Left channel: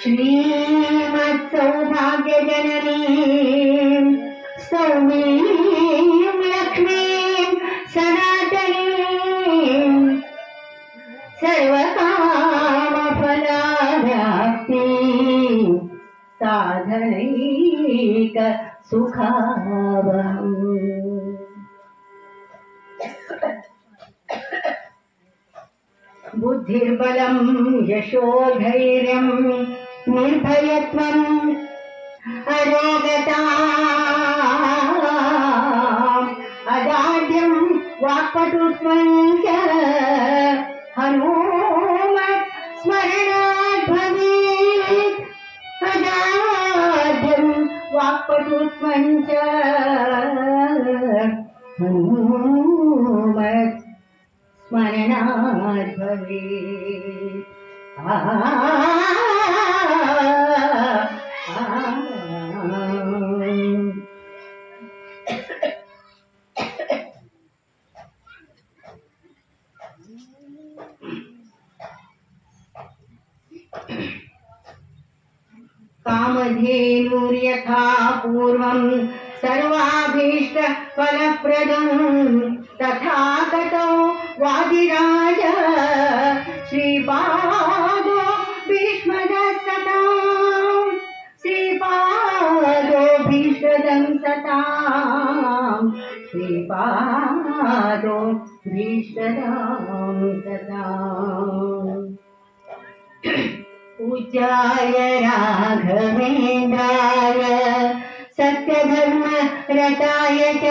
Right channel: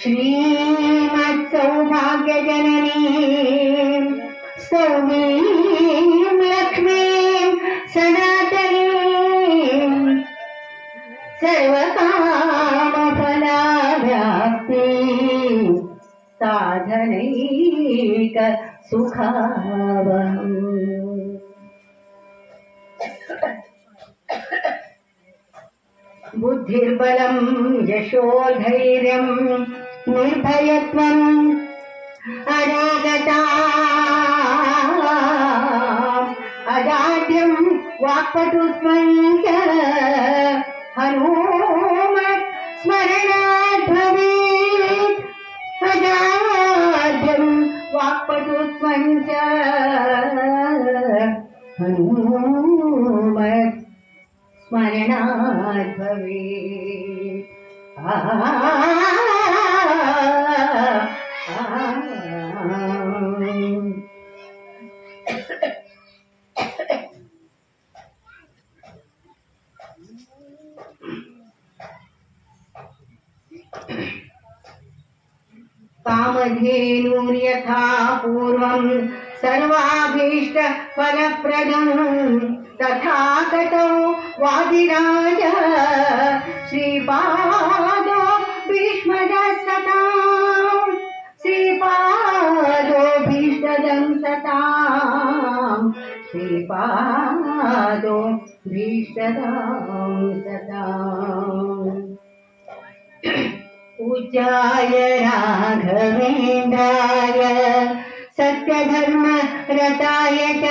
श्रीमत्सौभाग्यजननीं सौमीं लक्ष्मीं सनातनीं सर्वकामफलाभ्याप्तिं साधनैक सुखावहम्। बुद्धिर्बलं यशोधैर्यं निर्भयत्वम् अरोगता अजाड्यं वाक्पटुत्वं च हनुमत् स्मरणात् भवेत्। अजाड्यं वाक्पटुत्वं च हनुमत् स्मरणात् भवेत्। कामधेनुर्यथा पूर्वं सर्वाभीष्ट फलप्रदं तथा गतौ वादिराज श्रीपादो भीष्मदस्सतां श्रीपादो भीष्मदं सतां श्रीपादो भीष्मदं सतां। पूज्याय राघवेन्द्राय सत्यधर्म रताय च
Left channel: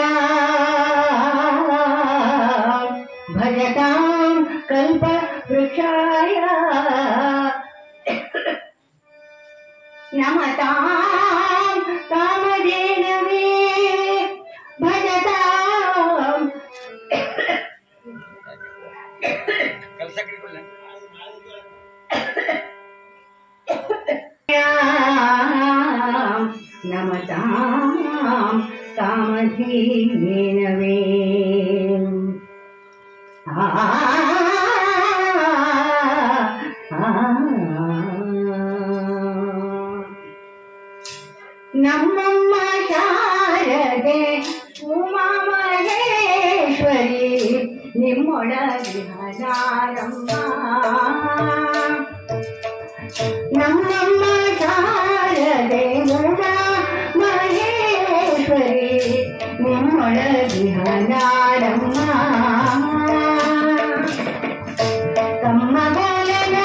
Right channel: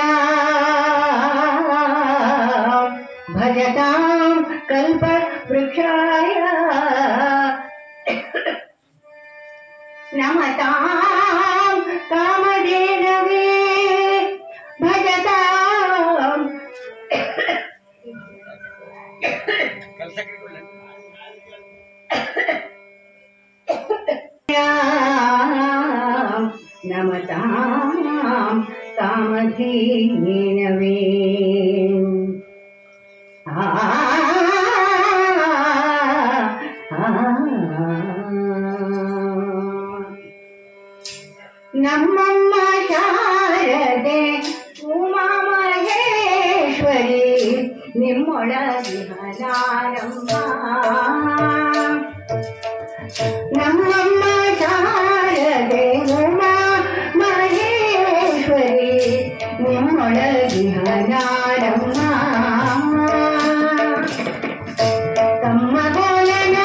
भजतां कल्पवृक्षाय नमतां कामधेनवे भजतां नमतां कामधेनवे। नमम्म शारदे उमा महेश्वरी निಮ್ಮೊಳಗಿಹಲಾರಮ್ಮ। ನಮ್ಮಮ್ಮ ಶಾರದೆ ಉಮಾ ಮಹೇಶ್ವರಿ ನಿಮ್ಮೊಳಗಿಹಲಾರಮ್ಮ। ತಮ್ಮ ಗೋಲನ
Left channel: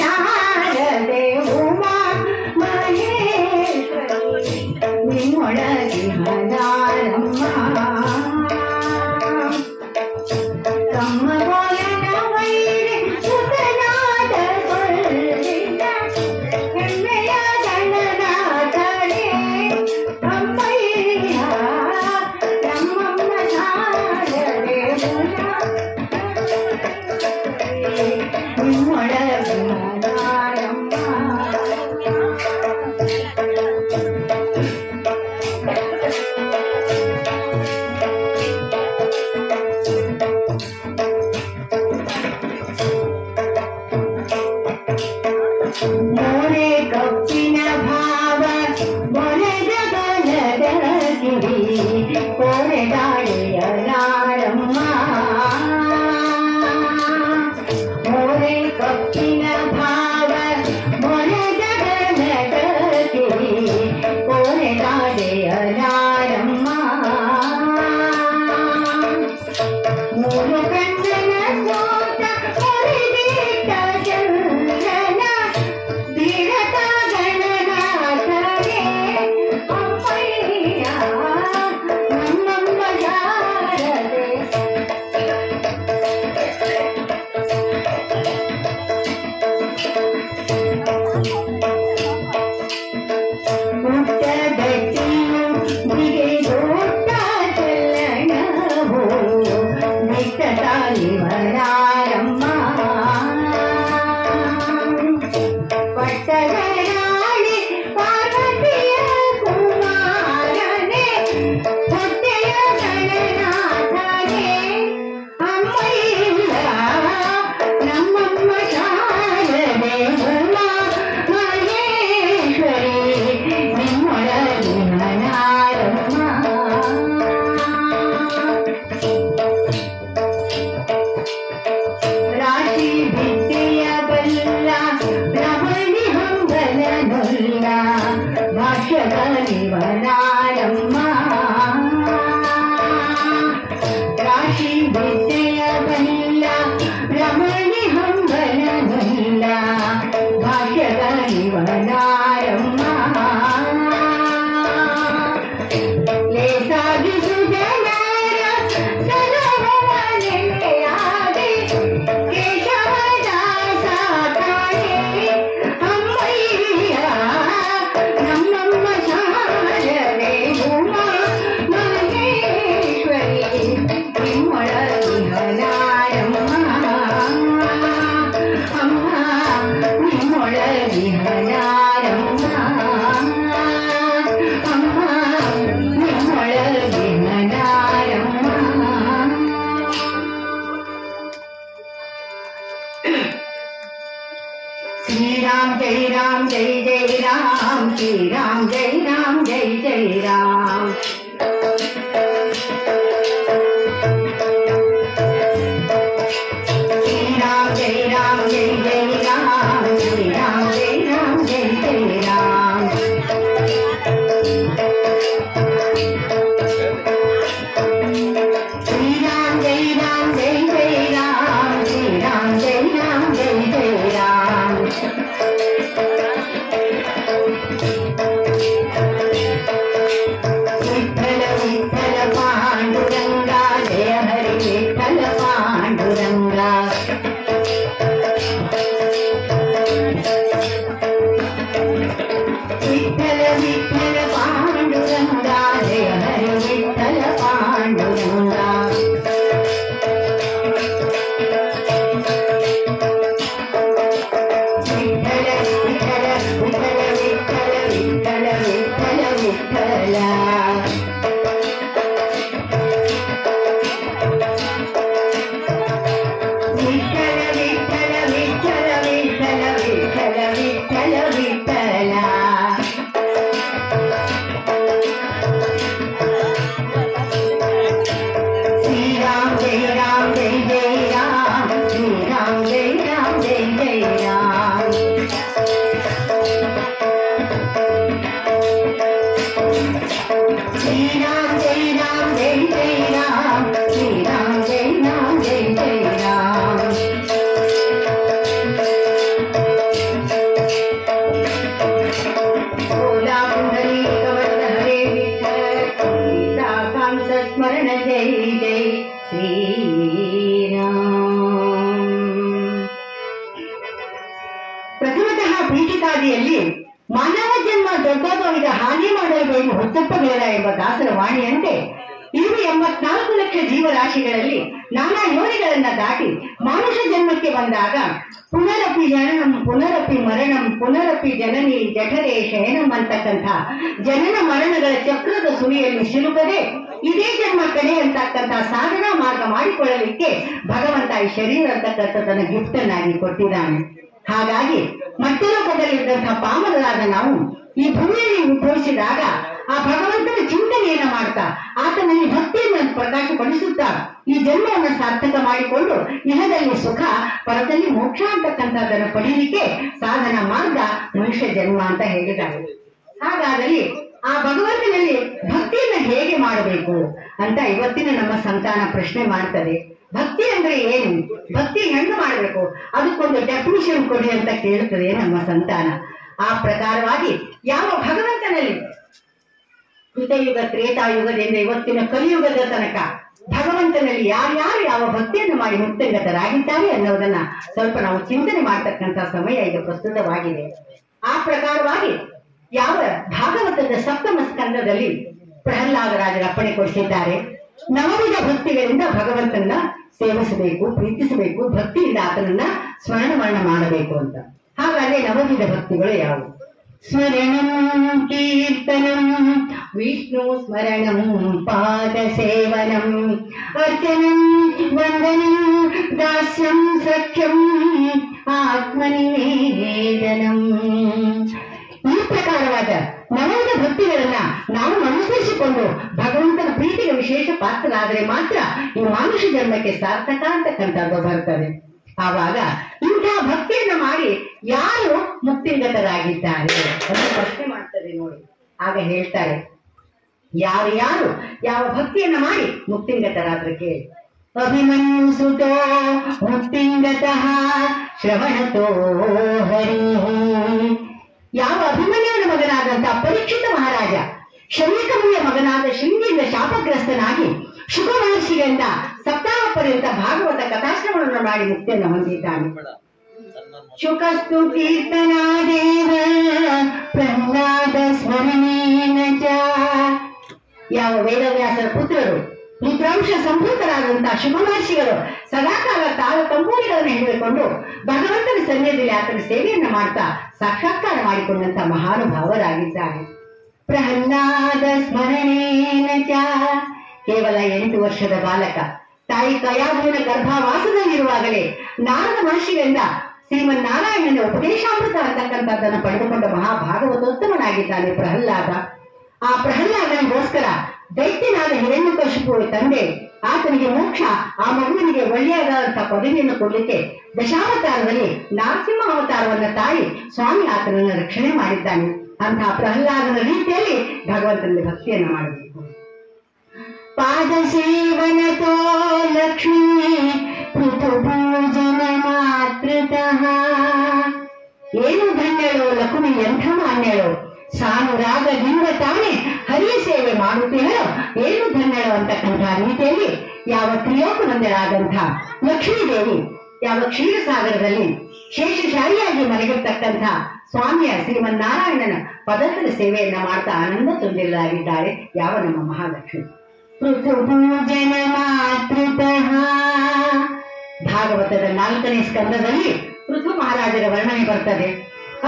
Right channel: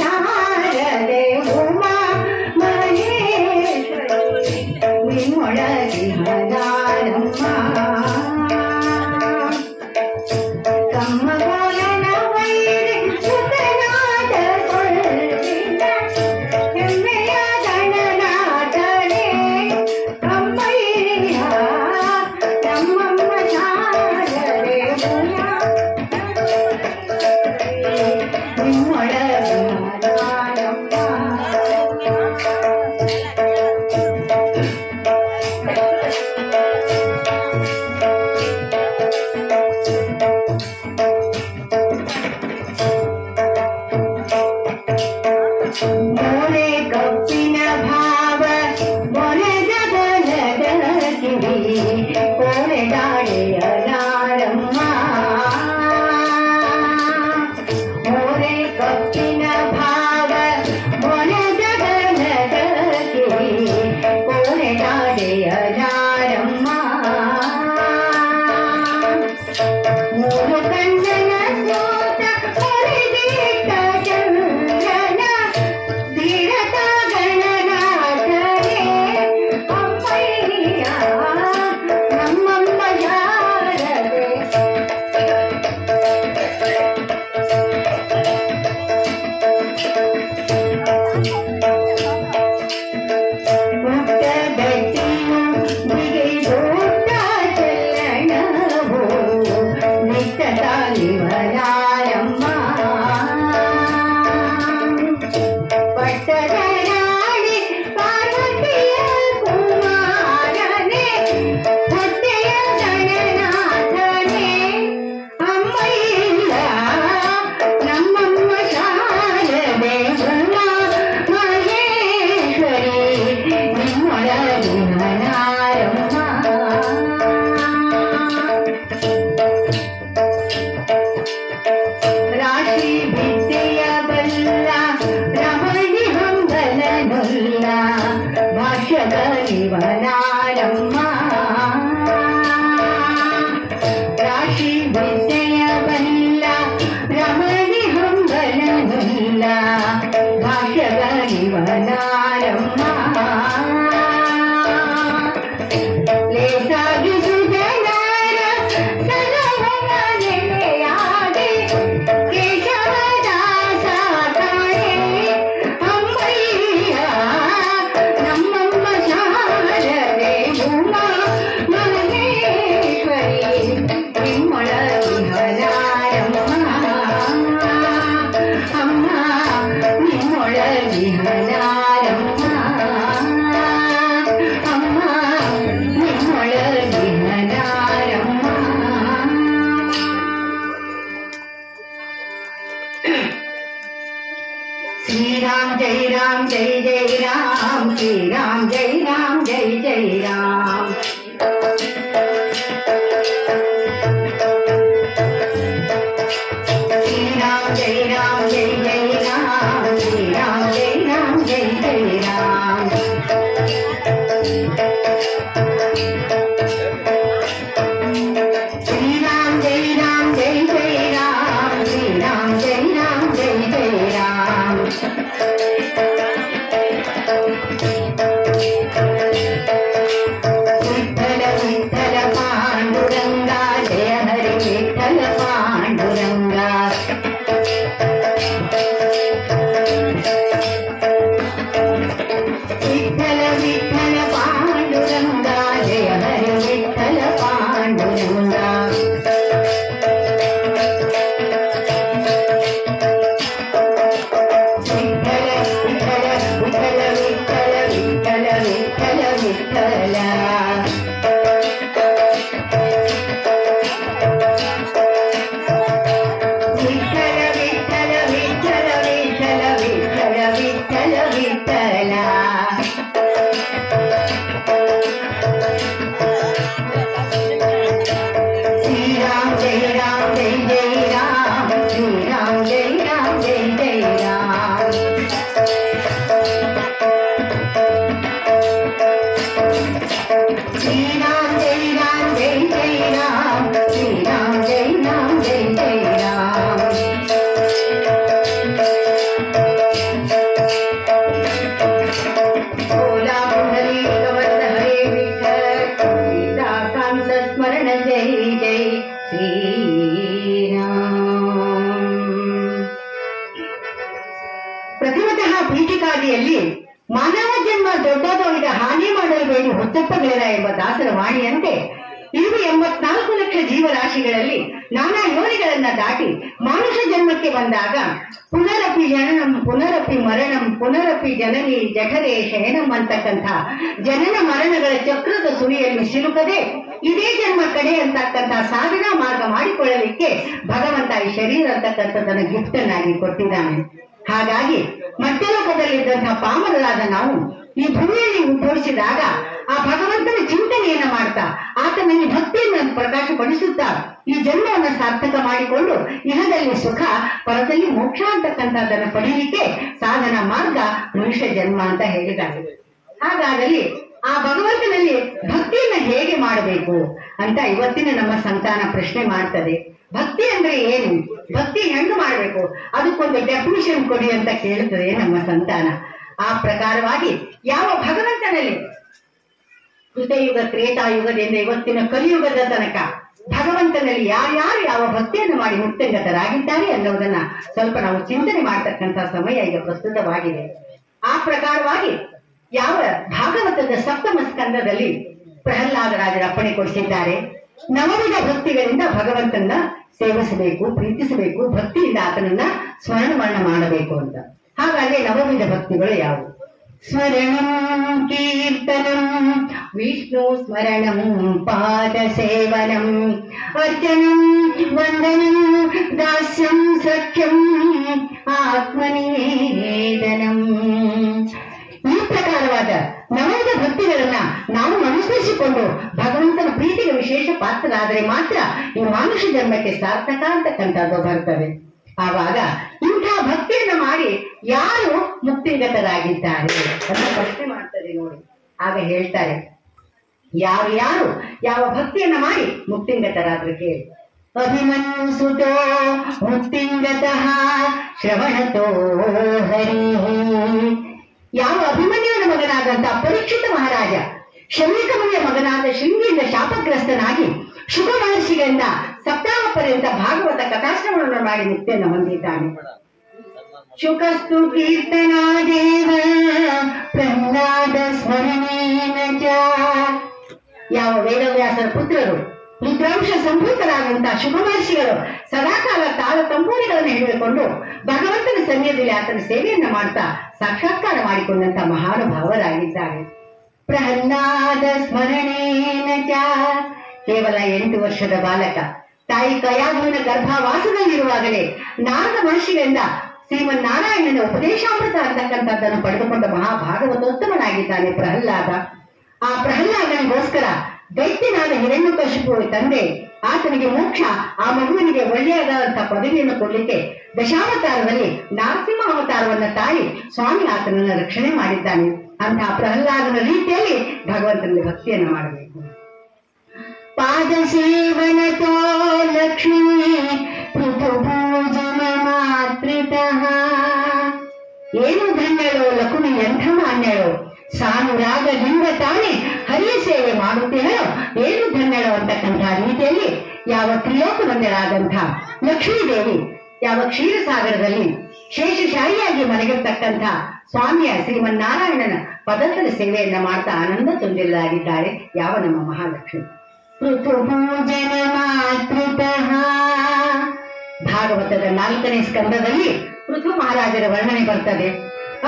ಶಾರದೆ ಉಮಾ ಮಹೇಶ್ವರಿ ನಿಮ್ಮೊಳಗಿಹಲಾರಮ್ಮ। ತಮ್ಮ ಗೋಲನ ವೈರಿ ಸುತನಾದ ಕೊಲ್ವಿದ ಹೆಮ್ಮೆಯ ಗಣನಾಥನೇ ಅಮ್ಮಯ್ಯ ನಮ್ಮಮ್ಮ ಶಾರದೆ ಉಮಾ ನಿಮ್ಮೊಳಗಿಹಲಾರಮ್ಮ। ಬೆಟ್ಟದರಾಣಿ ಪಾರ್ವತಿಯ ಕುಮಾರನೇ ಹೊಟ್ಟೆಯ ಗಣನಾಥನೇ ಅಮ್ಮಯ್ಯ ನಮ್ಮಮ್ಮ ಶಾರದೆ ಉಮಾ ಮಹೇಶ್ವರಿ ನಿಮ್ಮೊಳಗಿನ ನಾರಮ್ಮ ರಾಶಿ ವಿದ್ಯೆಯ ಬಲ್ಲ ರಮಣಿ ಹಂಗಲನುಲ್ಲ ಭಾಷ್ಯದ ನಿವನಾರಮ್ಮ ರಾಶಿ ವಿದ್ಯೆಯ ಬಲ್ಲ ರಮಣಿ ಹಂಗಲನುಲ್ಲ ಭಾಷ್ಯದ ನಿವನಾರಮ್ಮ ಲೇಸಾಗಿ ಸುಜನರ ಸಲಹವ ನೆಲೆಯಾಗಿ ಕೇಶವದಾಸ ತಾಯೇ ಅಮ್ಮಯ್ಯ ನಮ್ಮಮ್ಮ ಶಾರದೆ ಉಮಾ ಮಹೇಶ್ವರಿ ನಿಮ್ಮೊಳಗಿನ ನಾರಮ್ಮ ಅಮ್ಮ ನಿಮ್ಮೊಳಗಿನ ನಾರಮ್ಮ ಅಮ್ಮ ನಿಮ್ಮೊಳಗಿನ ನಾರಮ್ಮ श्री राम जय राम जय जय राम श्री राम जय जय राम श्री राम जय जय राम श्री राम जय जय राम श्री राम जय जय राम श्री राम जय जय राम विठ्ठल विठ्ठल पांडुरंगा जय हरि विठ्ठल पांडुरंगा विठ्ठल विठ्ठल पांडुरंगा जय हरि विठ्ठल पांडुरंगा विठ्ठल विठ्ठल विठ्ठल विठ्ठल विठ्ठल विठ्ठल विठ्ठल विठ्ठल विठ्ठल विठ्ठल विठ्ठल विठ्ठल विठ्ठल श्री राम जय जय राम श्री राम जय जय राम श्री राम जय जय राम श्री राम जय जय राम ओला पुंडरी कवच हरे विठ्ठल सीताकांत स्मरण जय जय श्री राम ಪ್ರತಿಮತಃ ಪೀಠಿಕಾದಿಯಲ್ಲಿ ಮಾನವ ಜನ್ಮ ದೊಡ್ಡದವರಿಗೆ ಹಾನಿ ಮಾಡಲೇಬೇಕು ಹುಚ್ಚಪ್ಪಬೇಡ ಎಂಬ ದಾಸರ ವಾಣಿಯಂತೆ ಇರುವ 84 ಲಕ್ಷ ಜೀವರಾಶಿಗಳಲ್ಲಿ ನಾನಾ ಯೋನಿಗಳನ್ನ ದಾಟಿ ಮಾನುಷ ಜನ್ಮಕ್ಕೆ ಬಂದಾಗ ಪುನರಪಿ ಜನನಂ ಪುನರಪಿ ಮರಣಂ ಪುನರಪಿ ಜನನಿ ಜಠರೇ ಶಯನಂ ಅಂತಕ್ಕಂಥ ಜನನ ಮರಣಗಳ ಚಕ್ರದ ಸುಳಿಯಲ್ಲಿ ಸಿಲುಕದೆ ಇದೇ ಜನ್ಮ ಕಡೆ ಅಂತಕ್ಕಂಥ ಸಾಧನಾ ಮಾರ್ಗ ಮಾಡಿಕೊಳ್ಳಲಿಕ್ಕೆ ಭಗವಂತ ಈ ಶರೀರ ಅಂತಕ್ಕಂಥದ್ದನ್ನ ಗಿಫ್ಟ್ ಅನ್ನಾಗಿ ಕೊಟ್ಟಿದ್ದಾನೆ. ಹಾಗಾಗಿ ಮಧ್ಯಲೋಕದಲ್ಲಿದ್ದಂತಹ ಪಾಮರರಾದ ನಾವು ಈ ಭೂಮಿಯಲ್ಲಿ ಉದ್ಭವಿಸಿದಾಗ ಆ ಭಗವಂತನ ಚಿಂತನೆಯನ್ನ ಮಾಡ್ತಾ ಆತನಲ್ಲಿ ಭಕ್ತಿಯನ್ನು ಪ್ರಕಾಶಪಡಿಸುತ್ತಾ ಈ ಜನ್ಮವನ್ನು ಸಾರ್ಥಕ ಮಾಡಿಕೊಂಡು ಇಹದಲ್ಲಿ ಸುಖ ಪರದಲ್ಲಿ ಮೋಕ್ಷ ಅಂತಕ್ಕಂಥದ್ದನ್ನು ಪಡೀಲಿಕ್ಕೆ ಸಾಧನ ಮಾರ್ಗ ಮನುಷ್ಯ ಜನ್ಮ ಅಂತ ಹೇಳಿದ್ದಾರೆ. ಹಾಗಾದಲ್ಲಿ ಆ ಭಗವಂತನಲ್ಲಿ ಭಕ್ತಿಯನ್ನ ಹೇಗೆ ಮಾಡಬೇಕು ಅಂತ ಇವತ್ತಿನ ನಮ್ಮ ಸಂತಾನ ಪ್ರಶ್ನೆ ಮಾಡ್ತದೆ. ಭಕ್ತಿ ಅಂದ್ರೆ ಏನು, ಭಕ್ತಿ ಹೆಂಗ್ ಮಾಡ್ಬೇಕು, ಅದಕ್ಕೊಂದು ಡೆಫಿನಿಷನ್ ಕೊಡಿ ಅಂತ ಕೇಳ್ತದೆ ನಮ್ಮ ಸಂತಾನ. ಆ ಪ್ರಕಾರವಾಗಿ ಯಾವ ಭಗವಂತನಲ್ಲಿ ಕೃತಯುಗ ತ್ರೇತಾಯುಗದಿಂದ ಇವತ್ತಿನ ಕಲಿಯುಗದ ತನಕ ಭಗವಂತನಲ್ಲಿ ಯಾರ್ಯಾರು ಯಾವ ಭಕ್ತಿಯನ್ನು ಮಾಡಿ ಮುಕ್ತಗತರಾಗಿದ್ದಾರೆ ಅನ್ನೋದನ್ನ ಸ್ವಲ್ಪ ನಾವು ಚಿಂತನೆ ಮಾಡತಕ್ಕಂತ ಸಮಯ ಈಗ ಪ್ರಸ್ತುತವಾಗಿದೆ. ಆ ಪ್ರಕಾರವಾಗಿ ಯಾವ ಭಾಗವತದ ಸಪ್ತಮ ಸ್ಕಂದದಲ್ಲಿ ಪ್ರಹ್ಲಾದರಾಜರ ಅಪ್ಪಣೆ ಕೊಡಿಸಿದ್ದಾರೆ, ನವವಿಧ ಭಕ್ತಿಗಳಿಂದ ಭಗವಂತನ ಸೇವಿಸಬೇಕು, ಪ್ರೀತಿಸಬೇಕು, ಭಕ್ತಿಯಿಂದ ಆತನನ್ನ ಸ್ಮರಣವನ್ನ ಮಾಡಬೇಕು ಅಂತ. ಹಾಗಾದ್ರೆ ನವವಿಧ ಭಕ್ತಿಗಳು ಯಾವುವು? ಸ್ಮರಣಂ ಕೀರ್ತನಂ ವಿಷ್ಣು ಸ್ಮರಣಂ ಪಾದ ಸೇವನಂ ಅರ್ಚನಂ ವಂದನಂ ದಾಸ್ಯಂ ಸಖ್ಯಂ ಆತ್ಮನಿವೇದನಂ. ಈ ಪ್ರಕಾರವಾದ ನವವಿಧ ಭಕ್ತಿಗಳನ್ನ ನಾವು ಅನುಸರಿಸಿಕೊಂಡು ಭಗವಂತನ ಪ್ರೀತಿಗೆ ವಿಶೇಷ ಪಾತ್ರರಾದರೆ ಮಾತ್ರ ಈ ಮಾನುಷ ಜನ್ಮಕ್ಕೆ ಸಾರ್ಥಕ ಅಂತಕ್ಕಂಥದ್ದು ಬರ್ತದೆ. ಆವಾಗ ಇಂಥ ಭಕ್ತಿಯನ್ನ ಮಾಡಿ ಯಾರು ಮುಕ್ತಿಗತರಾಗಿದ್ದಾರೆ ಅಂತ ಪ್ರಶ್ನೆ ಮಾಡ್ತಾರೆ ನೋಡಿ. ಆಗ ಹೇಳ್ತಾರೆ, ಯಾರು ಯಾವ ಭಕ್ತಿಯನ್ನ ಮಾಡಿ ಮುಕ್ತಿಗತರಾದ್ರೆ ಕೇಳಿ. ಅಭಿಮನ್ಯು ಸುತೋ ಮುಕ್ತಿಂಗತಃ ಶ್ರವಣತೋ ಹರಿ. ಯಾವ ಅಭಿಮನ್ಯುವಿನ ಮಗನಾದಂತಹ ಪರೀಕ್ಷಿತ ಮಹಾರಾಜ ಶಮೀಕ ಮುನಿಯ ಮಗನಾದ ಶೃಂಗಿಯಿಂದ ಶಾಪಗ್ರಸ್ತನಾಗಿ ಶುಭ ಮಹರ್ಷಿಗಳಿಂದ ಸಪ್ತಾಹ ಪರ್ಯಂತ ಭಾಗವತ ಕಥಾಶ್ರವಣವನ್ನು ಮಾಡಿ ಮುಕ್ತಿಯನ್ನು ಹೊಂದಿದ್ದಾನೆ. ಶುಕಸ್ತು ಕೀರ್ತನಾದೇವ ಪ್ರಹ್ಲಾದ ಸ್ಮರಣೇನ ಚ. ಯಾವ ವೇದವ್ಯಾಸರ ಪುತ್ರರು ರುದ್ರಾಂಶ ಸಂಭೂತರಾದಂತಹ ಶುಭ ಮಹರ್ಷಿಗಳು ಸದಾಕಾಲ ತಾಳ ತಂಬೂರಿಗಳನ್ನು ಹಿಡಿದುಕೊಂಡು ಭಗವಂತನ ಸನ್ನಿಧಿಯಲ್ಲಿ ಆತನ ಸೇವೆಯನ್ನ ಮಾಡ್ತಾ ಸಾಕ್ಷಾತ್ಕಾರ ಮಾಡಿಕೊಂಡಂತಹ ಮಹಾನುಭಾವರಾಗಿದ್ದಾರೆ. ಪ್ರಹ್ಲಾದ ಸ್ಮರಣೇನ ಚ. ಕೇವಲ 8 ವರ್ಷದ ಬಾಲಕ ತಾಯಿ ಕಯಾಧುವಿನ ಗರ್ಭವಾಸದಲ್ಲಿರುವಾಗಲೇ ನಾರದ ಮಹರ್ಷಿಗಳಿಂದ ಶ್ರೀಮನ್ನಾರಾಯಣನ ಉಪದೇಶಾಮೃತ ಅಂತಕ್ಕಂಥದ್ದನ್ನು ಪಡೆದುಕೊಂಡ ಮಹಾಭಾಗವತೋತ್ತಮನಾಗಿದ್ದಾನೆ ಪ್ರಹ್ಲಾದ. ಆ ಪ್ರಹ್ಲಾದನಿಗೋಸ್ಕರ ದೈತ್ಯನಾದ ಹಿರಣ್ಯಕಶಿಪು ತಂದೆ ಆತನಿಗೆ ಮೋಕ್ಷ, ಆ ಮಗುವಿನಿಗೆ ಒಳ್ಳೆಯದಾದಂತಹ ಪದವಿಯನ್ನು ಕೊಡಲಿಕ್ಕೆ ದಶಾವತಾರದಲ್ಲಿ ನರಸಿಂಹ ಅವತಾರವನ್ನ ತಾಳಿ ಸ್ವಾಮಿ ಆತನನ್ನು ರಕ್ಷಣೆ ಮಾಡಿದ್ದಾನೆ. ಅಂತಹ ಪ್ರಹ್ಲಾದನ ರೀತಿಯಲ್ಲಿ ಭಗವಂತನಲ್ಲಿ ಭಕ್ತಿಯನ್ನು ಮಾಡಬೇಕು. ಪಾದ ಸೇವನತೋ ಲಕ್ಷ್ಮೀ ಪೃಥುಭೂಜನ ಮಾತೃತಃ. ಏನು ಧನ್ಯಳೋ ಲಕ್ಷ್ಮಿ, ಎಂಥ ಮಾನ್ಯಳೋ, ಸಾನುರಾಗದಿಂದ ತಾನೇ ಹರಿಯ ಸೇವೆ ಮಾಡುತ್ತೇಳೋ ಏನು ಧನ್ಯಳೋ ಅಂತಕ್ಕಂಥ ರೀತಿಯಲ್ಲಿ ಯಾವ ತ್ರಿಲೋಕವಂದರಾದಂಥ ಲಕ್ಷ್ಮೀದೇವಿ ಯಾವ ಕ್ಷೀರಸಾಗರದಲ್ಲಿ ಶೇಷಶಾಹಿಯಾಗಿ ಮಲಗಿರ್ತಕ್ಕಂಥ ಸ್ವಾಮಿಯ ಶ್ರೀಮನ್ನಾರಾಯಣನ ಪದಗಳ ಸೇವೆಯನ್ನ ಮಾಡ್ತಾ ಆನಂದ ತುಂಬಿರಲಾಗಿದ್ದಾರೆ ಯಾವ ನಮ್ಮ ಮಹಾಲಕ್ಷ್ಮಿ. ಪೃಥುಭೂಜನ ಮಾತೃತಃ. ಭಾಗವತದ 4ನೇ ಸ್ಕಂದದಲ್ಲಿ ಪೃಥು ಮಹಾರಾಜರ ವರ್ಣನೆ ಬರ್ತದೆ.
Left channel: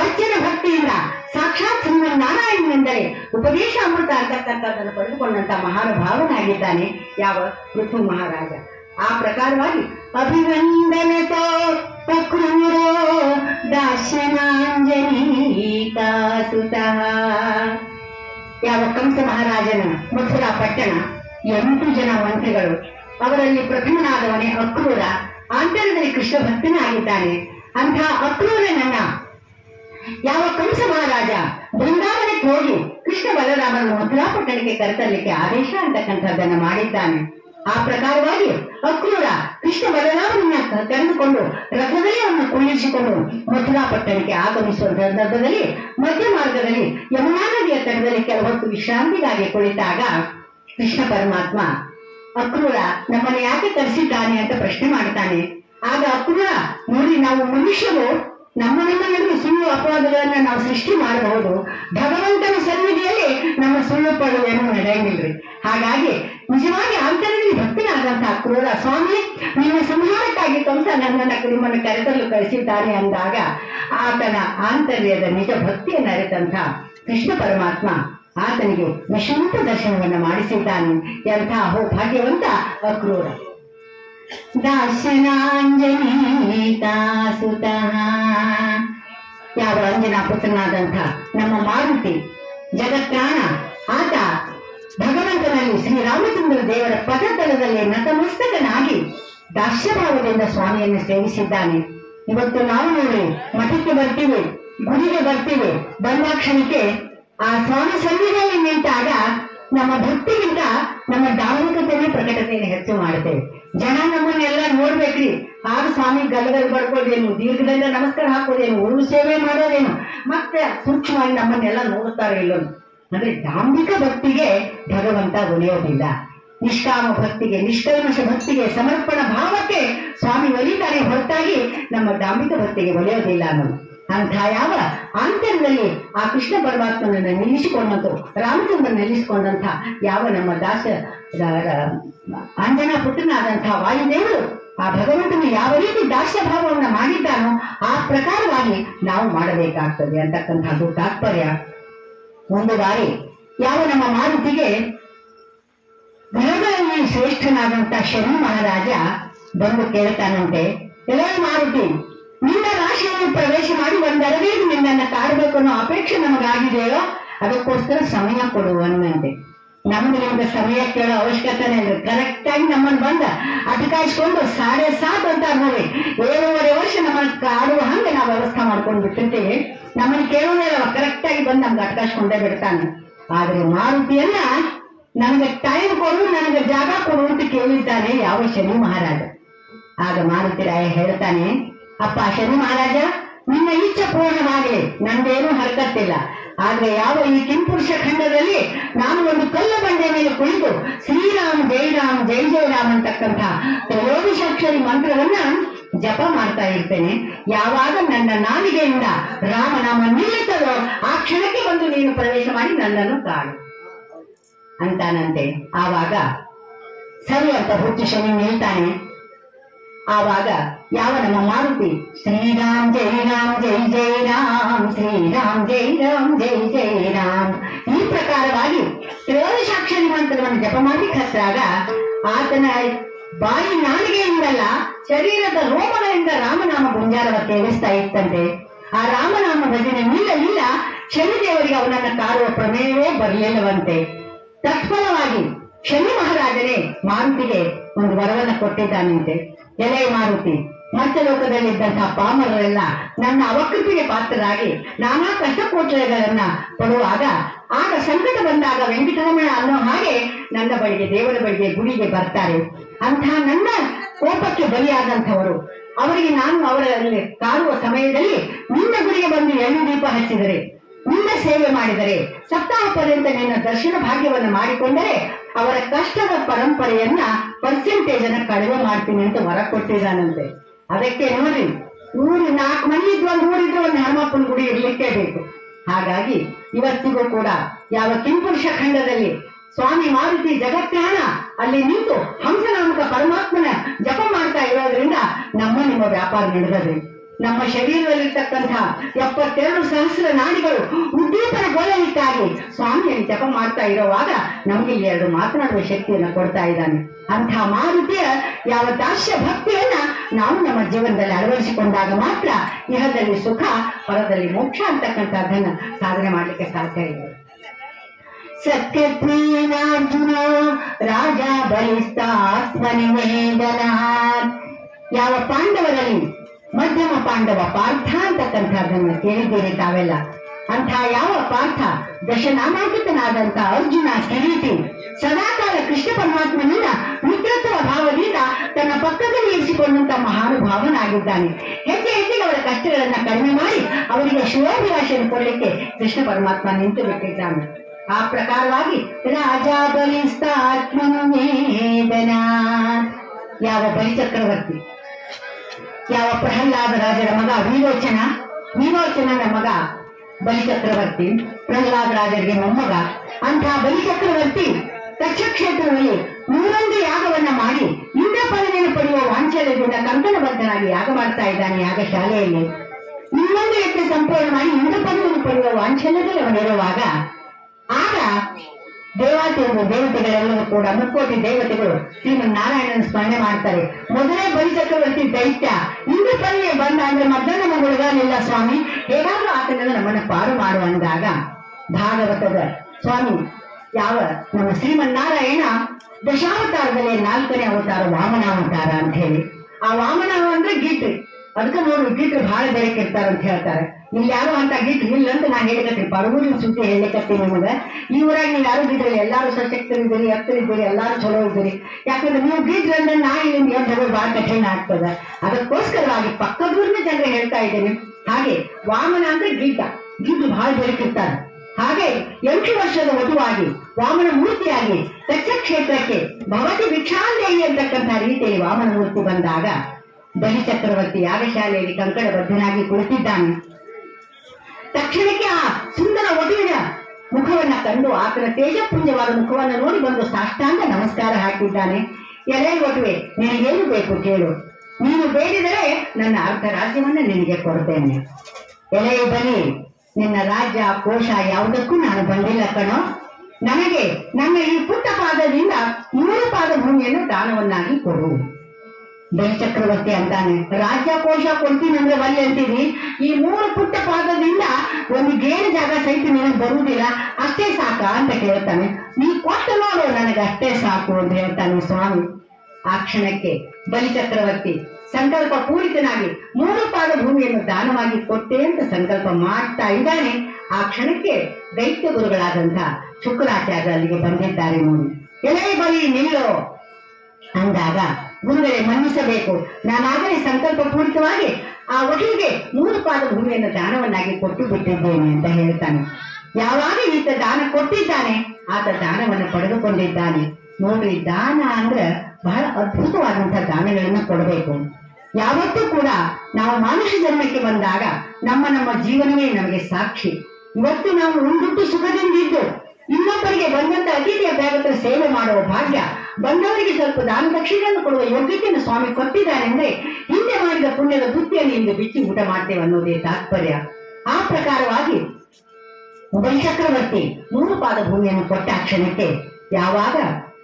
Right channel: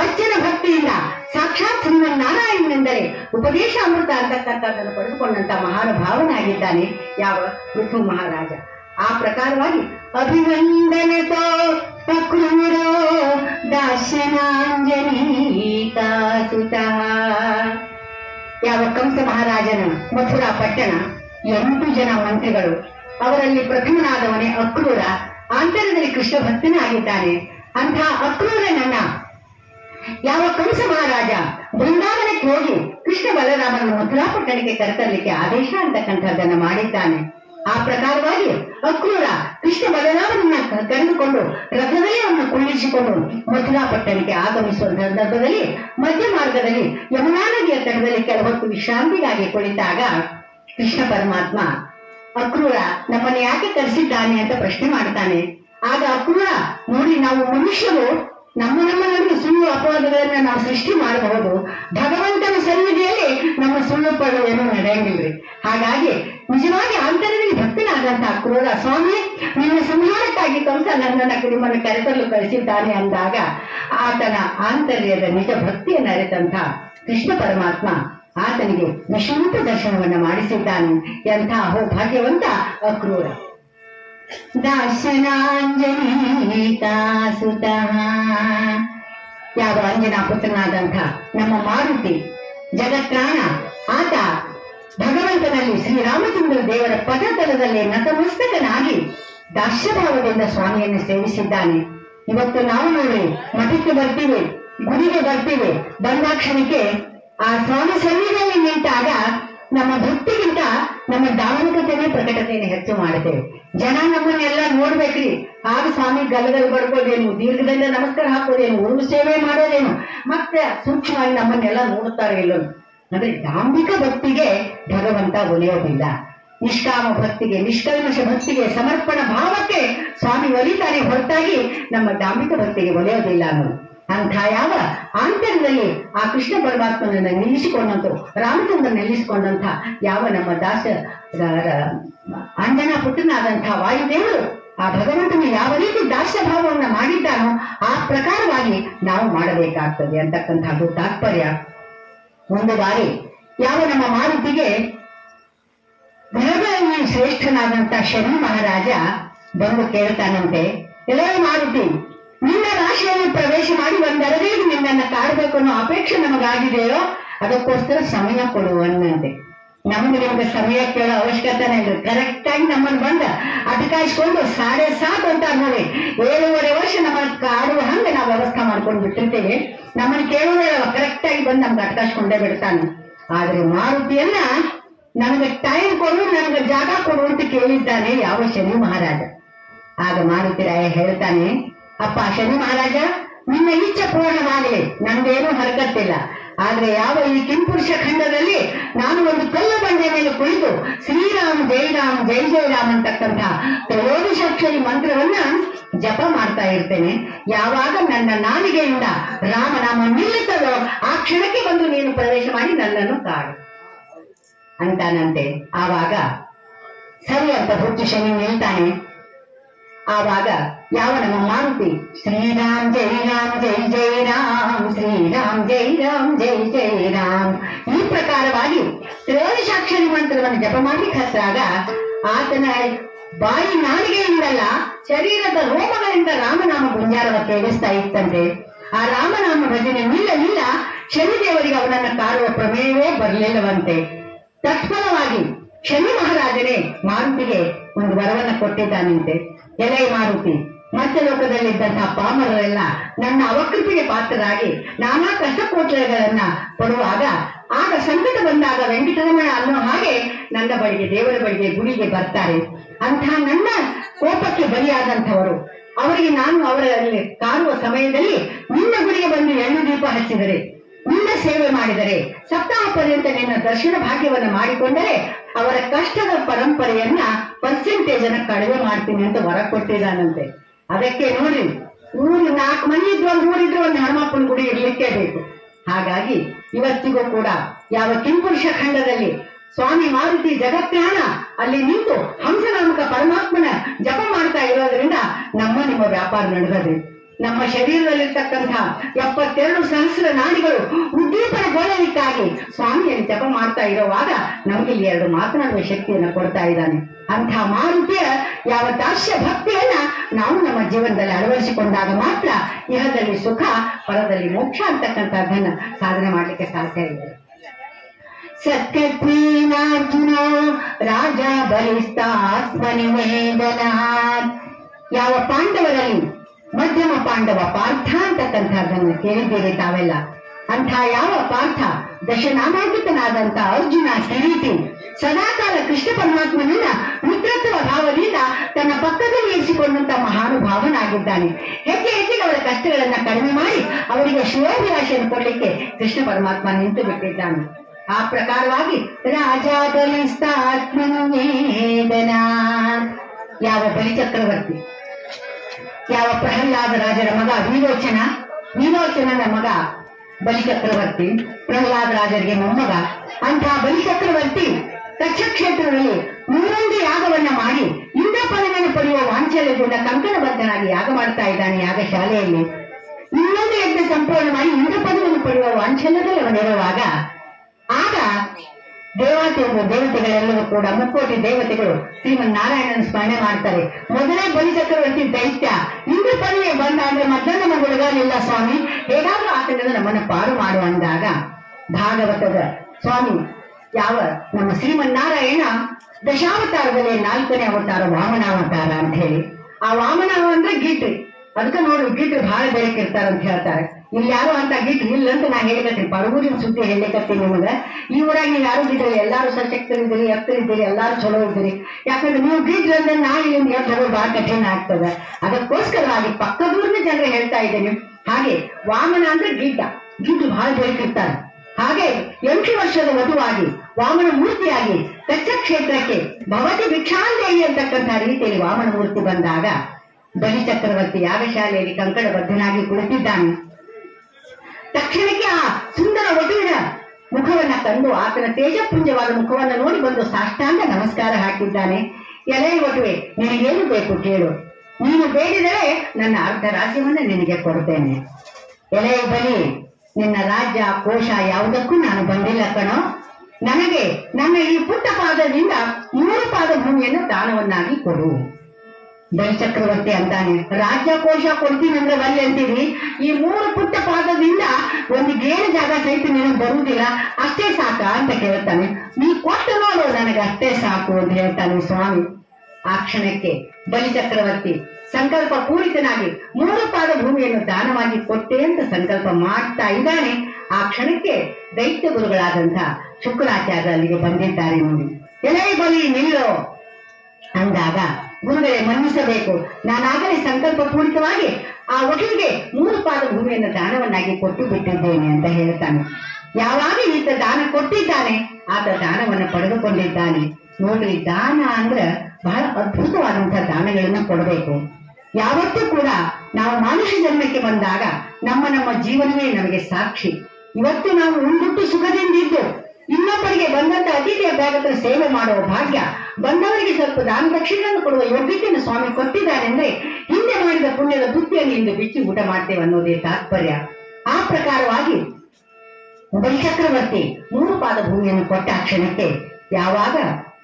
ಅರ್ಚನ ಭಕ್ತಿಯಿಂದ ಸಾಕ್ಷಾತ್ ಶ್ರೀಮನ್ನಾರಾಯಣನಿಂದಲೇ ಉಪದೇಶ ಅಮೃತ ಅಂತಕ್ಕಂಥದ್ದನ್ನು ಪಡೆದುಕೊಂಡಂತ ಮಹಾನುಭಾವನಾಗಿದ್ದಾನೆ ಯಾವ ಪೃಥು ಮಹಾರಾಜ. ಆ ಪ್ರಕಾರವಾಗಿ ಅಭಿವಂದನತೋ ಅಕ್ರೂರೋ ದಾಶನಾಂಜನೀಕಾಸುತಃ. ಯಾವ ಕಂಸ ಮಹಾರಾಜನ ಮಥುರಾ ಪಟ್ಟಣ 8 ಜನ ಮಂತ್ರಿಗಳು, ಅವರಲ್ಲಿ ಪ್ರಥಮನಾದವನೇ ಅಕ್ರೂರ, ಆಂತರ್ಯದಲ್ಲಿ ಕೃಷ್ಣ ಭಕ್ತನಾಗಿದ್ದಾನೆ. ಅಂಥ ಅಕ್ರೂರನನ್ನ ಯಾವ ಕಂಸ ಮಹಾರಾಜ ಬೃಂದಾವನಕ್ಕೆ ಹೋಗಿ ಕೃಷ್ಣ ಬಲರಾಮನ ಮಥುರಾ ಪಟ್ಟಣಕ್ಕೆ ಕರೆತರಲಿಕ್ಕೆ ಆದೇಶ ಅಂತಕ್ಕಂಥದ್ದನ್ನು ಮಾಡಿದ್ದಾನೆ. ಆ ಪ್ರಕಾರವಾಗಿ ಅಕ್ರೂರ ಕೃಷ್ಣ ಬಲರಾಮನನ್ನ ಕರೆದುಕೊಂಡು ರಥದಲ್ಲಿ ಅವನು ಕುಳ್ಳಿಸಿಕೊಂಡು ಮಥುರಾ ಪಟ್ಟಣಕ್ಕೆ ಆಗಮಿಸುವ ಸಂದರ್ಭದಲ್ಲಿ ಮಧ್ಯ ಮಾರ್ಗದಲ್ಲಿ ಯಮುನಾ ನದಿಯ ತಟದಲ್ಲಿ ಕೆಲ ಹೊತ್ತು ವಿಶ್ರಾಂತಿಗಾಗಿ ಕುಳಿತಾಗ ಕೃಷ್ಣ ಪರಮಾತ್ಮ ಅಕ್ರೂರ ನಮ್ಮನ್ನು ಯಾಕೆ ಕರೆಸಿದ್ದಾನೆ ಅಂತ ಪ್ರಶ್ನೆ ಮಾಡ್ತಾನೆ. ಆಗ ಅಕ್ರೂರ ನೋಡಿ, ನಾವು ಮನುಷ್ಯರು ನಮ್ಮ ನಡುವೆ ಸುಳ್ಳು ಅಪವಾದಗಳನ್ನ ನಾವು ಸೃಷ್ಟಿ ಮಾಡಬಹುದು, ಭಗವಂತನ ಸನ್ನಿಧಿಯಲ್ಲಿ ನಮ್ಮ ಸುಳ್ಳು ಪಡುವೇನು ನಡೆಯಂಗಿಲ್ರಿ. ಹಾಗಾಗಿ ನಿಜವಾಗಿ ಆಂತರ್ಯದಲ್ಲಿ ಭಕ್ತನಾದಂತಹ ಅಕ್ರೂರ, ಸ್ವಾಮಿ ನಿಮ್ಮ ಸಂಹಾರಕ್ಕಾಗಿ ಕಂಸ ನನ್ನನ್ನ ನಿಮ್ಮನ್ನು ಕರೆತರಲು ಕಳಿಸಿದ್ದಾನೆ ಅಂದಾಗ ಆತನ ಆಂತರ್ಯದ ನಿಜ ಭಕ್ತಿಯನ್ನು ಅರಿತಂತ ಕೃಷ್ಣ ಪರಮಾತ್ಮ ಆತನಿಗೆ ನಿಶೂತ ದರ್ಶನವನ್ನ ಮಾಡಿಸಿದ್ದಾನೆ. ಎಂಥ ಭಾಗ್ಯವಂತ ಅಕ್ರೂರ. ದಾಶನಾಂಜನೀಕಾಸುತಃ. ಯಾವ ಅಂಜನಾ ಪುತ್ರನಾದಂಥ ನಮ್ಮ ಮಾರುತಿ ಜಗತ್ರಾಣ ಆತ ಭಗವಂತನಲ್ಲಿ ಶ್ರೀರಾಮಚಂದ್ರ ದೇವರ ಪದತಲದಲ್ಲಿ ನತಮಸ್ತಕನಾಗಿ ದಾಸ್ಯಭಾವದಿಂದ ಸ್ವಾಮಿಯನ್ನು ಸೇವಿಸಿದ್ದಾನೆ. ಇವತ್ತು ನಾವು ನೋಡಿ ಮಠಕ್ಕೆ ಬರ್ತೀವಿ, ಗುಡಿಗೆ ಬರ್ತೀವಿ, ಬಂದಾಕ್ಷಣಕ್ಕೆ ಆ ಸ್ವಾಮಿ ಸನ್ನಿಧಿಯಲ್ಲಿ ನಿಂತಾಗ ನಮ್ಮ ಭಕ್ತಿಗಿಂತ ನಮ್ಮ ಧಾರ್ಮಿಕತೆಯನ್ನು ಪ್ರಕಟತೆಯನ್ನು ಹೆಚ್ಚು ಮಾಡುತ್ತೇವೆ. ಜನ ನಮ್ಮನ್ನೆಲ್ಲ ನೋಡ್ಬೇಕ್ರಿ, ಆಗ ಸ್ವಾಮಿ ಗಲಗಲ್ ಬಡ್ಕೋದೇನು, ದೀರ್ಘದಿಂದ ನಮಸ್ಕಾರ ಹಾಕೋದೇನು, ಉರುಳು ಸೇವೆ ಮಾಡೋದೇನು, ಮತ್ತೆ ಸೂಕ್ಷ್ಮವಾಗಿ ನಮ್ಮನ್ನೆಲ್ಲ ನೋಡುತ್ತಾರೆ ಇಲ್ಲೋ. ಅಂದ್ರೆ ಧಾರ್ಮಿಕ ಭಕ್ತಿಗೆ ಭಗವಂತ ಒಲಿಯೋದಿಲ್ಲ. ನಿಷ್ಕಾಮ ಭಕ್ತಿಗೆ, ನಿಷ್ಕಲ್ಮಶ ಭಕ್ತಿಗೆ, ಸಮರ್ಪಣ ಭಾವಕ್ಕೆ ಸ್ವಾಮಿ ಒಲಿತಾನೆ ಹೊರತಾಗಿ ನಮ್ಮ ಧಾರ್ಮಿಕ ಭಕ್ತಿಗೆ ಒಲಿಯೋದಿಲ್ಲ ಅನ್ನೋದು. ಅಂಥ ಯಾವ ಆಂತರ್ಯದಲ್ಲಿ ಆ ಕೃಷ್ಣ ಪರಮಾತ್ಮನನ್ನು ನಿಲ್ಲಿಸಿಕೊಂಡಂತು, ರಾಮಚಂದ್ರ ನಿಲ್ಲಿಸಿಕೊಂಡಂತ ಯಾವ ನಮ್ಮ ದಾಸ ಅಂಜನಾ ಪುತ್ರನಾದಂತಹ ವಾಯುದೇವರು ಆ ಭಗವಂತನು ಯಾವ ರೀತಿ ದಾಸ್ಯ ಭಾವವನ್ನ ಮಾಡಿದ್ದಾನೋ ಆ ಪ್ರಕಾರವಾಗಿ ನಾವು ಮಾಡಬೇಕಾಗ್ತದೆ ಅಂತಕ್ಕಂಥದ್ದು ತಾತ್ಪರ್ಯ. ಒಂದು ಬಾರಿ ಯಾವ ನಮ್ಮ ಮಾರುತಿಗೆ ಗ್ರಹಗಳಲ್ಲಿ ಶ್ರೇಷ್ಠನಾದಂತ ಶನಿ ಮಹಾರಾಜ ಬಂದು ಕೇಳ್ತಾನಂತೆ, ಎಲ್ಲೋ ಮಾರುತಿ, ನಿನ್ನ ರಾಶಿಯಲ್ಲಿ ಪ್ರವೇಶ ಮಾಡಿ ಒಂದೆರಡೇ ನಿನ್ನನ್ನು ಕಾಡಬೇಕು ಅನ್ನೋ ಅಪೇಕ್ಷೆ ನಮಗಾಗಿದೆಯೋ ಅದಕ್ಕೋಸ್ಕರ ಸಮಯ ಕೊಡುವನ್ನಂತೆ. ನಮ್ಗೆ ನಿಮ್ಗೆ ಸಮಯ ಕೇಳೋ ಅವಶ್ಯಕತೆನೇ ಇಲ್ಲ. ಕರೆಕ್ಟ್ ಆಗಿ ನಮ್ಮನ್ನು ಬಂದ ಅಟಕಾಯಿಸ್ಕೊಂಡು 7:30 ಅಂತ ನೋಡಿ 7.5 ವರ್ಷ ನಮ್ಮನ್ನು ಕಾಡುವ ಹಂಗೆ ನಾವು ವ್ಯವಸ್ಥೆ ಮಾಡ್ಕೊಂಡು ಬಿಟ್ಟಿರ್ತೀವಿ. ನಮ್ಮನ್ನು ಕೇಳೋದೇ ಕರೆಕ್ಟ್ ಆಗಿ ಬಂದು ನಮ್ಗೆ ಅಟಕಾಯಿಸ್ಕೊಂಡೇ ಬಿಡ್ತಾನೆ. ಆದ್ರೆ ಮಾರುತಿಯನ್ನ ನನಗೆ ಟೈಮ್ ಕೊಡು, ನನಗೆ ಜಾಗ ಕೊಡು ಅಂತ ಕೇಳಿದ್ದಾನೆ ಯಾವ ಶನಿ ಮಹಾರಾಜ. ಆಗ ಮಾರುತಿ ರಾಯ ಹೇಳ್ತಾನೆ, ಅಪ್ಪ ಶನಿ ಮಹಾರಾಜ, ನಿನ್ನ ಇಚ್ಛೆ ಪೂರ್ಣವಾಗಲಿ, ನಂದೇನೂ ಹರಕತ್ತಿಲ್ಲ. ಆದ್ರೆ ಯಾವ ಈ ಕಿಂಪುರುಷ ಖಂಡದಲ್ಲಿ ನಾನು ಒಂದು ಕಲ್ಲು ಬಂಡೆ ಮೇಲೆ ಕುಳಿತು ಶ್ರೀರಾಮ್ ಜೈ ರಾಮ್ ಜೈ ಜೈ ರಾಮ್ ಅಂತಕ್ಕಂಥ ತ್ರಯೋದಶಾಕ್ಷರಿ ಮಂತ್ರವನ್ನ ಜಪ ಮಾಡ್ತಾ ಇರ್ತೇನೆ. ಯಾವಾಗ ನನ್ನ ನಾಲಿಗೆಯಿಂದ ರಾಮನಾಮ ನಿಲ್ಲುತ್ತದೋ ಆ ಕ್ಷಣಕ್ಕೆ ಬಂದು ನೀನು ಪ್ರವೇಶ ಮಾಡಿ ನನ್ನನ್ನು ಕಾಡು ಅಂತಾನಂತೆ. ಆವಾಗ ಸರಿ ಅಂತ ಹುಚ್ಚು ಶನಿ ನಿಲ್ತಾನೆ. ಆವಾಗ ಯಾವ ನಮ್ಮ ಮಾರುತಿ ಶ್ರೀರಾಮ್ ಜೈ ರಾಮ್ ಜೈ ಜೈ ರಾಮ್ ಶ್ರೀರಾಮ್ ಜೈ ರಾಮ್ ಜೈ ಜೈ ರಾಮ್ ಈ ಪ್ರಕಾರವಾಗಿ ತ್ರಯೋದಶಾಕ್ಷರಿ ಮಂತ್ರವನ್ನು ಜಪ ಮಾಡ್ಲಿಕ್ಕೆ ಹತ್ತಾಗ ಆತನ ಬಾಯಿ ನಾಲಿಗೆಯಿಂದಲ್ಲ ಶರೀರದ ರೋಮಗಳಿಂದ ರಾಮನಾಮ ಗುಂಜಾರವ ಕೇಳಿಸ್ತಾ ಇತ್ತಂತೆ. ಆ ರಾಮನಾಮ ಭಜನೆ ನಿಲ್ಲಲಿಲ್ಲ. ಶನಿದೇವರಿಗೆ ಅವನನ್ನ ಕಾಡುವ ಪ್ರಮೇಯವೇ ಬರಲಿಲ್ಲವಂತೆ. ತತ್ಫಲವಾಗಿ ಶನಿ ಮಹಾರಾಜನೇ ಮಾರುತಿಗೆ ಒಂದು ವರವನ್ನ ಕೊಟ್ಟಿದ್ದಾನಂತೆ. ಎಲೆ ಮಾರುತಿ, ಮಧ್ಯಲೋಕದಲ್ಲಿದ್ದಂತಹ ಪಾಮರರೆಲ್ಲ ನನ್ನ ಅವಕೃತಿಗೆ ಪಾತ್ರರಾಗಿ ನಾನಾ ಕಷ್ಟಕೋಟಲೆಗಳನ್ನ ಪಡುವಾಗ ಆಗ ಸಂಕಟ ಬಂದಾಗ ವೆಂಕಟರಮಣ ಅನ್ನೋ ಹಾಗೆ ನನ್ನ ಬಳಿಗೆ, ದೇವರ ಬಳಿಗೆ, ಗುಡಿಗೆ ಬರ್ತಾರೆ. ಅಂಥ ನನ್ನ ಕೋಪಕ್ಕೆ ಬಲಿಯಾದಂಥವರು ಅವರಿಗೆ ನಾನು ಅವರಲ್ಲಿ ಕಾಡುವ ಸಮಯದಲ್ಲಿ ನಿನ್ನ ಗುಡಿಗೆ ಬಂದು ಎಣ್ಣೆ ದೀಪ ಹಚ್ಚಿದರೆ, ನಿನ್ನ ಸೇವೆ ಮಾಡಿದರೆ, ಸಪ್ತಾಹ ಪರ್ಯಂತ ನಿನ್ನ ದರ್ಶನ ಭಾಗ್ಯವನ್ನು ಮಾಡಿಕೊಂಡರೆ ಅವರ ಕಷ್ಟದ ಪರಂಪರೆಯನ್ನ ಪರ್ಸೆಂಟೇಜ್ ಅನ್ನ ಕಡಿಮೆ ಮಾಡ್ತೀನಿ ಅಂತ ವರ ಕೊಟ್ಟಿದ್ದಾನಂತೆ. ಅದಕ್ಕೆ ನೋಡಿ, 4 ಮನೆ ಇದ್ರು ಒಂದು ಹನುಮಪ್ಪನ ಗುಡಿ ಇರ್ಲಿಕ್ಕೆ ಬೇಕು. ಹಾಗಾಗಿ ಇವತ್ತಿಗೂ ಕೂಡ ಯಾವ ಕಿಂಪುರುಷ ಖಂಡದಲ್ಲಿ ಸ್ವಾಮಿ ಮಾರುತಿ ಜಗತ್ಯಾನ ಅಲ್ಲಿ ನಿಂತು ಹಂಸನಾಮಕ ಪರಮಾತ್ಮನ ಜಪ ಮಾಡ್ತಾ ಇರೋದ್ರಿಂದ ನಿಮ್ಮ ವ್ಯಾಪಾರ ನಡೆದಬೇಕು. ನಮ್ಮ ಶರೀರದಲ್ಲಿರ್ತಕ್ಕಂತಹ 72 ಸಹಸ್ರ ನಾಡಿಗಳು ಉದ್ದೀಪನಗೊಳ್ಳಲಿಕ್ಕಾಗಿ ಸ್ವಾಮಿಯಲ್ಲಿ ಜಪ ಮಾಡ್ತಾ ಇರುವಾಗ ನಮ್ಗೆ 2 ಮಾತನಾಡುವ ಶಕ್ತಿಯನ್ನು ಕೊಡ್ತಾ ಇದ್ದಾನೆ. ಅಂಥ ಮಾರುತಿಯ ಯಾವ ದಾಸ್ಯ ಭಕ್ತಿಯನ್ನ ನಾವು ನಮ್ಮ ಜೀವನದಲ್ಲಿ ಅಳವಡಿಸಿಕೊಂಡಾಗ ಮಾತ್ರ ಇಹದಲ್ಲಿ ಸುಖ, ಪರದಲ್ಲಿ ಮೋಕ್ಷ ಅಂತಕ್ಕಂಥದ್ದನ್ನ ಸಾಧನೆ ಮಾಡ್ಲಿಕ್ಕೆ ಸಾಧ್ಯ ಇದೆ. ಸತ್ಯತ್ವೇನಾರ್ಜುನ ರಾಜ ಬಲಿಷ್ಠಾತ್ಮನಿವೇದನ. ಯಾವ ಪಾಂಡವರಲ್ಲಿ ಮಧ್ಯಮ ಪಾಂಡವ ಪಾರ್ಥ ಅಂತಕ್ಕಂಥದ್ದನ್ನು ಕೇಳಿದ್ದೀರಿ ತಾವೆಲ್ಲ. ಅಂಥ ಯಾವ ಪಾರ್ಥ ದಶನಾಮಾಂಕಿತನಾದಂತ ಅರ್ಜುನ ಕಿರೀಟಿ ಸದಾಕಾಲ ಕೃಷ್ಣ ಪರಮಾತ್ಮನನ್ನ ಮಿತ್ರತ್ವ ಭಾವದಿಂದ ತನ್ನ ಪಕ್ಕದಲ್ಲಿ ಇರಿಸಿಕೊಂಡಂತ ಮಹಾನುಭಾವನಾಗಿದ್ದಾನೆ. ಹೆಜ್ಜೆ ಹೆಜ್ಜೆಗೆ ಅವರ ಕಷ್ಟಗಳನ್ನ ಕಡಿಮೆ ಮಾಡಿ ಅವರಿಗೆ ಶ್ರೇಯೋಭಿಲಾಷೆಯನ್ನು ಕೊಡ್ಲಿಕ್ಕೆ ಕೃಷ್ಣ ಪರಮಾತ್ಮ ನಿಂತು ಬಿಟ್ಟಿದ್ದಾನೆ. ಆ ಪ್ರಕಾರವಾಗಿ ರಾಜ ಬಲಿಷ್ಠಾತ್ಮನಿವೇದನ. ಯಾವ ಬಲಿಚಕ್ರವರ್ತಿ, ಯಾವ ಪ್ರಹ್ಲಾದ ರಾಜರ ಮಗ ವಿರೋಚನನ ಮಗ ಬಲಿಚಕ್ರವರ್ತಿ, ಪ್ರಹ್ಲಾದ ರಾಜರಿಗೆ ಮೊಮ್ಮಗ. ಅಂತಹ ಬಲಿಚಕ್ರವರ್ತಿ ಕಚ್ಚ ಕ್ಷೇತ್ರದಲ್ಲಿ 101 ಯಾಗವನ್ನ ಮಾಡಿ ಇಂದ್ರಪದವಿಯನ್ನು ಪಡೆಯುವ ವಾಂಛಲ್ಯದಿಂದ ಕಂಕಣಬದ್ಧನಾಗಿ ಯಾಗ ಮಾಡ್ತಾ ಇದ್ದಾನೆ ಯಾಗ ಶಾಲೆಯಲ್ಲಿ. ಇನ್ನೊಂದು ಯಜ್ಞ ಸಂಪೂರ್ಣವಾಗಿ ಇಂದ್ರಪದವಿಯನ್ನು ಪಡೆಯುವ ವಾಂಛಲ್ಯದಲ್ಲಿ ಅವನಿರುವಾಗ ಆಗ ದೇವತೆಗಳೆಲ್ಲರೂ ಕೂಡ 3 ದೇವತೆಗಳು ಶ್ರೀಮನ್ನಾರಾಯಣನ ಸ್ಮರಣೆ ಮಾಡ್ತಾರೆ. ಮೊದಲೇ ಬಲಿಚಕ್ರವರ್ತಿ ದೈತ್ಯ ಇಂದ್ರ ಪದವಿಗೆ ಬಂದ ಅಂದ್ರೆ ಮಧ್ಯಾಹ್ನ ಮಗುಳಿಗಾಲಿಲ್ಲ ಸ್ವಾಮಿ, ಹೇಗಾದ್ರೂ ಆತನಿಂದ ನಮ್ಮನ್ನು ಪಾರು ಮಾಡುವ ಅಂದಾಗ ಭಾಗವತದ ಸ್ವಾಮಿ ಯಾವ ನಮ್ಮ ಶ್ರೀಮನ್ನಾರಾಯಣ ದಶಾವತಾರದಲ್ಲಿ 4ನೇ ಅವತಾರ ವಾಮನಾವತಾರ ಅಂತ ಹೇಳಿ. ಆ ವಾಮನಾವ ಅಂದ್ರೆ ಗೀಟ್ರಿ, ಅದಕ್ಕೆ ನೋಡಿ ಗೀಟ್ರಿ ಬಹಳ ಬೆರಕಿರ್ತಾರ ಅಂತ ಹೇಳ್ತಾರೆ. ಇಲ್ಲಿ ಯಾರು ಅಂತ ಗೀಟ್ ಇಲ್ಲ ಅಂತ ನಾ ಹೇಳಿಕತ್ತೀನಿ, ಪರಗೂರಿನ ಸುದ್ದಿ ಹೇಳಿಕತ್ತೀನಿ ನಿಮಗೆ. ಈ ಊರಾಗ ನೀವು ಯಾರು ಗಿದ್ರಿ, ಎಲ್ಲಾರು ಸಶಕ್ತರಿದ್ದೀರಿ, ಎತ್ತರಿದ್ದೀರಿ, ಎಲ್ಲಾರು ಚಲೋ ಇದ್ದೀರಿ. ಯಾಕಂದ್ರೆ ನೀವು ಗೀಟ್ರಿ ಅಂದ್ರೆ ನಾ ಇಲ್ಲಿಂದ ಎದ್ದು ಬಹಳ ಕಠಿಣ ಆಗ್ತದೆ. ಅದಕ್ಕೋಸ್ಕರವಾಗಿ ಪಕ್ಕದೂರಿನ ಜನರು ಹೇಳ್ತಾ ಇದ್ದೇನೆ. ಹಾಗೆ ವಾಮನ ಅಂದ್ರೆ ಗೀಟು ಬಹಳ ಬೆರಕಿರ್ತಾರೆ. ಹಾಗೆ 8 ವರ್ಷದ ವಧುವಾಗಿ ವಾಮನ ಮೂರ್ತಿಯಾಗಿ ಕಚ್ಚ ಕ್ಷೇತ್ರಕ್ಕೆ ಭವತಿ ಭಿಕ್ಷಾಂದೇಹಿ ಅಂತಕ್ಕಂಥ ರೀತಿಯಲ್ಲಿ ವಾಮನ ಮೂರ್ತಿ ಬಂದಾಗ ಬಲಿಚಕ್ರವರ್ತಿ ಯಾಗಶಾಲೆಯಲ್ಲಿ ಕಂಕಣಬದ್ಧನಾಗಿ ಕುಳಿತಿದ್ದಾನೆ. ತಕ್ಷಣಕ್ಕೆ ಆ ಸುಂದರ ವಧುವಿನ ಮುಖವನ್ನ ಕಂಡು ಆತನ ತೇಜಪುಂಜವಾದ ಮುಖವನ್ನು ನೋಡಿ ಬಂದು ಸಾಷ್ಟಾಂಗ ನಮಸ್ಕಾರ ಹಾಕಿದ್ದಾನೆ. ಎಲೆ ವಧುವೆ, ನಿನಗೇನು ಬೇಕು ಕೇಳು, ನೀನು ಬೇಡಿದರೆ ನನ್ನ ಅರ್ಧ ರಾಜ್ಯವನ್ನ ನಿನಗೆ ಕೊಡುತ್ತೇನೆ. ಎಲೆ ಬಲಿ, ನಿನ್ನ ರಾಜ್ಯ ಕೋಶ ಯಾವುದಕ್ಕೂ ನಾನು ಬಂದಿಲ್ಲ ಕಣೋ. ನನಗೆ ನನ್ನ ಈ ಪುಟ್ಟ ಪಾದದಿಂದ 3 ಪಾದ ಭೂಮಿಯನ್ನು ದಾನವನ್ನಾಗಿ ಕೊಡು. ಬಲಿಚಕ್ರವರ್ತಿ ಅಂತಾನೆ, ರಾಜ್ಯ ಕೋಶ ಕೊಡ್ತೀನಂದ್ರೆ ಬಲ್ಲಿ ಅಂತೀರಿ, ಈ 3 ಪುಟ್ಟ ಪಾದದಿಂದ ಒಂದು ಗೇಣು ಜಾಗ ಸಹಿತ ನನಗೆ ಬರುವುದಿಲ್ಲ, ಅಷ್ಟೇ ಸಾಕ ಅಂತ ಕೇಳ್ತಾನೆ. ನೀ ಕೊಟ್ಟು ನೋಡು, ನನಗೆ ಅಷ್ಟೇ ಸಾಕು ಅಂತ ಹೇಳ್ತಾನೆ ಸ್ವಾಮಿ. ಆ ಕ್ಷಣಕ್ಕೆ ಬಲಿಚಕ್ರವರ್ತಿ ಸಂಕಲ್ಪ ಪೂರಿತನಾಗಿ 3 ಪಾದ ಭೂಮಿಯನ್ನು ದಾನವಾಗಿ ಕೊಟ್ಟೆ ಅಂತ ಸಂಕಲ್ಪ ಮಾಡ್ತಾ ಇದ್ದಾನೆ. ಆ ಕ್ಷಣಕ್ಕೆ ದೈತ್ಯ ಗುರುಗಳಾದಂತ ಶುಕ್ರಾಚಾರ್ಯ ಅಲ್ಲಿಗೆ ಬಂದಿದ್ದಾರೆ. ನೋಡಿ, ಎಲೆ ಬಲಿ ನಿಲ್ಲೋ ಅಂದಾಗ, ಗುರುಗಳೇ ಮನ್ನಿಸಬೇಕು, ನಾನಾಗಲೇ ಸಂಕಲ್ಪ ಪೂರಿತವಾಗಿ ಆ ಒಟ್ಟಿಗೆ 3 ಪಾದ ಭೂಮಿಯನ್ನು ದಾನವನ್ನಾಗಿ ಕೊಟ್ಟು ಬಿಟ್ಟಿದ್ದೇನೆ ಅಂತ ಹೇಳ್ತಾನೆ. ಯಾವಾಗ ಈತ ದಾನ ಕೊಟ್ಟಿದ್ದಾನೆ, ಆತ ದಾನವನ್ನು ಪಡೆದುಕೊಂಡಿದ್ದಾನೆ. ನೋಡ್ರಿ, ದಾನ ಅಂದ್ರೆ ಬಹಳ ಅದ್ಭುತವಾದಂತಹ ದಾನಗಳನ್ನು ಕೊಡಬೇಕು. ಯಾವತ್ತೂ ಕೂಡ ನಾವು ಮನುಷ್ಯ ಜನ್ಮಕ್ಕೆ ಬಂದಾಗ ನಮ್ಮ ಜೀವನವೇ ನಮಗೆ ಸಾಕ್ಷಿ. ಇವತ್ತು ನಾವು ಉಂಡುಟ್ಟು ಸುಖದಿಂದ ಇದ್ದು ಇನ್ನೊಬ್ಬರಿಗೆ ಬಂದಂತ ಅತಿಥಿಯ ಬ್ಯಾಗತ್ರ ಸೇವೆ ಮಾಡುವ ಭಾಗ್ಯ, ಬಂದವರಿಗೆ ಸ್ವಲ್ಪ ದಾನ ದಕ್ಷಿಣೆಯನ್ನು ಕೊಡುವ ಯೋಗ್ಯತೆಯನ್ನು ಸ್ವಾಮಿ ಕೊಟ್ಟಿದ್ದಾರೆ ಅಂದ್ರೆ ಹಿಂದೆ ಮಾಡಿದ ಪುಣ್ಯದ ಬುತ್ತಿಯನ್ನು ಇಂದು ಬಿಚ್ಚಿ ಊಟ ಮಾಡ್ತೇವೆ ಅನ್ನೋದೇ ತಾತ್ಪರ್ಯ. ಆ ಪ್ರಕಾರವಾಗಿ ಬಲಿಚಕ್ರವರ್ತಿ 3 ಪಾದ ಭೂಮಿಯನ್ನು ಕೊಟ್ಟ ಕ್ಷಣಕ್ಕೆ ಯಾವಾಗ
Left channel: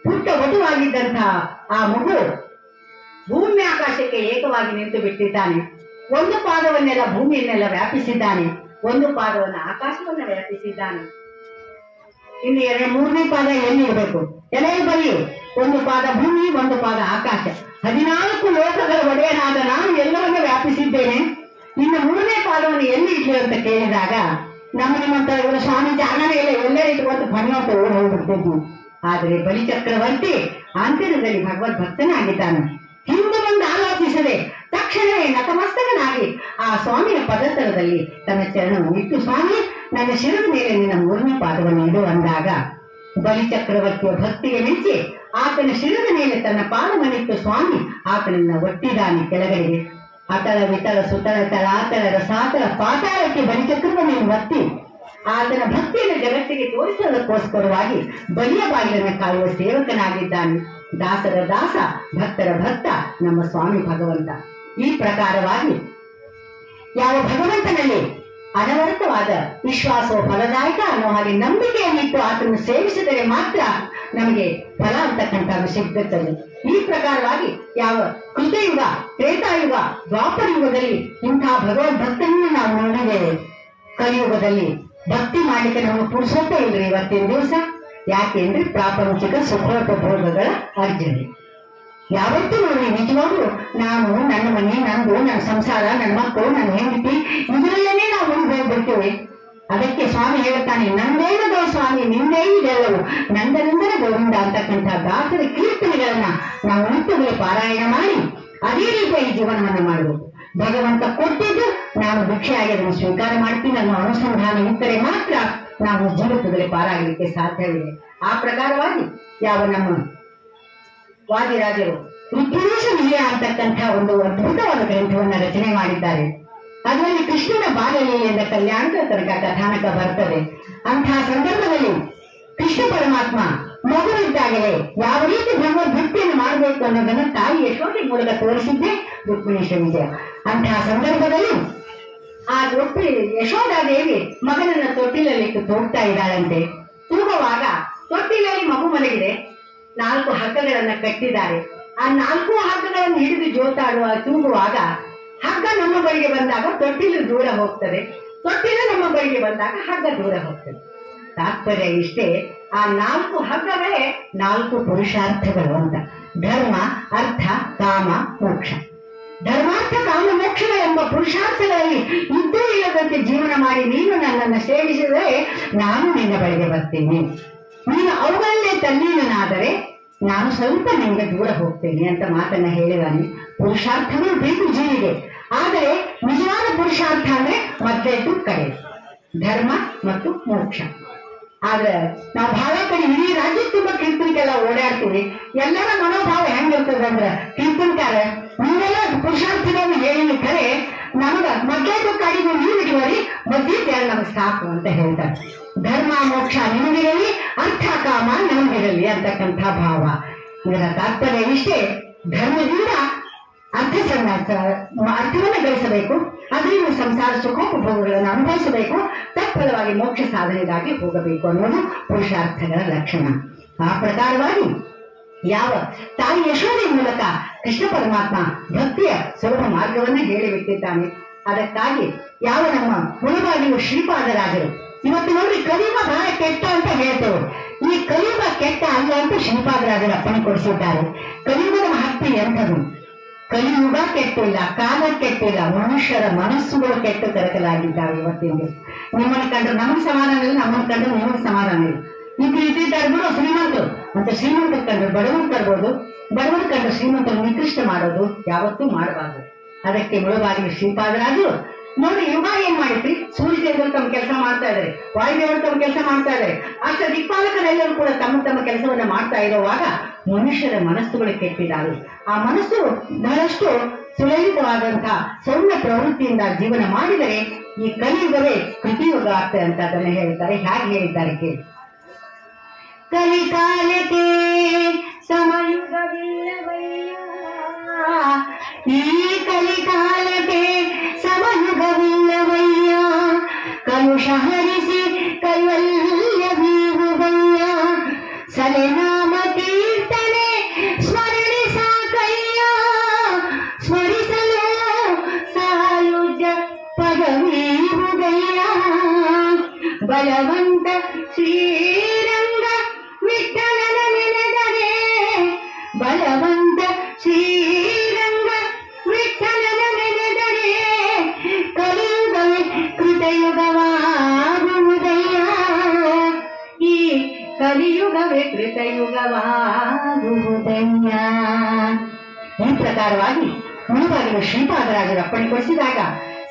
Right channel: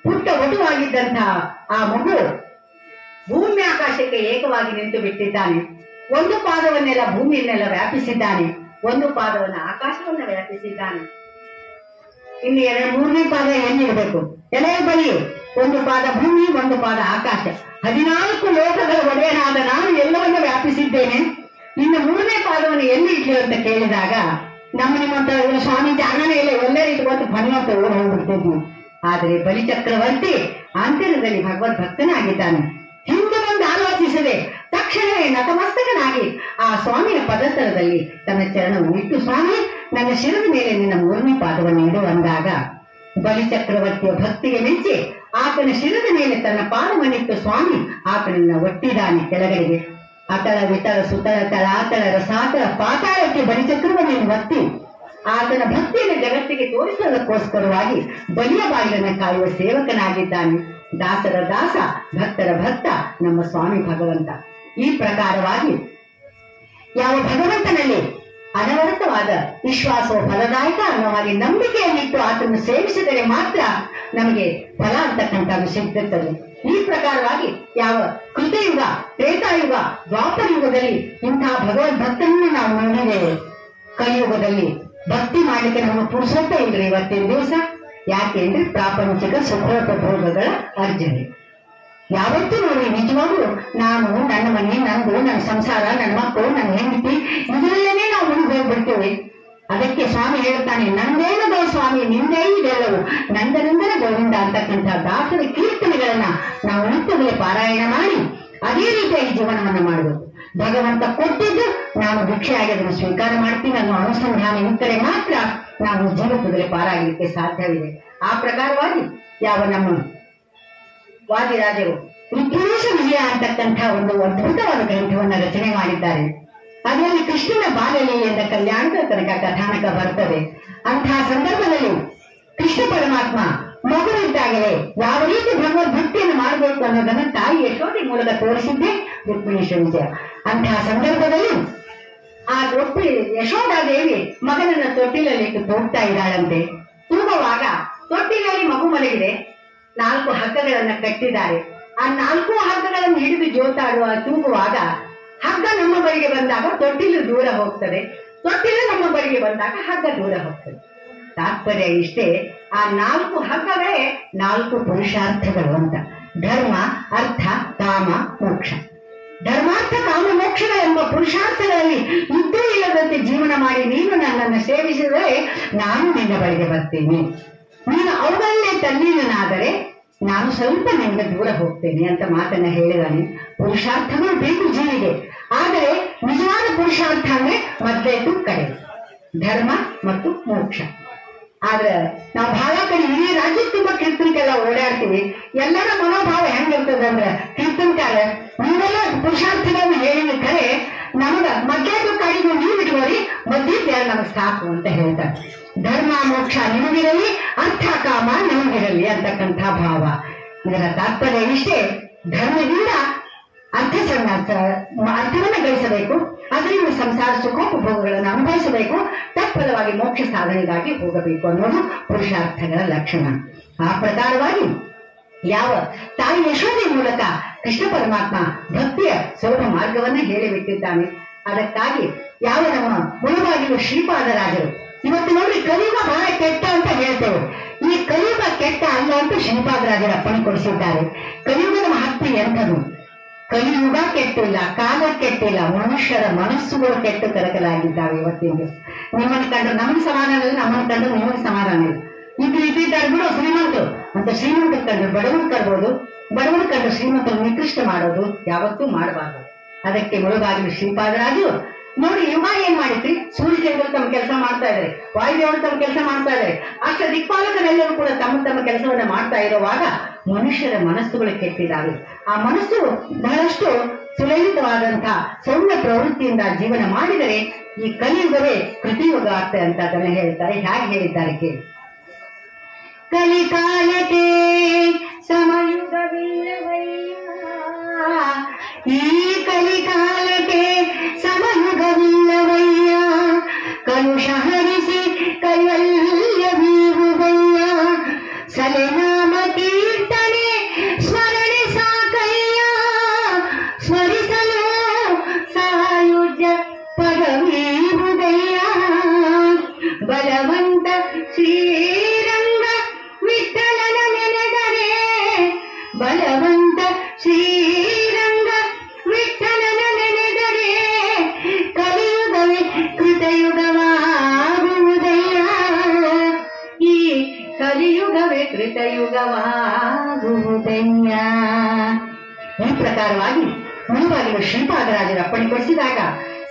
ಪುಟ್ಟ ವಟುವಾಗಿದ್ದಂತಹ ಆ ಮಗು ಭೂಮಿ ಆಕಾಶಕ್ಕೆ ಏಕವಾಗಿ ನಿಂತು ಬಿಟ್ಟಿದ್ದಾನೆ. 1 ಪಾದವನ್ನೆಲ್ಲ ಭೂಮಿಯನ್ನೆಲ್ಲ ವ್ಯಾಪಿಸಿದ್ದಾನೆ, 1 ಪಾದವನ್ನು ಆಕಾಶವನ್ನ ವ್ಯಾಪಿಸಿದ್ದಾನೆ. ಇನ್ನು 3ನೇ ಪಾದ ಎಲ್ಲಿರಬೇಕು? ಎಲೆ ಬಲಿ, 1 ಪಾದ ಭೂಮಿ, 1 ಪಾದ ಆಕಾಶ, 14 ಲೋಕಗಳ ಒಡೆಯನಾದ ನಾನು ಎಲ್ಲವನ್ನೂ ವ್ಯಾಪಿಸಿದ್ದೇನೆ. ಇನ್ನು 3ನೇ ಪಾದವನ್ನು ಎಲ್ಲಿ ಇಟ್ಲಿ ಅಂತ ಕೇಳಿದಾಗ ನಿಮ್ಮಂತ ಸ್ವಾಮಿ ಜಾಗನೇ ಇಲ್ಲ, ಎಲ್ಲೇ ಇಟ್ಕೊಂಡು ಭಗವಂತ ಹೋಗ್ಬಿಡ್ತಿದ್ವಿ. ಆದರೆ ಬಲಿಚಕ್ರವರ್ತಿ ಆಂತರ್ಯದಲ್ಲಿ ಭಗವದ್ ಭಕ್ತನಾಗಿದ್ದಾನೆ. ಹಿಂದೆ ಮುಂದೆ ಆಲೋಚಿಸದೆ ತಕ್ಷಣವೇ ನತಮಸ್ತಕನಾಗಿ ಆ ಸ್ವಾಮಿಯ ಪದತರದಲ್ಲಿ ತನ್ನ ಚರಣವನ್ನು ಇಟ್ಟು, ಸ್ವಾಮಿ ನನ್ನ ಶಿರದ ಮೇಲೆ ನಿನ್ನ 3ನೇ ಪಾದವನ್ನು ಇಡು ಅಂದಾಗ ಬಲಿಚಕ್ರವರ್ತಿಯ ಭಕ್ತಿಗೆ ಮೆಚ್ಚಿ ಆತನ ಶಿರದ ಮೇಲೆ ತನ್ನ ಪಾದವನ್ನಿಟ್ಟು ಸ್ವಾಮಿ ಆತನನ್ನ ಒಟ್ಟಿದ್ದಾನೆ ಕೆಳಗಡೆಗೆ. ಅತಳ ವಿತಳ ಸುತಳ ತಳಾತಳ ರಸಾತಳ ಪಾತಾಳಕ್ಕೆ ಬಲಿಚಕ್ರವನ್ನು ಒತ್ತಿ ಆತನ ಭಕ್ತಿಯನ್ನು ಜಗತ್ತಿಗೆ ತೋರಿಸುವುದಕ್ಕೋಸ್ಕರವಾಗಿ ಬಲಿಯ ಬಾಗಿಲನ್ನು ಕಾಯುವ ಸೇವಕನಾಗಿದ್ದಾನೆ. ದಾಸರ ದಾಸ, ಭಕ್ತರ ಭಕ್ತ ನಮ್ಮ ಸ್ವಾಮಿ ಭಗವಂತ. ಈ ಪ್ರಕಾರವಾಗಿ ಯಾವ ಭಗವಂತನಲ್ಲಿ ಅನವರತವಾದ ವಿಶ್ವಾಸವು ಫಲದಾಯಕ ಅನ್ನೋ ಹಾಗೆ ನಂಬಿಕೆಯನ್ನಿಟ್ಟು ಆತನ್ನು ಸೇವಿಸಿದರೆ ಮಾತ್ರ ನಮಗೆ ಫಲ ಅಂತಕ್ಕಂಥದ್ದು ಸಿಗುತ್ತದೆ. ಈ ಪ್ರಕಾರವಾಗಿ ಯಾವ ಕೃತಯುಗ, ತ್ರೇತಾಯುಗ, ದ್ವಾಪರ ಯುಗದಲ್ಲಿ ಇಂತಹ ಭಗವದ್ ಭಕ್ತನನ್ನು ನಾವು ನೋಡಿದ್ದೇವೆ. ಕಲಿಯುಗದಲ್ಲಿ ಭಕ್ತಿ ಮಾಡಲಿಕ್ಕೆ ನಮ್ಮ ಪುರುಷೋತ್ತ ಇಲ್ರಿ ಇವತ್ತಿನ ದಿವಸ. ಯಾಕೆ ಅಂದ್ರೆ ಪ್ರಾಪಂಚಿಕ ಸುಖೋಪಭೋಗಗಳ ಅರ್ಜನೆ. ಯಾವತ್ತೂ ನೋಡಿ, ನಿಜವಾಗ್ಲೂ ನಾನು ನನ್ನ ಮನೆ, ನಂದು, ನನ್ನ ಸಂಸಾರ, ನನ್ನ ಮಕ್ಕಳು, ನನ್ನ ಹೆಂಡತಿ, ಇದರಲ್ಲೇನೆ ನಾವು ಮುಂದೆ ಹೋಗ್ಬಿಡ್ತೇವೆ. ಅದಕ್ಕೆ ಸ್ವಾಮಿ ಹೇಳ್ತಾನೆ, ನಂದೇನದೋ ಸ್ವಾಮಿ ನಿಂದೇ ಇದೆಲ್ಲವೂ, ನಂದನಂದನ ಗೋವಿಂದ ಅಂತಕ್ಕಂಥ ದಾಸರ ಕೀರ್ತನೆಗಳನ್ನ ನಾವು ನಿತ್ಯವೇ ಪಾರಾಯಣ ಮಾಡಿ ಅದೇ ರೀತಿಯಾಗಿ ಜೀವನವನ್ನ ಮಾಡಬೇಕು. ಭಗವಂತ ಕೊಟ್ಟಿದ್ದು ನಾನು ಭಿಕ್ಷೆಯಾಗಿ ಅದನ್ನು ಸ್ವೀಕಾರ ಮಾಡ್ತೀನಿ ಅನ್ನೋ ಅನುಸಂಧಾನ ಇದ್ದರೆ ಮಾತ್ರ ನಾವು ಜೀವಿತದಲ್ಲಿ ಪಾರಾಗಲಿಕ್ಕೆ ಸಾಧ್ಯವಿದೆ. ಆ ಪ್ರಕಾರವಾಗಿ ಯಾವ ನಮ್ಮ ವಾದಿರಾಜರು ಋತುವೇಶ ವಿಜಯ ಅಂತಕ್ಕಂಥ ಒಂದು ಅದ್ಭುತವಾದ ಗ್ರಂಥವನ್ನು ರಚನೆ ಮಾಡಿದ್ದಾರೆ. ಅದರಲ್ಲಿ ಕೃಷ್ಣನ ಬಾಲಲೀಲೆಯಿಂದ ಕಲ್ಯಾಣದ ತನಕ ಕಥಾನಕ ಬರ್ತದೆ. ಅಂತಹ ಸಂದರ್ಭದಲ್ಲಿ ಕೃಷ್ಣ ಪರಮಾತ್ಮ ಮಗುವಿದ್ದಾಗಲೇ ಯಾವ ರೀತಿ ಭಗವದ್ಭಕ್ತಿಯನ್ನು ಮಾಡಬೇಕು ಅನ್ನೋದನ್ನ ತಾಯಿ ಯಶೋಧೆ ಮೂಲಕ ತೋರಿಸಿದ್ದೆ ರುಕ್ಮಿಣೀಶ ವಿಜಯ. ಅಂತಹ ಸಂದರ್ಭದಲ್ಲಿ ಆ ಯಶೋಧಾದೇವಿ ಮಗನನ್ನ ತೊಟ್ಟಿಲಲ್ಲಿಟ್ಟು ತೂಗ್ತಾ ಇದ್ದಾಳಂತೆ. ತೂಗುವಾಗ ತೊಟ್ಟಿಲಲ್ಲಿ ಮಗು ಮಲಗಿದೆ, 4 ಹಗ್ಗಗಳನ್ನ ಕಟ್ಟಿದ್ದಾರೆ. ಆ 4 ಹಗ್ಗಗಳನ್ನು ಹಿಡಿದು ಜೋತಾಡುವ ತೂಗುವಾಗ ಹಗ್ಗ ನಮ್ಮ ಬಳಿಗೆ ಬಂದಾಗ ತೊಟ್ಟಿಲು ದೂರ ಹೋಗ್ತದೆ, ತೊಟ್ಟಿಲು ನಮ್ಮ ಬಳಿಗೆ ಬಂದಾಗ ಹಗ್ಗ ದೂರ ಹೋಗ್ತದೆ. ತಾತ್ಪರ್ಯ ಇಷ್ಟೇ, ಆ 4 ಹಗ್ಗಗಳೇ 4 ಪುರುಷಾರ್ಥಗಳು ಅಂತ. ಧರ್ಮ, ಅರ್ಥ, ಕಾಮ, ಮೋಕ್ಷ. ಧರ್ಮಾರ್ಥ ಕಾಮ ಮೋಕ್ಷಗಳೆಂಬ ಪುರುಷಾರ್ಥಗಳಲ್ಲಿ ಇದ್ದೂ ಇಲ್ಲದಂತೆ ಜೀವನ ಮಾಡಿ ನೀನು ನನ್ನನ್ನು ಸೇವಿಸಿದರೆ ನಾನು ನಿನ್ನ ಬಳಿಗೆ ಬರ್ತೀನಿ. ನೀನು ಅವುಗಳನ್ನೇ ತಲ್ಲೀನನಾದರೆ ನಾನು ಸ್ವಲ್ಪ ನಿಮಗೆ ದೂರ ಹೋಗ್ತೇನೆ ಅಂತ ಮಾತನ್ನ ಹೇಳಿದಾನೆ. ಪುರುಷಾರ್ಥವೂ ಬೇಕು ಜೀವಿಗೆ, ಆದರೆ ನಿಜವಾದ ಪುರುಷಾರ್ಥ ಅಂದ್ರೆ ಮೊದಲೇದು ಕಡೆ ಧರ್ಮ ಮತ್ತು ಮೋಕ್ಷ. ಆದ್ರೆ ನಾವು ಬಹಳ ಕಡೆ ಇಡೀ ರಾಜ್ಯ ತುಂಬಾ ಕೀರ್ತನಕ್ಕೆಲ್ಲ ಓಡಾಡ್ತೀವಿ. ಎಲ್ಲರ ಮನೋಭಾವ ಹೆಂಗಿರ್ತದೆ ಅಂದ್ರೆ, ಕೀರ್ತನಕಾರ ನೀವೆಲ್ಲ ಪುರುಷಾರ್ಥಗಳನ್ನು ಹೇಳಿ ಕರೆ ನಮಗ ಮಧ್ಯಾಹ್ನ ಕಾಡಿಗೂ ನೀವು ಇಟ್ಕೋರಿ, ಮಧ್ಯ ನಮಗ್ ಸಾಕು ಅಂತ ಹೇಳ್ತಾರೆ. ಧರ್ಮ ಮೋಕ್ಷ ನಿಮಗಿರಲಿ, ಅರ್ಥ ಕಾಮ ನಮಗಿರಲಿ ಅಂತಕ್ಕಂಥ ಭಾವ. ಇದರ ತಾತ್ಪರ್ಯ ಇಷ್ಟೇ. ಧರ್ಮದಿಂದ ಅರ್ಥವನ್ನು ಗಳಿಸಬೇಕು, ಅದರಿಂದ ಸಂಸಾರ ಸುಖೋಪಭೋಗಗಳನ್ನು ಅನುಭವಿಸಬೇಕು, ತತ್ಫಲವಾಗಿ ಮೋಕ್ಷ ಸಾಧನೆಗಾಗಿ ಹೋಗಬೇಕು ಅನ್ನೋದು ಪುರುಷಾರ್ಥಗಳ ಲಕ್ಷಣ. ಆ ಪ್ರಕಾರವಾಗಿ ಯಾವ ತಾಯಿ ಯಶೋದೆ ಮೂಲಕ ಕೃಷ್ಣ ಪರಮಾತ್ಮ ಭಕ್ತಿಯ ಸುಲಭ ಮಾರ್ಗವನ್ನ ಹೇಳಿಬಿಟ್ಟಿದ್ದಾನೆ. ಅದಕ್ಕಾಗಿ ಯಾವ ನಮ್ಮ ಮುಳುಬಾಗಿಲು ಶ್ರೀಪಾದರಾಜರು ಇವತ್ತು ನೋಡಿ ಕಲಿಯುಗ ಬಹಳ ಕೆಟ್ಟ ಅಂತ ಹೇಳ್ತೇವೆ. ಈ ಕಲಿಯುಗ ಕೆಟ್ಟ ಅಲ್ಲ ಅಂತ ಶ್ರೀಪಾದರಾಜರು ಅಪ್ಪಣೆ ಕೊಡಿಸಿದ್ದಾರೆ. ಕಲಿಯುಗದ ಮಹತ್ವ ಎಂಥದು? ಕಲಿಯುಗ ಕೆಟ್ಟಿಲ್ಲ, ಕಾಲ ಕೆಟ್ಟಿಲ್ಲ, ಮನುಷ್ಯರ ಮನಸ್ಸುಗಳು ಕೆಟ್ಟು ಕರಕಲಾಗಿದ್ದಾವೆ. ಇವತ್ತಿನ ನಿಮ್ಮನ್ನು ಕಂಡ್ರೆ ನಮಗೆ ಸಮಾಧಾನ ಇಲ್ಲ, ನಮ್ಮನ್ನು ಕಂಡ್ರೆ ನಿಮಗೆ ಸಮಾಧಾನ ಇಲ್ಲ. ಇದ್ದಾರೆ ಬಿಡು ಶ್ರೀಮಂತರು ಅಂತ ಶ್ರೀಮಂತರು ಕಂಡ್ರೆ ಬಡವರು ಕರ್ಬೋದು, ಬಡವರು ಕಂಡ್ರೆ ಶ್ರೀಮಂತರು ನಿಕೃಷ್ಟ ಮಾಡೋದು ಯಾವತ್ತೂ ಮಾಡಬಾರ್ದು. ಅದಕ್ಕೆ ಮುಳುಬಾಗಿಲು ಶ್ರೀಪಾದರಾಜರು ನೋಡಿ ಇವ ಏನ್ ಮಾಡಿದ್ರಿ, ಸೂರ್ಯದೇವರು ತಮ್ಮ ಕೆಲಸ ಮಾಡ್ತಾ ಇದ್ದಾರೆ, ವಾಯುದೇವರು ತಮ್ಮ ಕೆಲಸ ಮಾಡ್ತಾ ಇದ್ದಾರೆ, ಅಷ್ಟ ದಿಕ್ಪಾಲಕರೆಲ್ಲರೂ ಕೂಡ ತಮ್ಮ ತಮ್ಮ ಕೆಲಸವನ್ನ ಮಾಡ್ತಾ ಇರುವಾಗ ಮನುಷ್ಯರ ಮನಸ್ಸುಗಳು ಕೆಟ್ಟಿದ್ದಾವೆ. ಆ ಮನಸ್ಸು ಬಹಳಷ್ಟು ಸುಲಲಿತವಾದಂತಹ ಸೌಮ್ಯ ಪ್ರವೃತ್ತಿಯಿಂದ ಜೀವನ ಮಾಡಿದರೆ ಈ ಕಲಿಯುಗವೇ ಕೃತಿಯುಗ ಆಗ್ತದೆ ಅಂತ ಅದನ್ನ ಹೇಳ್ತಾರೆ. ಹೇಗೆ ಹೇಳಿದ್ದಾರೆ ಕೇಳಿ. ಕಲಿಕಾಲಕ್ಕೆ ಸಮಯುಗವಿಲ್ಲವಯ್ಯ, ಈ ಕಲಿಕಾಲಕ್ಕೆ ಸಮಯುಗವಿಲ್ಲವಯ್ಯ, ಕಲುಷ ಹರಿಸಿ ಕೈವಲ್ಯ ಬೀರುವಯ್ಯ, ಸಲೆನಾಮ ಕೀರ್ತನೆ ಸ್ಮರಣೆ ಸಾಕಯ್ಯ, ಸ್ಮರಿಸಲು ಸಾಯುಜ್ಯ ಪದವೀರುವಯ್ಯ, ಬಲವಂತ ಶ್ರೀರಂಗ ವಿಠಲನ ನೆನೆದರೆ, ಬಲವಂತ ಶ್ರೀರಂಗ ವಿಠಲನ ನೆನೆದರೆ, ಕಲಿಯುಗವೇ ಕೃತಯುಗವಾಗುವುದಯ್ಯ, ಈ ಕಲಿಯುಗವೇ ಕೃತಯುಗವಾಗುವುದಯ್ಯ. ಈ ಪ್ರಕಾರವಾಗಿ ಮುಳುಬಾಗಿಲು ಶ್ರೀಪಾದರಾಜರು ಅಪ್ಪಣೆ ಕೊಡಿಸಿದಾಗ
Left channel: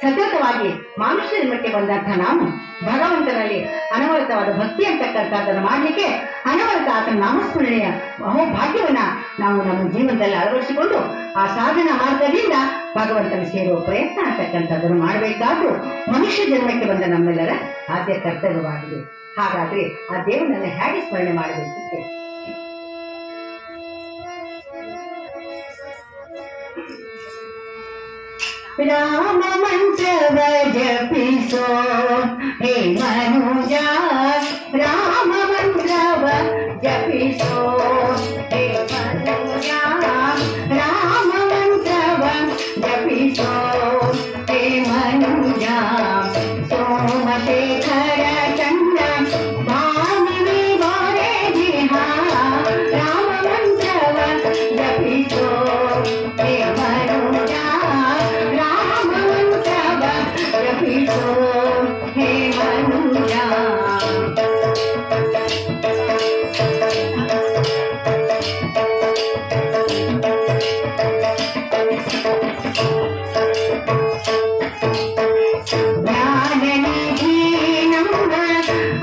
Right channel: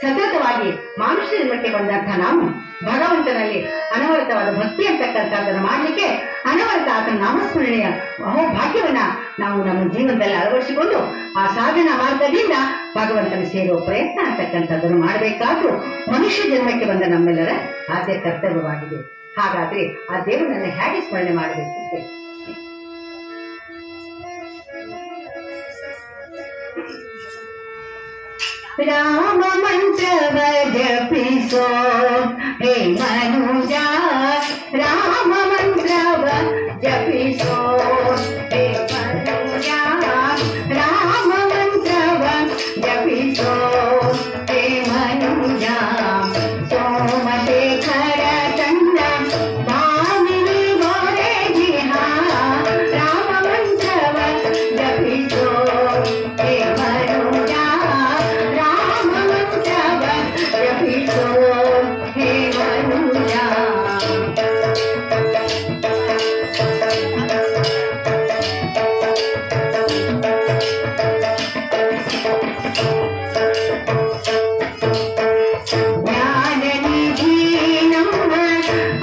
ಸತತವಾಗಿ ಮಾನುಷ್ಯ ಜನ್ಮಕ್ಕೆ ಬಂದಂತಹ ನಾವು ಭಗವಂತನಲ್ಲಿ ಅನವರತವಾದ ಭಕ್ತಿ ಅಂತಕ್ಕಂಥದ್ದನ್ನು ಮಾಡಲಿಕ್ಕೆ ಅನವರತ ಆತನ ನಾಮಸ್ಮರಣೆಯ ಅಹೋಭಾಗ್ಯವನ್ನ ನಾವು ನಮ್ಮ ಜೀವನದಲ್ಲಿ ಅಳವಡಿಸಿಕೊಂಡು ಆ ಸಾಧನಾ ಮಾರ್ಗದಿಂದ ಭಗವಂತನ ಸೇರುವ ಪ್ರಯತ್ನ ಅಂತಕ್ಕಂಥದ್ದನ್ನು ಮಾಡಬೇಕಾದ್ರೂ ಮನುಷ್ಯ ಜನ್ಮಕ್ಕೆ ಬಂದ ನಮ್ಮೆಲ್ಲರ ಆದ್ಯ ಕರ್ತವ್ಯವಾಗಿದೆ. ಹಾಗಾದ್ರೆ ಆ ದೇವರನ್ನ ಹೇಗೆ ಸ್ಮರಣೆ ಮಾಡಬೇಕು? ರಾಮ ಮಂತ್ರವ ಜಪಿಸೋ ಹೇ ಮನುಜ, ರಾಮ ಮಂತ್ರವ ಜಪಿಸೋ ಹೇ ಮನುಜ, ರಾಮ ಮಂತ್ರವ ಜಪಿಸೋ ಹೇ ಮನುಜ, ಸೋಮಶೇಖರ ಚಂದ್ರ ಭಾಮಿನಿ ಗೋರೆ ಜಿಹಾ, ರಾಮ ಮಂತ್ರವ ಜಪಿಸೋ ಹೇ ಮನುಜ, ಜಪಿಸೋ ಹೇ ಮನುಜ. ಜ್ಞಾನನಿಧಿ ನಮ್ಮ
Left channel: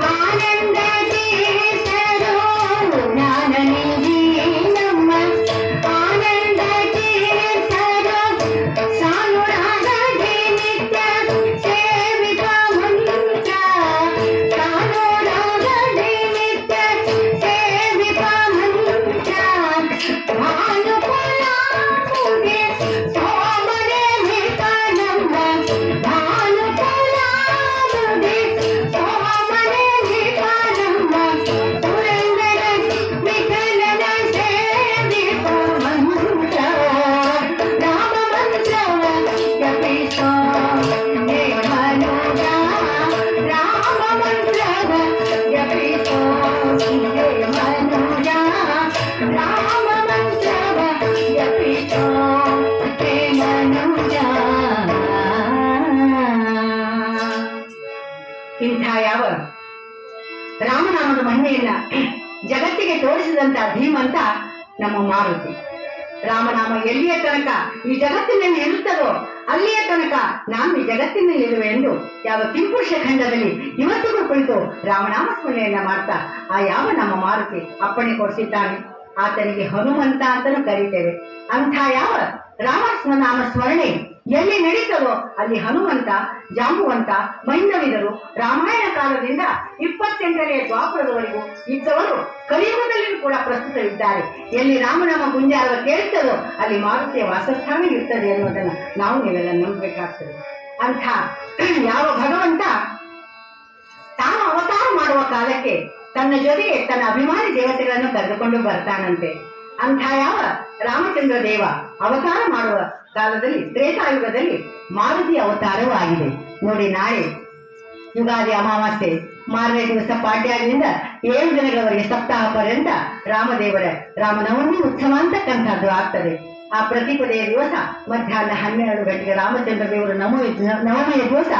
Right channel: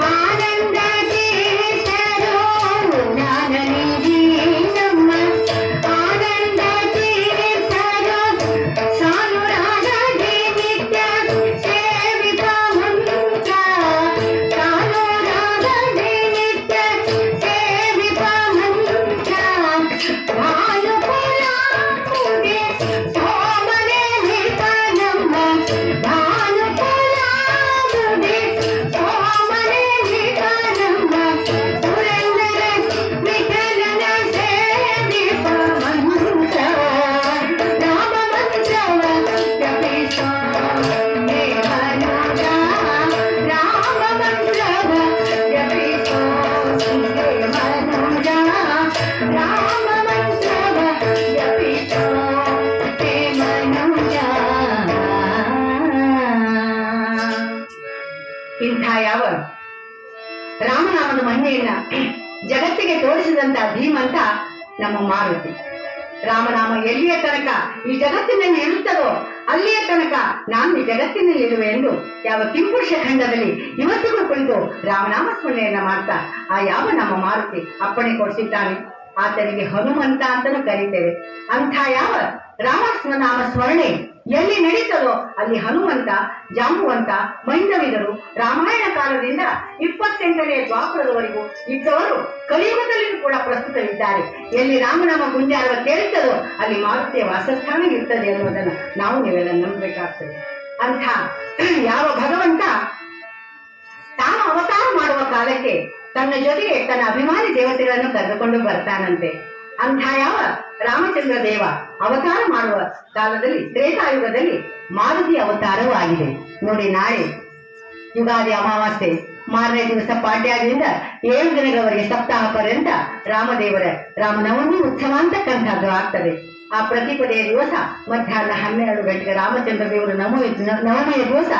ಆನಂದ ತೀರ್ಥರು, ಜ್ಞಾನನಿಧಿ ನಮ್ಮ ಆನಂದ ತೀರ್ಥರು, ಸಾನುರಾಗದಿ ನಿತ್ಯ ಸೇವಿತ ಮಂತ್ರ, ಸಾನುರಾಗದಿ ನಿತ್ಯ ಸೇವಿತ ಮಂತ್ರ, ಭಾನುಕುಲಾಂಬುಗೆ ಸೋಮನೆ ನಿತ ನಮ್ಮ, ಭಾನುಕುಲಾಂಬುಗೆ ಸೋಮನೆ ನಿತ ನಮ್ಮ, ಸುರೇಂದ್ರ ವಿಠಲನ ಸೇವಿತ ಮಂತ್ರ, ರಾಮ ಮಂತ್ರವ ಜಪಿಸೋ ಹೇ ಮನುಜ, ರಾಮ ಮಂತ್ರವ ಜಪಿಸೋ ಹೇ ಮನುಜ, ರಾಮ ಮಂತ್ರವ ಜಪಿಸೋ ಹೇ ಮನುಜ. ಇಂಥ ಯಾವ ರಾಮನಾಮದ ಮಹಿಮೆಯನ್ನ ಜಗತ್ತಿಗೆ ತೋರಿಸಿದಂತ ಧೀಮಂತ ನಮ್ಮ ಮಾರುತಿ. ರಾಮನಾಮ ಎಲ್ಲಿಯ ತನಕ ಈ ಜಗತ್ತಿನಲ್ಲಿ ಇರುತ್ತದೋ ಅಲ್ಲಿಯ ತನಕ ನಾನು ಈ ಜಗತ್ತಿನಲ್ಲಿ ಇರುವೆ ಎಂದು ಯಾವ ಕಿಂಪುರುಷ ಖಂಡದಲ್ಲಿ ಇವತ್ತಿಗೂ ಕುಳಿತು ರಾಮನಾಮ ಸ್ಮರಣೆಯನ್ನ ಮಾಡ್ತಾ ಆ ಯಾವ ನಮ್ಮ ಮಾರುತಿ ಅಪ್ಪಣೆ ಕೊಡಿಸಿದ್ದಾನೆ. ಆತನಿಗೆ ಹನುಮಂತ ಅಂತಲೂ ಕರೀತೇವೆ. ಅಂಥ ಯಾವ ರಾಮ ನಾಮ ಸ್ಮರಣೆ ಎಲ್ಲಿ ನಡೀತದೋ ಅಲ್ಲಿ ಹನುಮಂತ, ಜಾಂಬುವಂತ, ಮೈಂದವಿದರು ರಾಮಾಯಣ ಕಾಲದಿಂದ 28ನೇ ದ್ವಾಪರದವರೆಗೂ ಇದ್ದವರು ಕಲಿಯುಗದಲ್ಲಿಯೂ ಕೂಡ ಪ್ರಸ್ತುತವಿದ್ದಾರೆ. ಎಲ್ಲಿ ರಾಮನಾಮ ಗುಂಜಾರವ ಕೇಳುತ್ತದೋ ಅಲ್ಲಿ ಮಾರುತಿಯ ವಾಸಸ್ಥಾನ ಇರ್ತದೆ ಅನ್ನೋದನ್ನ ನಾವು ನೀವೆಲ್ಲ ನಂಬಬೇಕಾಗ್ತದೆ. ಅಂಥ ಯಾವ ಭಗವಂತ ತಾನು ಅವತಾರ ಮಾಡುವ ಕಾಲಕ್ಕೆ ತನ್ನ ಜೊತೆಗೆ ತನ್ನ ಅಭಿಮಾನಿ ದೇವತೆಗಳನ್ನು ಕರೆದುಕೊಂಡು ಬರ್ತಾನಂತೆ. ಅಂಥ ಯಾವ ರಾಮಚಂದ್ರ ದೇವ ಅವತಾರ ಮಾಡುವ ಕಾಲದಲ್ಲಿ ತ್ರೇತಾಯುಗದಲ್ಲಿ ಮಾರುತಿ ಅವತಾರವೂ ಆಗಿದೆ ನೋಡಿ. ನಾಳೆ ಯುಗಾದಿ ಅಮಾವಾಸ್ಯೆ ಮಾರನೇ ದಿವಸ ಪಾಡ್ಯದಿಂದ 7 ದಿನಗಳವರೆಗೆ ಸಪ್ತಾಹ ಪರ್ಯಂತ ರಾಮದೇವರ ರಾಮನವಮಿ ಉತ್ಸವ ಅಂತಕ್ಕಂಥದ್ದು ಆಗ್ತದೆ. ಆ ಪ್ರತಿಪದೆಯ ದಿವಸ ಮಧ್ಯಾಹ್ನ 12 ಗಂಟೆಗೆ ರಾಮಚಂದ್ರ ದೇವರು ನವಮಿಯ ದಿವಸ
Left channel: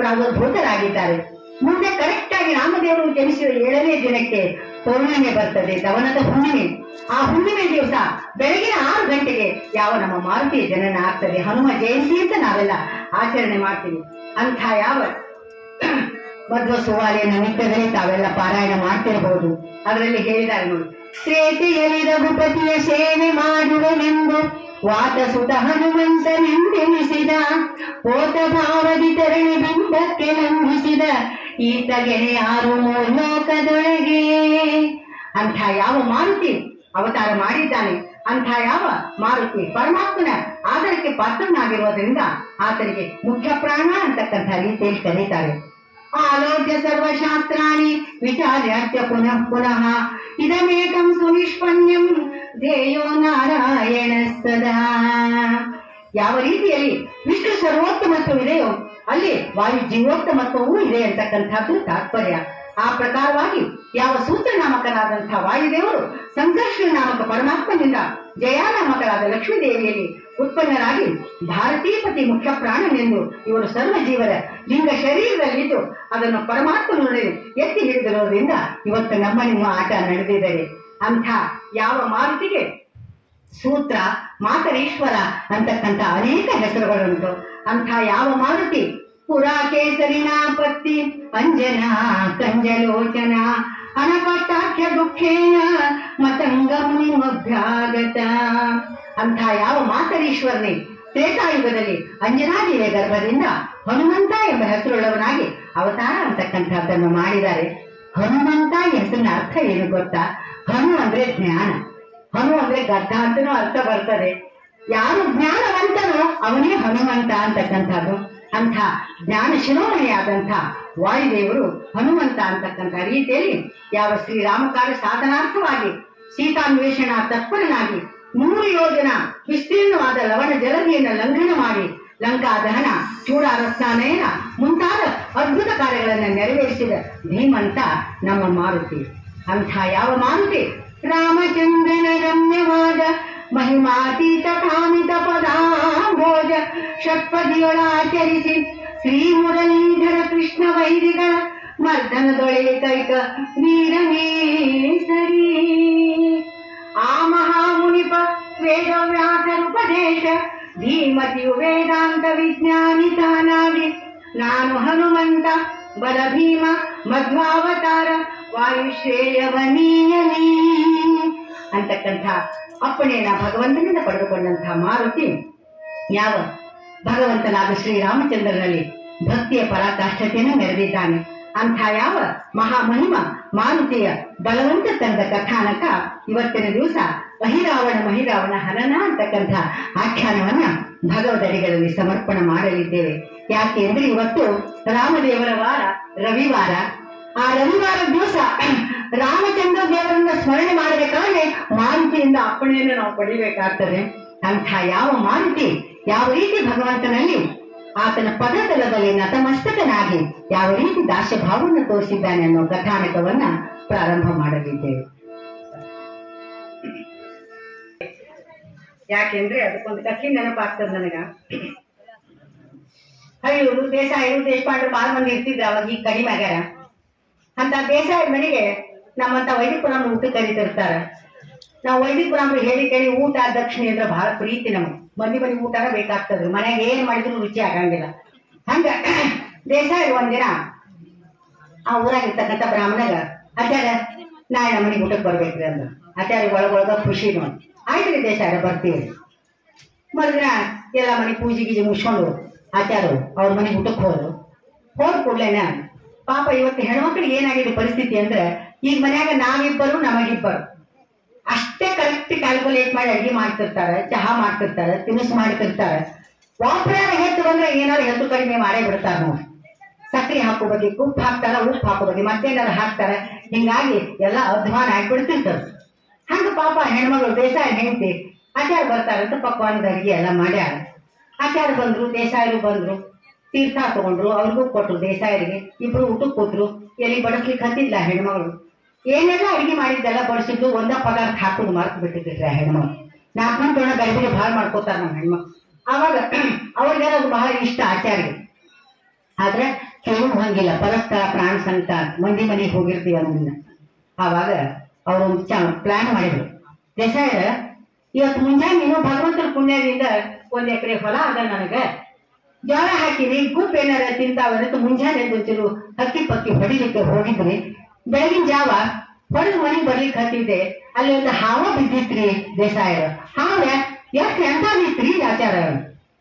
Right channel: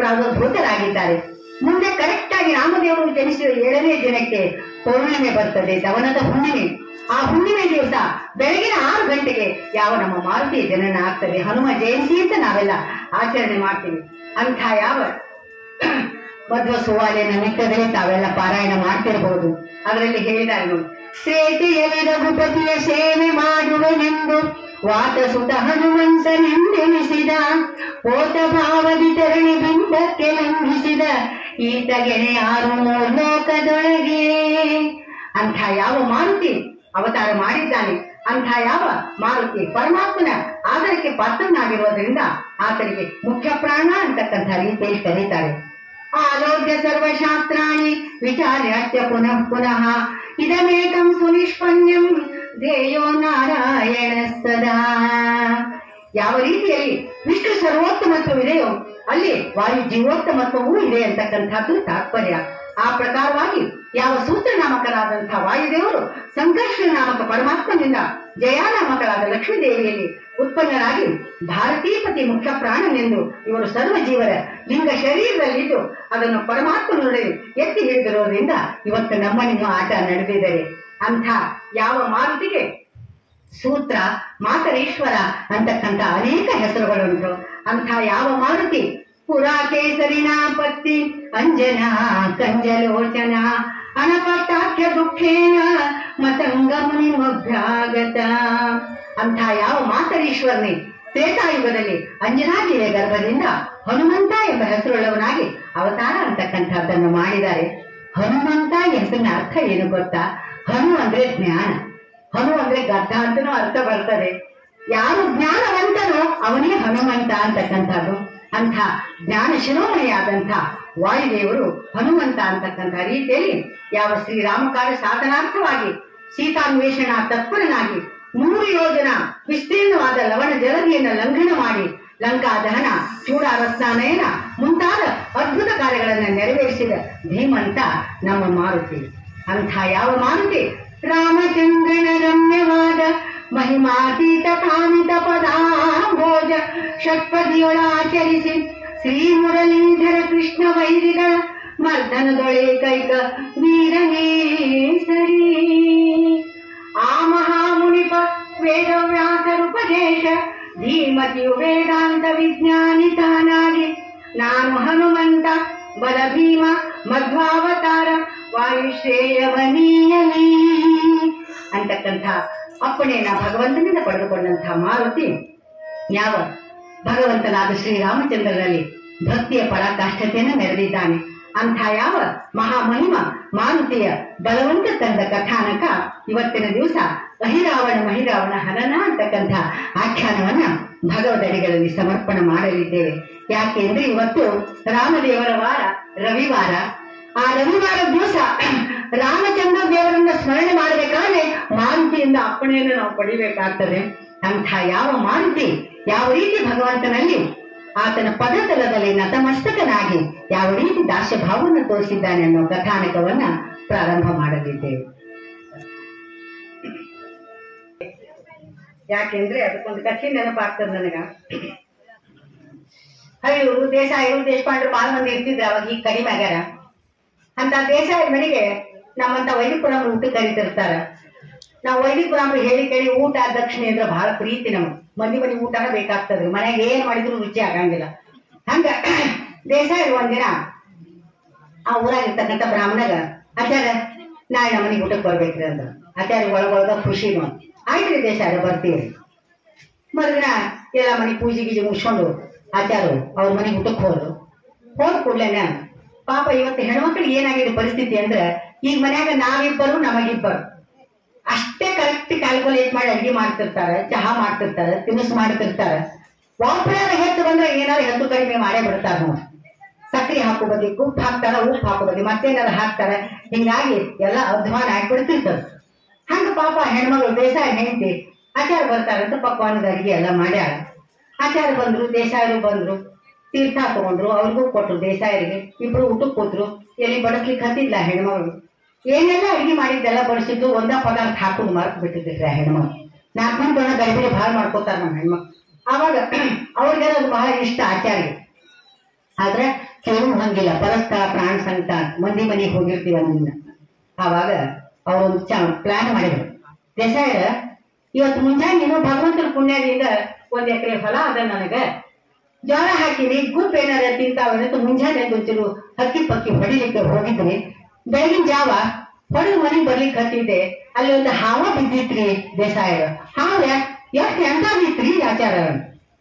ಪ್ರಾದುರ್ಭೂತರಾಗಿದ್ದಾರೆ. ಮುಂದೆ ಕರೆಕ್ಟ್ ಆಗಿ ರಾಮದೇವರು ಜನಿಸಿದ 7ನೇ ದಿನಕ್ಕೆ ಪೌರ್ಣಿಮೆ ಬರ್ತದೆ, ದವನದ ಹುಣ್ಣಿಮೆ. ಆ ಹುಣ್ಣಿಮೆ ದಿವಸ ಬೆಳಗಿನ 6 ಗಂಟೆಗೆ ಯಾವ ನಮ್ಮ ಮಾರುತಿಯ ಜನನ ಆಗ್ತದೆ. ಹನುಮ ಜಯಂತಿ ಅಂತ ನಾವೆಲ್ಲ ಆಚರಣೆ ಮಾಡ್ತೀವಿ. ಅಂಥ ಯಾವ ಮಧ್ವ ಸುವಾಲೆಯ ನಿಮಿತ್ತದಲ್ಲಿ ತಾವೆಲ್ಲ ಪಾರಾಯಣ ಮಾಡ್ತಿರಬಹುದು. ಅದರಲ್ಲಿ ಹೇಳಿದ್ದಾರೆ ನೋಡಿ, ಶ್ರೇತೆಯಲ್ಲಿ ರಘುಪತಿಯ ಸೇವೆ ಮಾಡುವೆನೆಂದು ವಾತಸುತ ಹನುಮಂತನೆಂದೆನಿಸಿದ, ಪೋತ ಭಾವದಿ ತರಣಿ ಬಿಂಬಕ್ಕೆ ನಂಬಿಸಿದ ಈತಗೆನೆ 6 ಲೋಕದೊಳಗೆ. ಅಂಥ ಯಾವ ಮಾರುತಿ ಅವತಾರ ಮಾಡಿದ್ದಾನೆ, ಅಂಥ ಯಾವ ಮಾರುತಿ ಪರಮಾತ್ಮನ ಆದರಕ್ಕೆ ಪಾತ್ರನಾಗಿರುವುದರಿಂದ ಆತನಿಗೆ ಮುಖ್ಯ ಪ್ರಾಣ ಅಂತಕ್ಕಂಥ ರೀತಿಯಲ್ಲಿ ಕರೀತಾರೆ. ಆಲೋಕ್ಯ ಸರ್ವಶಾಸ್ತ್ರಾಣಿ ವಿಚಾರ್ಯಾತ್ಯ ಪುನಃ ಪುನಃ ಇದಮೇಕಂ ಸುನಿಷ್ಪನ್ಯಂ ಧ್ಯೇಯೋ ನಾರಾಯಣ ಸದಾ. ಯಾವ ರೀತಿಯಲ್ಲಿ ವಿಷ್ಣು ಸರ್ವೋತ್ತಮತ್ವವಿದೆಯೋ ಅಲ್ಲಿ ವಾಯು ಜೀವೋತ್ತಮತ್ವವೂ ಇದೆ ಅಂತಕ್ಕಂಥದ್ದು ತಾತ್ಪರ್ಯ. ಆ ಪ್ರಕಾರವಾಗಿ ಯಾವ ಸೂತ್ರನಾಮಕರಾದಂತಹ ವಾಯುದೇವರು ಸಂಘರ್ಷ ನಾಮಕ ಪರಮಾತ್ಮನಿಂದ ಜಯಾನಾಮಕರಾದ ಲಕ್ಷ್ಮೀ ದೇವಿಯಲ್ಲಿ ಉತ್ಪನ್ನರಾಗಿ ಭಾರತೀಪತಿ ಮುಖ್ಯ ಪ್ರಾಣನೆಂದು ಇವರು ಸರ್ವ ಜೀವರ ಲಿಂಗ ಶರೀರದಲ್ಲಿದ್ದು ಅದನ್ನು ಪರಮಾತ್ಮನೊಡನೆ ಎತ್ತಿ ಹಿಡಿದಿರೋದ್ರಿಂದ ಇವತ್ತು ನಮ್ಮ ನಿಮ್ಮ ಆಟ ನಡೆದಿದ್ದಾರೆ. ಅಂಥ ಯಾವ ಮಾರುತಿಗೆ ಸೂತ್ರ, ಮಾತರೇಶ್ವರ ಅಂತಕ್ಕಂಥ ಅನೇಕ ಹೆಸರುಗಳುಂಟು. ಅಂಥ ಯಾವ ಮಾರುತಿ ಪುರಾ ಕೇಸರಿಣಾ ಪತ್ತಿ ಅಂಜನಾ ಕಂಜಲೋಚನ ಅನಪಟ್ಟಾಖ್ಯ ದುಃಖೇನ ಮತಂಗ ಮುನಿಮಭ್ಯಾಗತ. ಅಂಥ ಯಾವ ಮಾತರೀಶ್ವರನೇ ತ್ರೇತಾಯುಗದಲ್ಲಿ ಅಂಜನಾದೇವಿಯ ಗರ್ಭದಿಂದ ಹನುಮಂತ ಎಂಬ ಹೆಸರುಳ್ಳವನಾಗಿ ಅವತಾರ ಅಂತಕ್ಕಂಥದ್ದನ್ನು ಮಾಡಿದ್ದಾರೆ. ಹನುಮಂತ ಹೆಸರಿನ ಅರ್ಥ ಏನು ಗೊತ್ತಾ? ಹನು ಅಂದ್ರೆ ಜ್ಞಾನ, ಹನು ಅಂದ್ರೆ ಗದ್ದ ಅಂತನೂ ಅರ್ಥ ಬರ್ತದೆ. ಯಾರು ಜ್ಞಾನವಂತನೋ ಅವನೇ ಹನುಮಂತ ಅಂತಕ್ಕಂಥದ್ದು. ಅಂಥ ಜ್ಞಾನ ಶಿರೋಮಣಿಯಾದಂಥ ವಾಯುದೇವರು ಹನುಮಂತ ಅಂತಕ್ಕಂಥ ರೀತಿಯಲ್ಲಿ ಯಾವ ಶ್ರೀರಾಮಕಾರ್ಯ ಸಾಧನಾರ್ಥವಾಗಿ ಸೀತಾನ್ವೇಷಣ ತತ್ಪರನಾಗಿ 100 ಯೋಜನ ವಿಸ್ತೀರ್ಣವಾದ ಲವಣ ಜಲದಿಯನ್ನು ಲಂಘನ ಮಾಡಿ ಲಂಕಾ ದಹನ, ಚೂಡಾರಸ್ನಾನಯನ ಮುಂತಾದ ಅದ್ಭುತ ಕಾರ್ಯಗಳನ್ನು ನೆರವೇರಿಸಿದ ಧೀಮಂತ ನಮ್ಮ ಮಾರುತಿ. ಅಂಥ ಯಾವ ಮಾರುತಿ ರಾಮಚಂದ್ರನ ರಮ್ಯವಾದ ಮಹಿಮಾತೀತ ಕಾಮಿತ ಪದಾಂಭೋಜ ಷಟ್ಪದಿಯೊಳಾಚರಿಸಿ ಶ್ರೀ ಮುರಳೀಧರ ಕೃಷ್ಣ ವೈರಿಗಳ ಮರ್ದನದೊಳೇಕೈಕ ವೀರನೇ ಸರಿ. ಆ ಮಹಾಮುನಿಪ ವೇದವ್ಯಾಸರುಪದೇಶ ಧೀಮತಿಯು ವೇದಾಂತ ವಿಜ್ಞಾನಿ ತಾನಾಗಿ ನಾನು ಹನುಮಂತ ಬಲ ಭೀಮ ಮಧ್ವಾವತಾರ ವಾಯುಶ್ರೇಯವನೀಯನೇ ಅಂತಕ್ಕಂಥ ಅಪ್ಪಣೆಯನ್ನ ಭಗವಂತನಿಂದ ಪಡೆದುಕೊಂಡಂತಹ ಮಾರುತಿ ಯಾವ ಭಗವಂತನಾದ ಶ್ರೀರಾಮಚಂದ್ರನಲ್ಲಿ ಭಕ್ತಿಯ ಪರಾಕಾಷ್ಠತೆಯನ್ನು ಮೆರೆದಿದ್ದಾನೆ. ಅಂಥ ಯಾವ ಮಹಾಮಹಿಮ ಮಾರುತಿಯ ಬಲವಂತ ತಂದ ಕಥಾನಕ ಇವತ್ತಿನ ದಿವಸ ಮಹಿರಾವಣ ಹನನ ಅಂತಕ್ಕಂಥ ಆಖ್ಯಾನವನ್ನ ಭಗವದಡಿಗಳಲ್ಲಿ ಸಮರ್ಪಣೆ ಮಾಡಲಿದ್ದೇವೆ. ಯಾಕೆ ಅಂದ್ರೆ ಇವತ್ತು ರಾಮದೇವರ ವಾರ ರವಿವಾರ. ಆ ರವಿವಾರ ದಿವಸ ರಾಮಚಂದ್ರ ದೇವರನ್ನ ಸ್ಮರಣೆ ಮಾಡಬೇಕಾದ್ರೆ ಮಾರುತಿಯಿಂದ ಅಪ್ಪಣೆಯನ್ನು ನಾವು ಪಡಿಬೇಕಾಗ್ತದೆ. ಅಂಥ ಯಾವ ಮಾರುತಿ ಯಾವ ರೀತಿ ಭಗವಂತನಲ್ಲಿ ಆತನ ಪದತಲದಲ್ಲಿ ನತಮಸ್ತಕನಾಗಿ ಯಾವ ರೀತಿ ದಾಸ್ಯ ಭಾವವನ್ನು ತೋರಿಸಿದ್ದಾನೆ ಅನ್ನೋ ಕಥಾನಕವನ್ನ ಪ್ರಾರಂಭ ಮಾಡಲಿದ್ದೇವೆ. ಯಾಕೆಂದ್ರೆ ಅದಕ್ಕೊಂದು ಕಥೆ ನೆನಪಾಗ್ತದೆ ನನಗ. ಹರಿಯೂರು ದೇಸಾಯರು ದೇಶಪಾಂಡ್ರು ಬಹಳ ಮಂದಿ ಇರ್ತಿದ್ರು ಅವಾಗ, ಈಗ ಕಡಿಮೆ ಆಗ್ಯಾರ. ಅಂತ ದೇಸಾಯ ಮನೆಗೆ ನಮ್ಮಂತ ವೈದಿಕುರಾಮ್ರು ಊಟ ಕರೀತಿರ್ತಾರ. ನಾವು ವೈದಿಕುರಾಮ್ರು ಹೇಳಿ ಕೇಳಿ ಊಟ ದಕ್ಷಿಣೆ ಅಂದ್ರೆ ಬಹಳ ಪ್ರೀತಿ. ನಮ್ಗೆ ಮನೆ ಊಟನ ಬೇಕಾಗ್ತದ್ರಿ, ಮನೆಗೆ ಏನ್ ಮಾಡಿದ್ರು ರುಚಿ ಆಗಂಗಿಲ್ಲ. ಹಂಗ ದೇಸಾಯರು ಒಂದಿನ ಆ ಊರಾಗಿರ್ತಕ್ಕಂಥ ಬ್ರಾಹ್ಮಣಗ ಆಚಾರ್ಯ ನಾಳೆ ನಮ್ಮ ಮನೆಗೆ ಊಟಕ್ಕೆ ಬರ್ಬೇಕ್ರಿ ಅಂದ. ಆಚಾರ್ಯ ಒಳಗೊಳಗ ಖುಷಿ ನೋಡಿ, ಆಯ್ತ್ರಿ ದೇಸಾಯರ ಬರ್ತೀವಿ. ಮರುದಿನ ಎಲ್ಲ ಮನೆ ಪೂಜೆ ಗೀಜೆ ಮುಗಿಸ್ಕೊಂಡು ಆಚಾರು ಅವ್ರ ಮನೆಗೆ ಊಟಕ್ಕೆ ಹೋದ ಕೂಡ್ಲೇನ ಪಾಪ ಇವತ್ತು ಹೆಣ್ಮಕ್ಳಿಗೆ ಏನಾಗಿದೆ ಪರಿಸ್ಥಿತಿ ಅಂದ್ರೆ ಈಗ ಮನ್ಯಾಗ ನಾವಿಬ್ಬರು ನಮಗಿಬ್ಬರು ಅಷ್ಟೇ ಕರೆಕ್ಟ್ ಕ್ಯಾಲ್ಕುಲೇಟ್ ಮಾಡಿ ಅಡ್ಗೆ ಮಾಡ್ತಿರ್ತಾರೆ, ಚಹಾ ಮಾಡ್ತಿರ್ತಾರೆ, ತಿನಿಸು ಮಾಡ್ತಿರ್ತಾರೆ. ವಾಪರ್ಯಾರ ಹೆಚ್ಚು ಬಂದ್ರೆ ಏನಾದ್ರು ಹೆಚ್ಚು ಕಡಿಮೆ ಮಾಡೇ ಬಿಡ್ತಾರ ನೋಡಿ. ಸಕ್ಕರೆ ಹಾಕೋ ಬದಿ ಉಪ್ಪು ಹಾಕ್ತಾರ, ಉಪ್ಪು ಹಾಕೋ ಬದಿ ಮತ್ತೇನಾದ್ರು ಹಾಕ್ತಾರೆ. ಹಿಂಗಾಗಿ ಎಲ್ಲ ಅಧ್ವಾನ ಆಗ್ಬಿಡ್ತಿರ್ತದೆ. ಹಂಗ ಪಾಪ ಹೆಣ್ಮಗಳು ದೇಸಾಯ ಹೆಂಡತಿ ಆಚಾರ ಬರ್ತಾರಂತ ಪಕ್ವಾನದ ಅಡಿಗೆ ಎಲ್ಲ ಮಾಡ್ಯಾರ. ಆಚಾರ ಬಂದ್ರು, ದೇಸಾಯರು ಬಂದ್ರು, ತೀರ್ಥ ತಗೊಂಡ್ರು, ಅವ್ರಿಗೂ ಕೊಟ್ರು ದೇಸಾಯರಿಗೆ. ಇಬ್ರು ಊಟಕ್ಕೆ ಕೂತ್ರು. ಎಲ್ಲಿ ಬಡಿಸ್ಲಿಕ್ಕೆ ಹತ್ತಿಲ್ಲ ಹೆಣ್ಮಗಳು. ಏನೆಲ್ಲ ಅಡಿಗೆ ಮಾಡಿದ್ದೆಲ್ಲ ಬಡಿಸಿದ್ದು ಒಂದ ಪದಾರ್ಥ ಹಾಕೊಂಡು ಮಾರ್ಕ್ ಬಿಟ್ಟಿದ್ರಿ ಆ ಹೆಣ್ಮಗಳು. 4 ಮಂದಿ ಗಡಿಬಿಡಿ ಭಾಳ ಮಾಡ್ಕೋತಾರ ನಮ್ಮ ಹೆಣ್ಮಕ್ಳು. ಆವಾಗ ಅವ್ರಿಗೆಲ್ಲ ಅದು ಬಹಳ ಇಷ್ಟ ಆಚಾರ್ಯ. ಆದ್ರೆ ಕೆಲವು ಹಂಗಿಲ್ಲ, ಪರಸ್ಪರ ಪ್ರಾಣ ಸಂಕಟ ಮಂದಿ ಮನೆಗೆ ಹೋಗಿರ್ತೀವ ನಮ್ಮನ್ನ. ಆವಾಗ ಅವರೊಂದು ಪ್ಲಾನ್ ಮಾಡಿದ್ರು. ದೇಸಾಯರ ಇವತ್ತು ಮುಂಜಾನೆ ನೀನು ಭಗವಂತನ ಪುಣ್ಯದಿಂದ 1 ಎಕರೆ ಹೊಲ ಅದ ನನಗ, ಜೋಳ ಹಾಕಿನಿ, ಗುಪ್ ಏನಾರ ತಿಂತಾವಂತ ಮುಂಜಾನೆ ಒಂಚೂರು ಹಕ್ಕಿ ಪಕ್ಕಿ ಹೊಡಿಲಿಕ್ಕೆ ಹೋಗಿದ್ರಿ. ಬೆಳಗಿನ ಜಾವ ಹೊಡೆದು ಮನೆಗೆ ಬರ್ಲಿಕ್ಕೆ ಹತ್ತಿದ್ದೆ. ಅಲ್ಲಿ ಒಂದು ಹಾವ ಬಿದ್ದಿತ್ರಿ ದೇಸಾಯರ. ಹಾವ ಎಷ್ಟು ಎಂತ ಬಿತ್ರಿ ಆಚಾರ.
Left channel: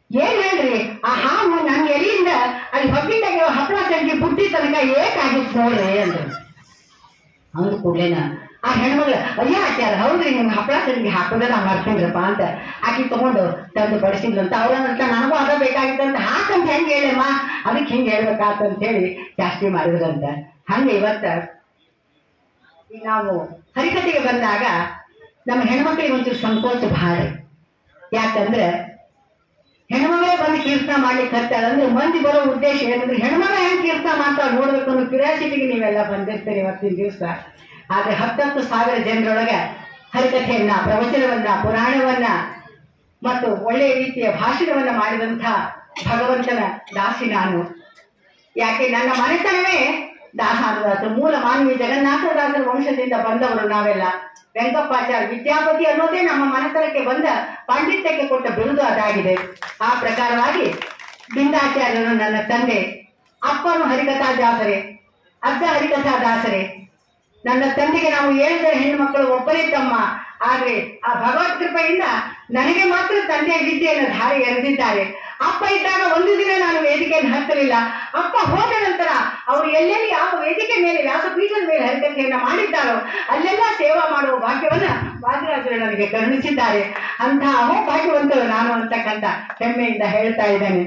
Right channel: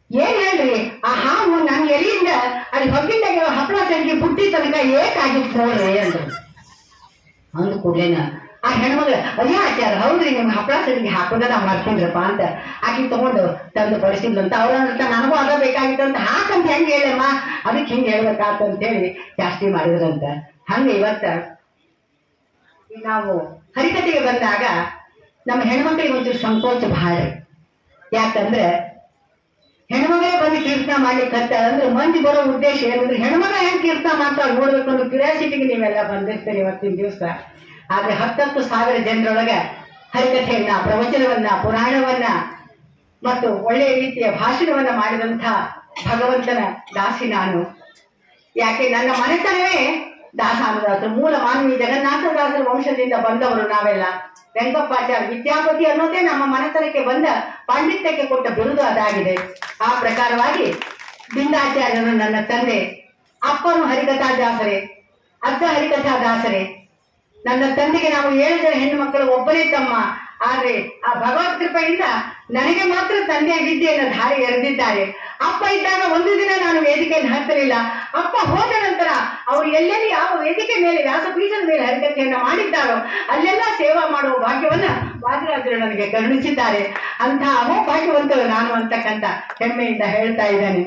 ಏನ್ ಹೇಳ್ರಿ, ಆ ಹಾವು ನನ್ನ ಎಲೆಯಿಂದ ಅಲ್ಲಿ ಹೊಟ್ಟಿಂದಾಗಿರೋ ಹಪ್ಪಳ ಸಂಖ್ಯೆ ಬುಟ್ಟಿ ತನಕ ಏಕಾಗಿತ್ತು ನೋಡ್ರಿ ಅಂದ್ರು. ಅಂದ ಕೂಡ್ಲೇನ ಆ ಹೆಣ್ಮಗಳು, ಅಯ್ಯೋ ಆಚಾರ ಹೌದ್ರಿ, ನಿಮ್ಗೆ ಹಪ್ಪಳ ಸಂಖ್ಯೆ ಹಾಕೋದ ನಾವು ಮಾಡ್ಕೊಂಡ್ರಪ್ಪ ಅಂತ ಆಕಿ ತಗೊಂಡು ತಂದು ಬಡಿಸಿದ್ಲಂತ. ಅವ್ರಂತ ನನಗೂ ಅದ ಬೇಕಾಗಿತ್ತಂತ ಹಾಕಂತ ಹೆಂಗೆ ಹೇಳಮ್ಮ, ಅದಕ್ಕೆ ಹಿಂಗೆ ಹೇಳ್ಬೇಕಾತಂತ ಹೇಳಿ ಜಾಸ್ತಿ ಮಾಡಿದ್ರಂತ. ಹಂಗೆ ಇವತ್ತ ನಾವು ಹರಿಕತೆಗೆ ಬಂದಾಗ ನಮ್ಮ ಹೆಣ್ಮಕ್ಳಿಗೆ ಒಂಚೂರು ಸಂಕೋಚ ಭಾಳ. ಯಾಕಂದ್ರೆ ಹೆಣ್ಮಗಳೇ ಬಂದು ಕೀರ್ತನ ಮಾಡ್ಲಿಕ್ಕೆ ಹತ್ತಾಳಂದ್ರೆ ಮಂದಿ ಬರೋ ಉದ್ದೇಶ ಏನಂದ್ರೆ ಹೆಣ್ಮಗ ಹೆಂಗ್ ಕೀರ್ತನ ಮಾಡ್ತಾ ನೋಡ್ಬೇಕು ಅನ್ನೋ ಕ್ಯೂರಿಯಾಸಿಟಿಗೆ ನೀವೆಲ್ಲ ಬಂದಿರ್ತೀರಿ ಇವತ್ತಿನ ದಿವಸ. ಆದ್ರೆ 10,000 ಜನರೊಳಗೆ ಹರಿಕಥೆಯನ್ನ, ಪ್ರವಚನವನ್ನ, ಪುರಾಣವನ್ನ ಮತ್ತು ಒಳ್ಳೆಯ ರೀತಿಯ ಭಾಷಣವನ್ನ ಮಾಡಿದಂಥ ಭಗವಂತನ ದಾಸಿ ನಾನು. ಯಾಕೆ ನನ್ನ ಮನೆತನವೇ ದಾಸಾನುದಾಸರು, ಮೂಲ ಮಾನವಿ ಜಗನ್ನಾಥದಾಸರ ವಂಶದಿಂದ ಬಂದವರು ನಾವೆಲ್ಲ. ವೆಂಕಪ್ಪಾಚಾರ್ಯ ವಿದ್ಯಾಪತಿ ಅನ್ನೋದೇ ನಮ್ಮ ಮನೆತನಕ್ಕೆ ಬಂದ ಪಾಂಡಿತ್ಯಕ್ಕೆ ಕೊಟ್ಟ ಬಿರುದು ಅದಾಗಿದೆ. ಆ ಪ್ರಕಾರವಾಗಿ ಬಿಂದಾಚಾರ್ಯರು ನನ್ನ ತಂದೆ, ಅಪ್ಪನು ಹರಿಕಥಾ ದಾಸರೇ, ಅಜ್ಜ ಹರಿಕಥಾ ದಾಸರೇ. ನನ್ನ ತಂದೆಗೆ ನಾವು 7 ಜನ ಹೆಣ್ಣು ಮಕ್ಕಳು, ಒಬ್ಬರೇ ತಮ್ಮ. ಆದ್ರೆ ಆ ಭಗವತ್ ಕೃಪೆಯಿಂದ ನನಗೆ ಮಾತ್ರ ತಂದೆಯ ವಿದ್ಯೆಯನ್ನು ಧಾರೆ ಎರೆದಿದ್ದಾರೆ. ಅಪ್ಪ ಇದ್ದಾಗ ಒಂದು ದಿನ ನಾನು ವೇದಿಕೆಯನ್ನು ಹತ್ತಲಿಲ್ಲ. ಅಪ್ಪ ಹೋದ ನಂತರ ಅವರು ಎಲ್ಲೆಲ್ಲಿ ಯಾವ ವೇದಿಕೆ ಮೇಲೆ, ವ್ಯಾಸಪೀಠದ ಮೇಲೆ ಹರಿಕಥೆಯನ್ನ ಮಾಡಿದ್ದಾರೋ ಅಲ್ಲೆಲ್ಲ ಸೇವಾ ಮಾಡುವ ಭಾಗ್ಯವನ್ನ ವಾದಿರಾಜರು ನನಗೆ ಕರುಣಿಸಿದ್ದಾರೆ. ಅಂತಹ ಭಾಗ್ಯವಂತರು ನಾನು ಅಂತಕ್ಕಂಥ ಹೆಮ್ಮೆಯಿಂದ ಹೇಳ್ತಾ ಇದ್ದೇನೆ.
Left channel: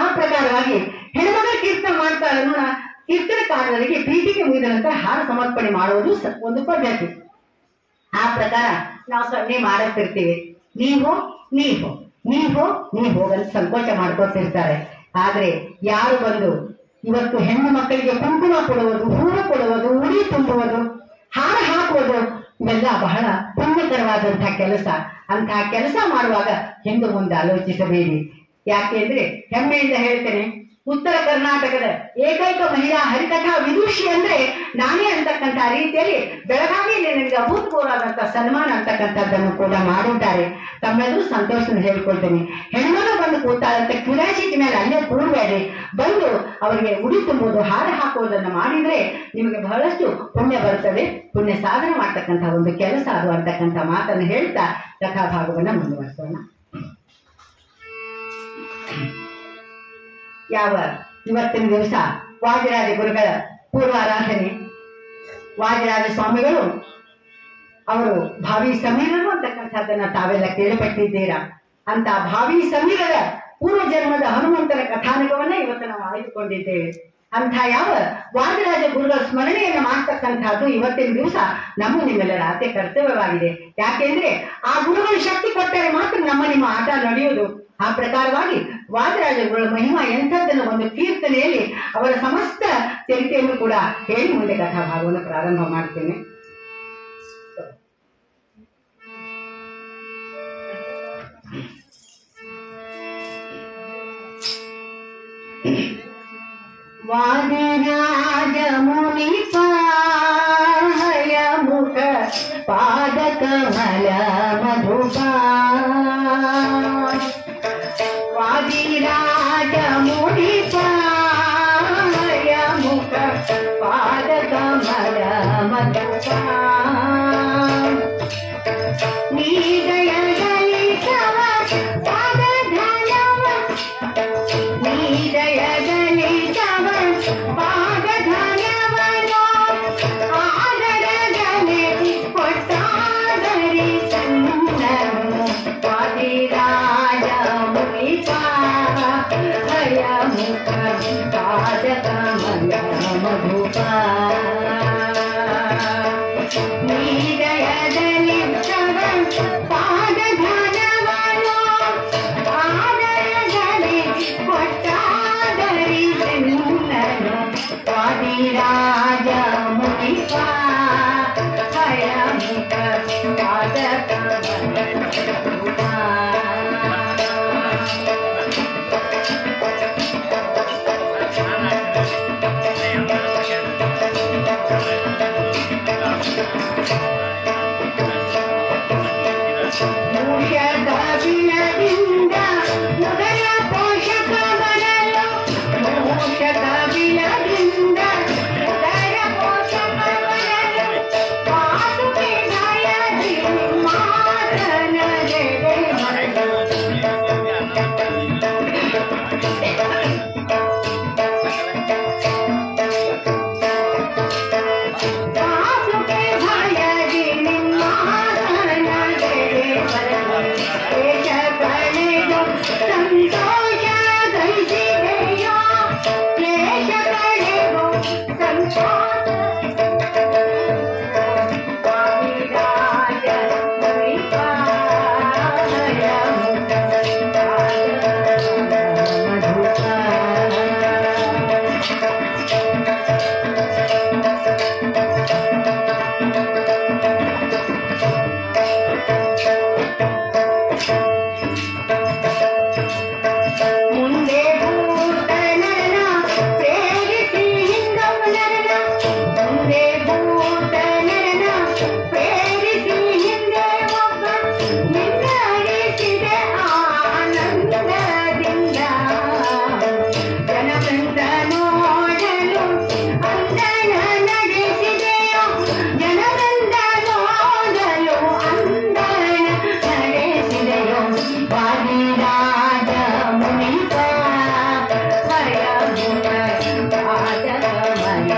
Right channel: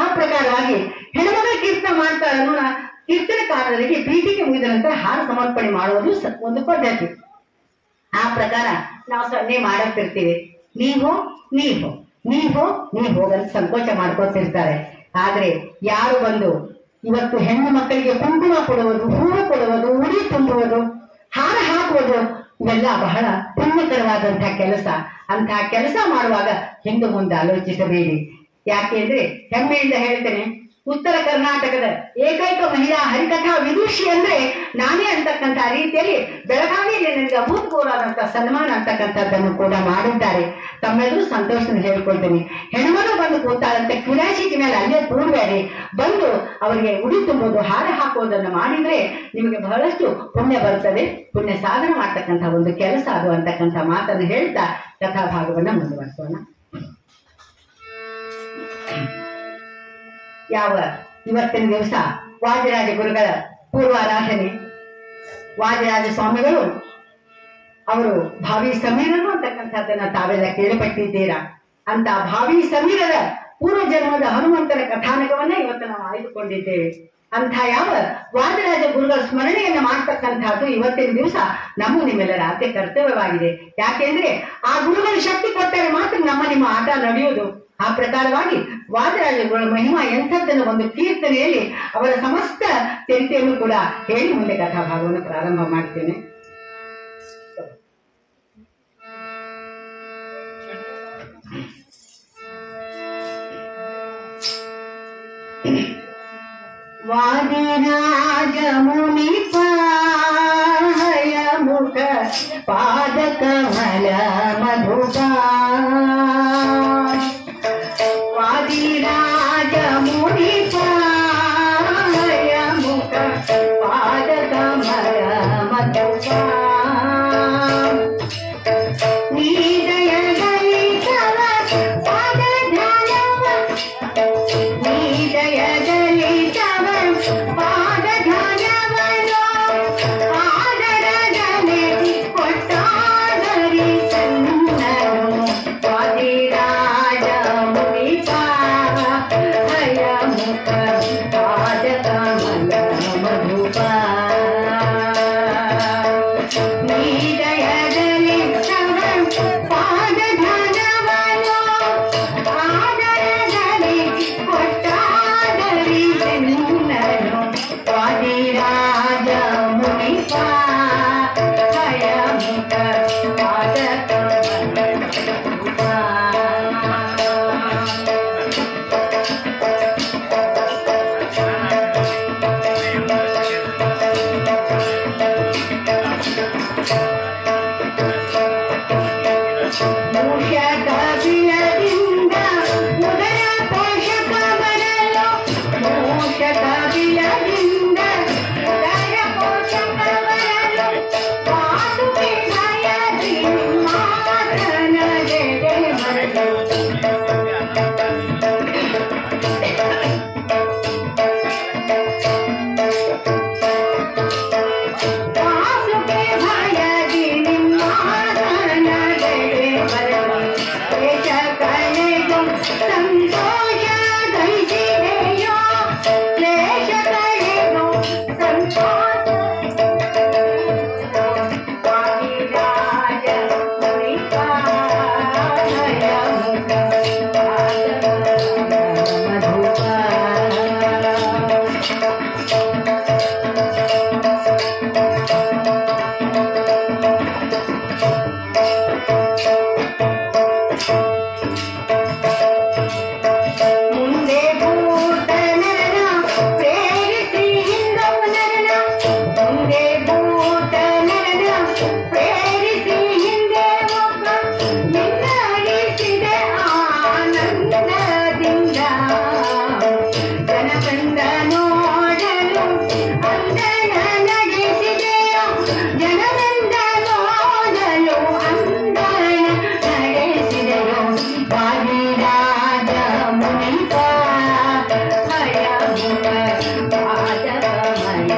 ಆ ಪ್ರಕಾರವಾಗಿ ಹೆಣ್ಮಗಳ ಕೀರ್ತನ ಮಾಡ್ತಾ ಅನ್ನೋಣ. ಕೀರ್ತನಕಾರರಿಗೆ ಪೀಠಿಗೆ ಮುಗಿದ ನಂತರ ಹಾರ ಸಮರ್ಪಣೆ ಮಾಡುವುದು ಒಂದು ಪದ್ಧತಿ. ಆ ಪ್ರಕಾರ ನಾವು ಸೊನ್ನೆ ಮಾಡುತ್ತಿರ್ತೀವಿ. ನೀವೋ ಹೋಗಂತ ಸಂಕೋಚ ಮಾಡ್ಕೊತಿರ್ತಾರೆ. ಆದ್ರೆ ಯಾರು ಬಂದು ಇವತ್ತು ಹೆಣ್ಣು ಮಕ್ಕಳಿಗೆ ಕುಂಕುಮ ಕೊಡುವುದು, ಹೂವು ಕೊಡುವುದು, ಉಡಿ ತುಂಬುವುದು, ಹಾರ ಹಾಕುವುದು ಇವೆಲ್ಲ ಬಹಳ ಪುಣ್ಯಕರವಾದಂತಹ ಕೆಲಸ. ಅಂತಹ ಕೆಲಸ ಮಾಡುವಾಗ ಹಿಂದೆ ಮುಂದೆ ಆಲೋಚಿಸಬೇಡಿ. ಯಾಕೆಂದ್ರೆ ಹೆಮ್ಮೆಯಿಂದ ಹೇಳ್ತೇನೆ, ಉತ್ತರ ಕರ್ನಾಟಕದ ಏಕೈಕ ಮಹಿಳಾ ಹರಿಕಥಾ ವಿದುಷಿ ಅಂದ್ರೆ ನಾನೇ ಅಂತಕ್ಕಂಥ ರೀತಿಯಲ್ಲಿ ಬೆಳಗಾವಿಯಲ್ಲಿ ನನಗೆ ಅಭೂತಪೂರ್ವವಾದಂತಹ ಸನ್ಮಾನ ಅಂತಕ್ಕಂಥದ್ದನ್ನು ಕೂಡ ಮಾಡಿದ್ದಾರೆ. ತಮ್ಮೆಲ್ಲರೂ ಸಂತೋಷವನ್ನು ಹೇಳ್ಕೊಳ್ತೇನೆ. ಹೆಣ್ಮಗಳು ಬಂದು ಕೂತಾಳಂತ ಕ್ಯೂರಿಯಾಸಿಟಿ ಮೇಲೆ ಅಲ್ಲೇ ಕೂಡಬೇಡಿ, ಬಂದು ಅವರಿಗೆ ಉಡಿ ತುಂಬುವುದು, ಹಾರ ಹಾಕುವುದನ್ನು ಮಾಡಿದ್ರೆ ನಿಮಗೆ ಬಹಳಷ್ಟು ಪುಣ್ಯ ಬರುತ್ತದೆ. ಪುಣ್ಯ ಸಾಧನೆ ಮಾಡ್ತಕ್ಕಂಥ ಒಂದು ಕೆಲಸ ಅದು ಅಂತಕ್ಕಂಥ ಮಾತನ್ನು ಹೇಳ್ತಾ ಕಥಾಭಾಗವನ್ನ ಮುಂದುವರಿಸೋಣ. ಇವತ್ತಿನ ದಿವಸ ವಾದಿರಾಜ ಗುರುಗಳ ಪೂರ್ವಾರಾಧನೆ. ವಾದಿರಾಜ ಸ್ವಾಮಿಗಳು ಅವರು ಭಾವಿ ಸಮೀರರು ಅಂತಕ್ಕಂಥದ್ದನ್ನ ತಾವೆಲ್ಲ ಕೇಳಿಪಟ್ಟಿದ್ದೀರಾ. ಅಂತ ಭಾವಿ ಸಮೀರರ ಪೂರ್ವ ಜನ್ಮದ ಹನುಮಂತನ ಕಥಾನಕವನ್ನ ಇವತ್ತು ನಾವು ಆಯ್ದುಕೊಂಡಿದ್ದೇವೆ. ಅಂತ ಯಾವ ವಾದಿರಾಜ ಗುರುಗಳ ಸ್ಮರಣೆಯನ್ನ ಮಾಡ್ತಕ್ಕಂಥದ್ದು ಇವತ್ತಿನ ದಿವಸ ನಮ್ಮ ನಿಮ್ಮೆಲ್ಲರ ಅತಿ ಕರ್ತವ್ಯವಾಗಿದೆ. ಯಾಕೆಂದ್ರೆ ಆ ಗುರುಗಳ ಶಕ್ತಿ ಕೊಟ್ಟರೆ ಮಾತ್ರ ನಿಮ್ಮ ಆಟ ನಡೆಯುವುದು. ಆ ಪ್ರಕಾರವಾಗಿ ವಾದಿರಾಜಗಳ ಮಹಿಮಾ ಎಂಥದ್ದನ್ನು ಒಂದು ಕೀರ್ತನೆಯಲ್ಲಿ ಅವರ ಸಮಸ್ತ ಚರಿತೆಯನ್ನು ಕೂಡ ಹೇಳಿ ಮುಂದೆ ಕಥಾಭಾಗವನ್ನು ಪ್ರಾರಂಭ ಮಾಡ್ತೇನೆ. ವಾದಿರಾಜ ಮುನಿ ಪಾಯ ಮುಖ ಪಾದ ಕಮಲ ಮಧುಪ, ವಾದಿರಾಜ ಮುನಿ ಪಾಯ ಮುಖ ಪಾದ ಕಮಲ ಮಧುಪ, ನೀದಯದಲ್ಲಿ ಪಾದ ಧ್ಯಾನವ ಮಧುಪ ನೀದಯದಲ್ಲಿ ಪಾದ ಧನವನು ಆದರದಲ್ಲಿ ಕೊಟ್ಟಾದರಿ ಎಲ್ಲರೂ ವಾದಿರಾಜ ಮುನಿಪ ಹಯಮುಖ ಪಾದ ಮೂಷಕವಿಲದಿಂದ ಉದರ ಪೋಷಕ ಬರಲು ಮೂಷಕವಿಲದಿಂದ ಉದರ ಪೋಷಕ ಬರಲು ಪಾದುಕೆ ಭಯದಿ ಮಾತನದೆ ಬರಲು ಪಾದುಕೆ ಭಯದಿ ಮಾತನದೆ ಬರಲು ದೇಶ ಕಳೆದು ಸಂತೋಷ ಗಳಿಸಿದೆಯೋ ಕ್ಲೇಶ ಕಳೆದು ಸಂತೋಷ ವಾದಿರಾಜ ಮುನಿಪ ಹಯಮುಖ ಮಧುಪ ಮುಂದೆ ಭೂತನನ ಪ್ರೇರಿಸಿ ಹಿಂದವನರನ ಮುಂದೆ ಭೂತನರನ ಪ್ರೇರಿಸಿ ಹಿಂದೆ ಒಬ್ಬ ನಿನ್ನಡಿಸಿದೆ ಆನಂದದಿಂದ ಜನವೃಂದ ನೋಡಲು ಅಂದನ ನಡೆಸಿದೆಯೋ ಜನವೃಂದ ನೋಡಲು ಅಂದನ ನಡೆಸಿದೆಯೋ ವಾದಿರಾಜ ಮುನಿಪ ಹಯಮುಖ ಪಾದಕಮಲ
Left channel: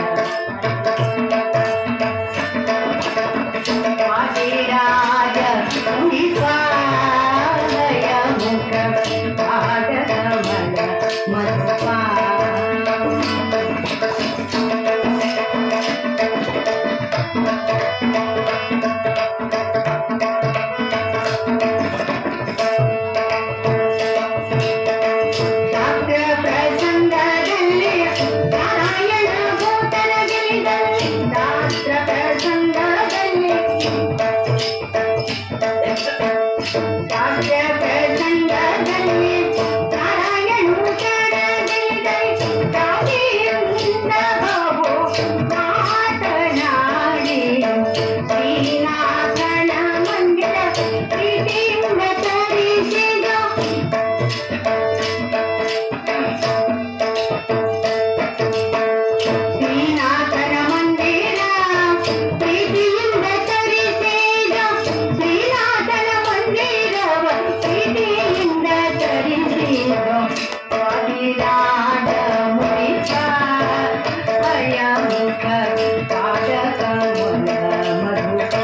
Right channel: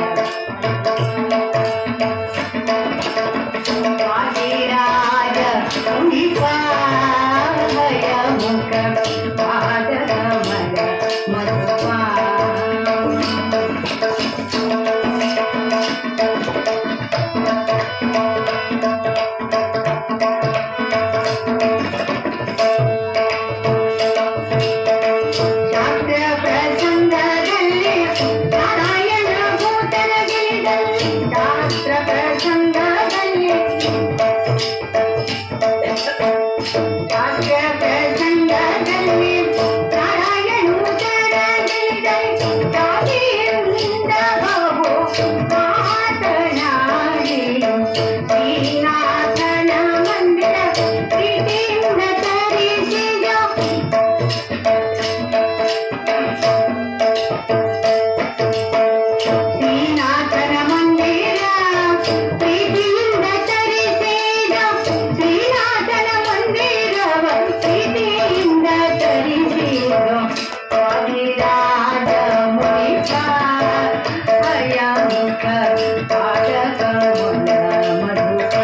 ವಾದಿರಾಜ ಮುನಿಪ ಹಯಮುಖ ಪಾದಕಮಲ ಮಧುಪ ಶಾಸ್ತ್ರ ಪ್ರಸಂಗದಲ್ಲಿ ನಾರಾಯಣ ಭೂತನ ಗೆಲಿದಲ್ಲಿ ಶಾಸ್ತ್ರ ಪ್ರಸಂಗದಲ್ಲಿ ಶಾಸ್ತ್ರ ಪ್ರಸಂಗದಲ್ಲಿ ನಾರಾಯಣ ಭೂತನ ಗೆಲಿದಲ್ಲಿ ಜಾತಿಯಿಂದ ಬಹು ಮಾತನಾಡಿ ಶ್ರೀನಾಥನ ಮಂದಿರ ಪ್ರೀತಿಯಿಂದ ತರಿಸಿದ ಶ್ರೀನಾಥನ ಮಂದಿರ ಪ್ರೀತಿಯಿಂದ ತರಿಸಿದ ಶ್ರೀನಾಥನ ಮಂದಿರವ ಪ್ರೀತಿಯಿಂದ ತರಿಸಿದ ವಾದಿರಾಜ ಮುನಿಪ ಹಯಮುಖ ಪಾದಕಮಲ ಮಧುಪ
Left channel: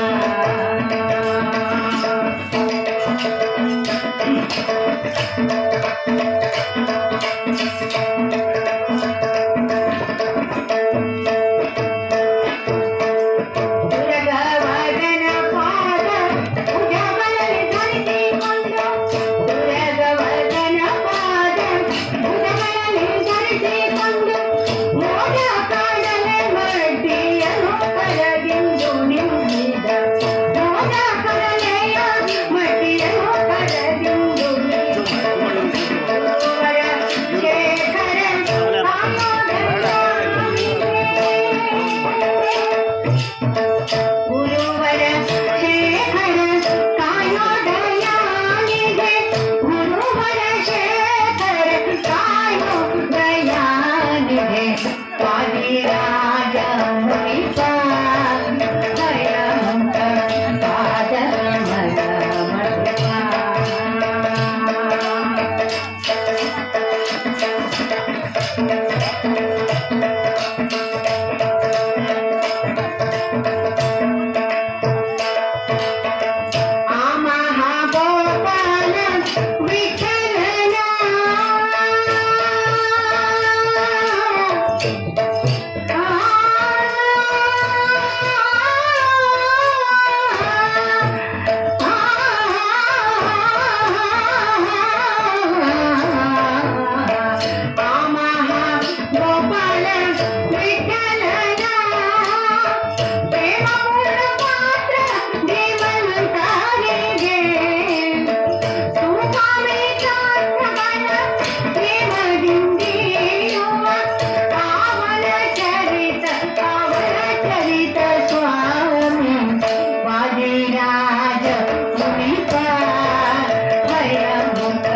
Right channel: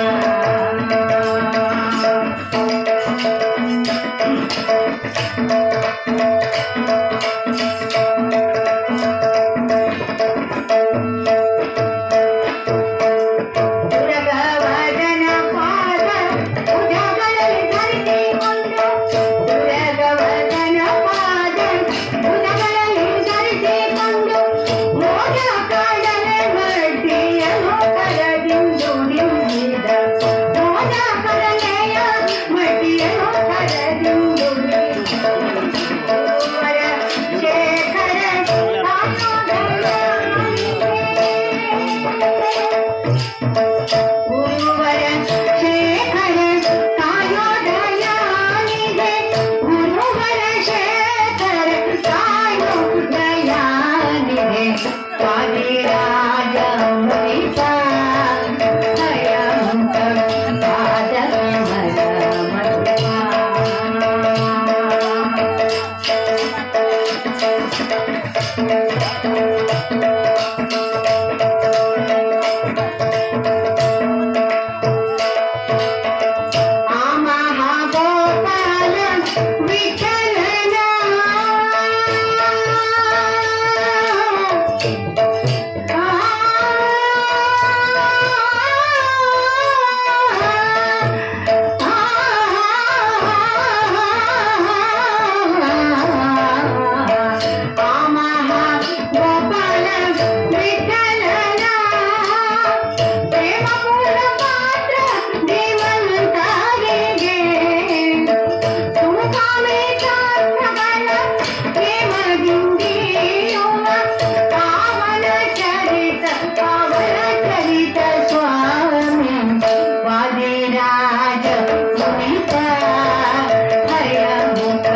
ದುರ್ಗವದನ ಪಾದ ಭುಜಗಳಲ್ಲಿ ಧರಿಸಿಕೊಂಡು ದುರ್ಗವದನ ಪಾದ ಭುಜಗಳಲ್ಲಿ ಧರಿಸಿಕೊಂಡು ಮೋದ ಕಾಡಲ ಮಡ್ಡಿಯನ್ನು ಕರದಿಂದು ನಿಂದಿದ ಮೋದ ಕರಲೆಯ ಮಡ್ಡಿಯನ್ನು ಕರದಿಂದು ಗುರುವರ ಶೇಖರ ಗುರುವರ ಶೇಖರ ಕಾಯೋದಯಾನಿಗೆ ಗುರುವರ ಶೇಖರ ಕಾಯೋದಯಾನಿಗೆ ವಾದಿರಾಜ ಮುನಿಪ ಹಯಮುಖ ಪಾದಕಮಲ ಮಧುಪ ಲಲಿತ ಸ್ವಾಮಿ ವಾದಿರಾಜ ಮುನಿಪ ಹರಿಯ ಮುಖ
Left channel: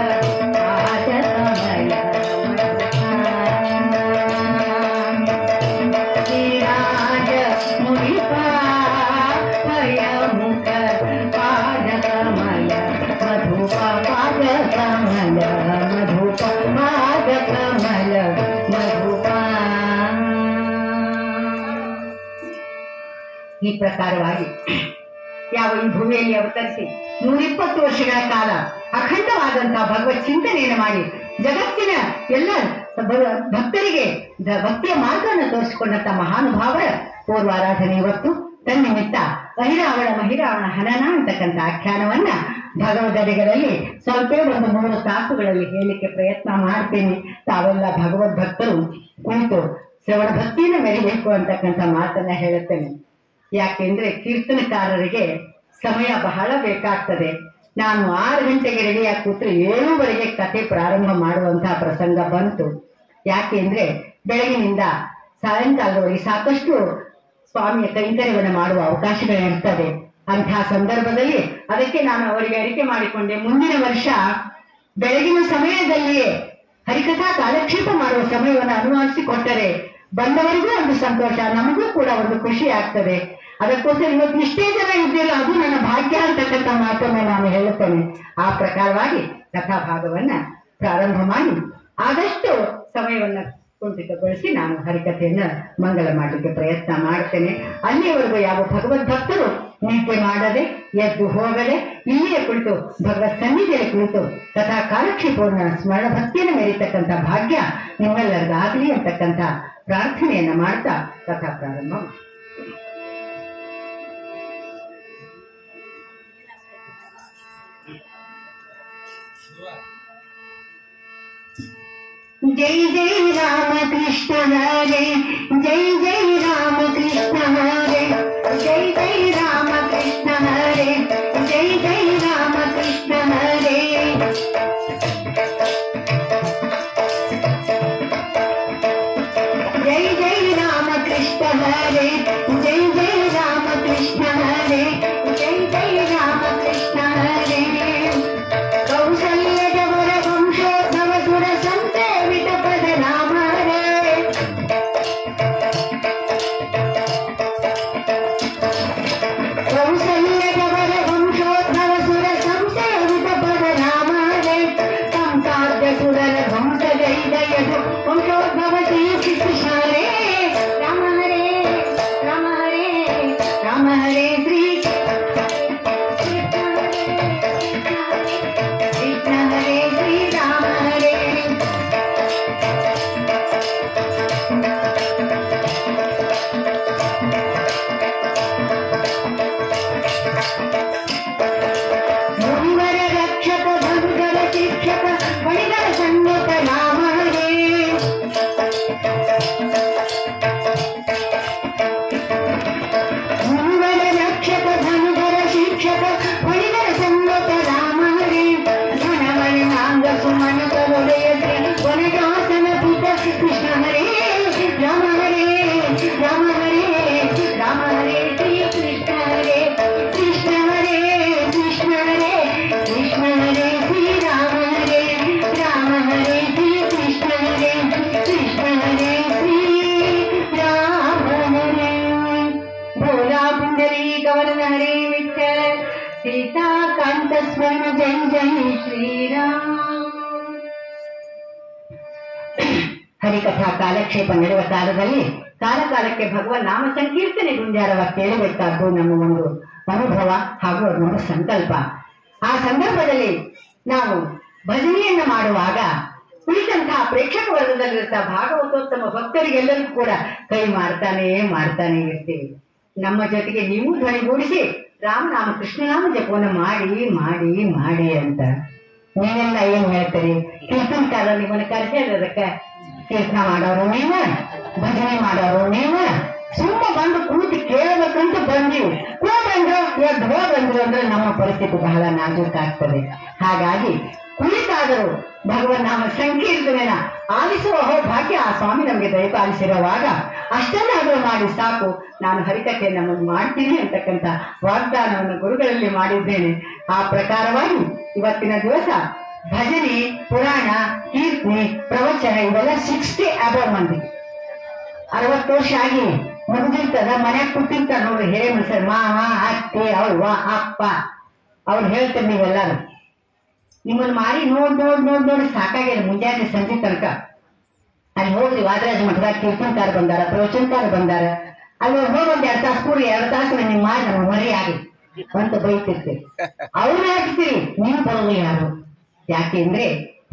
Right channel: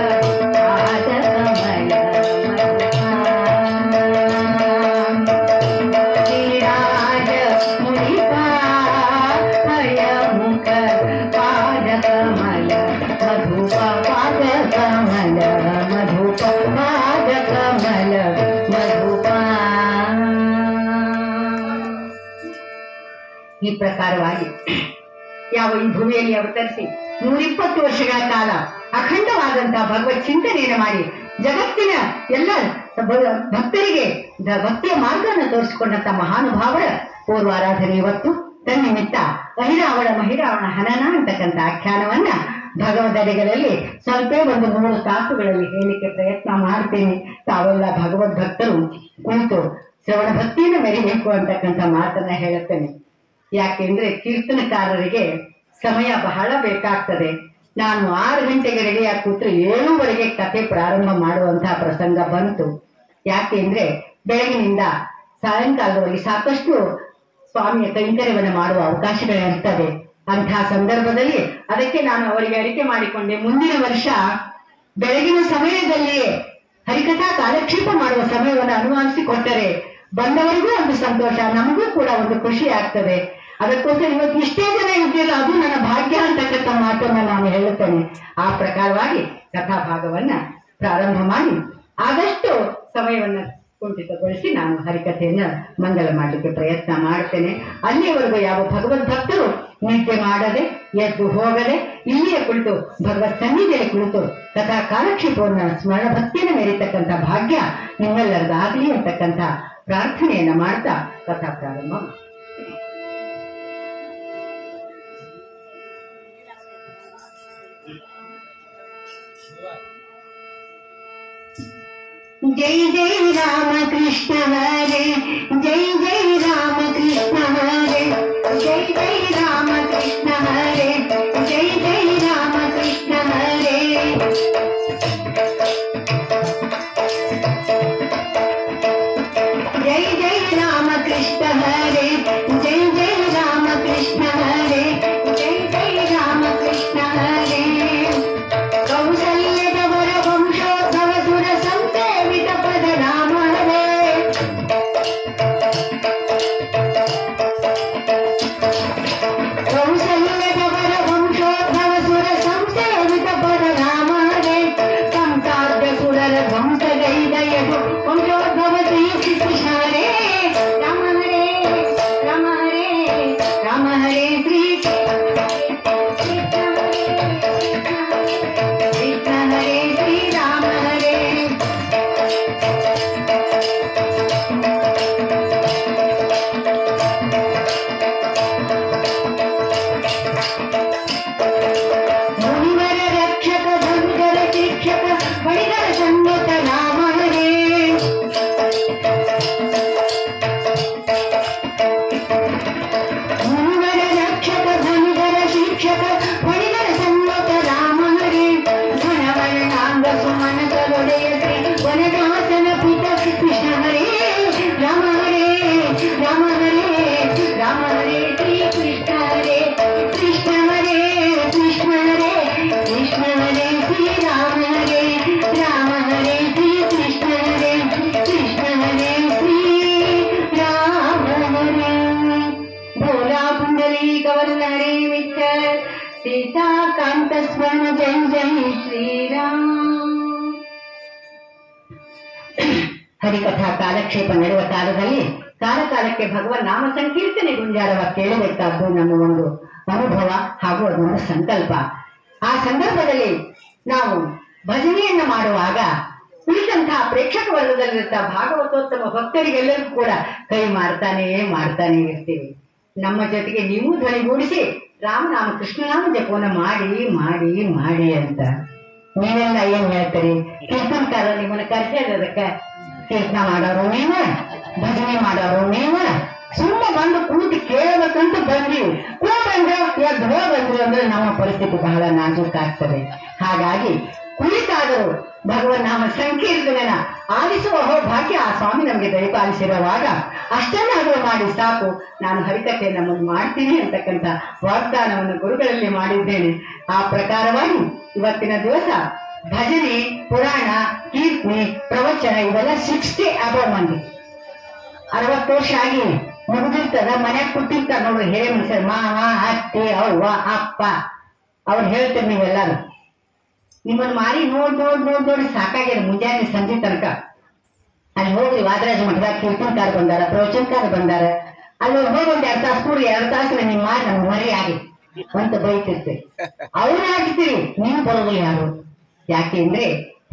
ಪಾದ ಕಮಲ ವಾದಿರಾಜ ಮುನಿಪ ಹರಿಯ ಮುಖ ಪಾದ ಕಮಲ ಮಧುಪ ಪಾದ ಕಮಲ ಮಧುಪ ಪಾದ ಕಮಲ ಮಧುಪ. ಈ ಪ್ರಕಾರವಾಗಿ ಯಾವ ಈ ಭೂಮಿಯಲ್ಲಿ ಅವತರಿಸಿ 120 ವರ್ಷಗಳ ಕಾಲ ಅಖಂಡವಾದಂತಹ ಭಗವತ್ ಚಿಂತನೆಯನ್ನು ಮಾಡಿ ಜಗತ್ತಿನ ಎಲ್ಲ ಭಕ್ತರಿಗೆ ಭಕ್ತಿಯ ಮಾರ್ಗವನ್ನು ತೋರಿಸಿಕೊಂಡಂತ ಮಹಾನುಭಾವರ ಪೂರ್ವಾರಾಧನೆ ಇವತ್ತು ತನ್ನಿಮಿತ್ತ ಅಹಿರಾವಣ ಮಹಿರಾವಣ ಹನನ ಅಂತಕ್ಕಂಥ ಆಖ್ಯಾನವನ್ನ ಭಗವದಡಿಗಳಲ್ಲಿ ಸ್ವಲ್ಪ ಒಂದು 3 ತಾಸುಗಳಲ್ಲಿ ಹೇಳಲಿಕ್ಕೆ ಪ್ರಯತ್ನ ಮಾಡ್ತೇನೆ. ತಾವೆಲ್ಲ ಭಗವದ್ ಭಕ್ತರು ಕುಳಿತು ಶ್ರವಣ ಭಕ್ತಿಯನ್ನು ಮೆರೆಯಬೇಕು ಅಂತಕ್ಕಂಥ ಮಾತನ್ನ ಹೇಳುತ್ತೇನೆ. ಯಾಕೆಂದ್ರೆ ಕೀರ್ತನಕಾರರಿಗೆ ಸಮಯ ಬಹಳ ಬೇಕಾಗ್ತದೆ. ನಾನು 6 ಗಂಟೆಗೆ ರೆಡಿಯಾಗಿ ಕೂತ್ರೆ 7ವರೆಗೆ ಕಥೆ ಪ್ರಾರಂಭ ಮಾಡುವಂತಹ ಪ್ರಸಂಗ ಬಂತು. ಯಾಕೆಂದ್ರೆ ಬೆಳಗಿನಿಂದ ಸಾಯಂಕಾಲದವರೆಗೆ ಸಾಕಷ್ಟು ಸ್ವಾಮಿಯ ಕೈಂಕರ್ಯವನ್ನು ಮಾಡುವ ಅವಕಾಶಗಳಿರ್ತವೆ. ಅಂತಹ ಸಂದರ್ಭದಲ್ಲಿ ಅದಕ್ಕೆ ನಾನು ಅವರಿಗೆ ಅರಿಕೆ ಮಾಡಿಕೊಂಡೆ, ಮುಂದಿನ ವರ್ಷ ಬೆಳಗಿನ ಸಮಯದಲ್ಲಿಯೇ ಹರಿಕಥಾ ಕಾಲಕ್ಷೇಪ ಮಾಡುವ ಸಮಯವನ್ನು ಅನುವಾದಿಸಿಕೊಟ್ಟರೆ ಬಂದವರಿಗೂ ಒಂದು ಸಂತೋಷ, ನಮಗೂ ಕೂಡ ಒಂದು ಖುಷಿ ಆಗ್ತದೆ. ಅದಕ್ಕೋಸ್ಕರ ಇವತ್ತು ಇಷ್ಟೇ ಜನ ಇದ್ದಿಲ್ಲ, ಅದು ನನ್ನ ಭಾಗ್ಯ ಅಂತಕ್ಕಂಥ ಮಾತನ್ನು ನಾನು ಹೇಳುತ್ತೇನೆ. ಆ ಪ್ರಕಾರವಾಗಿ ಕಥಾಭಾಗವನ್ನ ಪ್ರಾರಂಭ ಮಾಡಿ ಆದಷ್ಟು ಸಮಯವನ್ನ ಕುಂಠಿತಗೊಳಿಸಿ ನಾನು ಹರಿಕಥೆಯನ್ನು ಮಂಗಲ ಮಾಡಲಿಕ್ಕೆ ಪ್ರಯತ್ನ ಮಾಡ್ತೇನೆ. ಅಲ್ಲಿಯವರೆಗೂ ಯಾವ ಭಗವದ್ ಭಕ್ತರು ನಿದ್ದೆ ಮಾಡದೆ ಎದ್ದು ಹೋಗದೆ ಇಲ್ಲಿಯೇ ಕುಳಿತು ಭಗವತ್ ಸನ್ನಿಧಿಯಲ್ಲಿ ಕುಳಿತು ಕಥಾ ಕಾಲಕ್ಷೇಪವನ್ನು ಸ್ಮರಣ ಭಕ್ತಿಯನ್ನು ಮೆರೀತಕ್ಕಂಥ ಭಾಗ್ಯ ನಿಮ್ಮೆಲ್ಲರಿಗಾಗಲಿ ಅಂತಕ್ಕಂಥ ಪ್ರಾರ್ಥನೆಯನ್ನ ಮಾಡ್ತಾ ಕಥಾ ಪ್ರಾರಂಭ. जय जय राम कृष्ण हरे, जय जय राम कृष्ण हरे, जय जय राम कृष्ण हरे, जय जय राम कृष्ण हरे. जय जय राम कृष्ण हरे, जय जय राम कृष्ण हरे, जय जय राम कृष्ण हरे. कौसल्यदवर वंशोद्भव सुर संसेवित पद राम हरे. कौसल्यदवर वंशोद्भव सुर संसेवित पद राम हरे. संसाध्य सुरर ध्वंस दैदयु वंशोद्भव श्री कृष्ण हरे. राम हरे राम हरे राम हरे श्री कृष्ण हरे श्री राम हरे. मुनिवर रक्षक भंजर शिक्षक बड़िगर संगत राम हरे. मुनिवर रक्षक भंजर शिक्षक बड़िगर संगत राम हरे. घनवर्णांग सुमन करोड़य श्री वनदासन पुत कृष्ण हरे. राम हरे राम हरे राम हरे श्री कृष्ण हरे. कृष्ण हरे कृष्ण हरे कृष्ण हरे श्री राम हरे. राम हरे श्री कृष्ण हरे कृष्ण हरे श्री राम हरे. भोला पुंडरी कवरन हरे विठ्ठल सीता कांत स्मरण जय जय श्री राम. ಹರಿಕಥಾ ಕಾಲಕ್ಷೇಪ ನಡೆಯುವ ಕಾಲದಲ್ಲಿ ಕಾಲಕಾಲಕ್ಕೆ ಭಗವನ್ ನಾಮ ಸಂಕೀರ್ತನೆ ಗುಂಜಾರವ ಕೇಳಬೇಕಾದ್ದು ನಮ್ಮ ಒಂದು ಅನುಭವ ಹಾಗೂ ಅದೊಂದು ಸಂಕಲ್ಪ. ಆ ಸಂದರ್ಭದಲ್ಲಿ ನಾವು ಭಜನೆಯನ್ನ ಮಾಡುವಾಗ ಉಳಿದಂತಹ ಪ್ರೇಕ್ಷಕ ವರ್ಗದಲ್ಲಿರ್ತ ಭಾಗವತೋತ್ತಮ ಭಕ್ತರಿಗೆಲ್ಲರಿಗೂ ಕೂಡ ಕೈ ಮಾಡ್ತಾನೇ ಇರ್ತೀವಿ. ನಮ್ಮ ಜೊತೆಗೆ ನೀವು ಧ್ವನಿಗೂಡಿಸಿ ರಾಮನಾಮ ಕೃಷ್ಣನಾಮ ಜಪವನ್ನು ಮಾಡಿ ಮಾಡಿ ಮಾಡಿ ಅಂತ ನೀವೆಲ್ಲ ಏನ್ ಹೇಳ್ತೀರಿ? ಕೀರ್ತನಕಾರ ನಿಮ್ಮನ್ನ ಕರೆಸಿರೋದಕ್ಕೆ ಕೀರ್ತನ ಮಾಡೋರು ನೀವು, ಭಜನೆ ಮಾಡೋರು ನೀವು, ಸುಮ್ಮ ಬಂದು ಕೂತು ಕೇಳಬೇಕಂತ ಬಂದೀವಿ. ಬಂದ್ರು ಎದ್ದು ಹೋಗಂದ್ರು ಅಂದ್ರೆ ನಮ್ಮ ಪರಿಸ್ಥಿತಿ ಬಹಳ ನಾಜೂಕಾಗ್ತದೆ. ಹಾಗಾಗಿ ಕುಳಿತಾದರೂ ಭಗವನ್ನಾಮ ಸಂಕೀರ್ತನೆನ ಆಲಿಸುವ ಭಾಗ್ಯ ಆ ಸ್ವಾಮಿ ನಮಗೆ ದಯಪಾಲಿಸಿರುವಾಗ ಅಷ್ಟನ್ನಾದರೂ ಮಾಡಿ ಸಾಕು, ನಾನು ಹರಿಕಥೆಯನ್ನು ನಮ್ಮನ್ನು ಮಾಡ್ತೀನಿ ಅಂತಕ್ಕಂಥ ವಾಗ್ದಾನವನ್ನು ಗುರುಗಳಲ್ಲಿ ಮಾಡಿದ್ದೇನೆ. ಆ ಪ್ರಕಾರವಾಗಿ ಇವತ್ತಿನ ದಿವಸ ಭಜನೆ, ಪುರಾಣ, ಕೀರ್ತನೆ, ಪ್ರವಚನ ಇವೆಲ್ಲ 60 ಅಬೌವ್ ಮಂದಿ. 60 ವರ್ಷ ಆಗಿ ಮುಗಿದಿರ್ತದ, ಮನ್ಯಾಗ ಕೂತಿರ್ತಾರ ನೋಡ್ರಿ ಹಿರೇ ಮನುಷ್ಯರು, ಮಾವ, ಅತ್ತೆ, ಅವ್ವ, ಅಪ್ಪ, ಅವ್ರು ಹೇಳ್ತಾರೆ ನೀವೆಲ್ಲಾರು ನಿಮ್ಮನ್ನು ಮಾರಿ ನೋಡಿ ಸಾಕಾಗ್ಯದ. ಮುಂಜಾನೆ ಸಂಜೆ ತನಕ ಅಲ್ಲಿ ಹೋಗ್ರಿ ವಾದರಾಜ ಮಠದಾಗ ಕೀರ್ತನಕಾರ ಬಂದಾರ, ಪ್ರವಚನಕಾರ ಬಂದಾರ, ಅಲ್ಲಿ ಹೋಗಿ ಒಂದ್ 2 ತಾಸು ಕೂಡಿ 2 ತಾಸು ನಿಮ್ ಮಾರಿ ನಮ್ಗೆ ಮರಿ ಆಗಿ ಅಂತ ಬೈತಿರ್ತೀವಿ. ಅವ್ರನ್ನ ಹಾಕ್ತೀರಿ, ನೀವು ಬರೋದು ಯಾರು? ಯಾಕೆಂದ್ರೆ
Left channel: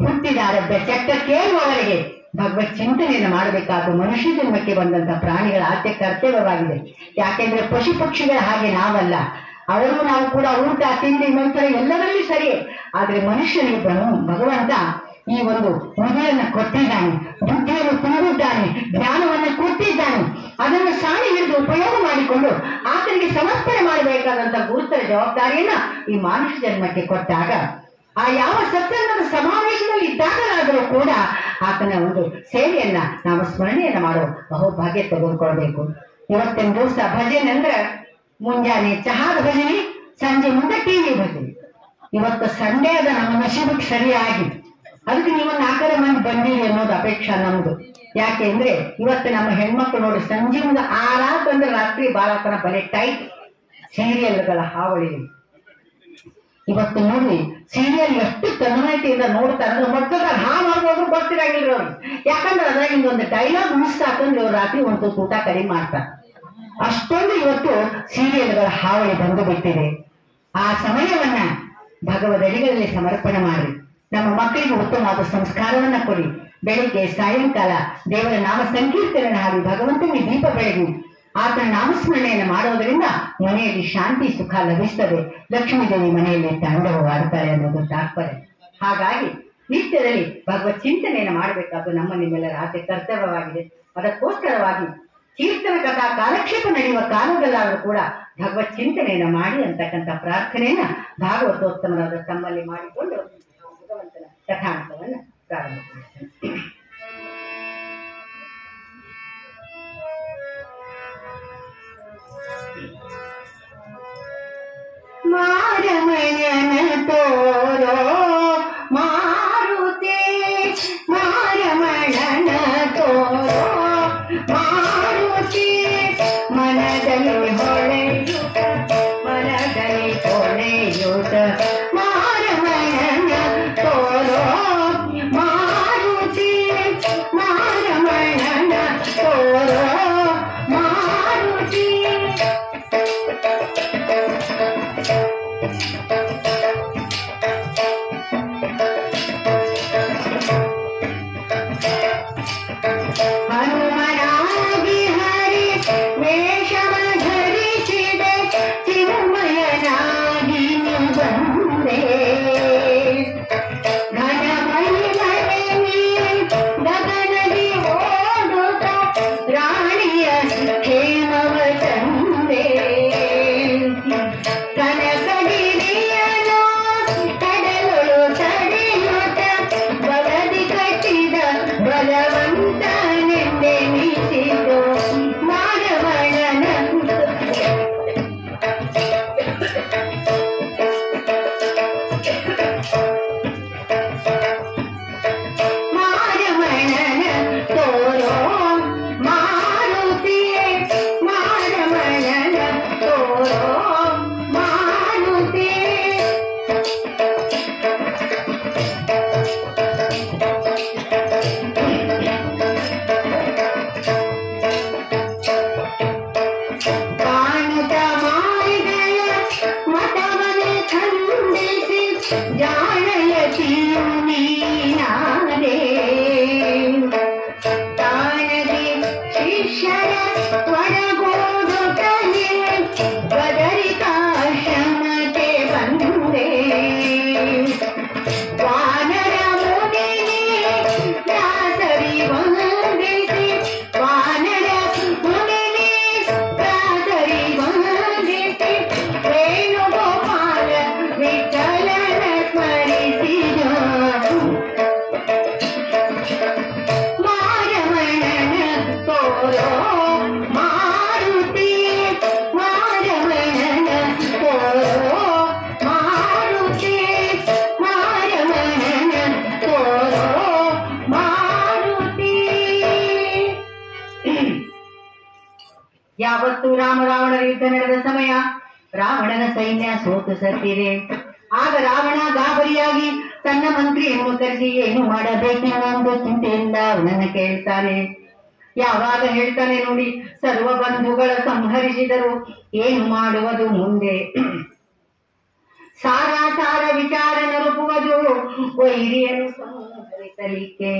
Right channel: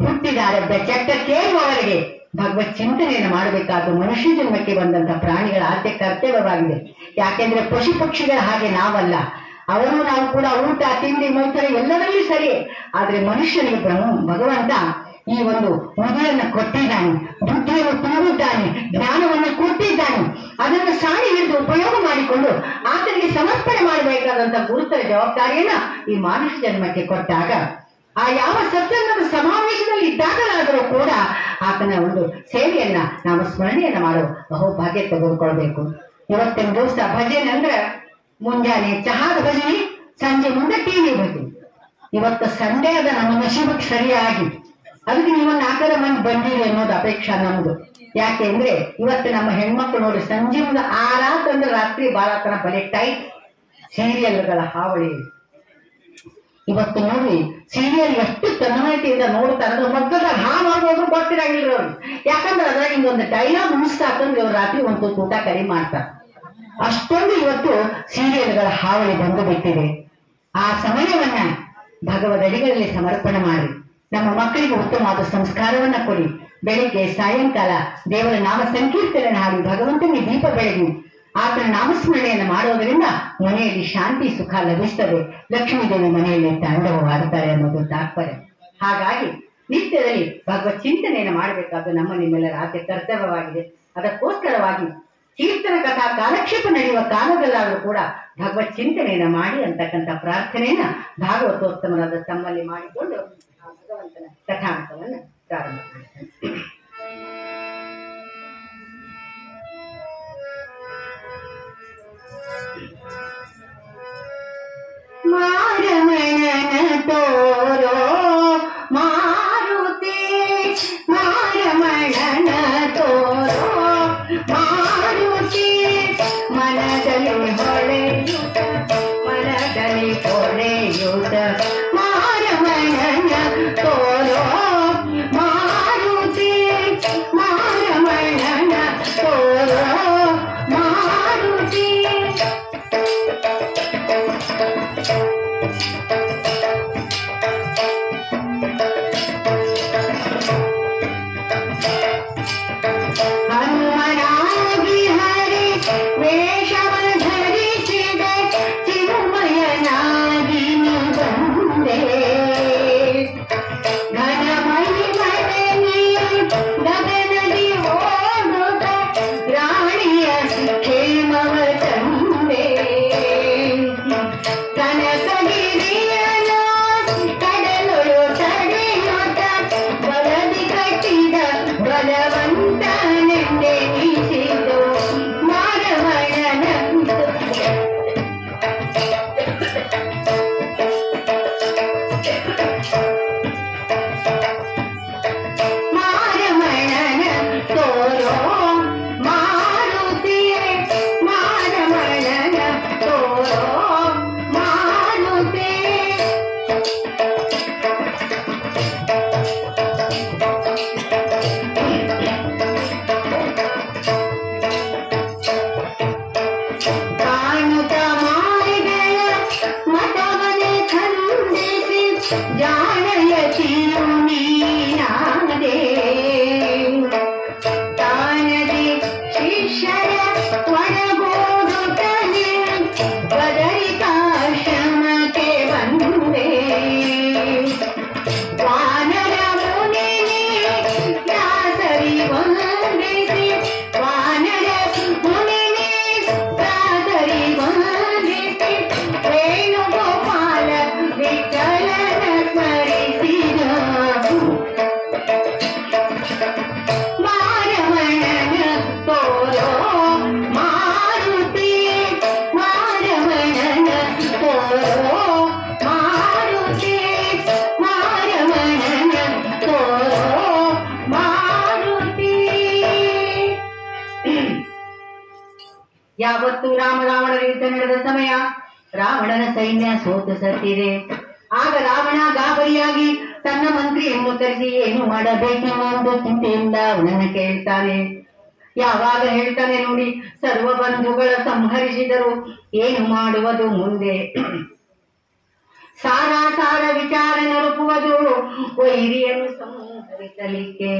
ಹುಟ್ಟಿದಾರ ಚಟ್ಟ ಕೇಳುವವರಿಗೆ ಭಗವತ್ ಚಿಂತನೆಯನ್ನು ಮಾಡಬೇಕಾದ ಮನುಷ್ಯ ಜನ್ಮಕ್ಕೆ ಬಂದಂತ ಪ್ರಾಣಿಗಳ ಆದ್ಯ ಕರ್ತವ್ಯವಾಗಿದೆ. ಯಾಕೆಂದ್ರೆ ಪಶು ಪಕ್ಷಿಗಳ ಹಾಗೆ ನಾವಲ್ಲ, ಅವರು ನಾವು ಕೂಡ ಊಟ ತಿಂಡಿ ಮೈತರ ಎಲ್ಲದರಲ್ಲಿ ಸರಿ. ಆದ್ರೆ ಮನುಷ್ಯನಿಗೆ ಭಗವಂತ ಈ ಒಂದು ಮುಗಿಯನ್ನು ಕೊಟ್ಟಿದ್ದಾನೆ, ಬುದ್ಧಿಯನ್ನು ತುಂಬಿದ್ದಾನೆ, ಜ್ಞಾನವನ್ನು ಕೊಟ್ಟಿದ್ದಾನೆ. ಅದನ್ನು ಸಾಣಿ ಹಿಡಿದು ಉಪಯೋಗ ಮಾಡಿಕೊಂಡು ಆತನಿಗೆ ಸಮರ್ಪಣೆ ಮಾಡಬೇಕಾದಂತ ಗುರುತರ ಜವಾಬ್ದಾರಿಯನ್ನ ಈ ಮಾನುಷ ಜನ್ಮಕ್ಕೆ ಕೊಟ್ಟಾಗ ಆ ಯಾವ ಸತ್ಸಂಗದ ಸಮಾವೇಶದಲ್ಲಿ ಇದ್ದಾಗಲಾದರೂ ಕೂಡ ಆತನ ಒಂದು ಸೇವೆಯನ್ನ ನಾವು ಸ್ಮರಣೆಯನ್ನ ಮಾಡೋ ಬಹುಭಾಗ್ಯ ತೆಗೆದುಕೊಳ್ಬೇಕು. ಇವತ್ತಿನ ದಿವಸ ಭಜನೆ ಅಂದ್ರೆ ಮುಂಜಾನೆ ಚಹಾದ ಭಜನೆ, ಸಂಜೆ ಮುಂದೆ ಟಿವಿ ಭಜನೆ. ಇವತ್ತು ಸಂಡೇ ಅದ ನಮ್ಮ ನಶೀಬಕ್ಕೆ ಸರಿಯಾಗಿ, ಅದಕ್ಕೆ ನೀವು 4 ಮಂದಿ ಬಂದಿರಿ ಅನ್ನೋದು ಅಪೇಕ್ಷಾ ನಮ್ದು. ಯಾಕೆ ಅಂದ್ರೆ ಇವತ್ತು ನಮ್ಮ ಹೆಣ್ಮಕ್ಳು ನೋಡಿ ಸಂಜೆ ಮುಂದೆ 6 ಅಂದ್ರೆ ರಾತ್ರಿ ಬಾಳತನ ಬಲೆ ಟೈಟ್ ಸೀರಿಯಲ್ಗಳ ಹಾವಳಿ. ಇವತ್ತು ನೋಡಿ ಸೀರಿಯಲ್ ಎಷ್ಟು ತನ್ಮಯತೆಯಿಂದ ನೋಡ್ತಾರೆ, ಮಕ್ಕಳಾಗ ಹಾ ಮಾಡೋದು ಗೊತ್ತಿರಂಗಿಲ್ಲ ಅವ್ರಿಗೆ. ಯಾಕಂದ್ರೆ ಅದ್ರಾಗಿಂದ ಒಂದು ಡೈಲಾಗ್ ಮಿಸ್ ಹಾಕಂದ್ರೆ ಅವ್ರು ರಾತ್ರಿ ಒಂದು ಊಟ ಕಡಿಮೆ ಮಾಡ್ತಾರೆ. ಅಷ್ಟೊಂದು ಇವತ್ತು ಸೀರಿಯಲ್ಗಳ ಹಾವಳಿ ಬಂದು ಬಿಟ್ಟಿದೆ. ಆ ಸಮಯವನ್ನ ಭಗವದಡಿಗಳಲ್ಲಿ ಸಮರ್ಪಣೆ ಮಾಡಿ ನಮ್ಮ ಮಕ್ಕಳಿಗೆ ಉತ್ತಮವಾದ ಸಂಸ್ಕಾರವನ್ನ ಕೊಡಿ. ಬೆಳಿಗ್ಗೆ ಸಾಯಂಕಾಲ ದೇವರ ನಾಮ ಸಂಕೀರ್ತನೆ ಹಾಡಿ ಭಗವಂತನಿಗೆ ದೀಪ ಬೆಳಗಿ ಆತನ ನಾಮಸ್ಮರಣೆಯನ್ನು ಮಾಡೋದರಿಂದ ಮನೆಯಲ್ಲಿ ಶಾಂತಿ ಸುಖ ಲಭಿಸ್ತದೆ. ಲಕ್ಷ್ಮೀ ದೇವಿ ಮನೆಯಲ್ಲಿ ತಾಂಡವವಾಡುತ್ತಾರೆ ಅನ್ನೋದು ತಾತ್ಪರ್ಯ. ಹಾಗಾಗಿ ನಿತ್ಯದಲ್ಲಿ ಭಗವತ್ ಚಿಂತನೆಯನ್ನು ಮಾಡಬೇಕಾದ್ದು ನಮ್ಮ ನಿಮ್ಮೆಲ್ಲರ ಆದ್ಯ ಕರ್ತವ್ಯವಾಗಿದೆ. ಅದಕ್ಕೋಸ್ಕರವಾಗಿ ಕೀರ್ತನ ಕಥಾ ಕಾಲಕ್ಷೇಪ ನಡೆಯುವ ಕಾಲದಲ್ಲಾದರೂ ಕೂಡ ಭಗವತ್ ಚಿಂತನೆಯನ್ನ ಮಾಡಿ ಅಂತಕ್ಕಂಥ ಪ್ರಾರ್ಥನೆಯನ್ನ ಭಾಗವತೋತ್ತಮರಾದ ತಮ್ಮಲ್ಲಿ ಮಾಡಿಕೊಂಡು ಆ ಭಗವಂತನ ಕಥಾಂತವನ್ನ ಪ್ರಾರಂಭ ಮಾಡ್ತಾರೆ. ಮಾರಮಣನ ತೋರೋ ಮಾರುತಿ, ಮಾರಮಣನ ತೋರೋ ಮಾರುತಿ, ಮನದಲ್ಲಿ ಹೊಳೆಯುತ ಮನದಲ್ಲಿ ಹೊಳೆಯುತ ಮಾರಮಣನ ತೋರೋ ಮಾರುತಿ, ಮಾರಮಣನ ತೋರೋ ಮಾರುತಿ. ಹನುಮನಾಗಿ ಹರಿ ವೇಷವ ಧರಿಸಿದೆ, ಚಿನ್ಮಯನಾಗಿ ಬಂದೆ, ಘನಮಹಿಮನೆ ಗಗನದಿ ಓಡುತ್ತ ರಾಣಿಯ ಕ್ಷೇಮವ ತಂದೆ, ಕನಕಗಿರಿಯನು ಕಡಲೊಳು ತಡೆಯುತ್ತ ಬಲದಿ ಕಟ್ಟಿದ ಬಲವಂತನೆಂದೆನಿಸಿತು ಮಾರಮಣನ ಮಾರಮಣನ ತೋರೋ ಮಾರುತಿಯೇ, ಮಾರಮಣನ ತೋರೋ ಮಾರುತಿ. ಕಾಣುತ್ತ ಮಾಯೆಗಳ ಮತವನೆ ಖಂಡಿಸಿ ಜಾಣಯತಿಯು ನೀನಾದೆ, ತಾನದಿ ಶಿಷ್ಯರ ಒಳಗೂಡುತ್ತಲೇ ಬದರಿಕಾಶ್ರಮಕ್ಕೆ ಬಂದೆ, ವಾನರ ಮುನಿನೇ ದಾಸರಿ ವಂದಿಸಿ, ವಾನರ ಮುನಿನೇ ದಾಸರಿ ವಂದಿಸಿ ಮತ್ತು ರಾವಣರ ಯುದ್ಧ ನಡೆದ ಸಮಯ. ರಾವಣನ ಸೈನ್ಯ ಸೋತು ಸತ್ತಿದೆ. ಆಗ ರಾವಣ ಗಾಬರಿಯಾಗಿ ತನ್ನ ಮಂತ್ರಿಯನ್ನು ಕರೆಸಿ ಏನು ಮಾಡಬೇಕೆಂಬ ಚಿಂತೆಯಿಂದ ಅವನನ್ನು ಕೇಳ್ತಾನೆ. ಯಾವಾಗ ಹೇಳ್ತಾನೆ ನೋಡಿ, ಸರ್ವ ಬಂಧುಗಳ ಸಂಹರಿಸಿದರು, ಏನು ಮಾಡುವುದು ಮುಂದೆ? ಸಾರ ವಿಚಾರ ನರುಪುವುದು, ವೈರಿಯನ್ನು ಸಂಹರಿಸಲಿಕ್ಕೆ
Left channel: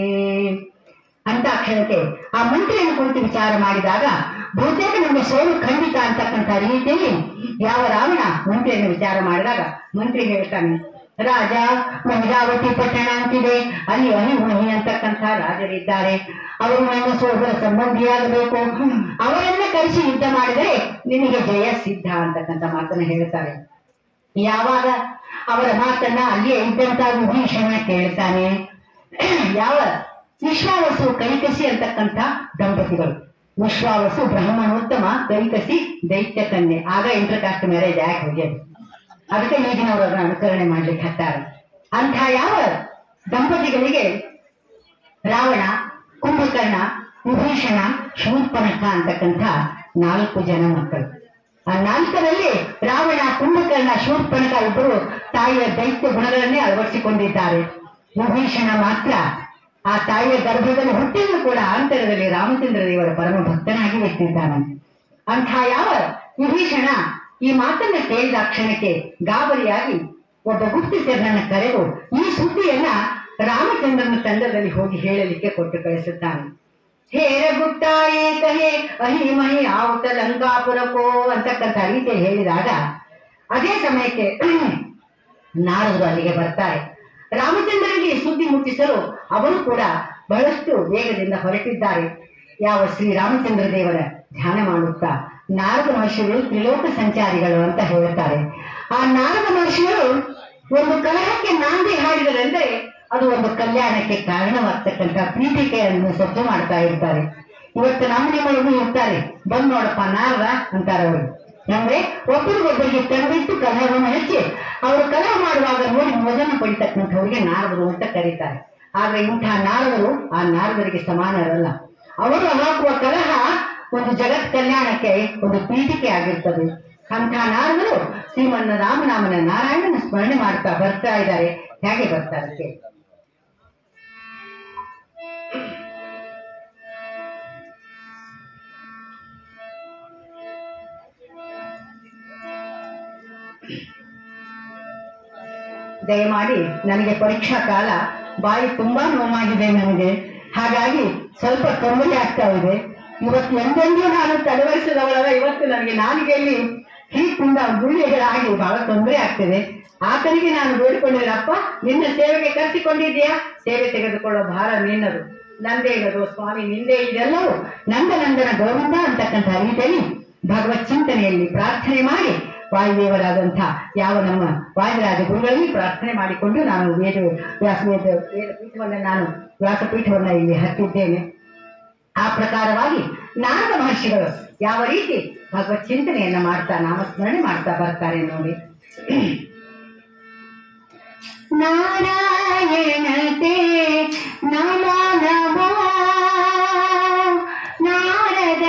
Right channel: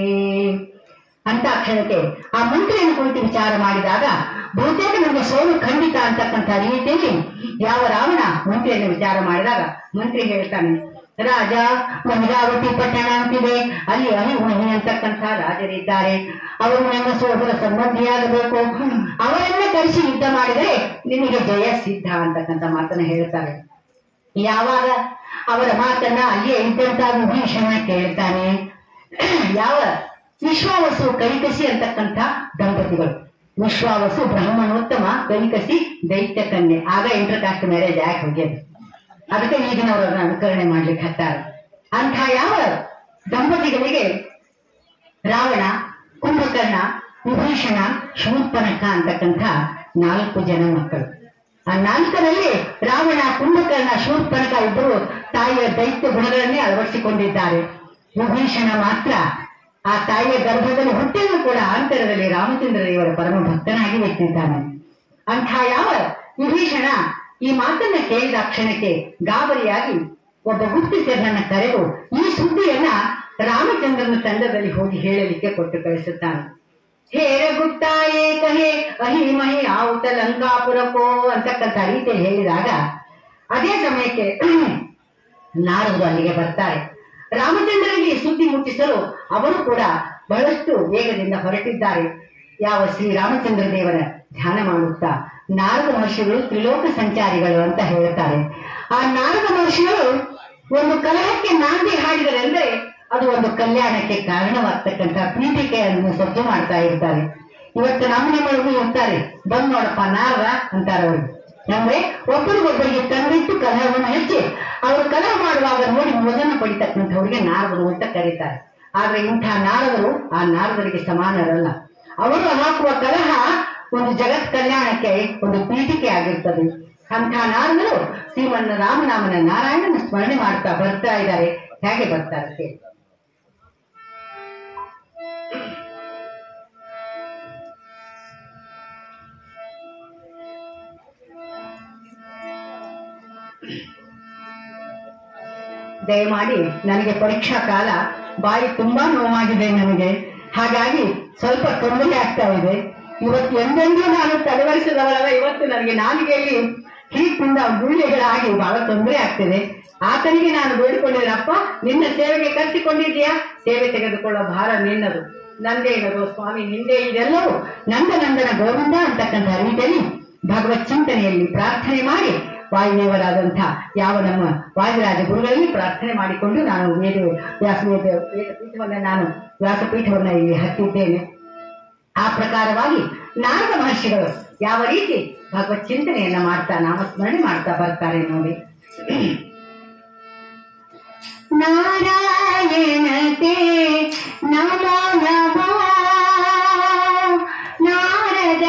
ಅಂತ ಕ್ಷಣಕ್ಕೆ ಆ ಮಂತ್ರಿಯನ್ನು ಕುರಿತು ವಿಚಾರ ಮಾಡಿದಾಗ ಬಹುತೇಕ ನಮಗೆ ಸೋಲು ಖಂಡಿತ ಅಂತಕ್ಕಂಥ ರೀತಿಯಲ್ಲಿ ಯಾವ ರಾವಣ ಮಂತ್ರಿಯನ್ನು ವಿಚಾರ ಮಾಡಿದಾಗ ಮಂತ್ರಿ ಹೇಳ್ತಾನೆ, ರಾಜ, ಗಂಗಾವತಿ ಪಟ್ಟಣ ಅಂತಿದೆ, ಅಲ್ಲಿ ಅಹಿಮಹಿ ಅಂತಕ್ಕಂಥ ರಾಜರಿದ್ದಾರೆ, ಅವರು ನನ್ನ ಸೋದರ ಸಂಬಂಧಿಯಾಗಬೇಕು, ಅವರನ್ನ ಕರೆಸಿ ಯುದ್ಧ ಮಾಡಿದರೆ ನಿನಗೆ ಜಯ ಸಿದ್ಧ ಅಂತಕ್ಕಂಥ ಮಾತನ್ನ ಹೇಳ್ತಾರೆ. ಯಾವಾಗ ಅವರ ಮಾತನ್ನ ಅಲ್ಲಿಯೇ ಇದ್ದಂತ ವಿಭೀಷಣ ಕೇಳ್ತಾನೆ. ಯಾವ ವಿಶ್ವಾವಸು ಕಲಿಕಸಿ ಅಂತಕ್ಕಂಥ ದಂಪತಿಗಳು, ವಿಶ್ವಾವಸು ಬ್ರಾಹ್ಮಣೋತ್ತಮ, ಕಲಿಕಸಿ ದೈತ್ಯ ಕನ್ಯೆ. ಆಗ ಇಂಟರ್ ಕಾಸ್ಟ್ ಮ್ಯಾರೇಜ್ ಆಕ್ಟ್ ಹೋಗ್ಯದು, ಅದಕ್ಕೆ ಈಗಿನವರನ್ನ ಅನುಕರಣೆ ಮಾಡ್ಲಿಕ್ಕೆ ಹತ್ತಾರೆ. ಅಂಥ ಯಾವ ದಂಪತಿಗಳಿಗೆ ರಾವಣ, ಕುಂಭಕರ್ಣ, ವಿಭೀಷಣ, ಶೂರ್ಪನಖ ಅಂತಕ್ಕಂಥ 4 ಜನ ಮಕ್ಕಳು. ಆ 4ರಲ್ಲಿ ರಾವಣ, ಕುಂಭಕರ್ಣ, ಶೂರ್ಪನಖ ಇಬ್ಬರು ತಾಯಿಯ ದೈತ್ಯ ಗುಣಗಳನ್ನೇ ಅಳವಡಿಸಿಕೊಂಡಿದ್ದಾರೆ. ವಿಭೀಷಣ ಮಾತ್ರ ಆ ತಾಯಿಯ ಗರ್ಭದಲ್ಲಿ ಹುಟ್ಟಿದ್ರು ಕೂಡ ಅಂತರದಲ್ಲಿ ರಾಮಚಂದ್ರ ದೇವರ ಪರಮ ಭಕ್ತನಾಗಿ ವ್ಯಕ್ತಿದ್ದಾನೆ. ಅಂಥ ಯಾವ ವಿಭೀಷಣ ಈ ಮಾತನ್ನ ಕೇಳಿದ ಕ್ಷಣಕ್ಕೆ ಗಾಬರಿಯಾಗಿ ಒಬ್ಬ ಗುಪ್ತಚರನನ್ನ ಕರೆದು ಈ ಸುದ್ದಿಯನ್ನ ರಾಮಚಂದ್ರನ ತಂಡದಲ್ಲಿ ಹೋಗಿ ಹೇಳಲಿಕ್ಕೆ ಕೊಟ್ಟು ಕಳಿಸುತ್ತಾನೆ. ಹೇರ ಗುಪ್ತಾಯೇ ಕಹೆ ಅಹಿಮಹಿ ಆವುತ ಲಂಕಾಪುರಕೋ ಅಂತಕ್ಕಂಥ ರೀತಿಯಲ್ಲಿ ಹೇಳಿದಾಗ ಅದೇ ಸಮಯಕ್ಕೆ ನಾರದರು ಅಲ್ಲಿಗೆ ಬರ್ತಾರೆ. ರಾಮಚಂದ್ರನಿಗೆ ಸುದ್ದಿ ಮುಟ್ಟಿಸಲು ಅವರು ಕೂಡ ಬಹಳಷ್ಟು ವೇಗದಿಂದ ಹೊರಟಿದ್ದಾರೆ. ಯಾವ ಶ್ರೀರಾಮಚಂದ್ರ ದೇವರ ಧ್ಯಾನ ಮಾಡುತ್ತಾ ನಾರದ ಮಹರ್ಷಿಗಳು ತ್ರಿಲೋಕ ಸಂಚಾರಿಗಳು ಅಂತ ಹೇಳುತ್ತಾರೆ. ಆ ನಾರದ ಮಹರ್ಷಿಗಳು ಒಂದು ಕಲಹಕ್ಕೆ ನಾಂದಿ ಹಾಡಿದರೆಂದ್ರೆ ಅದು ಒಂದು ಕಲ್ಯಾಣಕ್ಕೆ ಕಾರಣವಾಗ್ತಕ್ಕಂಥ ಪೀಠಿಕೆಯನ್ನು ಸಜ್ಜು ಮಾಡ್ತಾ ಇರ್ತಾರೆ. ಇವತ್ತು ನಮ್ಮ ನಿಮ್ಮೊಳಗೂ ಇರ್ತಾರೆ, ಬಂದ್ ನೋಡಪ್ಪ ನಾರದ ಅಂತಾರೆ ಅವರು. ಅಂದ್ರೆ ಒಬ್ಬರಿಗೊಬ್ಬರಿಗೆ ತಂದಿಟ್ಟು ಕಲಹವನ್ನು ಹಚ್ಚಿ ಅವರು ಕಲಹ ಮಾಡುವಾಗ ನೋಡಿ ಮೋಜನ ಪಡಿತಕ್ಕಂಥವ್ರಿಗೆ ನಾರದರು ಅಂತ ಕರೀತಾರೆ. ಆದ್ರೆ ಇಂಥ ನಾರದರು ಆ ನಾರದರಿಗೆ ಸಮಾನರಲ್ಲ. ಅವರು ಹಾಕುವ ಕಲಹ ಒಂದು ಜಗತ್ ಕಲ್ಯಾಣಕ್ಕೆ ಒಂದು ಪೀಠಿಕೆ ಆಗಿರ್ತದೆ. ಅಂಥ ನಾರದರು ಶ್ರೀಮನ್ನ ರಾಮನಾಮನ ನಾರಾಯಣನ ಸ್ಮರಣೆ ಮಾಡ್ತಾ ಬರ್ತಾ ಇದ್ದಾರೆ. ಹೇಗೆ ಬರ್ತಾರೆ? ದಯಮಾಡಿ, ನನಗೆ ಪರೀಕ್ಷಾ ಕಾಲ, ಬಾಯಿ ತುಂಬಾ ನೋವಾಗಿದೆ ನನಗೆ, ಹಾಗಾಗಿ ಸ್ವಲ್ಪ ತೊಂದರೆ ಆಗ್ತಾ ಇದೆ. ಇವತ್ತು ಎಂದೆಂದೂ ನಾನು ತಡವರಿಸಿದವಳಲ್ಲ, ಇವತ್ತು ನನಗೆ ನಾಲಿಗೆಯಲ್ಲಿ ಹೀಟಿಂದ ಗುಳ್ಳೆಗಳಾಗಿ ಬಹಳ ತೊಂದರೆ ಆಗ್ತಿದೆ. ಆತನಿಗೆ ನಾನು ಬೇಡಿಕೊಂಡಿದ್ರಪ್ಪ, ನಿನ್ನ ಸೇವೆಗೆ ಕರೆಸಿಕೊಂಡಿದ್ಯಾ, ಸೇವೆ ತೆಗೆದುಕೊಳ್ಳೋ ಭಾರ ನಿನ್ನದು, ನಂದೇ ಇರೋದು ಸ್ವಾಮಿ, ನಿಂದೇ ಇದೆಲ್ಲವೂ ನಂದನಂದನ ಗೋವಿಂದ ಅಂತಕ್ಕಂಥ ರೀತಿಯಲ್ಲಿ ಭಗವತ್ ಚಿಂತನೆಯಲ್ಲಿ ಪ್ರಾರ್ಥನೆ ಮಾಡಿ ವಾಯುದೇವರಾದಂಥ ಯಾವ ನಮ್ಮ ವಾಯುರಾಜ ಗುರುಗಳಲ್ಲಿ ಪ್ರಾರ್ಥನೆ ಮಾಡಿಕೊಂಡು ನಾನು ವೇದಪೀಠವನ್ನ ವ್ಯಾಸಪೀಠವನ್ನ ಇಲ್ಲಿ ಹತ್ತಿದ್ದೇನೆ. ಆ ಪ್ರಕಾರವಾಗಿ ನಾರದ ಮಹರ್ಷಿಗಳು ಯಾವ ರೀತಿ ಭಗವತ್ ಚಿಂತನೆಯನ್ನ ಮಾಡ್ತಾ ನಾಮಸ್ಮರಣೆ ಮಾಡ್ತಾ ಬರ್ತಾರೆ ನೋಡಿ. ನಾರಾಯಣತೆ ನಮೋ ನಮೋ, ನಾರದ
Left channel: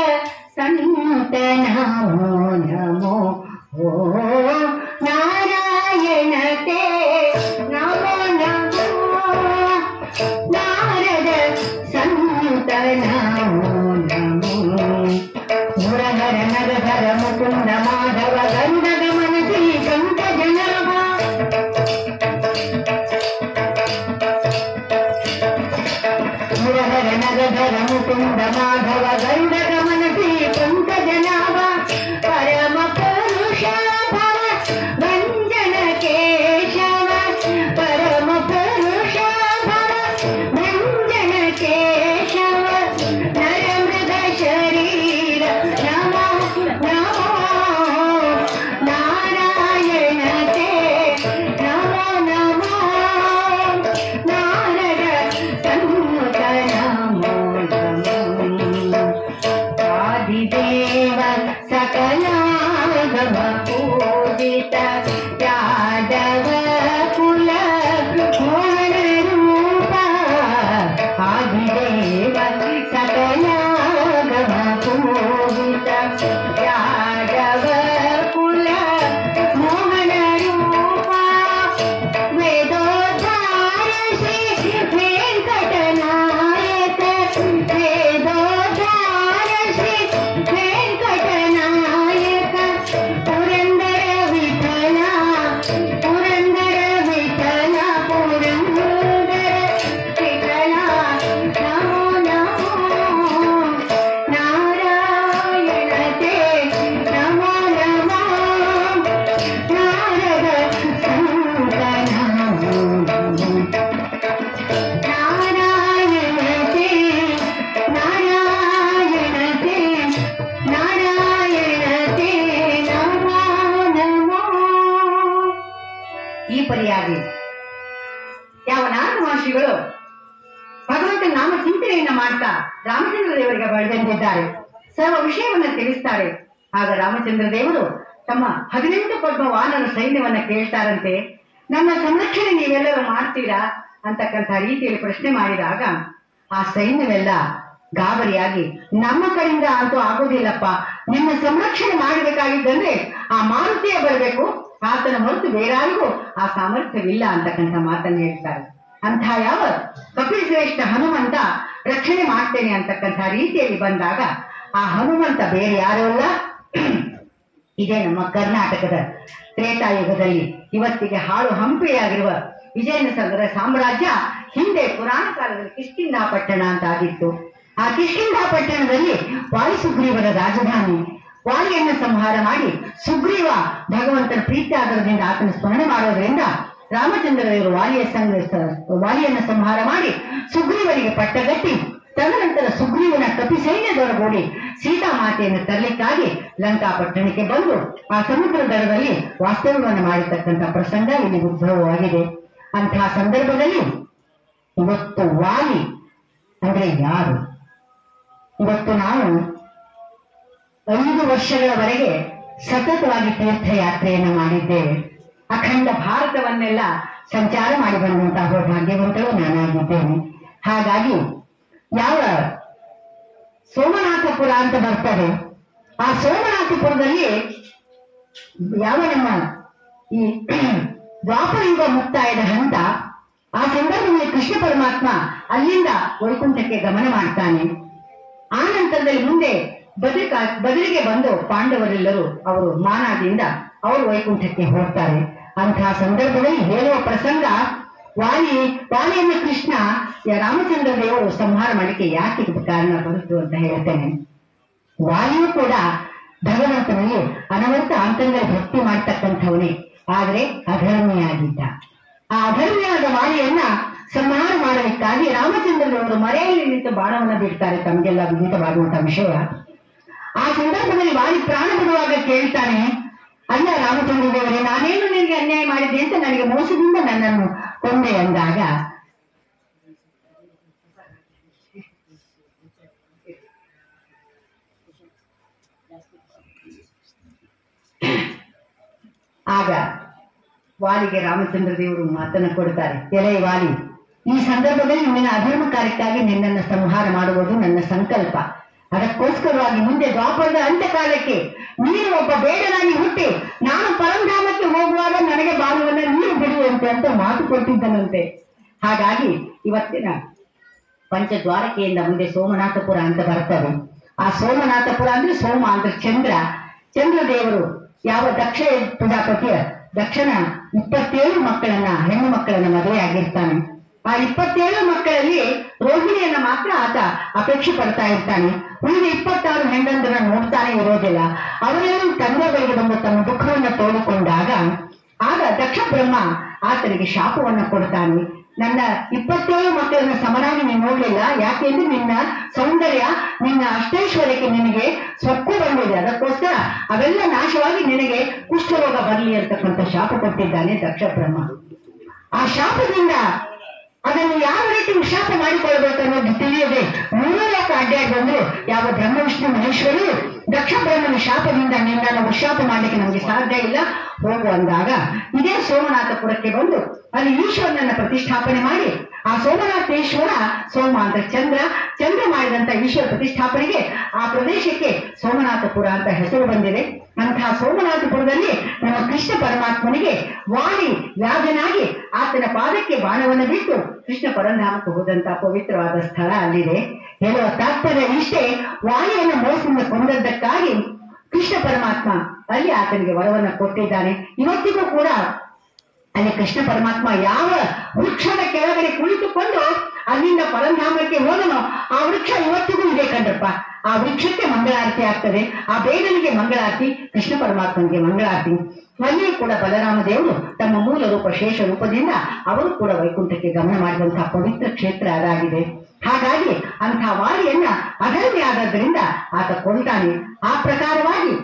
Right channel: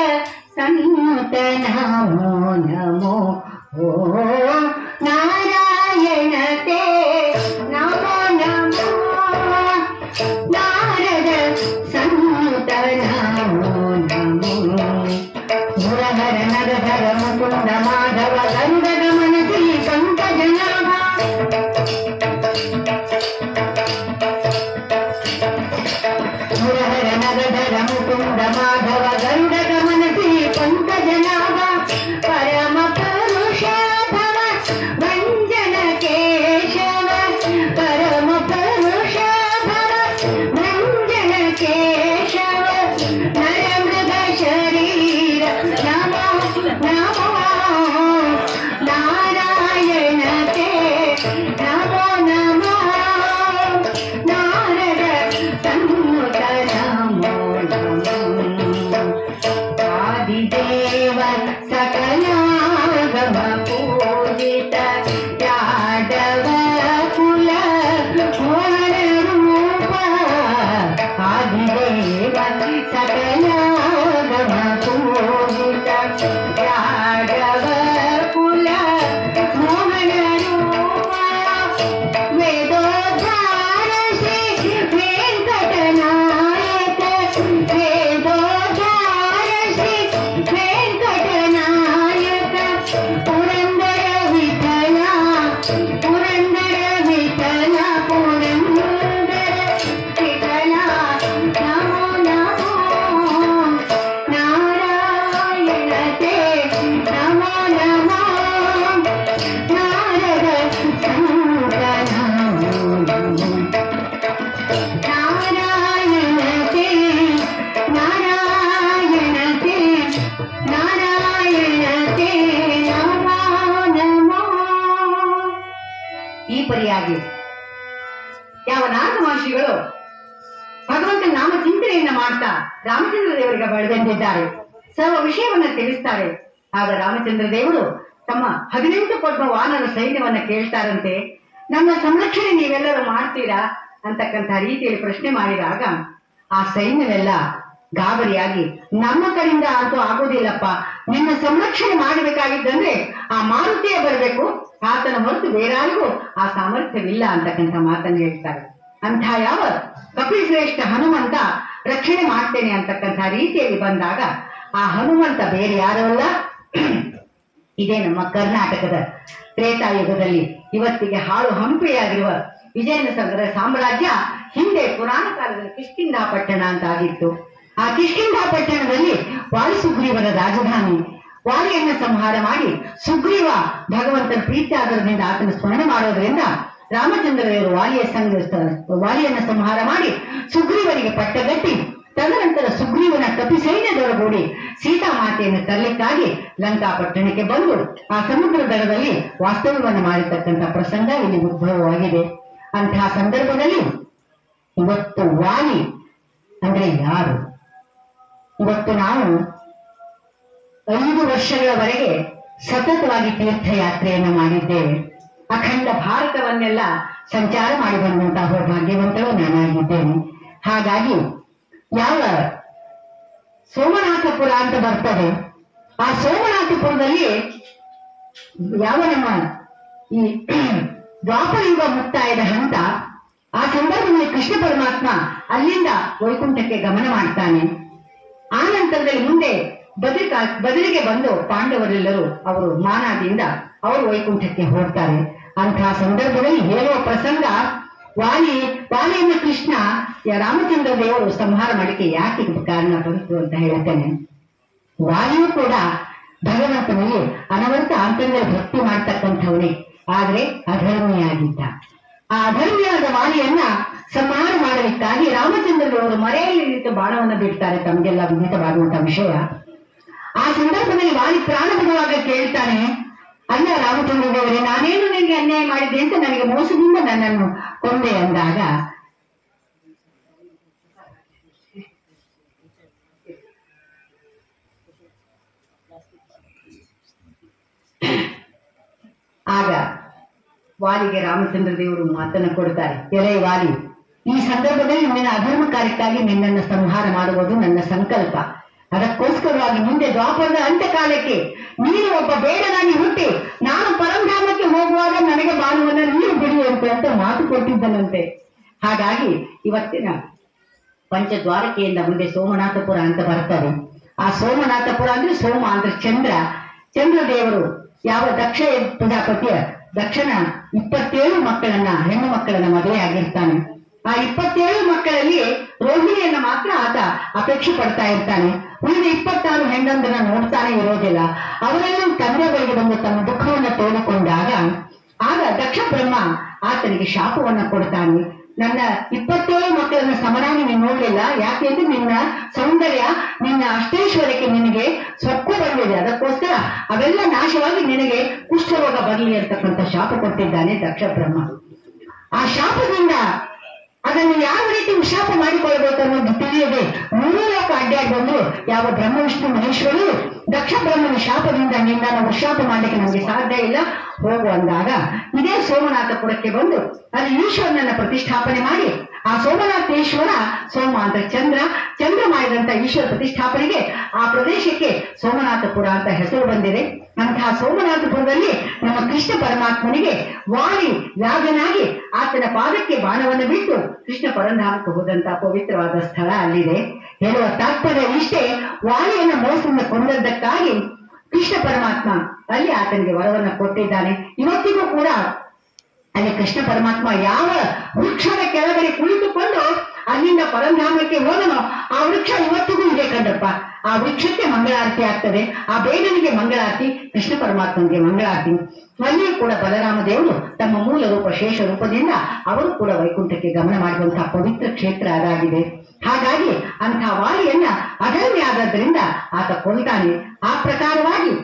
ಸಂತ ನಮೋ ನಮೋ, ಓ ನಾರಾಯಣತೆ ನಮೋ ನಮೋ, ನಾರದ ಸಂತ ನಮೋ ನಮೋ, ಮುರಹರ ನರಧರ ಮುಕುಂದ ಮಾಧವ ಗಂಧ ಗಮನ ಶ್ರೀ ಪಂಕಜನಾಭ, ಮುರಹರ ನರಧರ ಮುಕುಂದ ಮಾಧವ ಗಂಧ ಗಮನ ಶ್ರೀ ಪಂಕಜನಾಭ, ಪರಮ ಪುರುಷ ಭವ ಭಂಜನ ಕೇಶವ, ಪರಮ ಪುರುಷ ಭವ ಭಂಜನ ಕೇಶವ, ನರ ಮೃಗ ಶರೀರ ನಮೋ ನಮೋ, ನಾರಾಯಣತೆ ನಮೋ ನಮೋ, ನಾರದ ಸಂತ ನಮೋ ನಮೋ, ಆದಿದೇವ ಸಕಲಾಗಮ ಪೂಜಿತ ಯಾದವ ಕುಲ ರೂಪ, ಆದಿದೇವ ಸಕಲಾಗಮ ಪೂಜಿತ ಪರಿಯಾಗಿ ಯಾವ ನಾರದ ಮಹರ್ಷಿಗಳು ಭಗವಂತನ ನಾಮ ಚಿಂತನೆಯನ್ನ ಮಾಡ್ತಾ ರಾಮಚಂದ್ರ ದೇವರಿಗೆ ಬಳೆದೆಂದಿದ್ದಾರೆ. ಸರ್ವ ವಿಷಯವನ್ನ ತಿಳಿಸ್ತಾರೆ. ಆಗ ರಾಮಚಂದ್ರ ದೇವರು ತಮ್ಮ 18 ಪದ್ಮ ವಾನರ ಸೈನ್ಯವನ್ನ ಕೇಳ್ತಾರಂತೆ, ನನ್ನ ಸಂರಕ್ಷಣೆ ನೀವೆಲ್ಲರೂ ಮಾಡ್ತೀರಾ ಅಂತಕ್ಕಂಥ ರೀತಿಯಲ್ಲಿ ಪ್ರಶ್ನೆ ಮಾಡಿದಾಗ ಆ ಸೈನ್ಯವೆಲ್ಲ ಗಾಬರಿಯಾಗಿ, ನಮ್ಮ ಕಡೆಯಿಂದ ಅಂತೂ ಆಗೋದಿಲ್ಲಪ್ಪ, ನಿನ್ನ ಸಂರಕ್ಷಣೆ ಮಾಡಬೇಕಾಗಿದ್ದಂದ್ರೆ ಆ ಮಾರುತಿಯೇ ಬರಬೇಕು, ಆತನ ಹೊರತು ಬೇರಾರಿಗೂ ಆ ಸಾಮರ್ಥ್ಯವಿಲ್ಲ ಅಂತಕ್ಕಂಥ ಮಾತನ್ನು ಹೇಳ್ತಾರೆ. ಅಂಥ ಯಾವ ಕಪಿಲ್ ಶ್ರೇಷ್ಠ ಹನುಮಂತ ರಕ್ಷಣೆ ಮಾಡ್ತೇನೆ ಅಂತಕ್ಕಂಥ ರೀತಿಯಲ್ಲಿ ಬಂದಾಗ ಆ ಹನುಮಂತ ಬೇರೆ ಯಾರೂ ಅಲ್ಲ, ಇದೇ ನಮ್ಮ ಕರ್ನಾಟಕದ ತ್ರೇತಾಯುಗದಲ್ಲಿ ಇವತ್ತಿಗೆ ಹಾಳು ಹಂಪೆಯಾಗಿರುವ ವಿಜಯನಗರ ಸಾಮ್ರಾಜ್ಯ ಹಿಂದೆ ಪುರಾಣ ಕಾಲದಲ್ಲಿ ಕಿಷ್ಕಿಂಧ ಪಟ್ಟಣ ಅಂತ ಆಗಿತ್ತು. ಆ ಕಿಷ್ಕಿಂಧ ಪಟ್ಟಣದಲ್ಲಿ ವಾಲಿ ಸುಗ್ರೀವರ ರಾಜಧಾನಿ. ವಾಲಿಯನ್ನ ಸಂಹಾರ ಮಾಡಿ ಸುಗ್ರೀವ ಭಗವಂತನ ಪ್ರೀತ್ಯಾಗರದಿಂದ ಆತನ ಸ್ಮರಣೆ ಮಾಡೋದ್ರಿಂದ ರಾಮಚಂದ್ರದೇವರು ವಾಲಿಯನ್ನ ಸಂಹಾರ ಮಾಡಿ ಸುಗ್ರೀವರಿಗೆ ಪಟ್ಟಗಟ್ಟಿ ತದನಂತರ ಸುಗ್ರೀವನ ಕಪಿ ಸೈನ್ಯದೊಳಗೂಡಿ ಸೀತಾಮಾತೆಯನ್ನು ತರಲಿಕ್ಕಾಗಿ ಲಂಕಾಪಟ್ಟಣಕ್ಕೆ ಬಂದು ಆ ಸಮುದ್ರ ದಡದಲ್ಲಿ ವಾಸ್ತವ್ಯವನ್ನು ಮಾಡಿರ್ತಕ್ಕಂಥ ಪ್ರಸಂಗ ಇಲ್ಲಿ ಉದ್ಭವವಾಗಿದೆ. ಅಂತಹ ಸಂದರ್ಭದಲ್ಲಿ ಇವತ್ತು ವಾಲಿ ಅಂದ್ರೆ ಯಾರು? ಇವತ್ತು ನಾವು 5 ವರ್ಷಗಳವರೆಗೆ ಸತತವಾಗಿ ತೀರ್ಥಯಾತ್ರೆಯನ್ನು ಮಾಡಿದ್ದೇವೆ. ಅಖಂಡ ಭಾರತವನ್ನೆಲ್ಲ ಸಂಚಾರ ಮಾಡಿ ಬಂದಂತಹ ಭಾಗ್ಯವಂತರು ನಾನಾಗಿದ್ದೇನೆ. ಹಾಗಾಗಿ ಯಾವ ಸೋಮನಾಥಪುರ ಅಂತ ಬರ್ತದೆ, ಆ ಸೋಮನಾಥಪುರದಲ್ಲಿ ಯಾವ ನಮ್ಮ ಈ ದ್ವಾಪರಯುಗ ಮುಕ್ತಾಯದ ಹಂತ, ಆ ಸಂದರ್ಭದಲ್ಲಿ ಕೃಷ್ಣ ಪರಮಾತ್ಮ ಅಲ್ಲಿಂದ ವೈಕುಂಠಕ್ಕೆ ಗಮನ ಮಾಡ್ತಾನೆ. ಆ ನಂತರದಲ್ಲಿ ಮುಂದೆ ಬದಲಿಗೆ ಬಂದು ಪಾಂಡವರೆಲ್ಲರೂ ಅವರು ಮಾನದಿಂದ ಅವರು ವೈಕುಂಠಕ್ಕೆ ಹೋಗ್ತಾರೆ. ಅಂತಹ ಸಂದರ್ಭದಲ್ಲಿ ಹೇಳುವ ಪ್ರಸಂಗ, ವಾಲಿಯನ್ನು ಕೃಷ್ಣ ರಾಮಚಂದ್ರ ದೇವರು ಸಂಹಾರ ಮಾಡಲಿಕ್ಕೆ ಯಾಕೆ ಕಾರಣ ಬಂತು ಅಂತ ಹೇಳ್ತೇನೆ. ವಾಲಿಯೂ ಕೂಡ ಭಗವಂತನಲ್ಲಿ ಅನವರತ ಆಂತರ್ಯದಲ್ಲಿ ಭಕ್ತಿ ಮಾಡ್ತಕ್ಕಂಥವನೇ, ಆದ್ರೆ ಅಧರ್ಮಿಯಾಗಿದ್ದ. ಆ ಅಧರ್ಮಿಯಾದ ವಾಲಿಯನ್ನ ಸಂಹಾರ ಮಾಡಲಿಕ್ಕಾಗಿ ರಾಮಚಂದ್ರ ದೇವರು ಮರೆಯಲ್ಲಿ ನಿಂತು ಬಾಣವನ್ನ ಬಿಡ್ತಾರೆ, ತಮಗೆಲ್ಲ ವಿದಿತವಾಗುವಂತಹ ವಿಷಯ. ಆ ಸಂದರ್ಭದಲ್ಲಿ ವಾಲಿ ಪ್ರಾಣ ಬಿಡುವಾಗ ಕೇಳ್ತಾನೆ, ಅಲ್ಲ ರಾಮಚಂದ್ರ ದೇವರೇ, ನಾನೇನು ನಿನಗೆ ಅನ್ಯಾಯ ಮಾಡಿದ್ದೆ ಅಂತ ನನಗೆ ಮೋಸದಿಂದ ನನ್ನನ್ನು ಕೊಂದೆ ಅಂದಾಗ ಆಗ ವಾಲಿಗೆ ರಾಮಚಂದ್ರ ದೇವರು ಮಾತನ್ನು ಕೊಡ್ತಾರೆ, ಎಲೆ ವಾಲಿ, ಈ ಸಂದರ್ಭದಲ್ಲಿ ನಿನ್ನ ಅಧರ್ಮ ಕಾರ್ಯಕ್ಕಾಗಿ ನಿನ್ನನ್ನು ಸಂಹಾರ ಮಾಡುವುದು ನನ್ನ ಸಂಕಲ್ಪ. ಅದಕ್ಕೋಸ್ಕರವಾಗಿ ಮುಂದೆ ದ್ವಾಪರದ ಅಂತ್ಯಕಾಲಕ್ಕೆ ನೀನು ಒಬ್ಬ ಬೇಡನಾಗಿ ಹುಟ್ಟಿ ನಾನು ಪರಂಧಾಮಕ್ಕೆ ಹೋಗುವಾಗ ನನಗೆ ಬಾಲುವನ್ನ ನೀರು ಬಿಡುವಂತೆ ಅಂತ ಮಾತು ಕೊಟ್ಟಿದ್ದನಂತೆ. ಹಾಗಾಗಿ ಇವತ್ತಿನ ಪಂಚದ್ವಾರಕೆಯಿಂದ ಮುಂದೆ ಸೋಮನಾಥಪುರ ಅಂತ ಬರ್ತದೆ. ಆ ಸೋಮನಾಥಪುರ ಅಂದ್ರೆ ಸೋಮ ಅಂದ್ರೆ ಚಂದ್ರ ದೇವರು ಯಾವ ದಕ್ಷ ಪ್ರಜಾಪತಿಯ ದಕ್ಷನ 27 ಮಕ್ಕಳನ್ನ ಹೆಣ್ಣು ಮಕ್ಕಳನ್ನ ಮದುವೆ ಆಗಿರ್ತಾನೆ. ಆ 27 ಮಕ್ಕಳಲ್ಲಿ ರೋಹಿಣಿಯನ್ನ ಮಾತ್ರ ಆತ ಅಪೇಕ್ಷೆ ಪಡ್ತಾ ಇರ್ತಾನೆ. ಉಳಿದ 26 ಹೆಣ್ಣಂದ್ರನ್ನ ನೋಡ್ತಾನೆ ಇರೋದಿಲ್ಲ. ಅವರೆಲ್ಲ ತಂದೆ ಬಳಿಗೆ ಬಂದು ತಮ್ಮ ದುಃಖವನ್ನ ತೋಡಿಕೊಂಡಾಗ ಆಗ ದಕ್ಷ ಬ್ರಹ್ಮ ಆತನಿಗೆ ಶಾಪವನ್ನ ಕೊಡ್ತಾನೆ. ನನ್ನ 27 ಮಕ್ಕಳನ್ನ ಸಮನಾಗಿ ನೀನು ನೋಡ್ಲಿಲ್ಲ, ಯಾಕೆಂದ್ರೆ ನಿನ್ನ ಸೌಂದರ್ಯ ನಿನ್ನ ಅಷ್ಟೈಶ್ವರ್ಯಕ್ಕೆ ನಿನಗೆ ಸೊಕ್ಕು ಬಂದಿದೆ, ಅದಕ್ಕೋಸ್ಕರ ಅವೆಲ್ಲ ನಾಶವಾಗಿ ನಿನಗೆ ಕುಷ್ಠರೋಗ ಬರಲಿ ಅಂತಕ್ಕಂಥ ಶಾಪ ಕೊಟ್ಟಿದ್ದಾನೆ ದಕ್ಷ ಬ್ರಹ್ಮ. ಆ ಶಾಪದಿಂದ ಅದನ್ನು ಯಾವ ರೀತಿ ವಿಶಾಪ ಮಾಡಿಕೊಳ್ಬೇಕು ಅನ್ನೋದು ತಿಳಿಯದೆ 3 ಲೋಕ ಅಡ್ಡಾಡಿ ಬಂದ್ರು ಯಾವ ಬ್ರಹ್ಮ ವಿಷ್ಣು ಮಹೇಶ್ವರು ದಕ್ಷ ಬ್ರಹ್ಮನ ಶಾಪದಿಂದ ನಿನ್ನನ್ನು ಉಶಾಪ ಮಾಡ್ಲಿಕ್ಕೆ ನಮ್ಗೆ ಸಾಧ್ಯ ಇಲ್ಲ, ಹೋಗು ಅಂದಾಗ ಇದೇ ಸೋಮನಾಥಪುರಕ್ಕೆ ಬಂದು ಅಲ್ಲಿ ಈಶ್ವರನನ್ನ ಪ್ರತಿಷ್ಠಾಪನೆ ಮಾಡಿ ಆ ಸೋಮನಾಥೇಶ್ವರ, ಸೋಮ ಅಂದ್ರೆ ಚಂದ್ರ ಮಾಡಿದಂತ ಈಶ್ವರ ಪ್ರತಿಷ್ಠಾಪನೆಗೆ ಆ ಪ್ರದೇಶಕ್ಕೆ ಸೋಮನಾಥಪುರ ಅಂತ ಹೆಸರು ಬಂದಿದೆ. ಅಂತಹ ಸೋಮನಾಥಪುರದಲ್ಲಿ ನಮ್ಮ ಕೃಷ್ಣ ಪರಮಾತ್ಮನಿಗೆ ವಾಲಿ ರಾಜನಾಗಿ ಆತನ ಪಾದಕ್ಕೆ ಬಾಣವನ್ನು ಬಿಟ್ಟು ಕೃಷ್ಣ ಪರಂಧಾಮಕ್ಕೆ ಹೋದಂತಹ ಪವಿತ್ರವಾದ ಸ್ಥಳ ಅಲ್ಲಿದೆ. ಹೇಳುವ ತಾತ್ಪರ್ಯ ಇಷ್ಟೇ, ವಾಲಿಯನ್ನು ಮೋಸದಿಂದ ಕೊಂದದ್ದಕ್ಕಾಗಿ ಕೃಷ್ಣ ಪರಮಾತ್ಮ ಅಲ್ಲಿ ಆತನಿಗೆ ವರವನ್ನ ಕೊಟ್ಟಿದ್ದಾನೆ. ಇವತ್ತಿಗೂ ಕೂಡ ಅಲ್ಲಿ ಕೃಷ್ಣ ಪರಮಾತ್ಮ ಯಾವ ವೃಕ್ಷದ ಕೆಳಗಡೆ ಕುಳಿತುಕೊಂಡು ಅಲ್ಲಿಂದ ಪರಂಧಾಮಕ್ಕೆ ಹೋದನೋ ಆ ವೃಕ್ಷ ಇವತ್ತಿಗೂ ಇದೆ ಕಂಡ್ರಪ್ಪ. ಆ ವೃಕ್ಷಕ್ಕೆ ಮಂಗಳಾರತಿ ಆಗ್ತದೆ, ಆ ಬೇಡನಿಗೆ ಮಂಗಳಾರತಿ, ಕೃಷ್ಣ ಪರಮಾತ್ಮನಿಗೆ ಮಂಗಳಾರತಿ. ಅಲ್ಲಿಯೂ ಕೂಡ ಬಲರಾಮ ದೇವರು ತಮ್ಮ ಮೂಲ ರೂಪ ಶೇಷ ರೂಪದಿಂದ ಅವರು ಕೂಡ ವೈಕುಂಠಕ್ಕೆ ಗಮನ ಮಾಡುವಂತಹ ಪವಿತ್ರ ಕ್ಷೇತ್ರ ಅದಾಗಿದೆ. ಹಾಗಾಗಿ ಅಂತಹ ವಾಲಿಯನ್ನ ಅಧರ್ಮಿ ಆದದ್ದರಿಂದ ಆತ ಕೊಂದಾನೆ. ಆ ಪ್ರಕಾರವಾಗಿ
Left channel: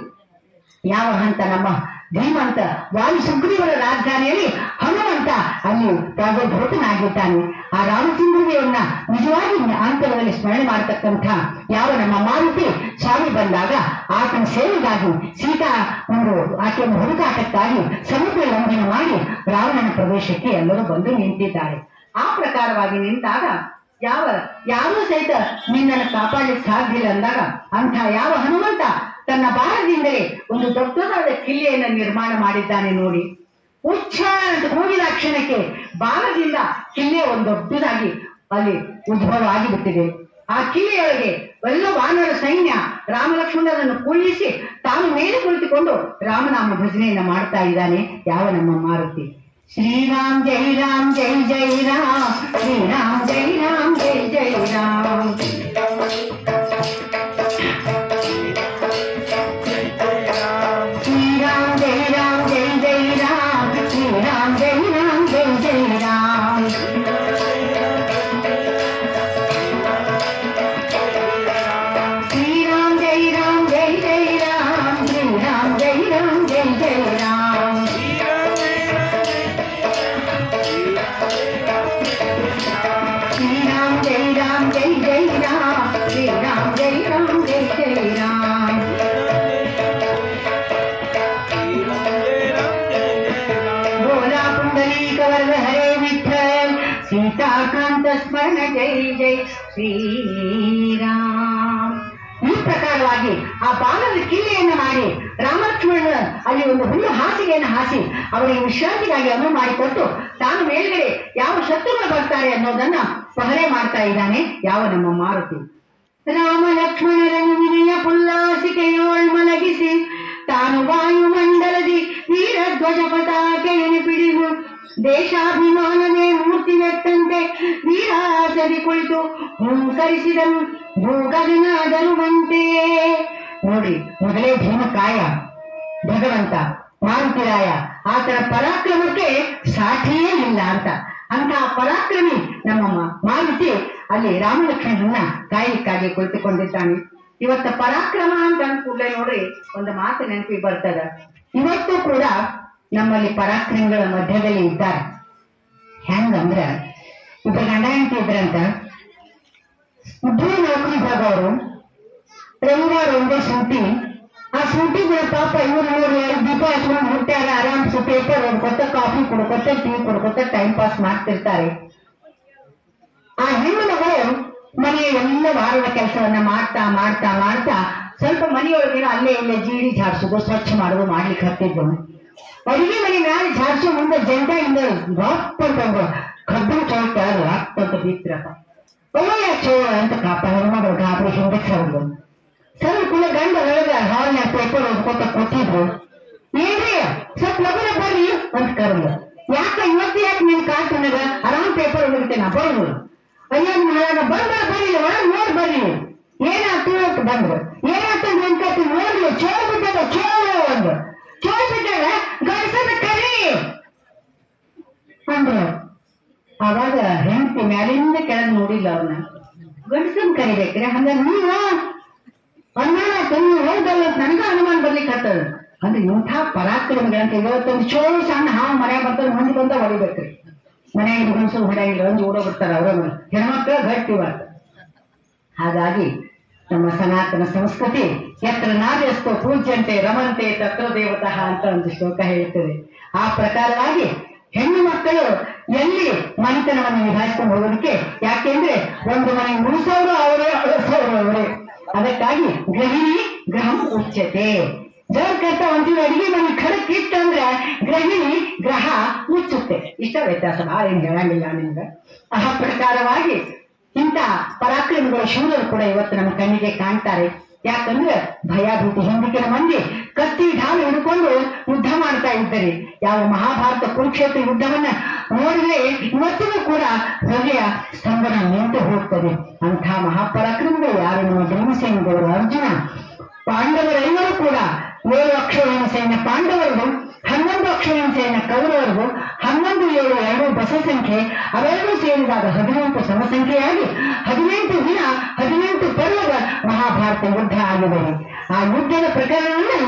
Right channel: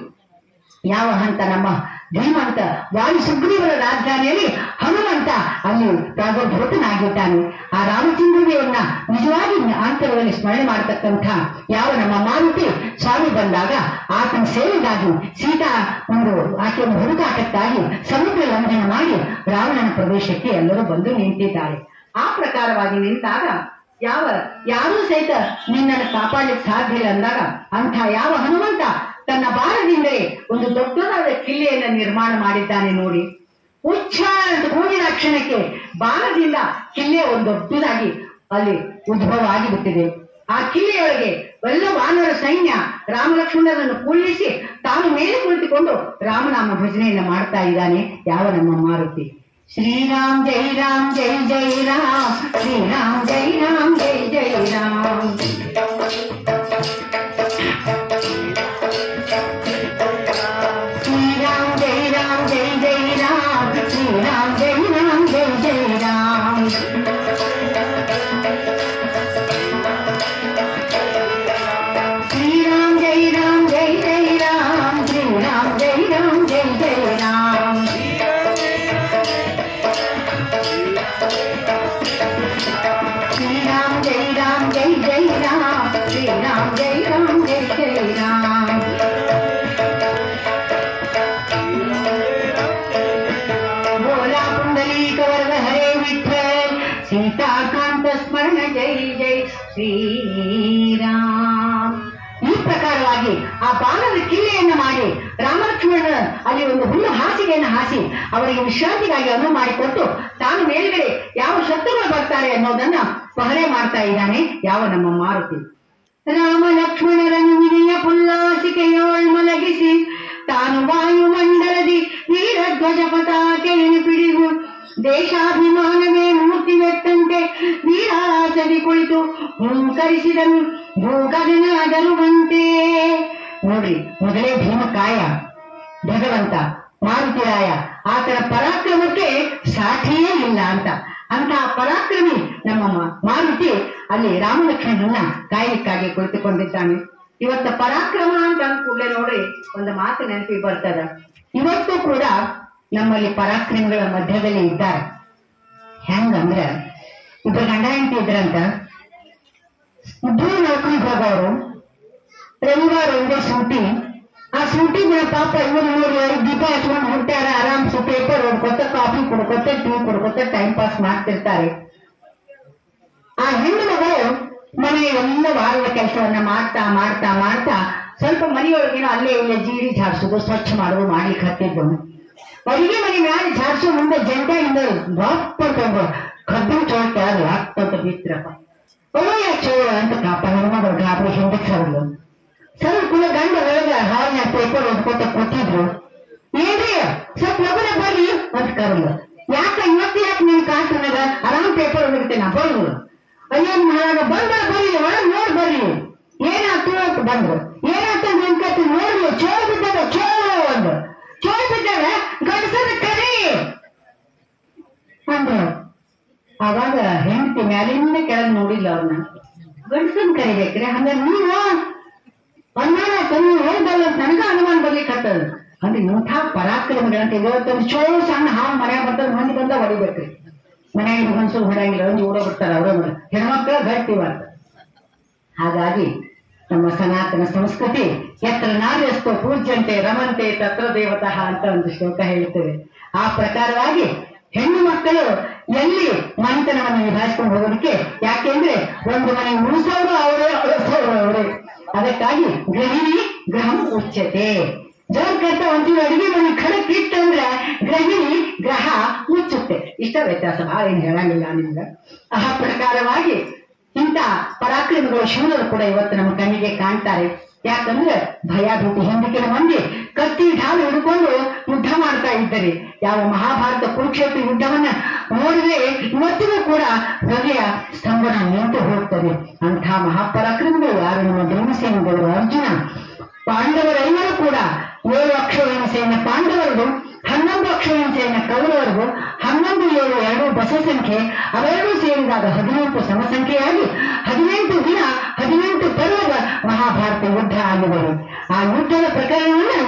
ಯಾವ ಹಂತ ನಮ್ಮ ಧೀಮಂತ ವಾಯು ಸುಗ್ರೀವರ ರಾಜಧಾನಿಯಲ್ಲಿ ಹನುಮಂತ ಅಲ್ಲಿ ಪ್ರಾದುರ್ಭೂತನಾಗಿದ್ದಾನೆ. ಆ ರಾಮಚಂದ್ರನಿಯನ್ನ ನಿಜವಾಗಿ ಅಂತರದಲ್ಲಿ ಸ್ಮರಣೆ ಮಾಡತಕ್ಕಂಥ ಯಾವ ನಮ್ಮ ಮಾರುತಿ ಸ್ವಾಮಿ ಬಂದಾಗ ಆತನ ಸೇವೆಗಾಗಿ ಸೀತಾ ಆಕೆಯನ್ನು ಹುಡುಕಾಟಕ್ಕಾಗಿ ಸಮುದ್ರ ಲಂಘನ ಮಾಡಿ ರಾವಣನ ಪ್ರದೇಶಕ್ಕೆ ಎಲ್ಲರೂ ಬಂದು ನಿಂತಿದ್ದಾರೆ. ಆ ಪ್ರಕಾರವಾಗಿ ನಿಂತಾಗ ಯಾರೂ ಸಹಿತ ನಿನ್ನನ್ನು ಕಾಪಾಡಲಿಕ್ಕೆ ಸಾಧ್ಯ ಇಲ್ಲ ಅಂದಾಗ ಅಂಥ ಯಾವ ಹನುಮಂತ ತನ್ನ ಬಾಣದಿಂದಲೇ ಒಂದು ದೊಡ್ಡದಾದ ಕಿಲ್ಲೆಯನ್ನು ನಿರ್ಮಾಣ ಮಾಡಿದ್ದಾನೆ ನೋಡಿ. ಉಚ್ಚಾರ ಅಂತ ಕೂಗಿದ ಕ್ಷಣಕ್ಕೆ ಬಾಣದಿಂದ ಕಿಲ್ಲೆ ಒಂದು ದೊಡ್ಡದಾಗಿ ಅಲ್ಲಿ ಉದ್ಭವ ಆಗಿಬಿಟ್ಟಿದೆ. ಆ ಕಿಲ್ಲೆಯೊಳಗೆ ಎಲ್ಲ ವಾನರ ಸೈನ್ಯ ರಾಮಲಕ್ಷ್ಮಣರನ್ನು ಕುಳ್ಳಿಸಿ ತಾನು ಮೇಲೆ ಕುಳಿತುಕೊಂಡು ರಾಮನಾಮ ಭಜನೆಯನ್ನ ಮಾಡ್ತಾ ಇದ್ದಾನೆ ಯಾವ ನಮ್ಮ ಮಾರುತಿ. ಶ್ರೀರಾಮ್ ಜೈ ರಾಮ್ ಜೈ ಜೈ ರಾಮ್, ಶ್ರೀರಾಮ್ ಜೈ ರಾಮ್ ಜೈ ಜೈ ರಾಮ್. ಶ್ರೀರಾಮ್ ಜೈ ರಾಮ್ ಜೈ ಜೈ ರಾಮ್, ಶ್ರೀರಾಮ್ ಜೈ ರಾಮ್ ಜೈ ಜೈ ರಾಮ್. ಶ್ರೀರಾಮ್ ಜೈ ರಾಮ್ ಜೈ ಜೈ ರಾಮ್, ಶ್ರೀರಾಮ್ ಜೈ ರಾಮ್ ಜೈ ಜೈ ರಾಮ್. श्रीराम जय राम जय जय राम, श्रीराम जय राम जय जय राम. बोला पुंडलीक वरद हरे विठ्ठल, सीताकांत स्मरण जय जय ಶ್ರೀರಾಮ್. ಈ ಪ್ರಕಾರವಾಗಿ ಆ ಬಾಣದ ಕಿಲ್ಲೆಯನ್ನು ಮಾಡಿ ರಾಮಲಕ್ಷ್ಮಣ ಅಲ್ಲಿ ಒಂದು ಹುಲ್ಲು ಹಾಸಿಗೆಯನ್ನು ಹಾಸಿ ಅವರಿಗೆ ವಿಶ್ರಾಂತಿಗಾಗಿ ಅನುವು ಮಾಡಿಕೊಟ್ಟು ತಾನು ಮೇಲ್ಗಡೆ ಯಾವ ಶತ್ರುಗಳು ಬರ್ತಾರೆ ಅನ್ನೋದನ್ನ ಪಹರೆ ಮಾಡ್ತಾ ಇದ್ದಾನೆ ಯಾವ ನಮ್ಮ ಮಾರುತಿ. ರಾಮ ಲಕ್ಷ್ಮಣರನ್ನು ವಿನಯ ಪುಲ್ಲಾಸಿಕೆಯೋಳ್ ಮಲಗಿಸಿ ತಾನು ವಾಯುಮಂಡಲದಿ ವೀರಧ್ವಜ ಪತಾಕೆಯನ್ನು ಪಿಡಿದು ದೇಶಾಭಿಮಾನವೇ ಮೂರ್ತಿವೆತ್ತಂತೆ ವೀರಾಸದಿ ಕುಳಿತು ಹುಂಕರಿಸಿದರು ಭೂಗಗನಾದರುವಂತೆ. ನೋಡಿ, ಮೊದಲೇ ಭೀಮಕಾಯ ಭಗವಂತ ಮಾರುತಿರಾಯ ಆತನ ಪರಾಕ್ರಮಕ್ಕೆ ಸಾಠಿಯೇ ಇಲ್ಲ ಅಂತ ಅಂತಹ ಪರಾಕ್ರಮಿ ನಮ್ಮ ಮಾರುತಿ ಅಲ್ಲಿ ರಾಮಲಕ್ಷ್ಮಣರನ್ನ ಕಾಯಲಿಕ್ಕಾಗಿ ಕುಳಿತುಕೊಂಡಿದ್ದಾನೆ. ಇವತ್ತ ಪರಾಕ್ರಮ ಅಂತ ಅಂದ್ಕೂಡ್ಲೆ ನೋಡಿ ಒಂದು ಮಾತು ನೆನಪಿಗೆ ಬರ್ತದ. ಇವತ್ತು ಕೂಡ ನಮ್ಮಲ್ಲಿ ಪರಾಕ್ರಮಿಗಳ ಮಧ್ಯದಲ್ಲಿ ಇದ್ದಾರೆ. ಹೆಂಗಂದ್ರ ಇಬ್ಬರು ಗಂಡ ಹೆಂಡತಿ ಇದ್ರಂತ, ಇಬ್ಬರು ನೌಕರಿಗೆ ಹೋಗೋರು, ರವಿವಾರ ಒಂದೇ ಸೂಟಿ. ಆ ಸೂಟಿ ದಿನ ಪಾಪ ಇವರು ದೀಪ ಹಚ್ಕೊಂಡು ಹುಟ್ಟ್ಯಾರ, ಆರಾಮ್ಸು ಪೇಪರ್ ಓದ್ಕೊತ ಕಾಫಿ ಕುಡ್ಕೊತ ಟೀ ಕುಡ್ಕೊತ ಟೈಮ್ ಪಾಸ್ ಮಾಡ್ತಿರ್ತಾರೆ. ಆ ಹೆಣ್ಣು ಮಗಳು ಮನೆಯ ಎಲ್ಲ ವಾರದ ಕೆಲಸವನ್ನ ಮಾಡ್ತಾ ಮಾಡ್ತಾ ಮಾಡ್ತಾ ಸ್ವಲ್ಪ ಮನೆಯೊಳಗಿನ ಅಲ್ಲೇ ಇಲ್ಲೇ ಜೀಡಿ ಝಾಡ್ಸೋದು ಸ್ವಚ್ಛ ಮಾಡೋದು ಮಾಡ್ಲಿಕ್ಕೆ ಹತ್ತಿದ್ದು. ಅಡಿಗೆ ಮನೆ ಮ್ಯಾಲೆ ಝಾಡ್ಸೋ ಮುಂದೆ ಜಂಟಿಯಿಂದ ಬಾಪಡ್ಕೊಂಡು ಕಬ್ಬಿನ ಚೋಳ್ತಾರು ಆಗ್ತಂತ ಬಿತ್ರಪ್ಪ ಒಳ್ಳೆಯ ಚೋಳ ಅಂತ ಕಾಪ ಹೆಣ್ಮಗಳು ಗಾಬರಿ ಹಿಂದಕ್ಕೆ ಸರಲು ಸರ್ ಕೂಡ ಗಂಡ ಒಳಗ ಹಾಲಿನ ಪೇಪರ್ ಓದ್ಕೊತ ಕೊಟ್ಟಿದ್ರು. ಏನ್ರಿ ಸ್ವಲ್ಪ ಲಗುನ ಬರ್ರಿ ಅಂತ ಕರಲು. ಯಾಕ ಇವತ್ತು ಯಾಕೆ ನೀನ್ ಕಾಟುನಾಗ ಆರಾಮ್ ಪೇಪರ್ ಓದಿರ್ತೇನೆ ಬರ್ರು. ಅಯ್ಯೋ ಮಹಾರಾಗ ಬಂದ ಬರ್ರಿ ಒಳಗ್ ನೋಡ್ ಬರ್ರಿ ಏನಾಯ್ತು ಅಂತ ಬಂದ್ರು. ಏನಾಯ್ತು ನಿನ್ ಕತ್ತಿ ನೋಡ್ರಿ ಚೋಳ ಬಿಟ್ಟಾಗ ಚೋಳ ಒಂದು ಚೋಳ ಬಿಟ್ಟಾಗ ಗಂಡಸದ ಕರಿ ಅಂದ್ರು. ಅವಾಗ ಹೆಂಡತಿ ಮ್ಯಾಲಿಂದ ಕೆಳಗ್ ನೋಡಿಲ್ಲ ಅವ್ರನ್ನ. ಗಂಡಸನ್ ಕರಿಬೇಕ್ರೆ ಹಂಗಾರೆ ನೀವು ಅನುಮಾನ ತಂದು ಹೋದಲ್ಲ ಅಂತ ನನಗ ಅನುಮಾನ ಬರ್ಲಿಕ್ಕೆ ಹತ್ತದ ಅಂದ್ರೆ ಇಂಥ ಪರಾಕ್ರಮಗಳಂತ ಇವತ್ತೊಂದು ಚೋಳು ಸಣ್ಣ ಹಾವು ಮನ್ಯಾಗ ಬರ್ತಾರೆ ಮಂದಿ ಬಂದ ಹೊಡಿಬೇಕ್ರಿ. ಮನ್ಯಾಗ ಗಂಡಸರು ಹೊಡೆಯಂಗಿಲ್ಲ ಒಂದು ಓಡೋ ಬಿಡ್ತಾರ ಅವ್ರ ಹೆಣ್ಮಕ್ಳ ಗಟ್ಟಿವಾರ್ತ. ಹಾಗಾಗಿ ನಮ್ಮ ಸನಾತನ ಸಂಸ್ಕೃತಿ ಎತ್ತರ ನಾರ್ಯಸ್ತೋ ಪೂಜ್ಯಂತೆ ರಮಂತೆ ತತ್ರ ದೇವತಃ ಅಂತ ಒಂದು ಶ್ಲೋಕ ಹೇಳ್ತದೆ. ಆ ಪ್ರಕಾರವಾಗಿ ಹೆಣ್ಣು ಮಕ್ಕಳು ಎಲ್ಲಿ ಮನೆತನವನ್ನು ನಿಭಾಯಿಸ್ಕೊಂಡು ಹೋಗೋದಕ್ಕೆ, ಯಾಕೆಂದ್ರೆ ಒಂದು ಮನೆ ಉಳಿಸೋರು ಅವರೇ ಅಳಿಸೋರು ಅವರೇ. ಅದಕ್ಕಾಗಿ ಗೃಹಿಣಿ ಗ್ರಹಂ ಉಚ್ಯತೆ. ಜೋರ್ಕರ್ತ ಒಂದಿನ ಅಡಿಗೆ ಮನೆ ಖಡಕ್ ಇಟ್ಟಂದ್ರೆ ಗೃಹಿಣಿ ಗ್ರಹ ಮುಚ್ಚುತ್ತೆ. ಇಷ್ಟ ವ್ಯತ್ಯಾಸ ಭಾಳ ಏನ್ ಹೇಳಂಗಿಲ್ಲ ನಿಮ್ಗೆ. ಆ ಪ್ರಕಾರವಾಗಿ ಇಂಥ ಪರಾಕ್ರಮಿಗಳು ಶೂರರು ಕೂಡ ಇವತ್ತು ನಮ್ಮ ಕಣ್ಣಿಗೆ ಕಾಣ್ತಾರೆ. ಯಾಕಂದ್ರೆ ಭಯಾಭೀತಿ ಹಿಂದಿನ ಮಂದಿ ಕತ್ತಿ ಢಾಲು ಹಿಡ್ಕೊಂಡು ಯುದ್ಧ ಮಾಡ್ತಾ ಇದ್ದಾರೆ. ಯಾವ ಮಹಾಭಾರತ ಕುರುಕ್ಷೇತ್ರ ಯುದ್ಧವನ್ನ ನೋಡಿದ್ರೆ ಇವತ್ತಿಗೂ ಕೂಡ ಹೃದಯ ಸ್ತಂಭನ ನಿಂತು ಹೋಗ್ತದೆ. ಅಂಥ ಮಹಾಪರಾಕ್ರಮಿಗಳು ಯಾರು ನಮ್ಮ ಭೀಮಸೇನದೇವರು, ಅರ್ಜುನ, ಪಾಂಡವರೆಲ್ಲರೂ ಕೂಡ 7 ಅಕ್ಷೋಹಿಣಿ ಸೈನ್ಯ ಪಾಂಡವರಿಗೂ, 11 ಅಕ್ಷೋಹಿಣಿ ಸೈನ್ಯ ಕೌರವರಿಗೂ, 11, 7, 2 ಬಸ ಸಂಖ್ಯೆ ಅವೆರಡೂ ಸೇರಿದಾಗ 18 ಸಮಸಂಖ್ಯೆಯಾಗಿ 18 ದಿನ 18 ಪರ್ವದ ಮಹಾಭಾರತ ಯುದ್ಧ ಆಗಿದೆ. ಆ ಯುದ್ಧದ ಪ್ರಕರಣವನ್ನು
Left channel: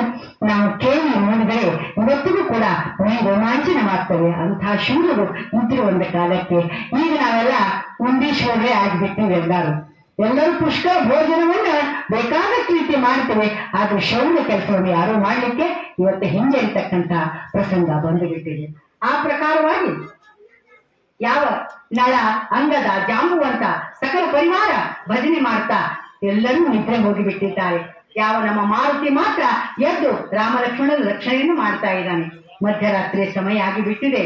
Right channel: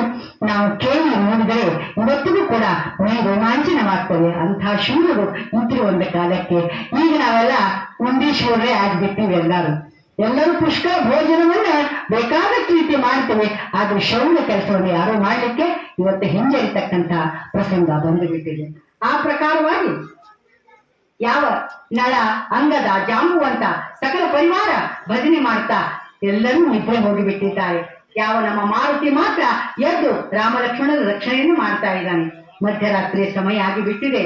ನಾವು ಕೇಳಿ ನೋಡಿದರೆ ಇವತ್ತು ಕೂಡ ಮೈ ರೋಮಾಂಚನವಾಗ್ತವೆ. ಅಂತಹ ಶೂರರು ಇದ್ರು ಒಂದು ಕಾಲಕ್ಕೆ. ಈಗ ನಾವೆಲ್ಲ ಉಂಡೀಶ್ವರರೇ ಆಗ್ಬಿಟ್ಟಿವಿ. ಎಲ್ಲರೂ ಪುಷ್ಕರ ಭೋಜನವನ್ನ ಬೇಕಾದಷ್ಟು ರೀತಿ ಮಾಡ್ತೇವೆ. ಆದ್ರೆ ಶೌರ್ಯ ಕೆಲಸವನ್ನು ಯಾರು ಮಾಡ್ಲಿಕ್ಕೆ ಇವತ್ತು ಹಿಂಜರಿತಕ್ಕಂಥ ಪ್ರಸಂಗ ಬಂದು ಬಿಟ್ಟಿದೆ. ಆ ಪ್ರಕಾರವಾಗಿ ಯಾವ ನಳ, ಅಂಗದ, ಜಾಂಬುವಂತ ಸಕಲ ಪರಿವಾರ ಭಜನೆ ಮಾಡ್ತಾ ಎಲ್ಲರೂ ನಿದ್ರೆ ಹೋಗಿಬಿಟ್ಟಿದ್ದಾರೆ. ಯಾವ ನಮ್ಮ ಮಾರುತಿ ಮಾತ್ರ ಎದ್ದು ರಾಮ ಲಕ್ಷ್ಮಣರ ರಕ್ಷಣೆಯನ್ನು ಮಾಡ್ತಾ ಇದ್ದಾನೆ. ಮಧ್ಯರಾತ್ರಿ ಸಮಯ ಆಗಿಬಿಟ್ಟಿದೆ.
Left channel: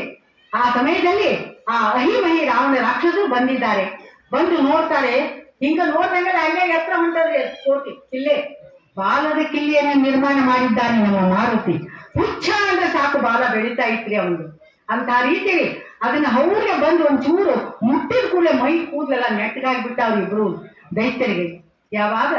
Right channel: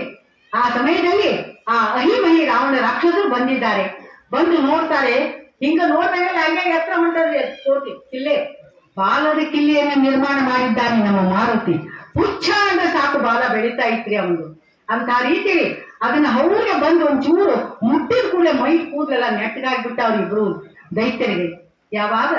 ಆ ಸಮಯದಲ್ಲಿ ಆ ಅಹಿಮಹಿ ರಾವಣ ರಾಕ್ಷಸರು ಬಂದಿದ್ದಾರೆ. ಬಂದು ನೋಡ್ತಾರೆ. ಹಿಂಗ ನೋಡಿದಾಗ ಅಲ್ಲೇ ಎತ್ತರ ಹೊಂಟದ್ರಿ ಕೋಟಿ ಕಿಲ್ಲೆ, ಬಾಲದ ಕಿಲ್ಲೆಯನ್ನು ನಿರ್ಮಾಣ ಮಾಡಿದ್ದಾನೆ ನಮ್ಮ ಮಾರುತಿ. ಹುಚ್ಚ ಅಂದ್ರೆ ಸಾಕು, ಬಾಲ ಬೆಳೀತಾ ಇತ್ರಿ ಅವನು. ಅಂತ ರೀತಿಯಲ್ಲಿ ಅದನ್ನ ಹೌಗೆ ಬಂದು ಒಂಚೂರು ಮುಟ್ಟಿದ ಕೂಡಲೇ ಮೈ ಕೂದಲೆಲ್ಲ ನೆಟ್ಟಗಾಗ್ಬಿಟ್ಟ ಅವ್ರಿಬ್ರು ದೈತ್ಯರಿಗೆ. ಯಾವಾಗ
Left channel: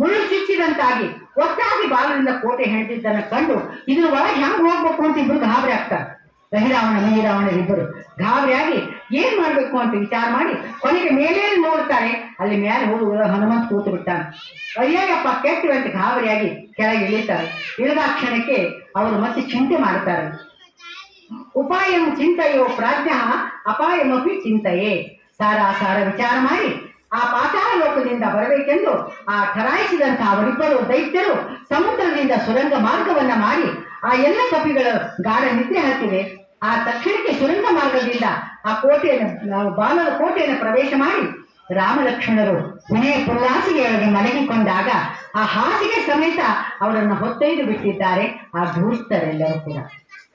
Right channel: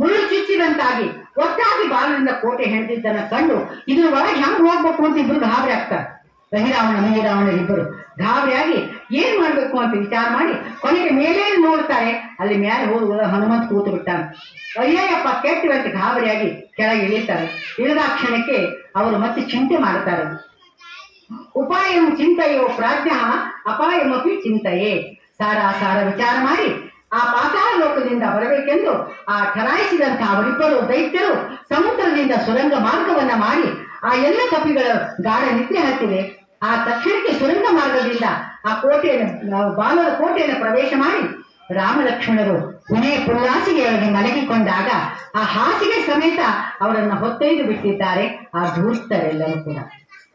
ಮುಳ್ಳು ಚುಚ್ಚಿದಂತಾಗಿ ಒಟ್ಟಾಗಿ ಬಾಲದಿಂದ ಕೋಟೆ ಹೆಣೆದಿದ್ದನ್ನ ಕಂಡು ಇದ್ರ ಒಳಗೆ ಹೆಂಗ್ ಹೋಗ್ಬೇಕು ಅಂತ ಇಬ್ರು ಗಾಬರಿ ಆಗ್ತಾರೆ. ರಹಿರಾವಣ ಮಹಿರಾವಣರಿಬ್ಬರು ಗಾಬರಿಯಾಗಿ ಏನ್ ಮಾಡ್ಬೇಕು ಅಂತ ವಿಚಾರ ಮಾಡಿ ಕೊನೆಗೆ ಮೇಲೆ ನೋಡ್ತಾರೆ. ಅಲ್ಲಿ ಮೇಲೆ ಹೋಗಿ ಹನುಮಂತ ಕೂತು ಬಿಟ್ಟಾನೆ. ಅಯ್ಯಪ್ಪ ಕೆಟ್ಟಿವಂತ ಗಾಬರಿಯಾಗಿ ಕೆಳಗೆ ಇಳಿತಾರೆ. ಇಳಿದ ಕ್ಷಣಕ್ಕೆ ಅವರು ಮತ್ತೆ ಚಿಂತೆ ಮಾಡ್ತಾರೆ. ಉಪಾಯಂ ಚಿಂತೆಯೋ ಪ್ರಾಜ್ಞ ಅಪಾಯಮಪಿ ಚಿಂತೆಯೇ. ಸಾರ ವಿಚಾರ ಮಾಡಿ ಆ ಪಾತಾಳ ಲೋಕದಿಂದ ಬರಬೇಕೆಂದು ಆ ಠರಾಯಿಸಿದಂತಹ ಅವರಿಬ್ಬರು ದೈತ್ಯರು ಸಮುದ್ರದಿಂದ ಸುರಂಗ ಮಾರ್ಗವನ್ನ ಮಾಡಿ ಆ ಎಲ್ಲ ಕಪಿಗಳ ಗಾಢ ನಿದ್ರೆ ಹತ್ತಿದೆ. ಆ ತಕ್ಷಣಕ್ಕೆ ಸುರಂಗ ಮಾರ್ಗದಿಂದ ಆ ಕೋಟೆಯನ್ನು, ಬಾಲದ ಕೋಟೆಯನ್ನು ಪ್ರವೇಶ ಮಾಡಿ ರಾಮ ಲಕ್ಷ್ಮಣರು ಪುಣೆ ಪುಲ್ಲಾಸಿಗೆಯೊಳಗೆ ಮಲಗಿಕೊಂಡಾಗ ಆ ಹಾಸಿಗೆ ಸಮೇತ ಅವರನ್ನು ಹೊತ್ತೊಯ್ದು ಬಿಟ್ಟಿದ್ದಾರೆ ಆ ಧೂರ್ತರೆಲ್ಲರೂ ಕೂಡ.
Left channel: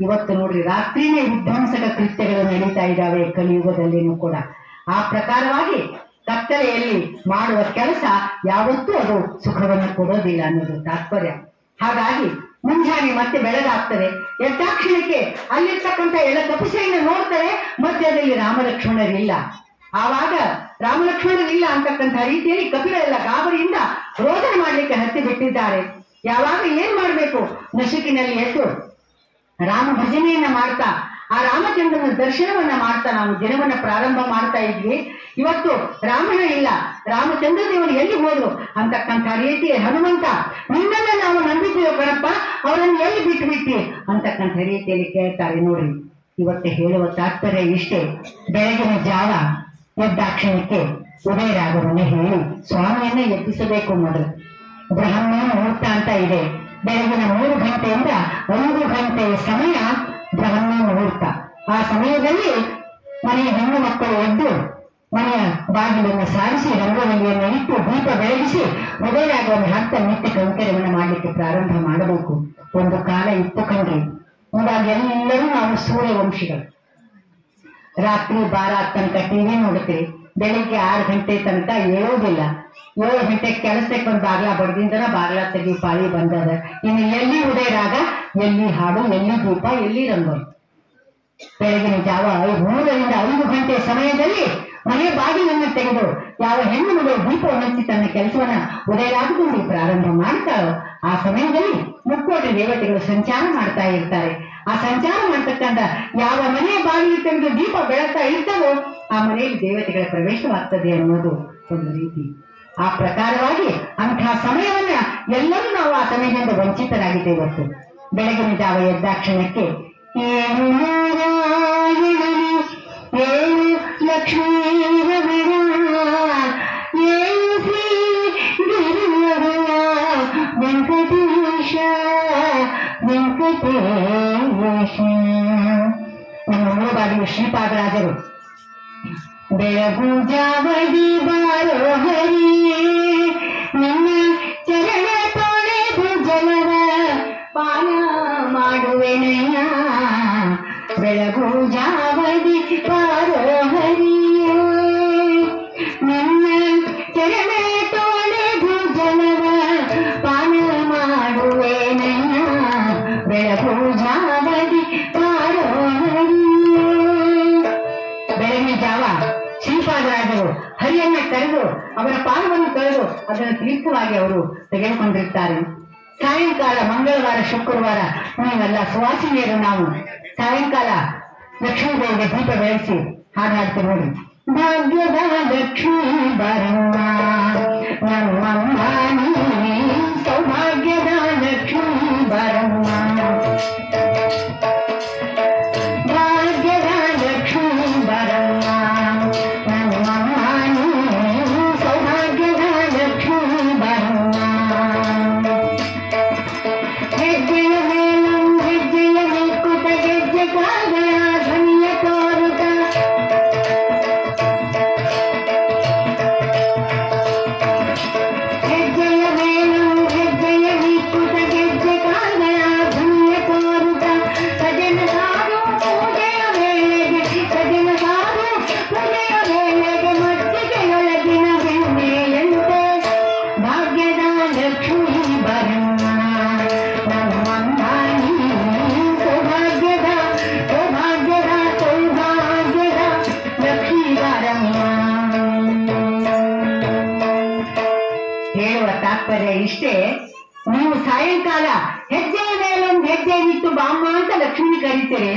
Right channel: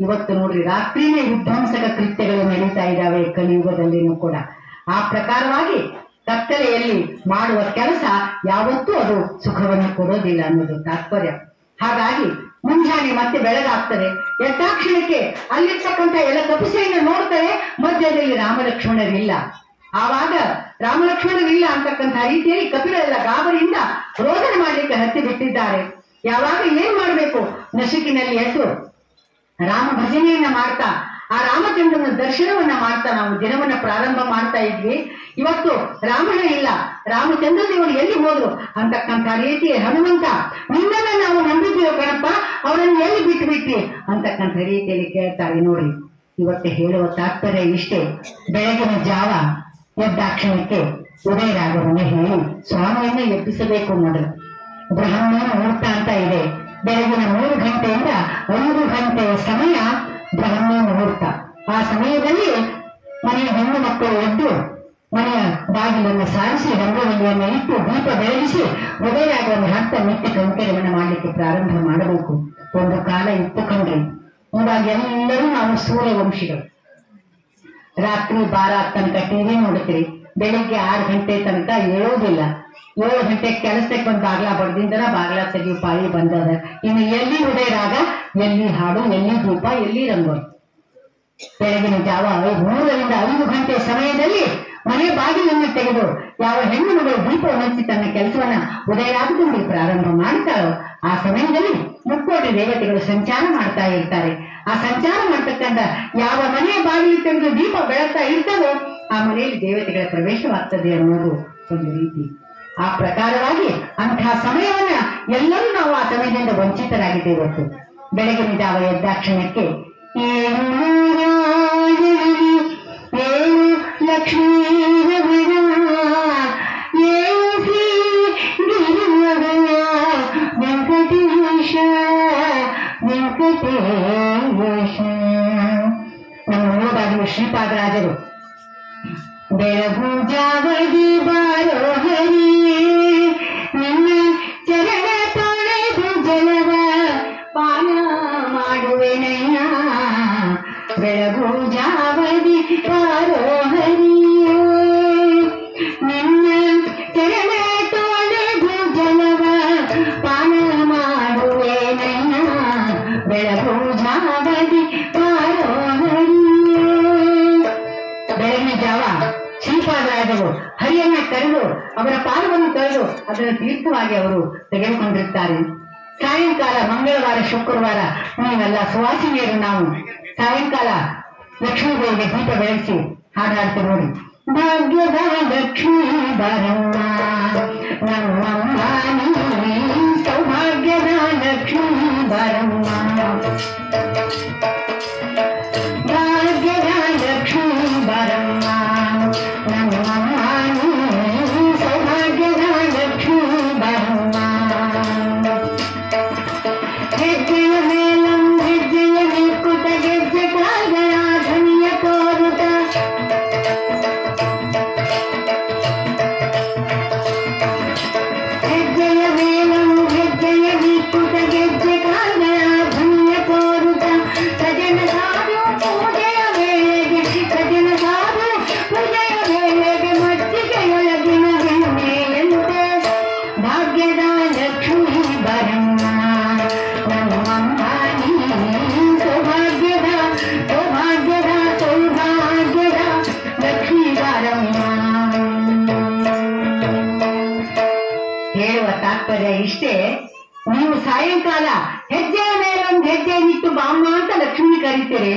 ಇವತ್ತು ನೋಡ್ರಿ, ರಾತ್ರಿನೇ ವಿಧ್ವಂಸಕ ಕೃತ್ಯಗಳು ನಡೀತಾ ಇದ್ದಾವೆ ಕಲಿಯುಗದಲ್ಲಿನೂ ಕೂಡ. ಆ ಪ್ರಕಾರವಾಗಿ ಕತ್ತಲೆಯಲ್ಲಿ ಮಾಡುವ ಕೆಲಸ ಯಾವತ್ತೂ ಅದು ಸುಖವನ್ನು ಕೊಡೋದಿಲ್ಲ ಅನ್ನೋದು ತಾತ್ಪರ್ಯ. ಹಾಗಾಗಿ ಮುಂಜಾನೆ ಮತ್ತೆ ಬೆಳಗಾಗ್ತದೆ. ಎದ್ದಾಕ್ಷಣಕ್ಕೆ ಅಲ್ಲಿರ್ತಕ್ಕಂಥ ಎಲ್ಲ ಕಪಿಸೆಯನ್ನು ನೋಡ್ತಾರೆ. ಮಧ್ಯದಲ್ಲಿ ರಾಮಲಕ್ಷ್ಮಣರಿಲ್ಲ. ಆವಾಗ ರಾಮಲಕ್ಷ್ಮಣರಿಲ್ಲ ಅಂತಕ್ಕಂಥ ರೀತಿಯಲ್ಲಿ ಕಪಿಗಳೆಲ್ಲ ಗಾಬರಿಯಿಂದ ರೋದನೆ ಮಾಡ್ಲಿಕ್ಕೆ ಹತ್ತಿ ಬಿಟ್ಟಿದ್ದಾರೆ. ಯಾವಾಗ ಏನ್ ಮಾಡ್ಬೇಕು, ನಸುಕಿನಲ್ಲಿ ಎದ್ದು ರಾಮ ಭಜನೆಯನ್ನ ಮಾಡ್ತಾ ಆ ರಾಮಚಂದ್ರನ ದರ್ಶನವನ್ನ ಮಾಡ್ತಾ ನಾವು ದಿನವನ್ನ ಪ್ರಾರಂಭ ಮಾಡ್ತಾ ಇದ್ವಿ. ಇವತ್ತು ರಾಮನ ಇಲ್ಲ, ರಾಮಚಂದ್ರ ದೇವರು ಎಲ್ಲಿ ಹೋದ್ರು ಅಂತಕ್ಕಂಥ ರೀತಿ ಹನುಮಂತ ನಿನ್ನನ್ನ ನಾವು ನಂಬಿದ್ದೇವೆ ಕಣಪ್ಪ, ಅವರನ್ನು ಎಲ್ಲಿ ಬಿಟ್ಟು ಬಿಟ್ಟಿ ಅಂತಕ್ಕಂಥ ರೀತಿಯಲ್ಲಿ ಕೇಳ್ತಾರೆ. ನೋಡಿ, ಇವತ್ತು ಹೇಳುವ ತಾತ್ಪರ್ಯ ಇಷ್ಟೇ. ಬೆಳಗಿನ ಜಾವ ಎದ್ದಾಕ್ಷಣಕ್ಕೆ ಉದಯರಾಗವನ್ನ ಹೇಳಿ ಸ್ವಾಮಿಯನ್ನ ಎಬ್ಬಿಸಬೇಕು. ನೋಡ್ರಿ, ಬ್ರಹ್ಮ ಮುಹೂರ್ತ ಅಂತ ಇದೆ. ಬೆಳಗಿನ 3 ಗಂಟೆಯಿಂದ 5 ಗಂಟೆ ಸಮಯ ಬ್ರಹ್ಮ ಮುಹೂರ್ತ. ಆ ಸಮಯದಲ್ಲಿ ಮನೆಯ ಹೆಣ್ಣು ಮಕ್ಕಳು ಎದ್ದು ಮನೆಯ ಬಾಗಿಲನ್ನು ಸಾರಿಸಿ ರಂಗವಲ್ಲಿಯನ್ನು ಇಟ್ಟು ದೀಪ ಬೆಳಗಿಸಿ ಉದಯರಾಗವನ್ನು ಹತ್ತ ನಿತ್ಯ ಕೈಂಕರ್ಯವನ್ನು ಮಾಡಲಿಕ್ಕೆ ಪ್ರಾರಂಭ ಮಾಡಬೇಕು. ಒಂದು ಕಾಲ ಇತ್ತು ಕಣ್ರಿ. ಇವಾಗ ಎಲ್ಲರೂ ನಾವು ಸೂರ್ಯವಂಶಿಗಳು. ರಾತ್ರಿ 12 ತನಕ ಟಿವಿ ನೋಡ್ತೀರಿ. ಬೆಳಿಗ್ಗೆ 6 ಗಂಟೆ ತನಕ ಏಳೋದಿಲ್ಲ. 7 ಗಂಟೆ ಕೆಲಸಕ್ಕೆ ಒಂದು ಬಾಗ್ಲ ಬಡ್ದಿಂದನ ಬಾಗ್ಲ ತೆಗಿ ಪಾಳಿ ಬಂದದ. ಇನ್ನು ಎಲ್ಲಿ ಉದಯರಾಗ, ಎಲ್ಲಿ ಹಾಡು, ಎಲ್ಲಿ ದೀಪ, ಎಲ್ಲಿ ರಂಗೋಲಿ. ಬೆಳಗಿನ ಜಾವ 3 ರಿಂದ 5 ಗಂಟೆ ಸಮಯದಲ್ಲಿ ಮನೆ ಬಾಗಿಲನ್ನು ತೆಗೆದು ಯಾವ ಹೆಣ್ಣು ಮಗಳು ದೀಪವನ್ನು ಹಚ್ಚಿ ತನ್ನ ಕೆಲಸವನ್ನ ಉದಯರಾಗದಲ್ಲಿ ಪ್ರಾರಂಭ ಮಾಡ್ತಾರೋ ಆ ಸಮಯದಲ್ಲಿ ಮುಕ್ಕೋಟಿ ದೇವತೆಗಳು ಸಂಚಾರ ಮಾಡ್ತಾ ಇರ್ತಾರೆ. ಆ ಸಂಚಾರ ಮಾಡ್ತಕ್ಕಂಥ ಯಾವ ಮನೆಯ ಬಾಗಿಲು ತೆಗೆದು ದೀಪ ಬೆಳಗ್ತಾ ಇರ್ತದೋ ಆ ಮನೆಯಲ್ಲಿ ದೇವತೆಗಳ ಪ್ರವೇಶವಾಗ್ತದೆ ಅನ್ನೋದು ಒಂದು ರೀತಿ. ಆ ಪ್ರಕಾರವಾಗಿ ಅಂತಹ ಸಮಯವನ್ನ ಎಲ್ಲರೂ ನಾವು ಆ ಸಮಯದಿಂದ ವಂಚಿತರಾಗಿದ್ದೇವೆ. ಇವತ್ತು ಬೆಳಗಿನ ಜಾವ ಎದ್ದಾಕ್ಷಣಕ್ಕೆ ಏನು ಲಕ್ಷ್ಮೀ ಏನು ಶ್ರೀ ವೆಂಕಟೇಶ ವೆಂಕಟೇಶ. ನಮ್ಮ ಮೂಲಭಾಗಿ ಶ್ರೀಪಾದರಾಜರು ಬೆಳಗು ಜಾವದಿ ಬಾರೋ ಹರಿ ನಿನ್ನ ಚರಣ ತೊಳೆದು ಜಲವ ಪಾನ ಮಾಡುವೆನಯ್ಯ. ಬೆಳಗು ಜಾವದಿ ಬಾರೋ ಹರಿ ನಿನ್ನ ಚರಣ ತೊಳೆದು ಜಲವ ಪಾನ ಮಾಡುವೆನಯ್ಯ. ಬೆಳಗು ಜಾವದಿ ಬಾರೋ ಹರಿ. ಬೆಳಗಿನ ಜಾವ ಶ್ರೀಪಾದರಾಜರು ಹರಿಯನ್ನ ಕರೆದು ಅವರ ಪಾದವನ್ನು ಕರೆದು ಅದನ್ನು ತೀರ್ಥವಾಗಿ ಅವರು ತೆಗೆದುಕೊಂಡಿರ್ತಾರೆ. ಸಾಯಂಕಾಲ ಮಂಗಳವಾರ ಶುಕ್ರವಾರ ನೀವೆಲ್ಲ ಸುವಾಸಿನಿಯರು ನಾವು ಸಾಯಂಕಾಲ ಲಕ್ಷ್ಮೀದೇವಿಗೆ ದೀಪ ಬೆಳೆಸಿ ಹಾಡಾಡ್ತೀವಿ. ನೋಡಿ, ಭಾಗ್ಯದ ಲಕ್ಷ್ಮೀ ಬರಮ್ಮ ನಮ್ಮಮ್ಮ ನೀ ಸೌಭಾಗ್ಯದ ಲಕ್ಷ್ಮೀ ಬರಮ್ಮ. ಹೆಜ್ಜೆಯನ್ನಿಟ್ಟು ಬಾಮ್ಮ ಅಂತ ಲಕ್ಷ್ಮಿ ಕರೀತೀರಿ.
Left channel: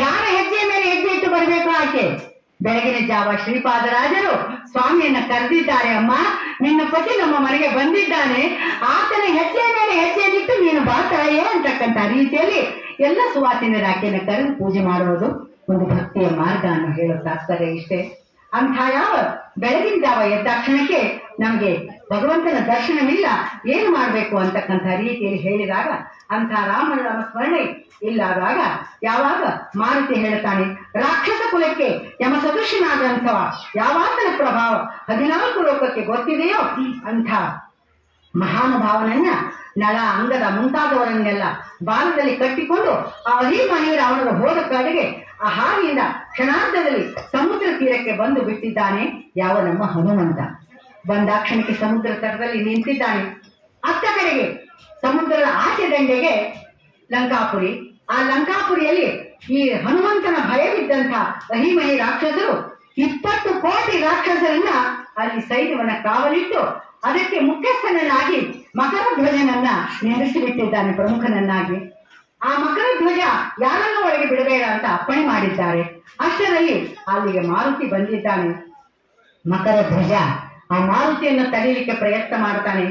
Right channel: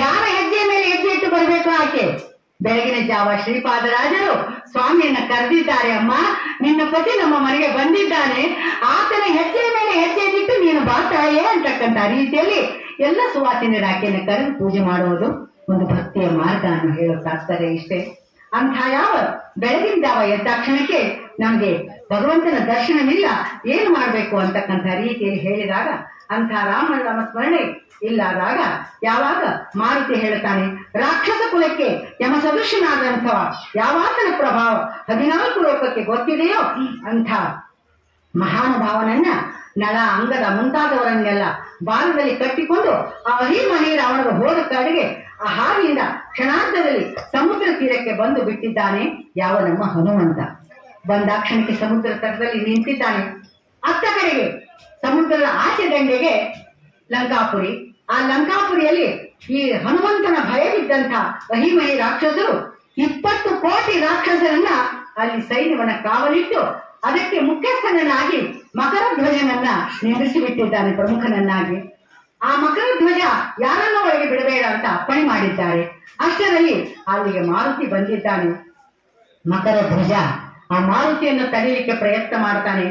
ಯಾರ ಹೆಜ್ಜೆ ಮೇಲೆ ಹೆಜ್ಜೆ ಇಟ್ಟು ಬರಬೇಕು ಆಕೆ? ಬೆಳಗಿನ ಜಾವ ಶ್ರೀಪಾದರಾಜರು ಸ್ವಾಮಿಯನ್ನ ಕರೆದಿದ್ದಾರೆ. ಅಮ್ಮ, ನಿನ್ನ ಪತಿ ನಮ್ಮ ಮನೆಗೆ ಬಂದಿದ್ದಾನೆ, ಆತನ ಹೆಜ್ಜೆ ಮೇಲೆ ಹೆಜ್ಜೆ ಇಟ್ಟು ನೀನು ಬಾತಾಯೇ ಅಂತಕ್ಕಂಥ ರೀತಿಯಲ್ಲಿ ಎಲ್ಲ ಸುವಾಸಿನಿಯರ ಆಕೆಯನ್ನು ಕರೆದು ಪೂಜೆ ಮಾಡುವುದು ಒಂದು ಭಕ್ತಿಯ ಮಾರ್ಗ ಅನ್ನೋ ಹೇಳೋ ತಾತ್ಪರ್ಯ ಇಷ್ಟೇ. ಅಂಥ ಯಾವ ಬೆಳಗಿನ ಜಾವ ಎದ್ದಾಕ್ಷಣಕ್ಕೆ ನಮ್ಗೆ ಭಗವಂತನ ದರ್ಶನವಿಲ್ಲ, ಏನು ಮಾಡ್ಬೇಕು ಅಂತಕ್ಕಂಥ ರೀತಿಯಲ್ಲಿ ಹೇಳಿದಾಗ ಅಂಥ ರಾಮನಾಮ ಸ್ಮರಣೆ ಇಲ್ಲಾದಾಗ ಯಾವಾಗ ಮಾರುತಿ ಹೇಳ್ತಾನೆ, ರಾಕ್ಷಸ ಕುಲಕ್ಕೆ ಯಮ ಸದೃಶನಾದಂಥವ ಯಾವಾತನ ಪ್ರಭಾವ 14 ಲೋಕಕ್ಕೆ ಗೊತ್ತಿದೆಯೋ ಅಂಥ ಮಹಾನುಭಾವನನ್ನ ನಳ ಅಂಗದ ಮುಂತಾದವರನ್ನೆಲ್ಲ ಬಾಲದಲ್ಲಿ ಕಟ್ಟಿಕೊಂಡು ಆ ಅಹಿಮಹೀರ ಅವನಿಗೆ ಹೋದ ಕಡೆಗೆ ಆ ಹಾವಿಯಿಂದ ಕ್ಷಣಾರ್ಧದಲ್ಲಿ ಸಮುದ್ರ ತೀರಕ್ಕೆ ಬಂದು ಬಿಟ್ಟಿದ್ದಾನೆ ಯಾವ ನಮ್ಮ ಹನುಮಂತ. ಬಂದಾಕ್ಷಣಕ್ಕೆ ಸಮುದ್ರ ತಟದಲ್ಲಿ ನಿಂತಿದ್ದಾನೆ. ಅತ್ತ ಕಡೆಗೆ ಸಮುದ್ರದ ಆಚೆ ದಂಡೆಗೆ ಲಂಕಾಪುರಿ. ಆ ಲಂಕಾಪುರಿಯಲ್ಲಿ ಈ ಹನುಮಂತನ ಭಯವಿದ್ದಂಥ ಅಹಿಮಹಿ ರಾಕ್ಷಸರು 20 ಕೋಟಿ ರಾಕ್ಷಸರನ್ನ ಅಲ್ಲಿ ಸೈನ್ಯವನ್ನ ಕಾವಲಿಟ್ಟು ಅದಕ್ಕೆ ಮುಖ್ಯಸ್ಥನನ್ನಾಗಿ ಮಕರ ಧ್ವಜನನ್ನ ನಿಲ್ಲಿಸಿಬಿಟ್ಟಿದ್ದಾನೆ, ಪ್ರಮುಖನನ್ನಾಗಿ. ಆ ಮಕರ ಧ್ವಜ ಯಾರನ್ನ ಒಳಗೆ ಬಿಡಬೇಡ ಅಂತ ಅಪ್ಪಣೆ ಮಾಡಿದ್ದಾರೆ. ಅಷ್ಟರಲ್ಲಿ ಅಲ್ಲಿಗೆ ಮಾರುತಿ ಬಂದಿದ್ದಾನೆ. ಮಕರ ಧ್ವಜ ಆ ಮಾರುತಿಯನ್ನು ತಡೆಯಲಿಕ್ಕೆ ಪ್ರಯತ್ನ ಮಾಡ್ತಾನೆ.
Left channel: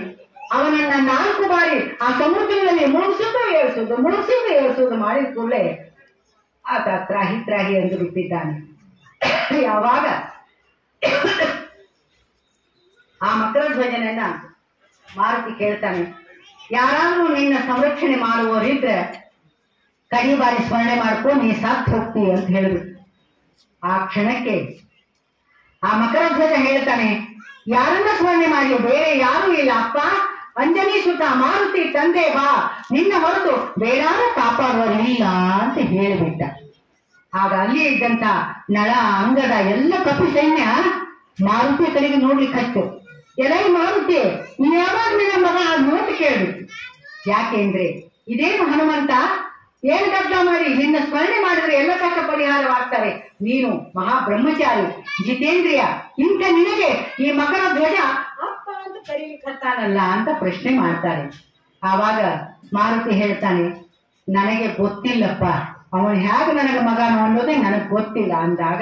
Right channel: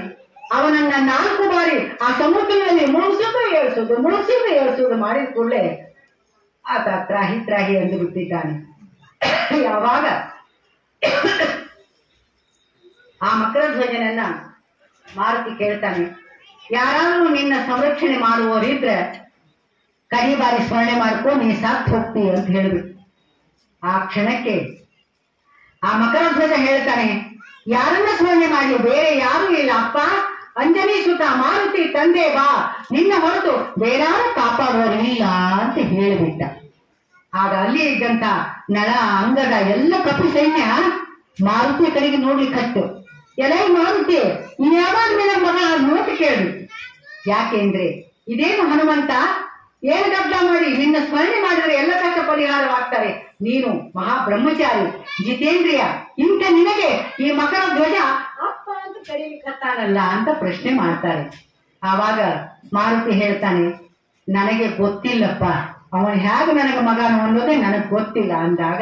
ಅವನನ್ನ 4 ಬಾರಿ ಆ ಸಮುದ್ರದಲ್ಲಿ ಮುಳುಸುವುದು ಏಳಿಸುವುದು ಮಾಡಿದ ಕೂಡಲೇ ಆತ ತ್ರಾಹಿ ತ್ರಾಹಿ ಎಂದು ಬಿಟ್ಟಿದ್ದಾನೆ. ಯಾವಾಗ ಆ ಮಕರ ಧ್ವಜನನ್ನ ಮಾರುತಿ ಕೇಳ್ತಾನೆ, ಯಾರಾದ್ರೂ ನಿನ್ನ ಸಂರಕ್ಷಣೆ ಮಾಡುವವರಿದ್ರೆ ಕಡಿ ಬಾರಿ ಸ್ಮರಣೆ ಮಾಡ್ಕೊ, ನೀ ಸಾತ್ ಹೋಗ್ತಿ ಅಂತ ಹೇಳ್ಬಿಟ್ಟು ಆ ಕ್ಷಣಕ್ಕೆ ಆ ಮಕರ ಧ್ವಜ ಹೇಳ್ತಾನೆ, ಯಾರನ್ನ ಸ್ಮರಣೆ ಮಾಡಿ? ಬೇರೆ ಯಾರೂ ಇಲ್ಲ ಅಪ್ಪ, ಅಂಜನಿ ಸುತ ಮಾರುತಿ ತಂದೆ ಬಾ, ನಿನ್ನ ಹೊರತು ಬೇರಾರು ಕಾಪಾಡುವರಿಲ್ಲ ಅಂತ ಹೇಳಿಬಿಟ್ಟ. ಆಗ ಅಲ್ಲಿ ಇದ್ದಂತ ನಳ ಅಂಗದ ಎಲ್ಲ ಕಪಿ ಸೈನ್ಯ ಮಾರುತಿ ಕಡೆಗೆ ನೋಡ್ಲಿಕ್ಕೆ ಹತ್ತು. ಎಲೈ ಮಾರುತಿ, ಯಾವಾಗ ನಿನ್ನ ಮಗ ನೋಟ್ ಕೇಳ್ಬಿಟ್ಟು. ಯಾಕೆಂದ್ರೆ ಇದೇನು ಹನುಮಂತ, ಏನ್ ಗದ್ದ ಮಾಡಿ ನಿನ್ನ ಸ್ಮರಣೆ ಮಾಡಿದ್ರೆ ಎಲ್ಲ ಕಷ್ಟ ಪರಿಹಾರವಾಗ್ತಾರೆ, ನೀನು ಮಹಾಬ್ರಹ್ಮಚಾರಿ ಜಿತೇಂದ್ರಿಯ, ಇಂಥ ನಿನಗೆ ಈ ಮಕರ ಧ್ವಜ ಅಪ್ಪ ಅಂತ ಕರೀಲಿಕ್ಕತ್ತಾನಲ್ಲ ಅಂತ ಪ್ರಶ್ನೆ ಮಾಡ್ತಾರೆ. ಆವಾಗ ಮಾರುತಿ ಹೇಳ್ತಾನೆ, ನನಗೆ ಗೊತ್ತಿಲ್ಲಪ್ಪ, ಅವನು ಹೇಗೆ ನನಗೆ ಮಗನು ಅನ್ನೋದೇ ನನಗ್ ಗೊತ್ತಿಲ್ಲ ಅಂದಾಗ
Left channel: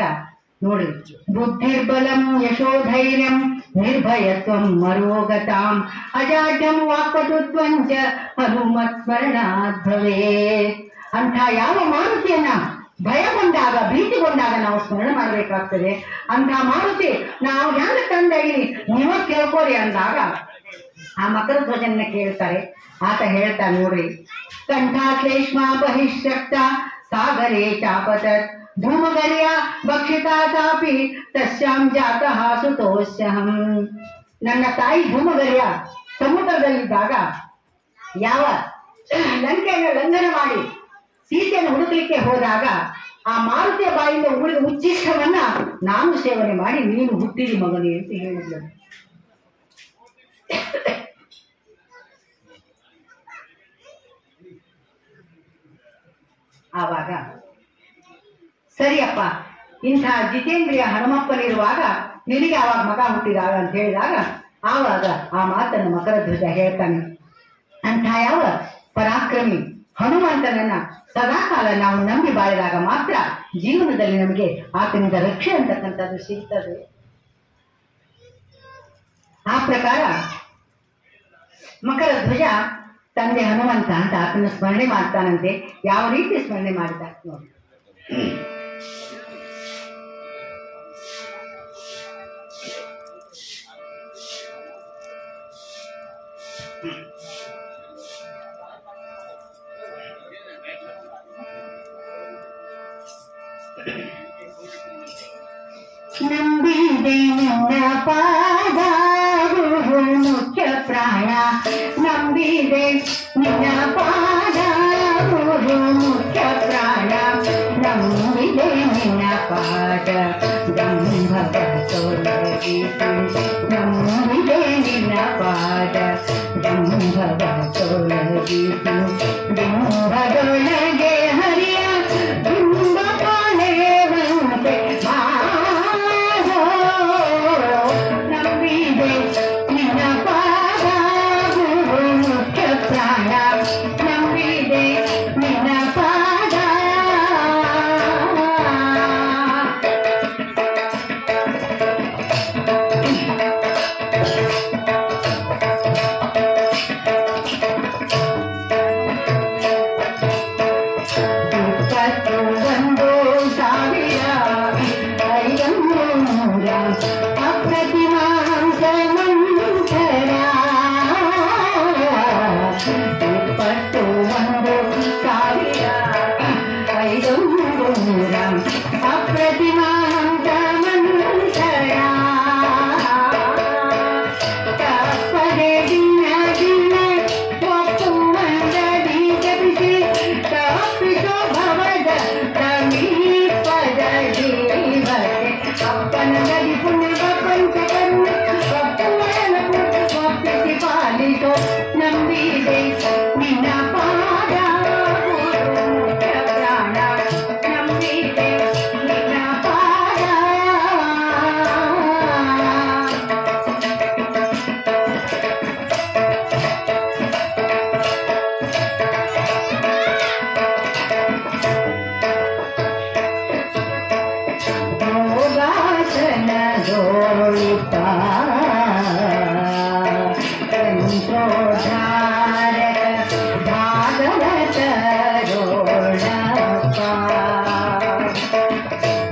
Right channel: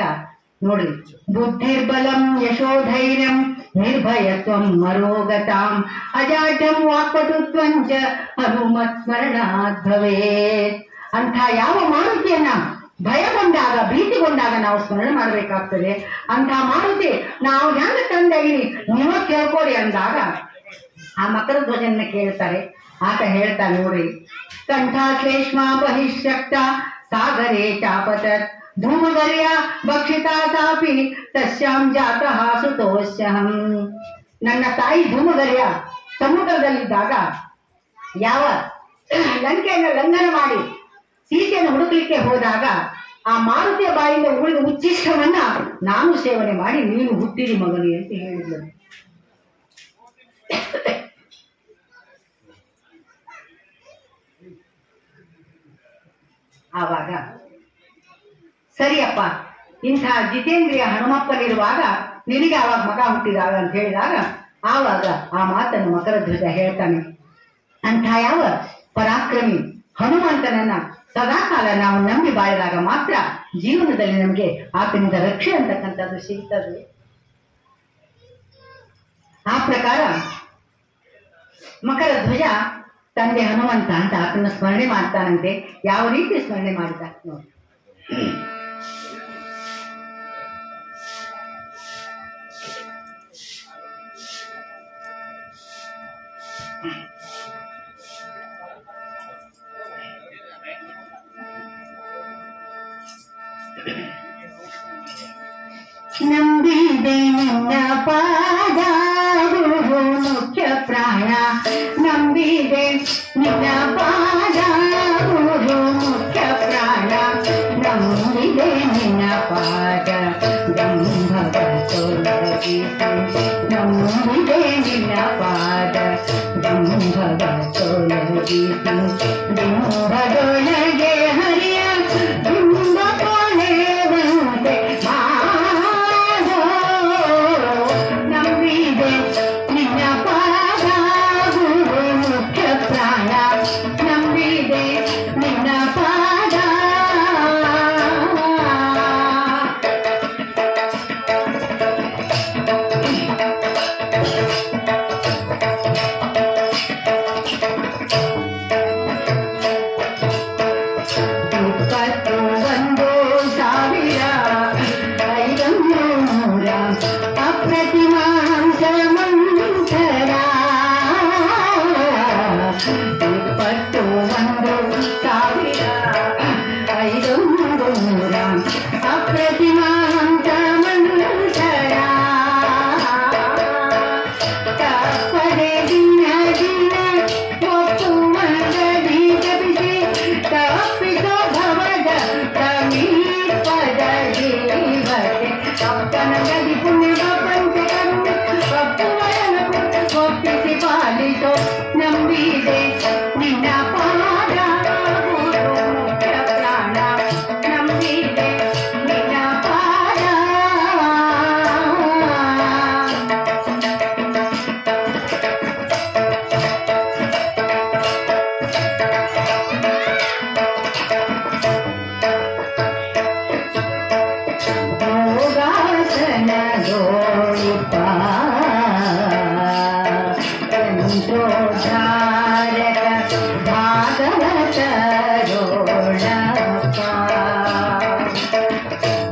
ನೋಡ್ರಿ, ಬುದ್ಧಿರ್ಬಲಂ ಯಶೋಧೈರ್ಯಂ ನಿರ್ಭಯತ್ವಂ ಮರೋಗತಾಂ ಅಜಾಡ್ಯಂ ವಾಕ್ಪಟುತ್ವಂಚ ಹನುಮತ್ ಸ್ಮರಣಾತ್ ಭವೇತ್. ಅಂಥ ಯಾವ ಮಾರುತಿಯನ್ನ ಭಯಗೊಂಡಾಗ ಭೀತಿಗೊಂಡಾಗ ನಾವು ಸ್ಮರಣೆ ಮಾಡಬೇಕಾಗ್ತದೆ. ಅಂಥ ಮಾರುತಿ ನಾವು ಹೆಂಗ ತಂದಾಗಿನಿ ನೀವ ಕೇಳ್ಕೋರಿ ಅಂದಾಗ ಆ ಮಕರ ಧ್ವಜನ್ನ ಕೇಳ್ತಾರೆ. ಆತ ಹೇಳ್ತಾನೆ ನೋಡ್ರಿ, ಕಂಠಾಶ್ಲೇಷ್ಮಾ ಬಹಿಶಕ್ತ ಸಾಗರೇ ಚಾಪತತ್ ಧೂಮಗರ್ಯ ಭಕ್ಷಿತಾ ಸಾಪಿ ತಸ್ಯಾಂ ಜಾತಃ ಸುತೋಸ್ಯಹಂ. ನನ್ನ ತಾಯಿ ಧೂಮಗರ್ಯ ಸಮುದ್ರದಲ್ಲಿದ್ದಾಗ ಯಾವ ಲಂಕೆಯನ್ನು ಲಂಘನ ಮಾಡಿ ಸೀತೆಯನ್ನು ಹುಡುಕಲಿಕ್ಕೆ ಹೋದಾಗ ಆ ಮಾರುತಿಯ ಬಾಯಿಂದ ಉಳಿದ ಉಚ್ಚಿಷ್ಟವನ್ನ ನಾನು ಸೇವನೆ ಮಾಡಿ ನೀನು ಹುಟ್ಟಿದಿ ಮಗನಿ ಅಂತ ಹೇಳಿದ್ಲು. ಆವಾಗ ಸರಿಯಪ್ಪ, ಇಂಥ ಜಿತೇಂದ್ರಿಯ ಹನುಮಪ್ಪನಿರುವಾಗ ನಿನಗೆ ಆವಾಗ ಮಗ ಹುಟ್ಟಿದಾಗ ಅಂತ ಹೇಳಿದಾಗ ಆವಾಗ ಆ ಮಾತನ್ನು ಮಕರ ಧ್ವಜ ಹೇಳ್ತಾನೆ. ಅಂಥ ಯಾವ ಪರಾಕ್ರಮಿ ಹನುಮಂತನನ್ನ ಸದಾಕಾಲ ನಾವು ನಂಬಿ ಬಾಳಿದಾಗ ಮಾತ್ರ ಜೀವನದಲ್ಲಿ ನಮಗೆ ಆತನಿಂದ ರಕ್ಷೆ ಅಂತಕ್ಕಂಥದ್ದು ಸಿಗ್ತದೆ. ಆ ಪ್ರಕಾರ ಮಕರ ಧ್ವಜ ತಂದೆ ಹನುಮಂತ ಅಂತ ಆತನ ಸ್ಮರಣೆ ಮಾಡ್ತಾನಂತೆ. ಯಾವ ರೀತಿ ಸ್ಮರಣೆ ಮಾಡಿದ ನೋಡಿ. ನಂಬಿದೆ ನಿನ್ನ ಪಾದ ಗುರು ಮುಖ್ಯ ಪ್ರಾಣ, ನಂಬಿದೆ ನಿನ್ನ ಪಾದ ಗುರು ಮುಖ್ಯ ಪ್ರಾಣ, ನಂಬಿದೆ ನಿನ್ನ ಪಾದ ದಂಭವ ತೊಲಗಿಸು, ನಂಬಿದೆ ನಿನ್ನ ಪಾದ ದಂಭವ ತೊಲಗಿಸು, ದಿಂಬದೊಳಗೆ ಹರಿಯ ದಿಂಬ ಕಾಣೆವಂತೆ ಮಾಡೋ, ನಂಬಿದೆ ನಿನ್ನ ಪಾದ ಗುರು ಮುಖ್ಯ ಪ್ರಾಣ, ನಂಬಿದೆ ನಿನ್ನ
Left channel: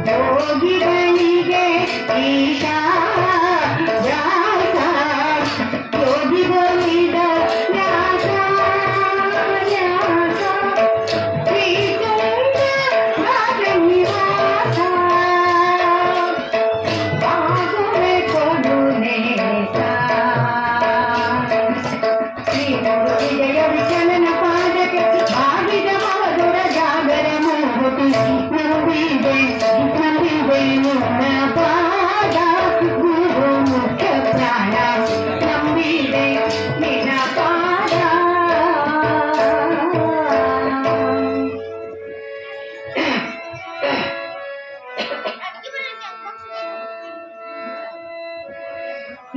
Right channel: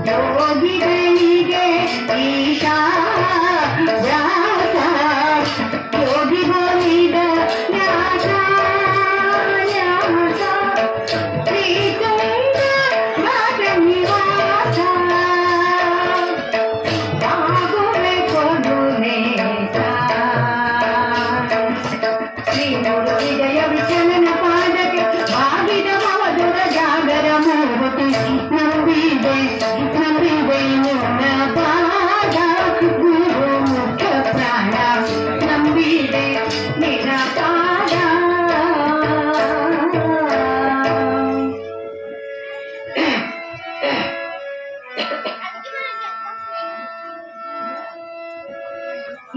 ಯೋಗಿಗಳಿಗೆ ಈಶಾ ವ್ಯಾಸ ಯೋಗಿಗೋವಿದ ವ್ಯಾಸ ವ್ಯಾಸ ಶ್ರೀಕಂಠ ರಾಜನಿವಾಸ ಬಾಗುವೆ ಕೊಡುನೇಸ ಶ್ರೀ ಗುರು ವಿಜಯ ವಿಠಲನ ಪಾದಕ್ಕೆ ಬಾಗಿದ ಮಧುರ ಜಾಗರ ಮೂರ್ತಿ ನಂಬಿದೆ ನಂಬಿದೆ ನಿನ್ನ ಪಾದ ಗುರು ಮುಖ್ಯ ಪ್ರಾಣ ನಂಬಿದೆ ನಿನ್ನ ಪಾದ.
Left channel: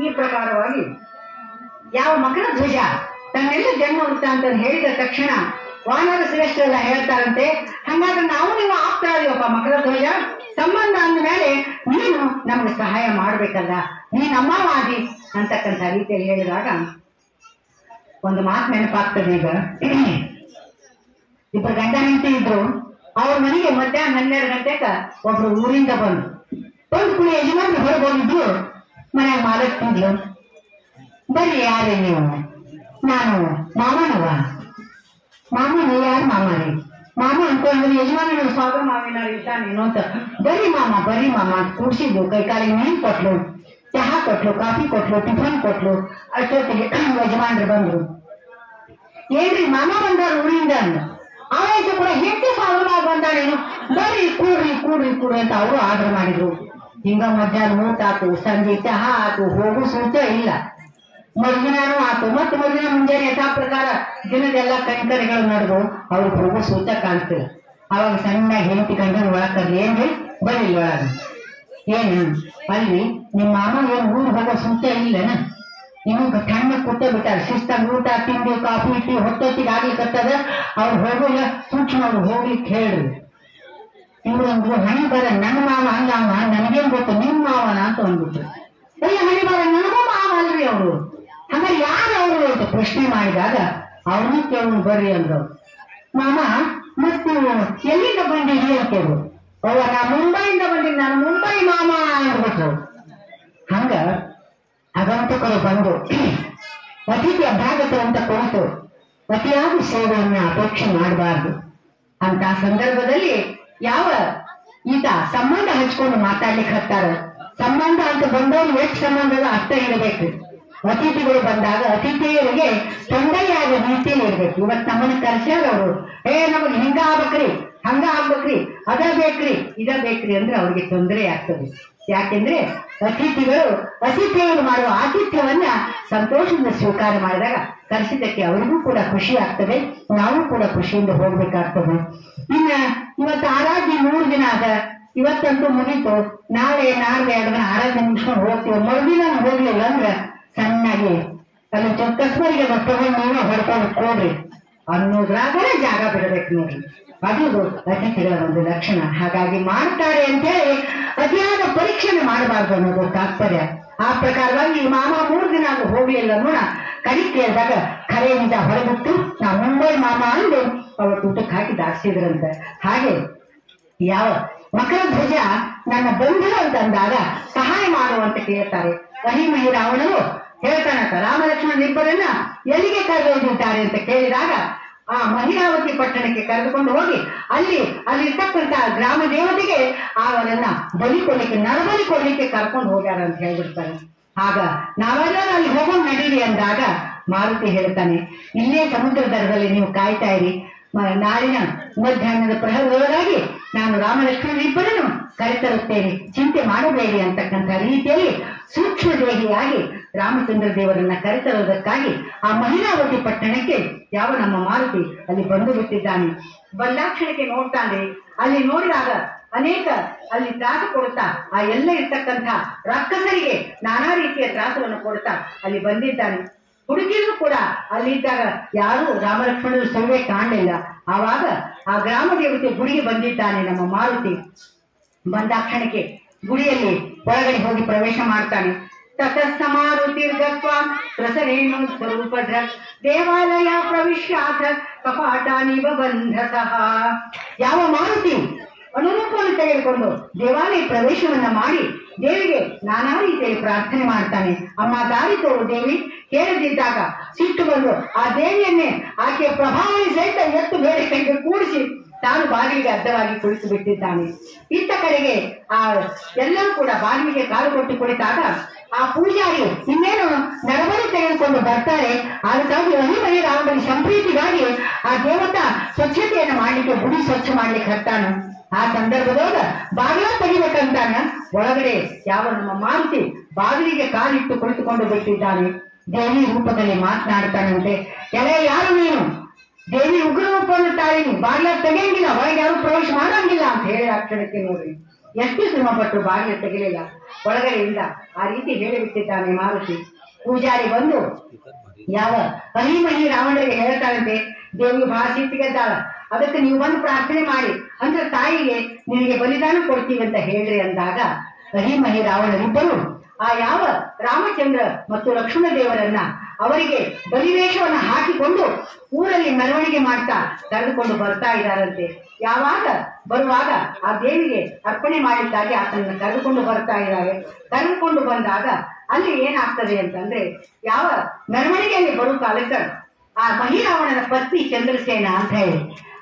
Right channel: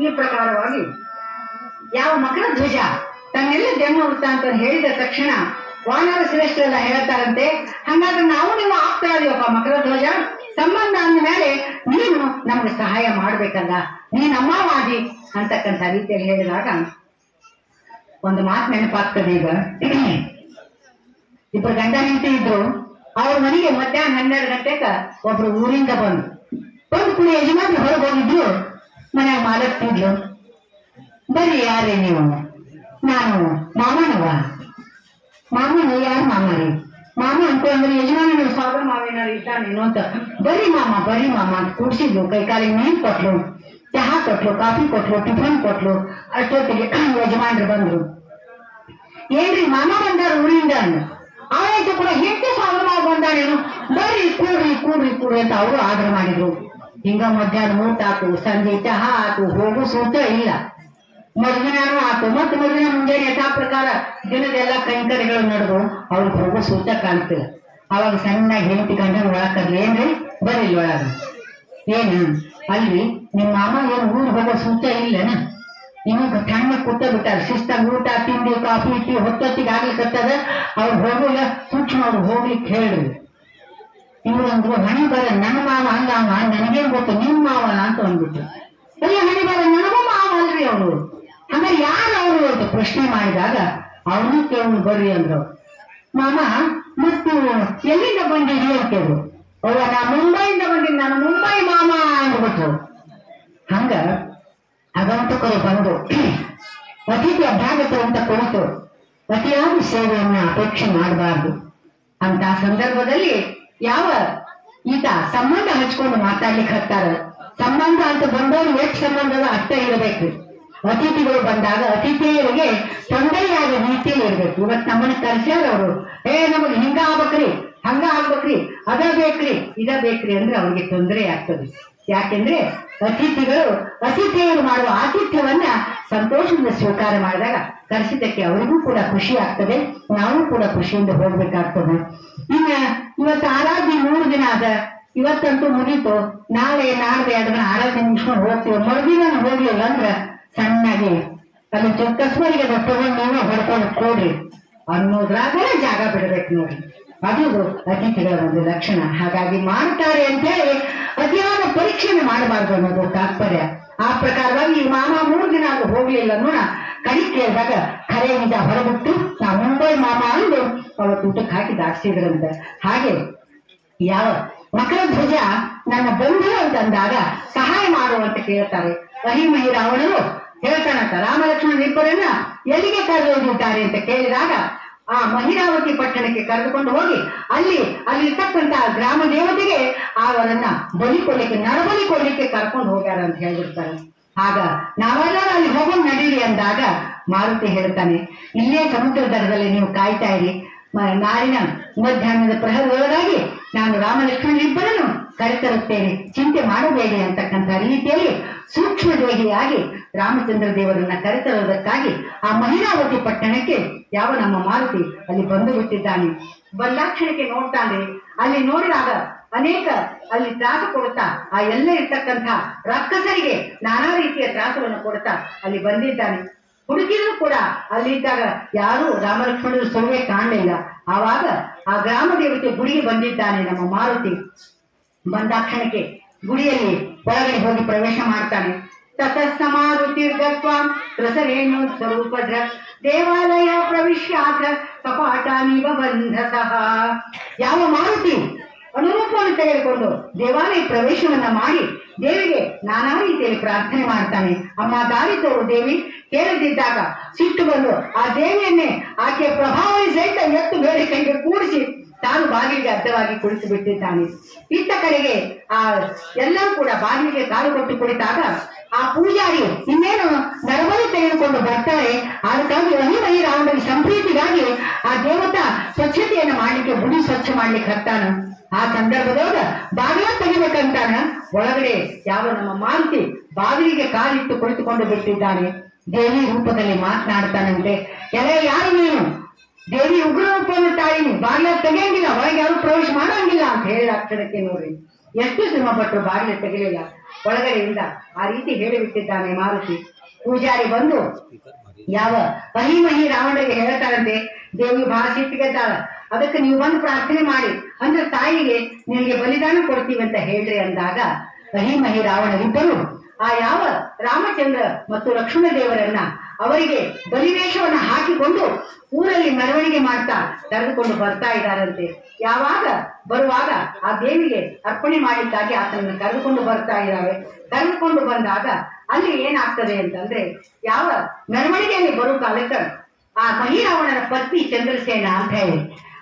ಈ ಪ್ರಕಾರವಾಗಿ ಯಾವ ಮಕರ ಧ್ವಜ ತನ್ನೆಲ್ಲ ಜನ್ಮ ವೃತ್ತಾಂತ ಹೇಳಿದ ತಕ್ಷಣ ವಾನರ ಶ್ರೇಷ್ಠರೆಲ್ಲ ಹೇಳ್ತಾರಂತೆ, ಹಂಗಾದ್ರೆ ನಾವು ನೀವು ಆಗ್ತಾರಪ್ಪ ಮಕರ ಧ್ವಜ, ಸಂಬಂಧ ಅಂದ ಮೇಲೆ ನೀನು ನಮ್ಗೆ ಸಹಾಯ ಮಾಡ್ಬೇಕಲ್ಲ, ನೀನ್ ಅಮ್ಮವಾದಿ ಅಂತಕ್ಕಂಥ ರೀತಿಯಲ್ಲಿ ಹೇಳಿದಾಗ ಒಂದು ಮಾತು ನೆನಪಾಗ್ತದೆ. ಈಗ ಇಬ್ಬರು ಗಂಡ ಹೆಂಡತಿ ಇದ್ರು, ಅವ್ರ ಮನೆಗೆ ಮಧ್ಯಾಹ್ನ 12 ಗಂಟೆಗ ಒಬ್ರು ಊರಿಂದ ಬಂದು ಕುಳಿ ಯಜಮಾನ್ರು ಹೊರಗೆ ಹೋಗಿದ್ರು. ಮನ್ಯಾಗ ಮಾಲಕ್ತಿದ್ಲು, ಬರ್ರಿ ಯಾರೇ ನೀವು? ನಾನು ಮಾಮನವ. ಮಾಮನ ಯಾರು ಮಾಮರಿ? ಮಾಮ ಅಂತ ಅಂದ್ರೆ ಯಜಮಾನ ಸ್ವಾಗತ ಮಾವೇನಾರು ಇದ್ದಾನೇನೋ ಅಂತ. ಬರೀ ಮಾಮ ಅಂತ ಕೂಡ್ಸಿದ್ಲು. ಕೈ ಕಾಲಿಗೆ ನೀರು ಕೊಟ್ಲು, ಚಹಾ ಕೊಟ್ಲು, ಕಾಫಿ ಕೊಟ್ಲು, ಟಿಫನ್ ಕೊಟ್ಲು. ಅಷ್ಟೊತ್ತಿಗೆ ಯಜಮಾನ್ರು ಬಂದ್ರು. ಏನ್ರಿ ಮಾಮ ಬಂದಾರ ಊರಿಂದ ಅಂದ. ಆಯ್ತು ಕೂಡ ಹೆಂಡತಿ ಸ್ವಾಗತ ಮಾವ ಬಂದಾರೇನು, ಬರ್ರಿ ಕೂಡ್ರಿ ಅಂತ ಅವರು ಆರ್ಡರ್ ಮಾಡಿದ್ರು. ಹಿಂಗ ಮಧ್ಯಾಹ್ನ ಊಟ ಆತು, ಸಂಜೆ ಚಹಾ ಆತು, ಹೋಗು ಸೂಚ ಇಲ್ಲ. ಮರುದಿನಾನು ಆತು, ಮತ್ತೆ ಮರುದಿನ ಮುಂಜಾನೆ ಯಥಾ ಪ್ರಕಾರ ದಿನದೆಲ್ಲ ಕೈಂಕರ್ಯಗಳು ನಡೆದು ಅವ್ರಿಗೆ ಹೋಗೋ ಸೂಚ ಕಾಣ್ತಿಲ್ಲ. ಅವಾಗ ಸಣ್ಣಾಗಿ ಹೆಂಡತಿ ಗಂಡನ ಒಳಗ್ ಕರ್ಲಿ, ಏನ್ರಿ ಬರ್ರಿ ಇಲ್ಲಿ ಒಳಗ. ಏನು ಅಲ್ರಿ ನಿಮ್ಮ ಮಾಮ ಏನ್ ಊರಿಗೆ ಹೋಗೋ ಸೂಚ ಇಲ್ಲನ? ನಿಮಗ ತಣ್ಣ ಕೂತ ಬಿಟ್ಟಾರ, ಶಿಸ್ತಾಗ ಊಟ ತಿಂಡಿ ಕಾಫಿ ಟೀ ಹೊತ್ತೊತ್ತಿಗೆ ಆಗ್ಲಿಕ್ಕತ್ತದ. ಅವ್ರು ಹೋಗಿಲ್ಲ, ಸೂಕ್ಷ್ಮ ಅವ್ರು ಹೋಗ್ಲಿಕ್ಕೆ ಹೇಳ್ರಿ. ಇವ್ರಂದ್ರು ಹಣಿ ಬರ ನನ್ನ ಮಾವ ಹಂಗ ನನಗೇನ್ ಗೊತ್ತು ನಿಮ್ಮ ಮಾವನ ಅಂತ ಅಂದ್ಬಿಟ್ರು. ಎಲ್ಲ ಹಣಿ ಬರ ನನಗೂ ಮಾವ ಅಲ್ರಿ ಅವರು. ಹಂಗಾರೆ ಯಾರು ಅವರು ಅಂತ ಪ್ರಶ್ನೆ ಮಾಡಿದಾಗ ಅವ್ರನ್ನೂ ಕೇಳು ಬರ್ರಿ ಅಂದ್ರು. ಮಾಮ ಮತ್ತು ಎಲ್ಲಿಂದ ಬಂದಿರಿ ಅಂತ ಕೇಳು. ಅವ್ವ ನಾ ಮುಂಬೈಯಿಂದ ಬಂದಿನಿ, ನಾನು ಮುಂಬೈ ಮಾಮ ಅಂದ್ಬಿಟ್ರು. ಹಂಗ ಆಗಂತಕರು ಬಂದು ಅತಿಥಿ ಅಭ್ಯಾಗತ ಅಂತ ಕುರಿತು ಅತಿಯಾದ ಸೇವೆಯನ್ನ ಅಪೇಕ್ಷೆ ಮಾಡಬಾರ್ದು. ಅಂತ ಸಂದರ್ಭದಲ್ಲಿ ಯಾವ ಈತ ಸಂಬಂಧ ಹಚ್ಕೊಂಡು ಮಾತಾಡ್ಲಿಕ್ಕೆ ಹತ್ತಾರ. ಸಂಬಂಧ ಅಂತ ಬಂದವರು ಎಷ್ಟು ಸಂಬಂಧದ ಅರ್ಥ ಇರಬೇಕು. ಅತಿಥಿಗಳು ಬಂದಾಗ ಅತಿಥಿಯರಿಗೆ ತೊಂದರೆಯಾದ ರೀತಿಯಲ್ಲಿ ಇರ್ಬೇಕು. ಇವತ್ತು ನಮ್ಮನ್ನ ಕರ್ಸ್ಯಾರ ಅವರು, ನಮಗೆ ಹಿಂಗ ಆಗ್ಬೇಕ್ರಿ, ಹಂಗ ಆಗ್ಬೇಕ್ರಿ, ಅದ ಬೇಕ್ರಿ, ಇದ ಬೇಕ್ರಿ ಅಂದ್ರೆ ಅವ್ರಿಗೆ ತೊಂದರೆ ಆಗ್ತದೆ. ಯಾಕೆಂದ್ರೆ ಅತಿಥಿಯರು ಮಾಡುವ ಆತಿಥ್ಯವನ್ನ ಸಂತೋಷದಿಂದ ಸ್ವೀಕಾರ ಮಾಡಿದಾಗ ಕರೆಸಿದ್ದಕ್ಕೆ ಅವರಿಗೂ ಕೂಡ ಖುಷಿ ಆಗ್ತದೆ, ನಾವು ಕೂಡ ಖುಷಿಯಿಂದ ಹೋಗ್ಬೇಕಾಗ್ತದೆ. ಇನ್ನ ಇವತ್ತು ಆರಾಧ್ಯ 3 ದಿನ ಅದ, ಇವತ್ತಂತೂ ಮುಗೀತು. ನಾಳೆ ನಾಡ್ದೆ 2 ದಿನ ಆರಾಧ್ಯ ಮುಗಿಸ್ಕೊಂಡು ಹೋಗ್ತೀವಿ. ಮರುದಿನ ಹೋಗ್ಲಿಲ್ಲ ಅಂದ್ರೆ ಸಣ್ಣಾಗಿ ಅಲ್ಲಿ ಕಸ್ಬರಿಗೆ ತಗೊಂಡು ನೀವೇ ಹೊಡ್ಕೊಂಡು ಕೊಡ್ರಿ ಅನ್ನೋದ್ರಾಗಲೇ ಜಾಗ ಬಿಡಬೇಕು ನೋಡ್ರಿ. ಅದು ಅತಿಥಿಗಳ ಒಂದು ಲಕ್ಷಣ. ಹಾಗಾಗಿ ಮಾಡ್ತಾರೆ ಅಂತ ಹೇಳಿ ಅತಿಯಾದ ಪರೀಕ್ಷೆನೆ ಮಾಡಬಾರ್ದು ಅನ್ನೋದು ತಾತ್ಪರ್ಯ. ಆ ಪ್ರಕಾರವಾಗಿ ಈ ಮಾಮ 3 ದಿನ ಅದು ಹೋಗ್ಲಿಲ್ಲ ನೋಡ. ಕಡಿ ಕೇಳಿದಾಗ ಖರೆ ನಿಜ ಹೊರಬಿಟ್ಟು ನಾ ಮುಂಬೈ ಮಾಮ ಅಂದು ಅವತ್ತು ಊಟಕ್ಕೆ ಹಾಕಿ ದಾಟಿಸಿದ್ರಂತೆ. ಹಾಗೆ ಯಾವ ಮಕರ ಧ್ವಜ ನನ್ನ ಬಂಧು ಅಂತ ಅಂದಾಗ ಸಹಾಯ ಮಾಡುವಂತ ಕೇಳ್ತಾರೆ. ಅಹಿಮಹಿ ರಾವಣರು ಹೇಳ್ತಾನಂತ, ರಾಮ ಲಕ್ಷ್ಮಣ ಇಬ್ಬರನ್ನ ಎಲ್ಲಿಗೆ ಕರೆದೊಯ್ದಿದ್ದಾರೆ ಅಂತ ಕೇಳಿದಾಗ ಆ ಮಹಿರಾವತಿ ಪಟ್ಟಣಕ್ಕೆ ಕರೆದುಕೊಂಡು ಹೋಗಿ ಅಲ್ಲಿರ್ತಕ್ಕಂತಹ ಗ್ರಾಮ ದೇವತೆಗೆ ಅವರನ್ನ ಬಲಿ ಕೊಡ್ಲಿಕ್ಕೆ, ನರಬಲಿ ಕೊಡ್ಲಿಕ್ಕೆ ಕರ್ಕೊಂಡು ಹೋಗ್ಯಾರ ಅಂತ ಹೇಳ್ಬಿಡ್ತಾರೆ. ಆಗ ನಾವೆಲ್ಲ ಅಲ್ಲಿ ಹೋಗೋಣ ನಡೀರಿ ಅಂದಾಗ ಮಾರುತಿ ಹೇಳ್ತಾನೆ, ಇಲ್ಲೇ ಸಮುದ್ರ ದಡದಲ್ಲಿ ನೀವು ಕಾಯ್ತಾ ಇರಿ, ನಾಳಿನ ಮಧ್ಯಾಹ್ನದ ಪ್ರಹರದೊಳಗಾಗಿ ನಾನು ರಾಮ ಲಕ್ಷ್ಮಣರಿಬ್ಬರನ್ನು ಕರೆತರುತ್ತೇನೆ, ಚಿಂತೆ ಮಾಡಬೇಡಿ ಅಂತಕ್ಕಂಥ ರೀತಿಯಲ್ಲಿ ಸೂಕ್ಷ್ಮ ದೇಹಿಯಾಗಿ ರಾಮಚಂದ್ರ ದೇವರನ್ನ ಕರೆತರುವುದಕ್ಕಾಗಿ ಆ ಮಹಿರಾವತಿ ಪಟ್ಟಣಕ್ಕೆ ಯಾವ ನಮ್ಮ ಮಾರುತಿ ಅಲ್ಲಿ ಬಂದು ಬಿಟ್ಟಿದ್ದಾನೆ. ಬಂದಾಕ್ಷಣಕ್ಕೆ ನೋಡ್ತಾನೆ. ಅಲ್ಲಿ ನೋಡಿದಾಗ ಅನೇಕ ಅಲ್ಲಿ ತ್ರಾಸ ಕೊಡುತ್ತಾ ಆ ಎಲ್ಲ ಇರ್ತಕ್ಕಂಥ ರಾಕ್ಷಸರಿಗೆ ನಾನಾ ರೀತಿಯ ತ್ರಾಸವನ್ನು ಕೊಡುತ್ತಾ ಅಲ್ಲಿ ಬಂದಿದ್ದಾನೆ. ಹುಡುಗಿದ್ರು ಕೂಡ ಅಲ್ಲಿದ್ದಾಗ ಯಾರು ರಾಮಲಕ್ಷ್ಮಣರು ಸೌವೆ ಕಾಣಲಿಲ್ಲ. ಆವಾಗ ಆ ಗ್ರಾಮ ದೇವತೆ ಗುಡಿಗೆ ಬಂದಿದ್ದಾನೆ ನಮ್ಮ ಮಾರುತಿ. ಬಂದಾಕ್ಷಣಕ್ಕೆ ಗುಡಿಯಲ್ಲಿ ಒಳಗಡೆ ಹೋಗಿ ಪ್ರವೇಶ ಮಾಡ್ತಾನೆ. ತತಸ್ಸಮಾರುತಿರ್ಗತ್ವ ರಸರೇಣು ಸ್ವರೂಪಧ್ರ ದೇವಾಲಯ ಪ್ರವಿಶ್ಯಾದ್ರ ಕಪಾಟಾನಿವ ಬಂಧಸಃ. ಯಾವ ಮಾರುತಿ ಅನುರೂಪವನ್ನು ತೆಗೆದುಕೊಂಡು ದೇವಾಲಯ ಪ್ರವೇಶವನ್ನ ಮಾಡಿ ದೇವಿಗೆ ನಾನಾ ರೀತಿಯಲ್ಲಿ ಪ್ರಾರ್ಥನೆ ಮಾಡ್ತಾನೆ. ಅಮ್ಮ ದಾರಿ ತೋರು ದೇವಿ ಕೇಳದಿದ್ದಾಗ ಸಿಟ್ಟು ಬಂದು ಆ ದೇವಿಯನ್ನೇ ಆಕೆಯ ಪ್ರಭಾವಳಿ ಸಹಿತ ಎತ್ತು ಬೇರೆ ಕೈಗೆ ಕೂಡಿಸಿ ತಾನು ಬಾಗಿಲಿಗೆ ಅಡ್ಡವಾಗಿ ಕುಳಿತು ಬಿಟ್ಟಿದ್ದಾನೆ. ಇತ್ತ ಕಡೆಗೆ ಆ ಎಲ್ಲರೂ ಕೂಡ ಬಾಗಿಲಿಗೆ ಕಾಲು ಕೊಟ್ಟು ಕುಳಿತಾಗ ಆ ಪೂಜಾರಿ ಇನ್ನೇನು ನರಬಲಿ ತೆಗೆದುಕೊಂಡು ಬರ್ತಾರೆ. ಅದಕ್ಕಾಗಿ ಮಹಿ ರಾವಣನಿಗೆ ಸಂಪ್ರೀತಿಗಾಗಿ ಆ ದೇವತಾ ಸ್ವಚ್ಛತೆಯನ್ನು ಮಾಡ್ಲಿಕ್ಕೆ ಗುಡಿ ಸ್ವಚ್ಛ ಮಾಡ್ಲಿಕ್ಕೆ ಹತ್ತಾನ. ಆ ಸಂದರ್ಭದೊಳಗ ಬಾಗಿಲ ತೆಗಿಬೇಕಂತಾನ. ಒಳಗಡೆ ಯಾವ ನಮ್ಮ ಮಾರುತಿ ಬಾಗಿಲಿಗೆ ಕಾಲಿಟ್ಟು ಕುಳಿತುಕೊಂಡು ಬಿಟ್ಟಿದ್ದಾನೆ. ದೇವಿ ರೂಪದಲ್ಲಿ ಮಾತನಾಡ್ತಾನಂತೆ. ಯಾರು ನೀನು? ದೇವಿ ಉಗ್ರ ರೂಪವನ್ನು ತಾಳಿನಿ, ಬಾಗಿಲ ತೆಗೆಯಂಗಿಲ್ಲ, ಒಳಗೆ ಯಾರು ಪ್ರವೇಶ ಮಾಡಂಗಿಲ್ಲ ಅಂತ ಹೇಳಿ ಅಕ್ಷರಕ್ಕೆ ನೋಡಿ ಎಷ್ಟು ಶ್ರಮ ಪಟ್ಟರು, ಬಾಗಿಲ ತೆಗೆಯಲಿಲ್ಲ. ಒಳಗಡೆಯಿಂದ ಆ ರೀತಿ ಹೇಳಿಬಿಟ್ಟಿದ್ದಾನೆ ಮಾರುತಿ. ಪೂಜಾರಿ ಬಂದು ಯಾವ ಮಹಿ ರಾವಣರಿಗೆ ಹೇಳ್ತಾರಂತೆ, ದೇವಿ ಬಹಳ ಸಿಟ್ಟಿಗೆದ್ದಾಳ, ಅದಕ್ಕೆ ನೀವು ಬಂದು ಪ್ರಾರ್ಥನೆ ಮಾಡಿ ಅಂದ್ರೆ ತಾಯಿಗೆ ನಿನಗೆ ಬಲಿದಾನ ಕೊಡ್ತೀವಿ ಅಂತ ಹೇಳ್ರಿ ಅಂದಾಗ ಮಹಿ ರಾವಣರಿಬ್ಬರು ಆ ಯಾವ ರಾಮಚಂದ್ರ ಮತ್ತು ಲಕ್ಷ್ಮಣ ದೇವರನ್ನ ಅವರಿಗೆ ಬಲಿವೇಷವನ್ನ ಹಾಕಿಕೊಂಡು ಊರಲ್ಲಿ ಮೆರವಣಿಗೆ ಮಾಡ್ತಾ ಕರೆದುಕೊಂಡು ಬರ್ತಾ ಇದ್ದಾರಂತೆ. ಯಾವಾಗ ಬರುವಾಗ ಆ ದೇವಿಗೆ ಅರ್ಪಣೆ ಮಾಡಿದ್ದಾಗಿ ಆತನನ್ನು ಕರೆದುಕೊಂಡು ಬರ್ತಾ ಇದ್ದಾರೆ. ಕರೆದುಕೊಂಡು ಬಂದಾಗ ಅಲ್ಲಿ ಏನಾಗ್ತದೆ ಅಂತಂದ್ರೆ, ಯಾವ ಮೆರವಣಿಗೆಯಲ್ಲಿ ಬರುವ ಕಾಲಕ್ಕೆ ಆ ಮಹಿರಾವಣನ ಪತ್ನಿ ಚಂದ್ರಸೇನ ಅಂತ ಹೇಳಿ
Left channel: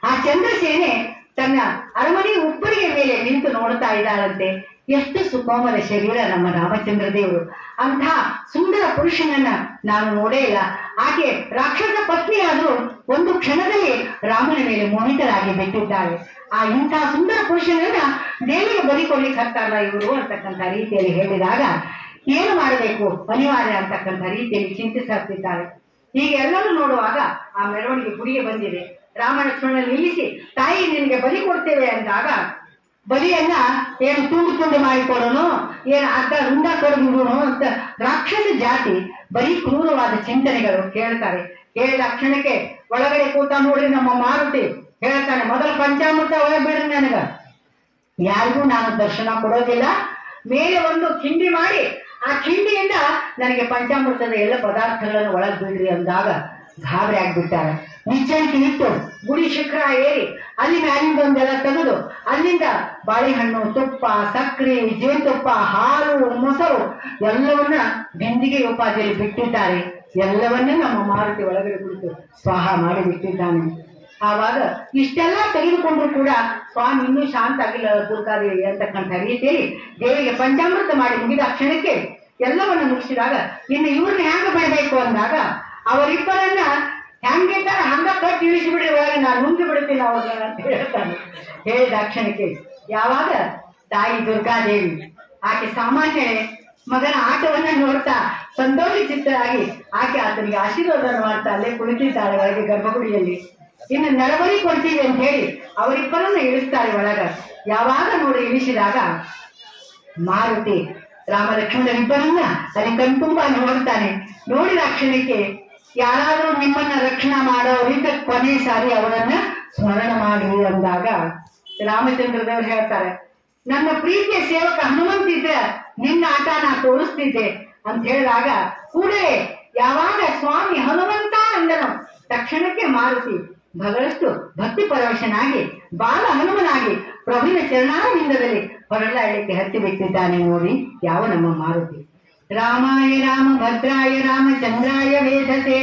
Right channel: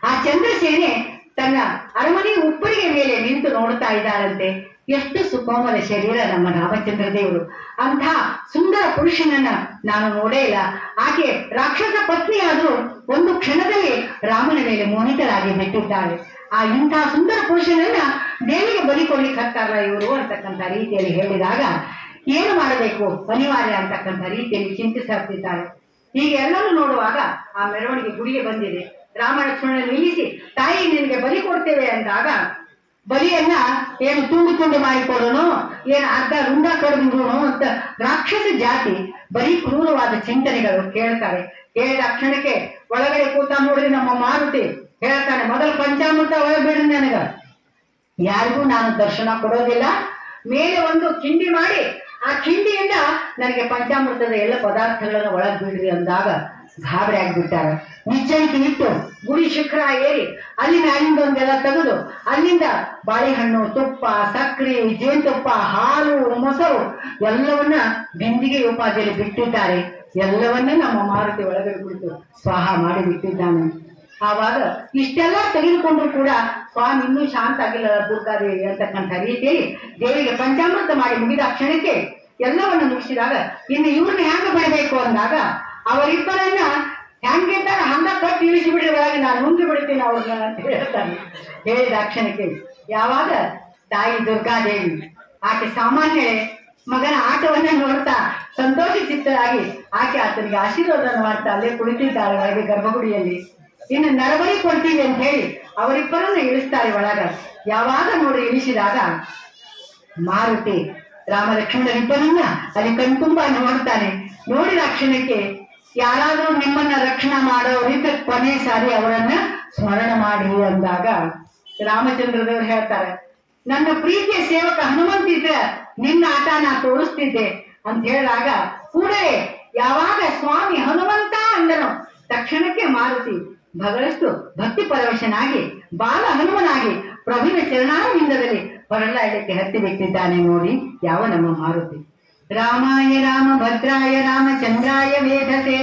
ಆ ಚಂದ್ರಸೇನೆ ತನ್ನ ಅರಮನೆ ಉಪ್ಪರಿಗೆ ಮೇಲೆ ನಿಂತು ನೋಡ್ತಾ ಇದ್ದಾಳಂತೆ. ಎಷ್ಟು ಸುಕೋಮಲ ಶರೀರ ನಮ್ಮ ರಾಮಚಂದ್ರ ದೇವರು, ಅಂಥ ಸುಂದರ ಪುರುಷನನ್ನ ನಾನು ನೋಡೇ ಇಲ್ಲ. ಆಕೆ ರಾಕ್ಷಸ ಪತ್ನಿಯಾದರೂ ಒಂದು ಕ್ಷಣದಲ್ಲಿ ರಾಮನ ಮೇಲೆ ಮೋಹಿತರಾಗಿ ಬಿಟ್ಟಿದ್ದಾಳೆ. ಆ ಇಂಥ ಸುಂದರ ಪುರುಷನನ್ನ ದೇವಿಗೆ ಬಲಿಕೊಡ್ಲಿಕ್ಕೆ ಹತ್ತಾರಲ್ಲ ಇವರು ಅಂತಕ್ಕಂಥ ರೀತಿಯಲ್ಲಿ ಹೇಳಿದಾಗ ಏನು ಮಾಡಬೇಕು ಅನಿವಾರ್ಯ ಅಂತಕ್ಕಂಥ ರೀತಿಯಲ್ಲಿ ಚಿಂತಿಸುತ್ತಿದ್ದಾರೆ. ಹೀಗೆ ಎಲ್ಲರೂ ನೋಡುವಾಗ ಆ ಮೆರವಣಿಗೆ ಗುಡಿಗೆ ಬಂದಿದೆ. ರಾಮ ಲಕ್ಷ್ಮಣ ನಿಲ್ಲಿಸಿ ತಾಯಿ ನಿನಗೆ ಬಲಿ ಕೊಡ್ತೇವೆ ಅಂದಾಗ ಬಲಿಯನ್ನ ಏನು ತುಂಡು ಮಾಡಿಕೊಡೋನು, ಏನು ಅರ್ಧ ರುಂಡ ಕಡಿದು ಅಂತ ರಾಕ್ಷಸ ಜಾತಿ ಬರೀ ಕ್ರೂರವಾದ ಚಿಂತನೆಗಳು ಕೇಳ್ತಾರೆ. ಕೇಳಿದ ಕ್ಷಣಕ್ಕೆ ಒಳಗಡೆ ಕೂತ ನೋಡ್ರಿ ನಮ್ಮ ಮಾರುತಿ ಹೇಳ್ತಾನೆ, ಮೊದಲು ಪಂಚಾಮೃತ ಒಳಗೆ ಬಿಡ್ರಿ, ನನಗ ಯಾರಿಗೂ ನಾನು ದರ್ಶನ ಕೊಡೋದಿಲ್ಲ, ಮೇಲೆ ಒಂದು ಕಿಂಡಿ ಮಾಡಿ ಆ ಕಿಂಡಿಯಿಂದ ನನಗೆ ಪಂಚಾಮೃತದ ಎಲ್ಲ ಪದಾರ್ಥಗಳನ್ನು ಒಳಗೆ ಬಿಡ್ರಿ ಅಂದಾಗ ಗಾಬರಿ ಆಗ್ಬಿಟ್ಟಾರೆ. ನಿಚ್ಚಣಿಕೆ ಇಟ್ಟು ಗುಡಿ ಶಿಖರ ಏರಿ ಅಲ್ಲಿನ ಅಲ್ಲಿಂದ ಒಂದೆಲ್ಲ ತೆಗೆದು ಅಲ್ಲಿಂದ ಬಾಳೆಹಣ್ಣು, ತುಪ್ಪ, ಸಕ್ಕರೆ, ಜೇನುತುಪ್ಪ, ಹಾಲು, ಮೊಸರು ಎಲ್ಲವನ್ನ ಬಿಂದಿಗೆ ಉಪಾಧಿಯಲ್ಲಿ ಬಿಟ್ಟಿದ್ದಾರೆ. ಎಲ್ಲವನ್ನ ನಮ್ಮ ಮಾರುತಿ ಒಳಗಡೆ ಕುಳಿತು ಸ್ವಾಹ ಮಾಡಿ ಬಿಟ್ಟಿದ್ದಾನೆ. ಆವಾಗ ಇಷ್ಟೆಲ್ಲ ತೆಗೆದುಕೊಂಡ್ರು ಕೂಡ ಸ್ವಾಮಿ ಇನ್ನೂ ಶಾಂತ ಆಗಿಲ್ಲ ದುರ್ಗಾದೇವಿ ಅಂತಕ್ಕಂಥ ರೀತಿಯಲ್ಲಿ ದೇವಿಗೆ ಪಂಚಾಮೃತ ಮಾಡಿ ಮುಗಿದ ಕ್ಷಣಕ್ಕೆ ಎಲ್ಲವನ್ನ ಮುಗಿಸಿದಾಗ ಇನ್ನು ಇವ್ರನ್ನ ಹ್ಯಾಂಗ ಬಿಡಬೇಕು ಅಂದಾಗ ಅವರಿಬ್ಬರನ್ನ ಹ್ಯಾಂಗಿದ್ದಾರೆ ಹಂಗ ಕಟ್ಟಿ ಇಳಿಸಿ ಬಿಡಿ ಒಳಗೆ, ನಾನು ನುಂಗಿ ಬಿಡ್ತೀನಿ ಅವ್ರನ್ನ ಅಂತ ಹೇಳ್ತಾನೆ. ಹೇಳಿದ ಕ್ಷಣಕ್ಕೆ ಯಾವಾಗ ತಾಯಿ ದುರ್ಗಾದೇವಿ ಆಕೆ ಸಾಮಾನ್ಯ ಮಗನ ಆಟವನ್ನ ನೋಡ್ತಾ ಸಂತೋಷಿಸಿದ್ದರಾಗಿ ಆಕೆ ಆತನಿಗೆ ಆಶೀರ್ವಾದ ಮಾಡ್ತಾ ಅಲ್ಲೇ ಕುಳಿತಿದ್ದಾಳೆ ಒಳಗೆ ಗರ್ಭಗುಡಿಯಲ್ಲಿ. ಇನ್ನು ನರಬಲಿ ಕೊಡ್ತೀವಿ ಅಂತ ಹೇಳಿ ಅವರಿಬ್ಬರನ್ನ ಇಳಿಸ್ತಾರೆ ಒಳಗ. ಯಾವಾಗ ನೋಡಿ ಇಳಿಸಿದಾಗ ಮಾರುತಿ ರಾಮ ಲಕ್ಷ್ಮಣರಿಬ್ಬರನ್ನ ಅಲ್ಲಿ ಕಣ್ತುಂಬ ನೋಡ್ತಾನೆ. ನೋಡಿದ ಕ್ಷಣಕ್ಕೆ ಯಾರಾದ್ರೂ ನಿಮ್ಮನ್ನ ರಕ್ಷಣೆ ಮಾಡೋರಿಗೆ ಕೊನೆ ಸಾರಿ ಅವರನ್ನ ಸ್ಮರಣ ಮಾಡಿ ಅಂದಾಗ ರಾಮಚಂದ್ರದೇವರು ಹೇಳ್ತಾರೆ, ನನ್ನ ಪ್ರೀತಿಯ ಸೇವಕ ಹನುಮಂತಿದ್ರೆ ನಿನ್ನ ಆಟ ನಾ ತೋರಿಸ್ತಿದ್ದೆ ಅಂತ ಹೇಳಿದಾಗ ಕೂಡಲೇ ಯಾವಾಗ ಸ್ವಾಮಿ ಹನುಮಂತ ಅಂದನು ತಕ್ಷಣಕ್ಕೆ ಮಾರುತಿ ಬಹಳಷ್ಟು ಭಕ್ತಿ ಪರವಶನಾಗಿ ಬಾಲ ಹನುಮನಾಗಿ ಪ್ರಭುವಿನ ಚರಣಾರವಿಂದದಲ್ಲಿ ಹೊರಳಾಡಲಿಕ್ಕೆ ಹತ್ತಿ ಬಿಟ್ಟಿದ್ದಾನೆ. ನೋಡಿ ಯಾವ ನಮ್ಮ ಮಾರುತಿ. ರಾಮಾಯ ರಾಮ ಭದ್ರಾಯ ರಾಮಚಂದ್ರಾಯ ವೇಧಸೆ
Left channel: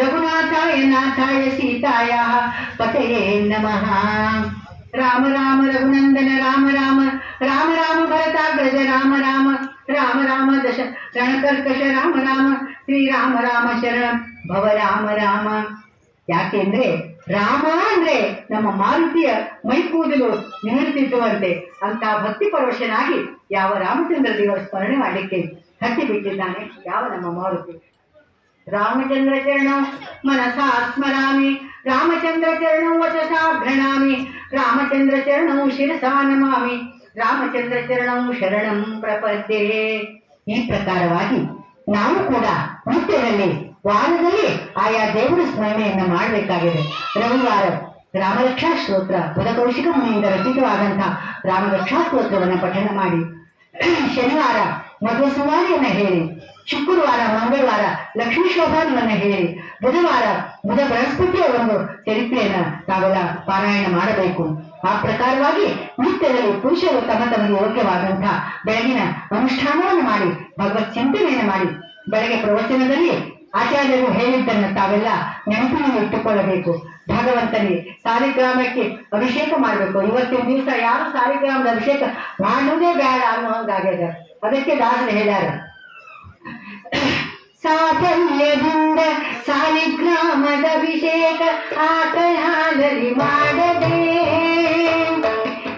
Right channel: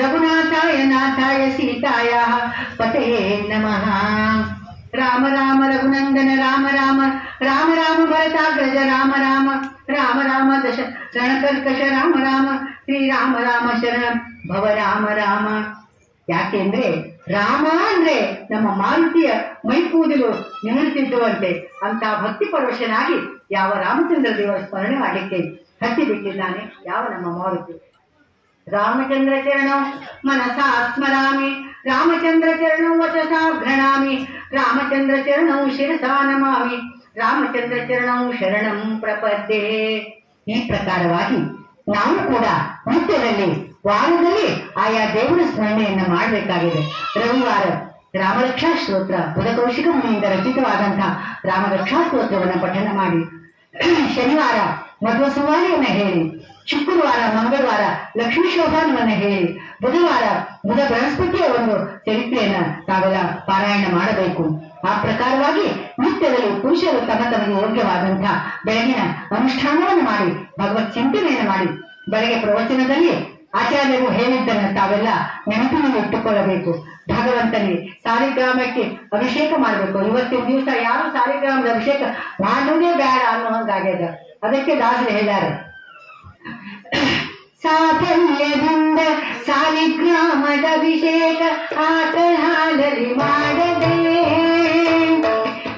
ರಘುನಾಥಾಯ ನಾಥಾಯ ಸೀತಾಯ ಪತಯೇ ನಮಃ. ರಾಮ ರಾಮ ರಘುನಂದನ ರಾಮ ರಾಮ ರಾಮ ರಾಮ ಭರತಾಗ್ರಜ ರಾಮ ರಾಮ ರಾಮ ರಾಮ ದಶ ರಣಕರ್ಕಶ ರಾಮ ರಾಮ ಶ್ರೀರಾಮ ರಾಮ ಶರಣ ಭವ ರಾಮ ರಾಮ. ಯಾಕೆಂದ್ರೆ ರಾಮ ಅಂದ್ರೆ ನಮ್ಮ ಮಾರುತಿಯ ಮೈಕೂದಲು ನಿಮಿರುತ್ತಿದ್ದುವಂತೆ ಅಂತ ಭಕ್ತಿ ಪರವಶನಾಗಿ ಯಾವ ರಾಮಚಂದ್ರ ದೇವರ ಸ್ಮರಣೆ ಮಾಡಲಿಕ್ಕೆ ಹತ್ತಿ ಬಿಟ್ಟಿದ್ದಾನೆ ಯಾವ ನಮ್ಮ ಮಾರುತಿ. ರಾಮಚಂದ್ರ ಚರಣಂ ಮನಸಾ ಸ್ಮರಾಮಿ ರಾಮಚಂದ್ರ ಚರಣಂ ವಚಸಾ ಘೃಣಾಮಿ ರಾಮಚಂದ್ರ ಚರಣಂ ಶಿರಸಾ ನಮಾಮಿ ರಾಮಚಂದ್ರ ಚರಣಂ ಶರಣಂ ಪ್ರಪದ್ಯೆ. ಈ ಪ್ರಕಾರವಾಗಿ ನಾವು ಕೂಡ ನಿತ್ಯದಲ್ಲಿ ವಾರದಲ್ಲಿ ಆಯಾ ದೇವರ ಸ್ಮರಣೆಯನ್ನ ಮಾಡಬೇಕಾಗಿದೆ. ರವಿವಾರ ರಾಮರಕ್ಷಾ ಸ್ತೋತ್ರ ಬುಧಕೌಶಿಕ ಮುನಿಯಿಂದ ರಚಿತವಾದಂತಹ ರಾಮರಕ್ಷಾ ಸ್ತೋತ್ರವನ್ನು ಪಠಣ ಮಾಡಿ, ಶನಿವಾರ ಮಧ್ವ ಸಂವಾರಿಯನ್ನ ಹೇಳಿ, ಶುಕ್ರವಾರ ಮಂಗಳವಾರ ಲಕ್ಷ್ಮೀ ಶೋಭಾನವನ್ನ ಹೇಳಿ, ಬುಧವಾರ ಬುಧ ಬೃಹಸ್ಪತಿಯ ಒಂದು ಚರಿತ್ರೆಯನ್ನ ತಾವೆಲ್ಲ ಪಾರಾಯಣ ಮಾಡಬೇಕು. ಆ ಪ್ರಕಾರವಾಗಿ ನಿತ್ಯದಲ್ಲಿ ಪುರುಷರು ತಮ್ಮ ತಮಗೆ ಯೋಗ್ಯವಾದಂತಹ ಬೆಳಗಿನ ಅನುಷ್ಠಾನವನ್ನು ಮಾಡಿ ಭಗವತ್ ಚಿಂತನೆಯನ್ನು ಮಾಡಿ ಬೆಳಗ್ಗೆ ಪ್ರವಚನದಲ್ಲಿ ಆಚಾರ್ಯರು ಹೇಳಿದ್ದನ್ನು ತಾವೆಲ್ಲ ನೆನಪಿನಲ್ಲಿ ಇಟ್ಟುಕೊಳ್ಳಬೇಕು. ಭಗವಂತನಿಗೆ ಸಾಲಿಗ್ರಾಮಕ್ಕೆ ಅಭಿಷೇಕ ಮಾಡಬೇಕು. ಇವತ್ತಿನ ದಿವಸ ಯಾರು ಸಾಲಿಗ್ರಾಮದ ಅಭಿಷೇಕ ಮಾಡುವುದೇ ಬೇಡ ಅನ್ನೋ ಹಾಗಾಗ್ಯದ. ಅದಕ್ಕೆ ದಾಸರು ಹೇಳ್ಯಾರ, ಸಾಫಲ್ಯದಿಂದ ಸಾಲಿಗ್ರಾಮದ ಅಭಿಷೇಕ ಆಕಳ ಹಾಲಲ್ಲಿ ಮಾಡದೆ,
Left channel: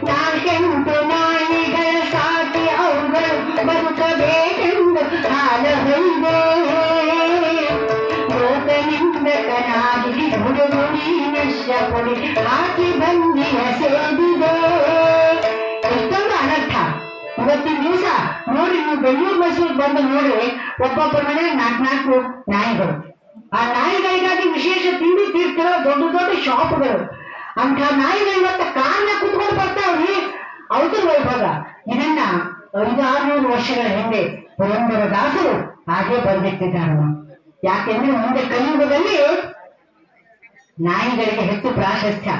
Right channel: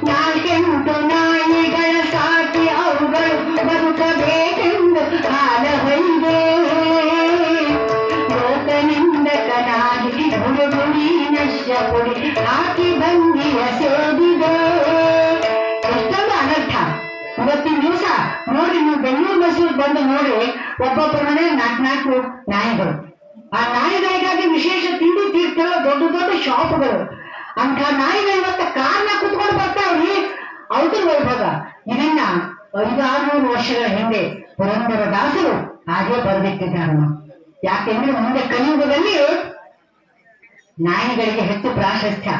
ನಾಲ್ಕೆಂಟು ನಾಯಿಗಳ ಸಾಕಿ ಅವುಗಳು ಬದುಕಬೇಕೆಂದು ಹಾಲ ಹೊಯ್ದೆ, ಲೋಕನಿಂದಕನಾಗಿ ಹುಡುಗುಡಿ ನಶ್ಯ ಪುಡಿ ಹಾಕಿ ಬಂದಿಯ ಸೇದಿದೆ. ಎಷ್ಟೊಂದು ಅನರ್ಥ. ಇವತ್ತಿನ ದಿವಸ ನೋಡಿ, ನೀವು ಬೆಂಗಳೂರು ಮೈಸೂರು ಬಂದು ನೋಡಿ, ಒಬ್ಬೊಬ್ಬರ ಮನೆ 4 ನಾಯಿಗಳು. ಆ ನಾಯಿಗಳಿಗಾಗಿ ವಿಶೇಷ ತಿಂಡಿ ತೀರ್ತಿರೋ ದೊಡ್ಡ ದೊಡ್ಡ ಶಾಪ್ಗಳು. ಅಂತ ನಾಯಿಗಳು ಇವತ್ತ ಕಾರ್ನ ಕುತ್ಕೊಂಡು ಬರ್ತಾವ್ರಿ. ಅವ್ರ ವೈಭೋಗ. ಇದನ್ನ 500-600 ವರ್ಷಗಳ ಹಿಂದೆ ಪುರಂದರ ದಾಸರು ಹಾಗೆ ಬರೆದಿಟ್ಟಿದ್ದಾರೆ. ಯಾಕೆಂದ್ರೆ ಮುಂದೆ ಕಲಿಯುಗದಲ್ಲಿ ನಾಯಿಗಳಿಗೆ ಹೆಚ್ಚು ಪ್ರಾಶಸ್ತ್ಯ,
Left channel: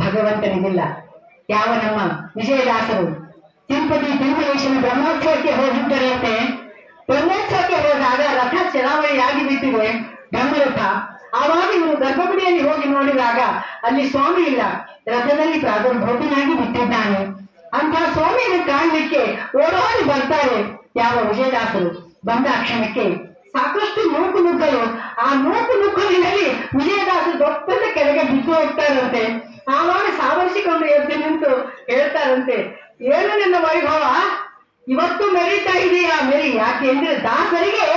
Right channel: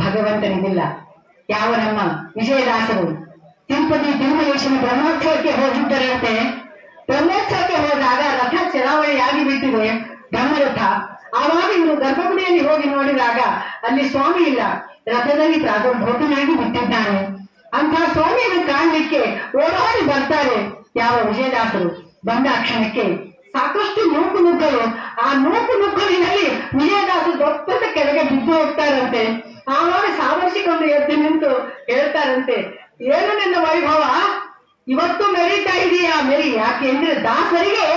ಭಗವಂತನಿಗಿಲ್ಲ. ಯಾವ ನಮ್ಮ ವಿಜಯದಾಸರು ತಿರುಪತಿ ತಿರುಮಲೇಶನ ಬ್ರಹ್ಮೋತ್ಸವಕ್ಕೆ ಹೋಗಿದ್ದರಂತೆ. ಬ್ರಹ್ಮೋತ್ಸವಕ್ಕೆ ಹೋದಾಗ ರಥ ಚಲಾವಣೆಯಾಗಿ ಬಿಟ್ಟಿದೆ, ಬ್ರಹ್ಮರಥ. ಆವಾಗ ಇವರು ಗರ್ಭಗುಡಿಯಲ್ಲಿ ಹೋಗಿ ನೋಡಿದಾಗ ಅಲ್ಲಿ ಸ್ವಾಮಿ ಇಲ್ಲ, ರಥದಲ್ಲಿ ಪ್ರಾದುರ್ಭೂತನಾಗಿ ಬಿಟ್ಟಿದ್ದಾನೆ. ಅಂತ ಸ್ವಾಮಿಯನ್ನು ಕಾಣಲಿಕ್ಕೆ ಓಡಾಡಿ ಬರ್ತಾರೆ ಯಾವ ವಿಜಯದಾಸರು. ಬಂದ ಕ್ಷಣಕ್ಕೆ ಸಾಕಷ್ಟು ನೂಕು ನುಗ್ಗಲು. ಆ ನೂಕು ನುಗ್ಗಲಿನಲ್ಲಿ ವಿಜಯದಾಸರು ದೊಡ್ಡ ಕೆಳಗೆ ಬಿದ್ದು ಹೋಗ್ತಾರಂತೆ. ಆವಾಗ ಸಾವರಿಸಿಕೊಂಡು ಎದ್ದು ನಿಂತು ಹೇಳ್ತಾರಂತೆ, ಏನು ನನ್ನ ವೈಭವ ಇವತ್ತು ಮೆರೀತಾ ಇದೆಯಾ ಮೆರಿ. ಯಾಕೆ ಅಂದ್ರೆ ದಾಸರಿಗೆ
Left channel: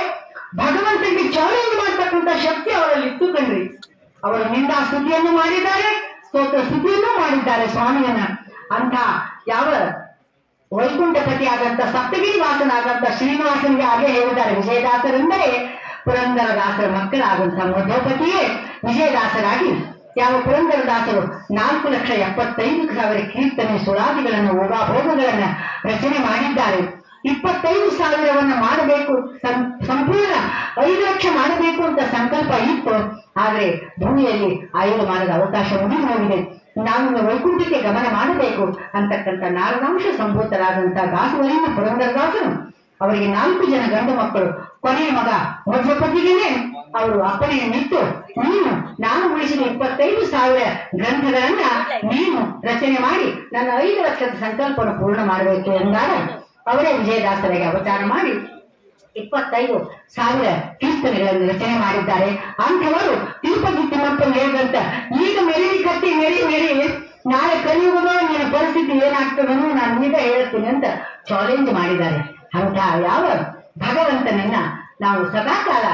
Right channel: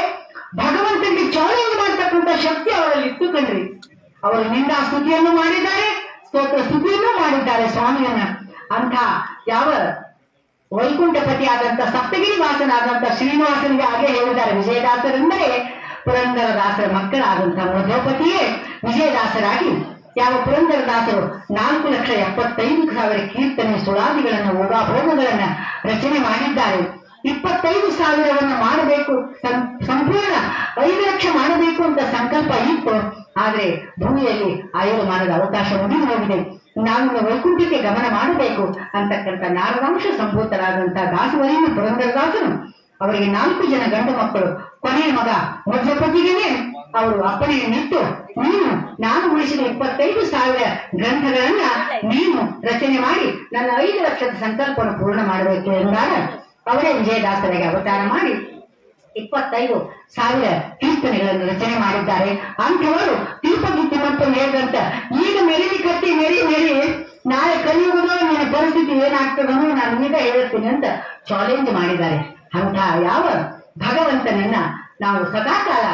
ಭಗವಂತನಿಗೆ ಚಾಲೆಂಜ್ ಮಾಡ್ತಕ್ಕಂಥ ಶಕ್ತಿ ಅವರಲ್ಲಿ ಇತ್ತು ಕಣ್ರಿ. ಅವರು ನಿಂದ ಸ್ತುತಿಯನ್ನು ಮಾಡಿದ್ದಾರೆ, ಸ್ತೋತ್ರ ಸ್ತುತಿಯನ್ನು ಮಾಡಿದ್ದಾರೆ ಸ್ವಾಮಿಯನ್ನ. ಅಂತ ಯಾವ ವೈಕುಂಠಪತಿ ಆದಂತ ಸಪ್ತಗಿರಿ ವಾಸನಾದಂತ ಶ್ರೀನಿವಾಸನಿಗೆ ಹಾಗೆ ಹೇಳಿದ್ದಾರೆ. ವಿಜಯದಾಸರೆಂದರೆ ಪುರಂದರದಾಸರ ಮಕ್ಕಳಾದಂತಹ ಮಧ್ಯೋಪತಿಯೇ ವಿಜಯದಾಸರಾಗಿ ಯಾವ ಪುರಂದರದಾಸರು 4,75,000 ಕೀರ್ತನೆ ಸುಳಾದಿಗಳನ್ನು ಊಹಾಭೋಗಗಳನ್ನ ರಚನೆ ಮಾಡಿದ್ದಾರೆ. 25,000 ಮಾಡಬೇಕು, ಸಂಪೂರ್ಣ 5 ಲಕ್ಷ ಮಾಡಬೇಕು ಅಂತ ಸಂಕಲ್ಪ ಇತ್ತು. ಆದ್ರೆ ಭೂಮಿಯಲ್ಲಿ ಆಯುರ್ಮಾನದ ಅವಕಾಶ ಮುಗಿದು ಹೋಗಿದೆ. ನಾವು ವೈಕುಂಠಕ್ಕೆ ಗಮನ ಮಾಡಬೇಕು ಅಂತಕ್ಕಂಥ ನಾರದಾಂಶ ಸಂಭೂತರಾದಂತಹ ದಾಸವರಿಯನ್ನು ಪುರಂದರದಾಸರು, ಅವರಿಗೆ 4 ಜನ ಗಂಡು ಮಕ್ಕಳು. ಕೊನೆಯ ಮಗ ಮಧ್ವಪತಿಗೆ ಅವರು ಅಪ್ಪಣೆಯನ್ನಿಟ್ಟು, ನಾನು ಉಳಿಸಿದ 25,000 ಗ್ರಂಥಗಳನ್ನ ನೀನು ರಚನೆ ಮಾಡಿ ನನ್ನ 5 ಲಕ್ಷದ ಸಂಕಲ್ಪವನ್ನು ಪೂರ್ಣ ಮಾಡಬೇಕು ಎಂದಾಗ ಅವರೇ ವಿಜಯದಾಸರಿಗೆ ಅವತಾರ ಮಾಡಿ 25,000 ಕೀರ್ತನೆಗಳನ್ನು ರಚನೆ ಮಾಡಿದ್ದಾರೆ. ಅಂಥವರು ತಿರುಪತಿ ತಿಮ್ಮಪ್ಪ ಹೇಳಿದಂತ, ಈಗ ಮೆರಿ ಕಟ್ಟಿ ಮೆರಿ ನಾಳೆ ಕಲಿಯುಗದ ನನ್ನ ಪರಿಸ್ಥಿತಿ ಏನಾಗ್ತದೋ ನಾನು ಈಗ ಹೇಳ್ತೀನಿ ಅಂತ ಚಾಲೆಂಜ್ ಮಾಡಿದ್ದಾರೆ. ಅಂತ ಯಾವ ಭಗವಂತನನ್ನ ನಾವು ಸದಾಕಾಲ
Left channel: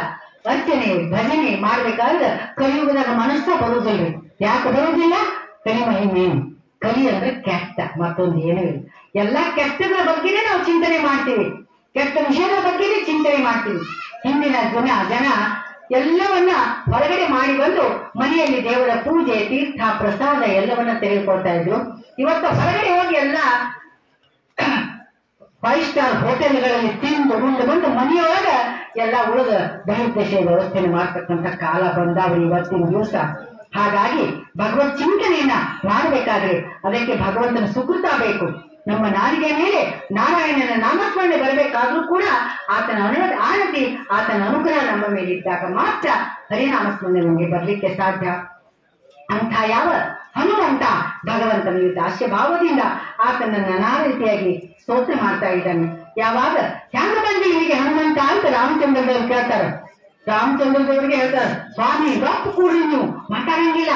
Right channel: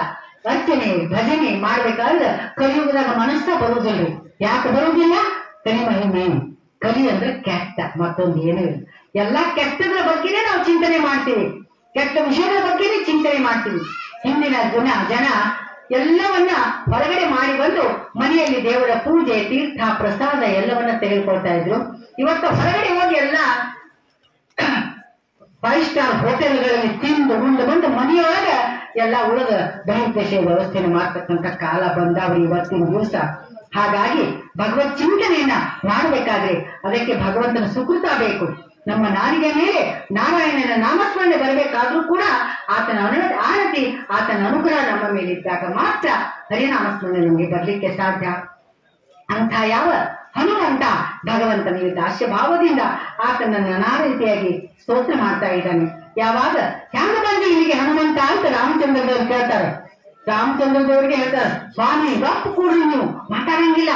ಅರ್ಚನೆ ಭಜನೆ ಮಾಡ್ಬೇಕಾದ್ರೆ ಕಲಿಯುಗದಾಗ ಮನಸ್ಸ ಬರುವುದಿಲ್ರಿ. ಯಾಕೆ ಬರುವುದಿಲ್ಲ? ಕಲಿ ಮಹಿಮೆ. ಕಲಿ ಅಂದ್ರೆ ಕೆಟ್ಟ, ಮತ್ತೊಂದು ಏನೂ ಇಲ್ಲ. ಎಲ್ಲಾ ಕೆಟ್ಟಗಳ ಬಗ್ಗೆನೇ ನಾವು ಚಿಂತನೆ ಮಾಡ್ತೀವಿ, ಕೆಟ್ಟ ವಿಷಯದ ಬಗ್ಗೆನೇ ಚಿಂತನೆ ಮಾಡ್ತೀವಿ. ಹಿಂದಿನ ಜನ ಎಲ್ಲವನ್ನ ಹೊರಗಡೆ ಮಾಡಿ ಬಂದು ಮನೆಯಲ್ಲಿ ದೇವರ ಪೂಜೆ ತೀರ್ಥ ಪ್ರಸಾದ ಎಲ್ಲವನ್ನ ತೆಗೆದುಕೊಳ್ತಾ ಇದ್ರು. ಇವತ್ತು ಹೊರಗಡೆ ಹೋಗಿ ಎಲ್ಲ 5 ಸ್ಟಾರ್ ಹೋಟೆಲ್ಗಳಲ್ಲಿ ತಿಂದು ಉಂಡು ಬಂದು ಮನೆಯೊಳಗ ಎಲ್ಲ ಉಳಿದ ಬಹಿರ್ದೇಶೀಯ ವ್ಯವಸ್ಥೆಯನ್ನು ಮಾಡ್ತಕ್ಕಂಥ ಕಾಲ ಬಂದಾವ್ರಿ ಇವತ್ತಿನ ದಿವಸ. ಹಾಗಾಗಿ ಭಗವತ್ ಚಿಂತನೆಯನ್ನ ಮಾಡಬೇಕಾದ್ರೆ ಅದಕ್ಕೆ ಭಗವಂತನ ಸುಕೃತ ಬೇಕು. ನಮ್ಮ ನಾಲಿಗೆ ಮೇಲೆ ನಾರಾಯಣನ ನಾಮಸ್ಮರಣೆ ಬರಬೇಕಾದ್ರೂ ಕೂಡ ಆತನ ಆನತಿ, ಆತನ ಅನುಗ್ರಹ ನಮ್ಮ ಮೇಲೆ ಇದ್ದಾಗ ಮಾತ್ರ ಹರಿನಾಮಸ್ಮರಣೆ ನಮಗೆ ಬರ್ಲಿಕ್ಕೆ ಸಾಧ್ಯ. ಅಂಥ ಯಾವ ಹನುಮಂತ ಭಗವಂತನಿಗೆ ದಾಸ್ಯ ಭಾವದಿಂದ ಆತನನ್ನು ನಾನಾ ರೀತಿಯಾಗಿ ಸ್ತೋತ್ರ ಮಾಡ್ತಾ ಇದ್ದಾನೆ. ಯಾವಾಗ ಹ್ಯಾಂಗ ಬಂದು ಇಲ್ಲಿಗೆ ಹನುಮಂತ ಅಂತ ರಾಮಚಂದ್ರದವ್ರು ಕೇಳ್ತಾರೆ. ರಾಮಚಂದ್ರದವ್ರಿಗೆ ಹೇಳ್ತಾರೆ, ಸ್ವಾಮಿ ರೊಕ್ಕ ಕೂಡಿ ನೀವು ಮಾತಾಡಂಗಿಲ್ಲ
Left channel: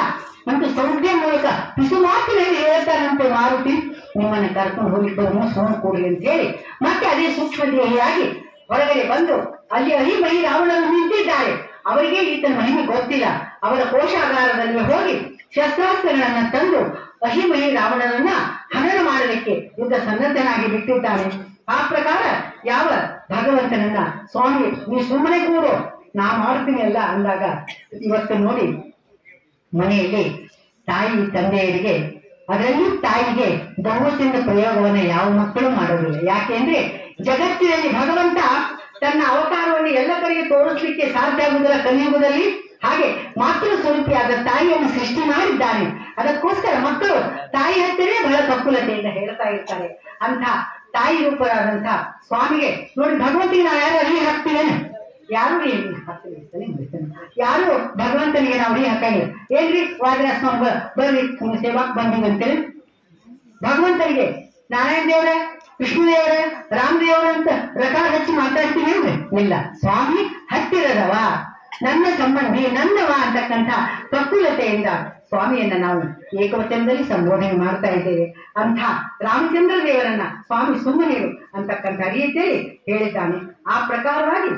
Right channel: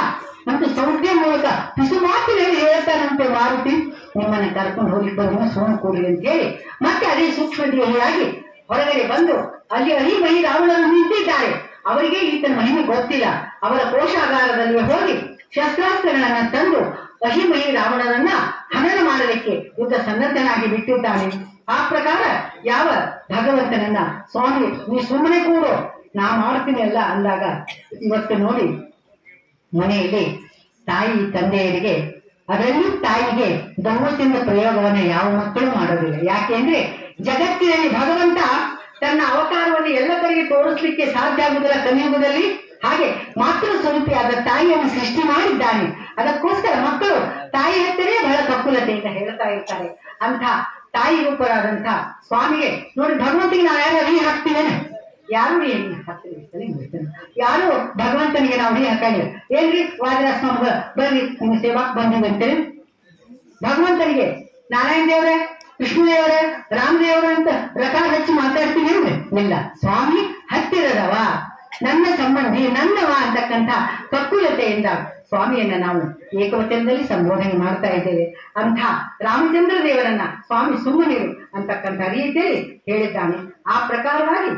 ಅಂತ ಸೌಖ್ಯ ಮೂಲಕ ಪಿಸು ಮಾತಿನಲ್ಲಿ ಹೇಳ್ತಾರಂತೆ ಮಾರುತಿ, ನಿಮ್ಮನ್ನ ಕರ್ಕೊಂಡು ಹೋಗಿದ್ದು ಸೋಮ ಕೂಡಲಿ ಅಂತ ಹೇಳಿ ಮತ್ತೆ ಅದೇ ಸೂಕ್ಷ್ಮದೇಹಿಯಾಗಿ ಹೊರಗಡೆ ಬಂದು ಅಲ್ಲಿ ಅಹಿಮಹಿ ರಾವಣರು ನಿಂತಿದ್ದಾರೆ. ಅವರಿಗೆ ಈತನ ಮಹಿಮೆ ಗೊತ್ತಿಲ್ಲ. ಅವರ ಕೋಶಾಗಾರದಲ್ಲಿ ಹೋಗಿ ಶಸ್ತ್ರಾಸ್ತ್ರಗಳನ್ನ ತಂದು ಅಹಿಮಹಿ ರಾವಣನನ್ನ ಹನನ ಮಾಡಲಿಕ್ಕೆ ಯುದ್ಧ ಸನ್ನದ್ಧನಾಗಿ ಬಿಟ್ಟಿದ್ದಾನೆ. ಆ ಪ್ರಕಾರ ಯಾವ ಭಗವಂತನನ್ನ ಸ್ವಾಮಿ ನೀ ಸುಮ್ಮನೆ ಕೂಡು ನಾ ಮಾಡ್ತೀನಿ ಅಲ್ಲ ಅಂದಾಗ, ಇವತ್ತು ನೋಡಿ ಮನೆಯಲ್ಲಿ ತಾಯಿ ತಂದೆಯರಿಗೆ, ಅದರಲ್ಲಿ ತಾಯಿಗೆ ದೌರ್ಜನ್ಯ ಪ್ರಯೋಗವನ್ನ ಯಾವ ಮಕ್ಕಳು ಮಾಡೋದಿಲ್ಲ. ಯಾಕೆಂದ್ರೆ ಜಗತ್ತಿನಲ್ಲಿ ಭಗವಂತ ತನ್ನ ಅವತಾರವನ್ನು ಎಲ್ಲ ಕಡೆಗೆ ತೋರಿಸ್ಲಿಕ್ಕೆ ಸಾಧ್ಯ ಆಗುವುದಿಲ್ಲ ಕಲಿಯುಗದಲ್ಲಿ. ಹಾಗೆ ಮಾತೃ ಸ್ವರೂಪಿಯಾದ ತಾಯಿಯನ್ನು ಸೃಷ್ಟಿ ಮಾಡಿದ್ದಾನೆ. ಅದಕ್ಕೋಸ್ಕರ ಮಕ್ಕಳು ತಾಯಿ ಹತ್ತಿರೇ ಬಹಳ ಕಕ್ಕುಲತೆಯಿಂದ ಹೇಳ್ತಾ ಇರ್ತಾರೆ. ಅಂತ ತಾಯಿ ರೂಪರಾದಂತ ಸ್ವಾಮಿಗೆ ನೋಡಿ, ಭಗವಂತನಿಗೆ ನಾವು ಯಾರು ಅಡಿ ಹಾಕ್ತೀವೇನೆ? ಯಾರು ಹಾಕ್ತೀವಿ? ಯಾರು ಭಗವಂತನಿಗೆ ನಾವು ಅಡಿ ಹಾಕಂಗಿಲ್ಲ. ಏನ್ರಿ ವಾದಿರಾಜ ಸ್ವಾಮಿ ಬರ್ರಿ ನಿಮ್ಮ ಸೇವಾಕ್ ಬಂದಿವಂತೇಳಿ ಭಗವಂತನಿಗೆ ನಾರಾಯಣ ದೇವರೇ, ಕೃಷ್ಣದೇವರೇ, ರಾಮದೇವರ ಅಂತ ರಕಾರ ಹಚ್ಚಿ ಮಾತಾಡ್ತೀವಿ ಅಂದ್ರೆ ಇಲ್ಲ. ಸ್ವಾಮಿ ಹತ್ತಿರದವ, ನನ್ನ ಸಂಬಂಧಿ, ನನ್ನವ ಅಂತಕ್ಕಂಥ ಕಕ್ಕುಲತೆಯಿಂದ ಸ್ವಾಮಿಯನ್ನ ನಾವು ಏಕವಚನದಲ್ಲಿ ಸಂಬೋಧನೆ ಮಾಡ್ತಾ ಇದ್ದೇವೆ. ಅಂಥ ರಾಮಚಂದ್ರ ದೇವರನ್ನ ಸ್ವಾಮಿ ಸುಮ್ಮನಿರು ಅಂತಕ್ಕಂಥ ರೀತಿಯಲ್ಲಿ ಹೇಳಿದ್ದಾನೆ. ಆ ಪ್ರಕಾರವಾಗಿ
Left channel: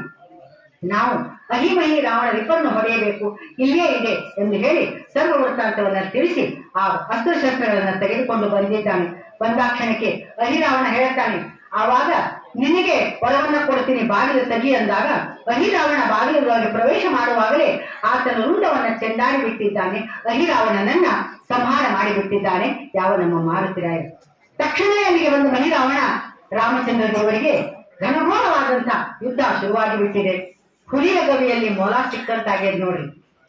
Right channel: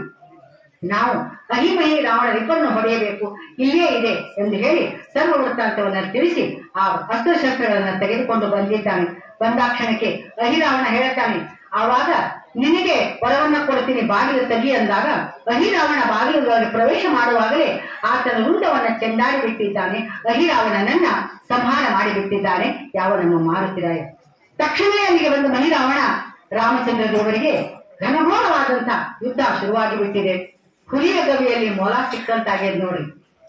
ನಾವು ಅಹಿಮಹಿ ರಾವಣ ವಿಪನ್ನು ಹೊಡೆಯಬೇಕು, ಇಲ್ಲೇ ಇದೆ ಎಂದು ಹೇಳಿ ಸರ್ವ ವೃತ್ತಾಂತವನ್ನ ತಿಳಿಸಿ ಆ ಅಸ್ತ್ರಶಸ್ತ್ರಗಳನ್ನ ತೆಗೆದುಕೊಂಡು ಬಂದಿದ್ದಾನೆ. ಬಂದಾಕ್ಷಣಕ್ಕೆ ಅಹಿರಾವಣ ಹೇಳ್ತಾನೆ, ಆವಾಗ ನಿನಗೆ ವರವನ್ನ ಕೊಡ್ತೀನಿ, ಬಾಗಿಲು ತೆಗಿ ಅಂದಾಗ ಅಹಿರಾವಣ ಬಾಗಿಲುಗಳಿಗೆ ಪ್ರವೇಶ ಮಾಡುವಾಗಲೇ ಆತನ ರುಂಡವನ್ನ ಚೆಂಡಾಡಿ ಬಿಟ್ಟಿದ್ದಾನೆ. ಅಹಿರಾವಣನನ್ನ ಸಂಹಾರ ಮಾಡಿಬಿಟ್ಟಿದ್ದಾನೆ ಯಾವ ನಮ್ಮ ಮಾರುತಿರಾಯ. ತಕ್ಷಣವೇ ಅಲ್ಲಿಗೆ ಬಂದು ಅಹಿರಾವಣ ರಾಮಚಂದ್ರ ದೇವರಿಗೆ ಘನಘೋರವಾದಂತ ಯುದ್ಧ ಶುರುವಾಗಿ ಬಿಟ್ಟಿದೆ. ಹುಲಿಯ ಗವಿಯಲ್ಲಿ ಮೊಲ ಸಿಕ್ಕಂತಾಗಿದೆ ನೋಡಿ.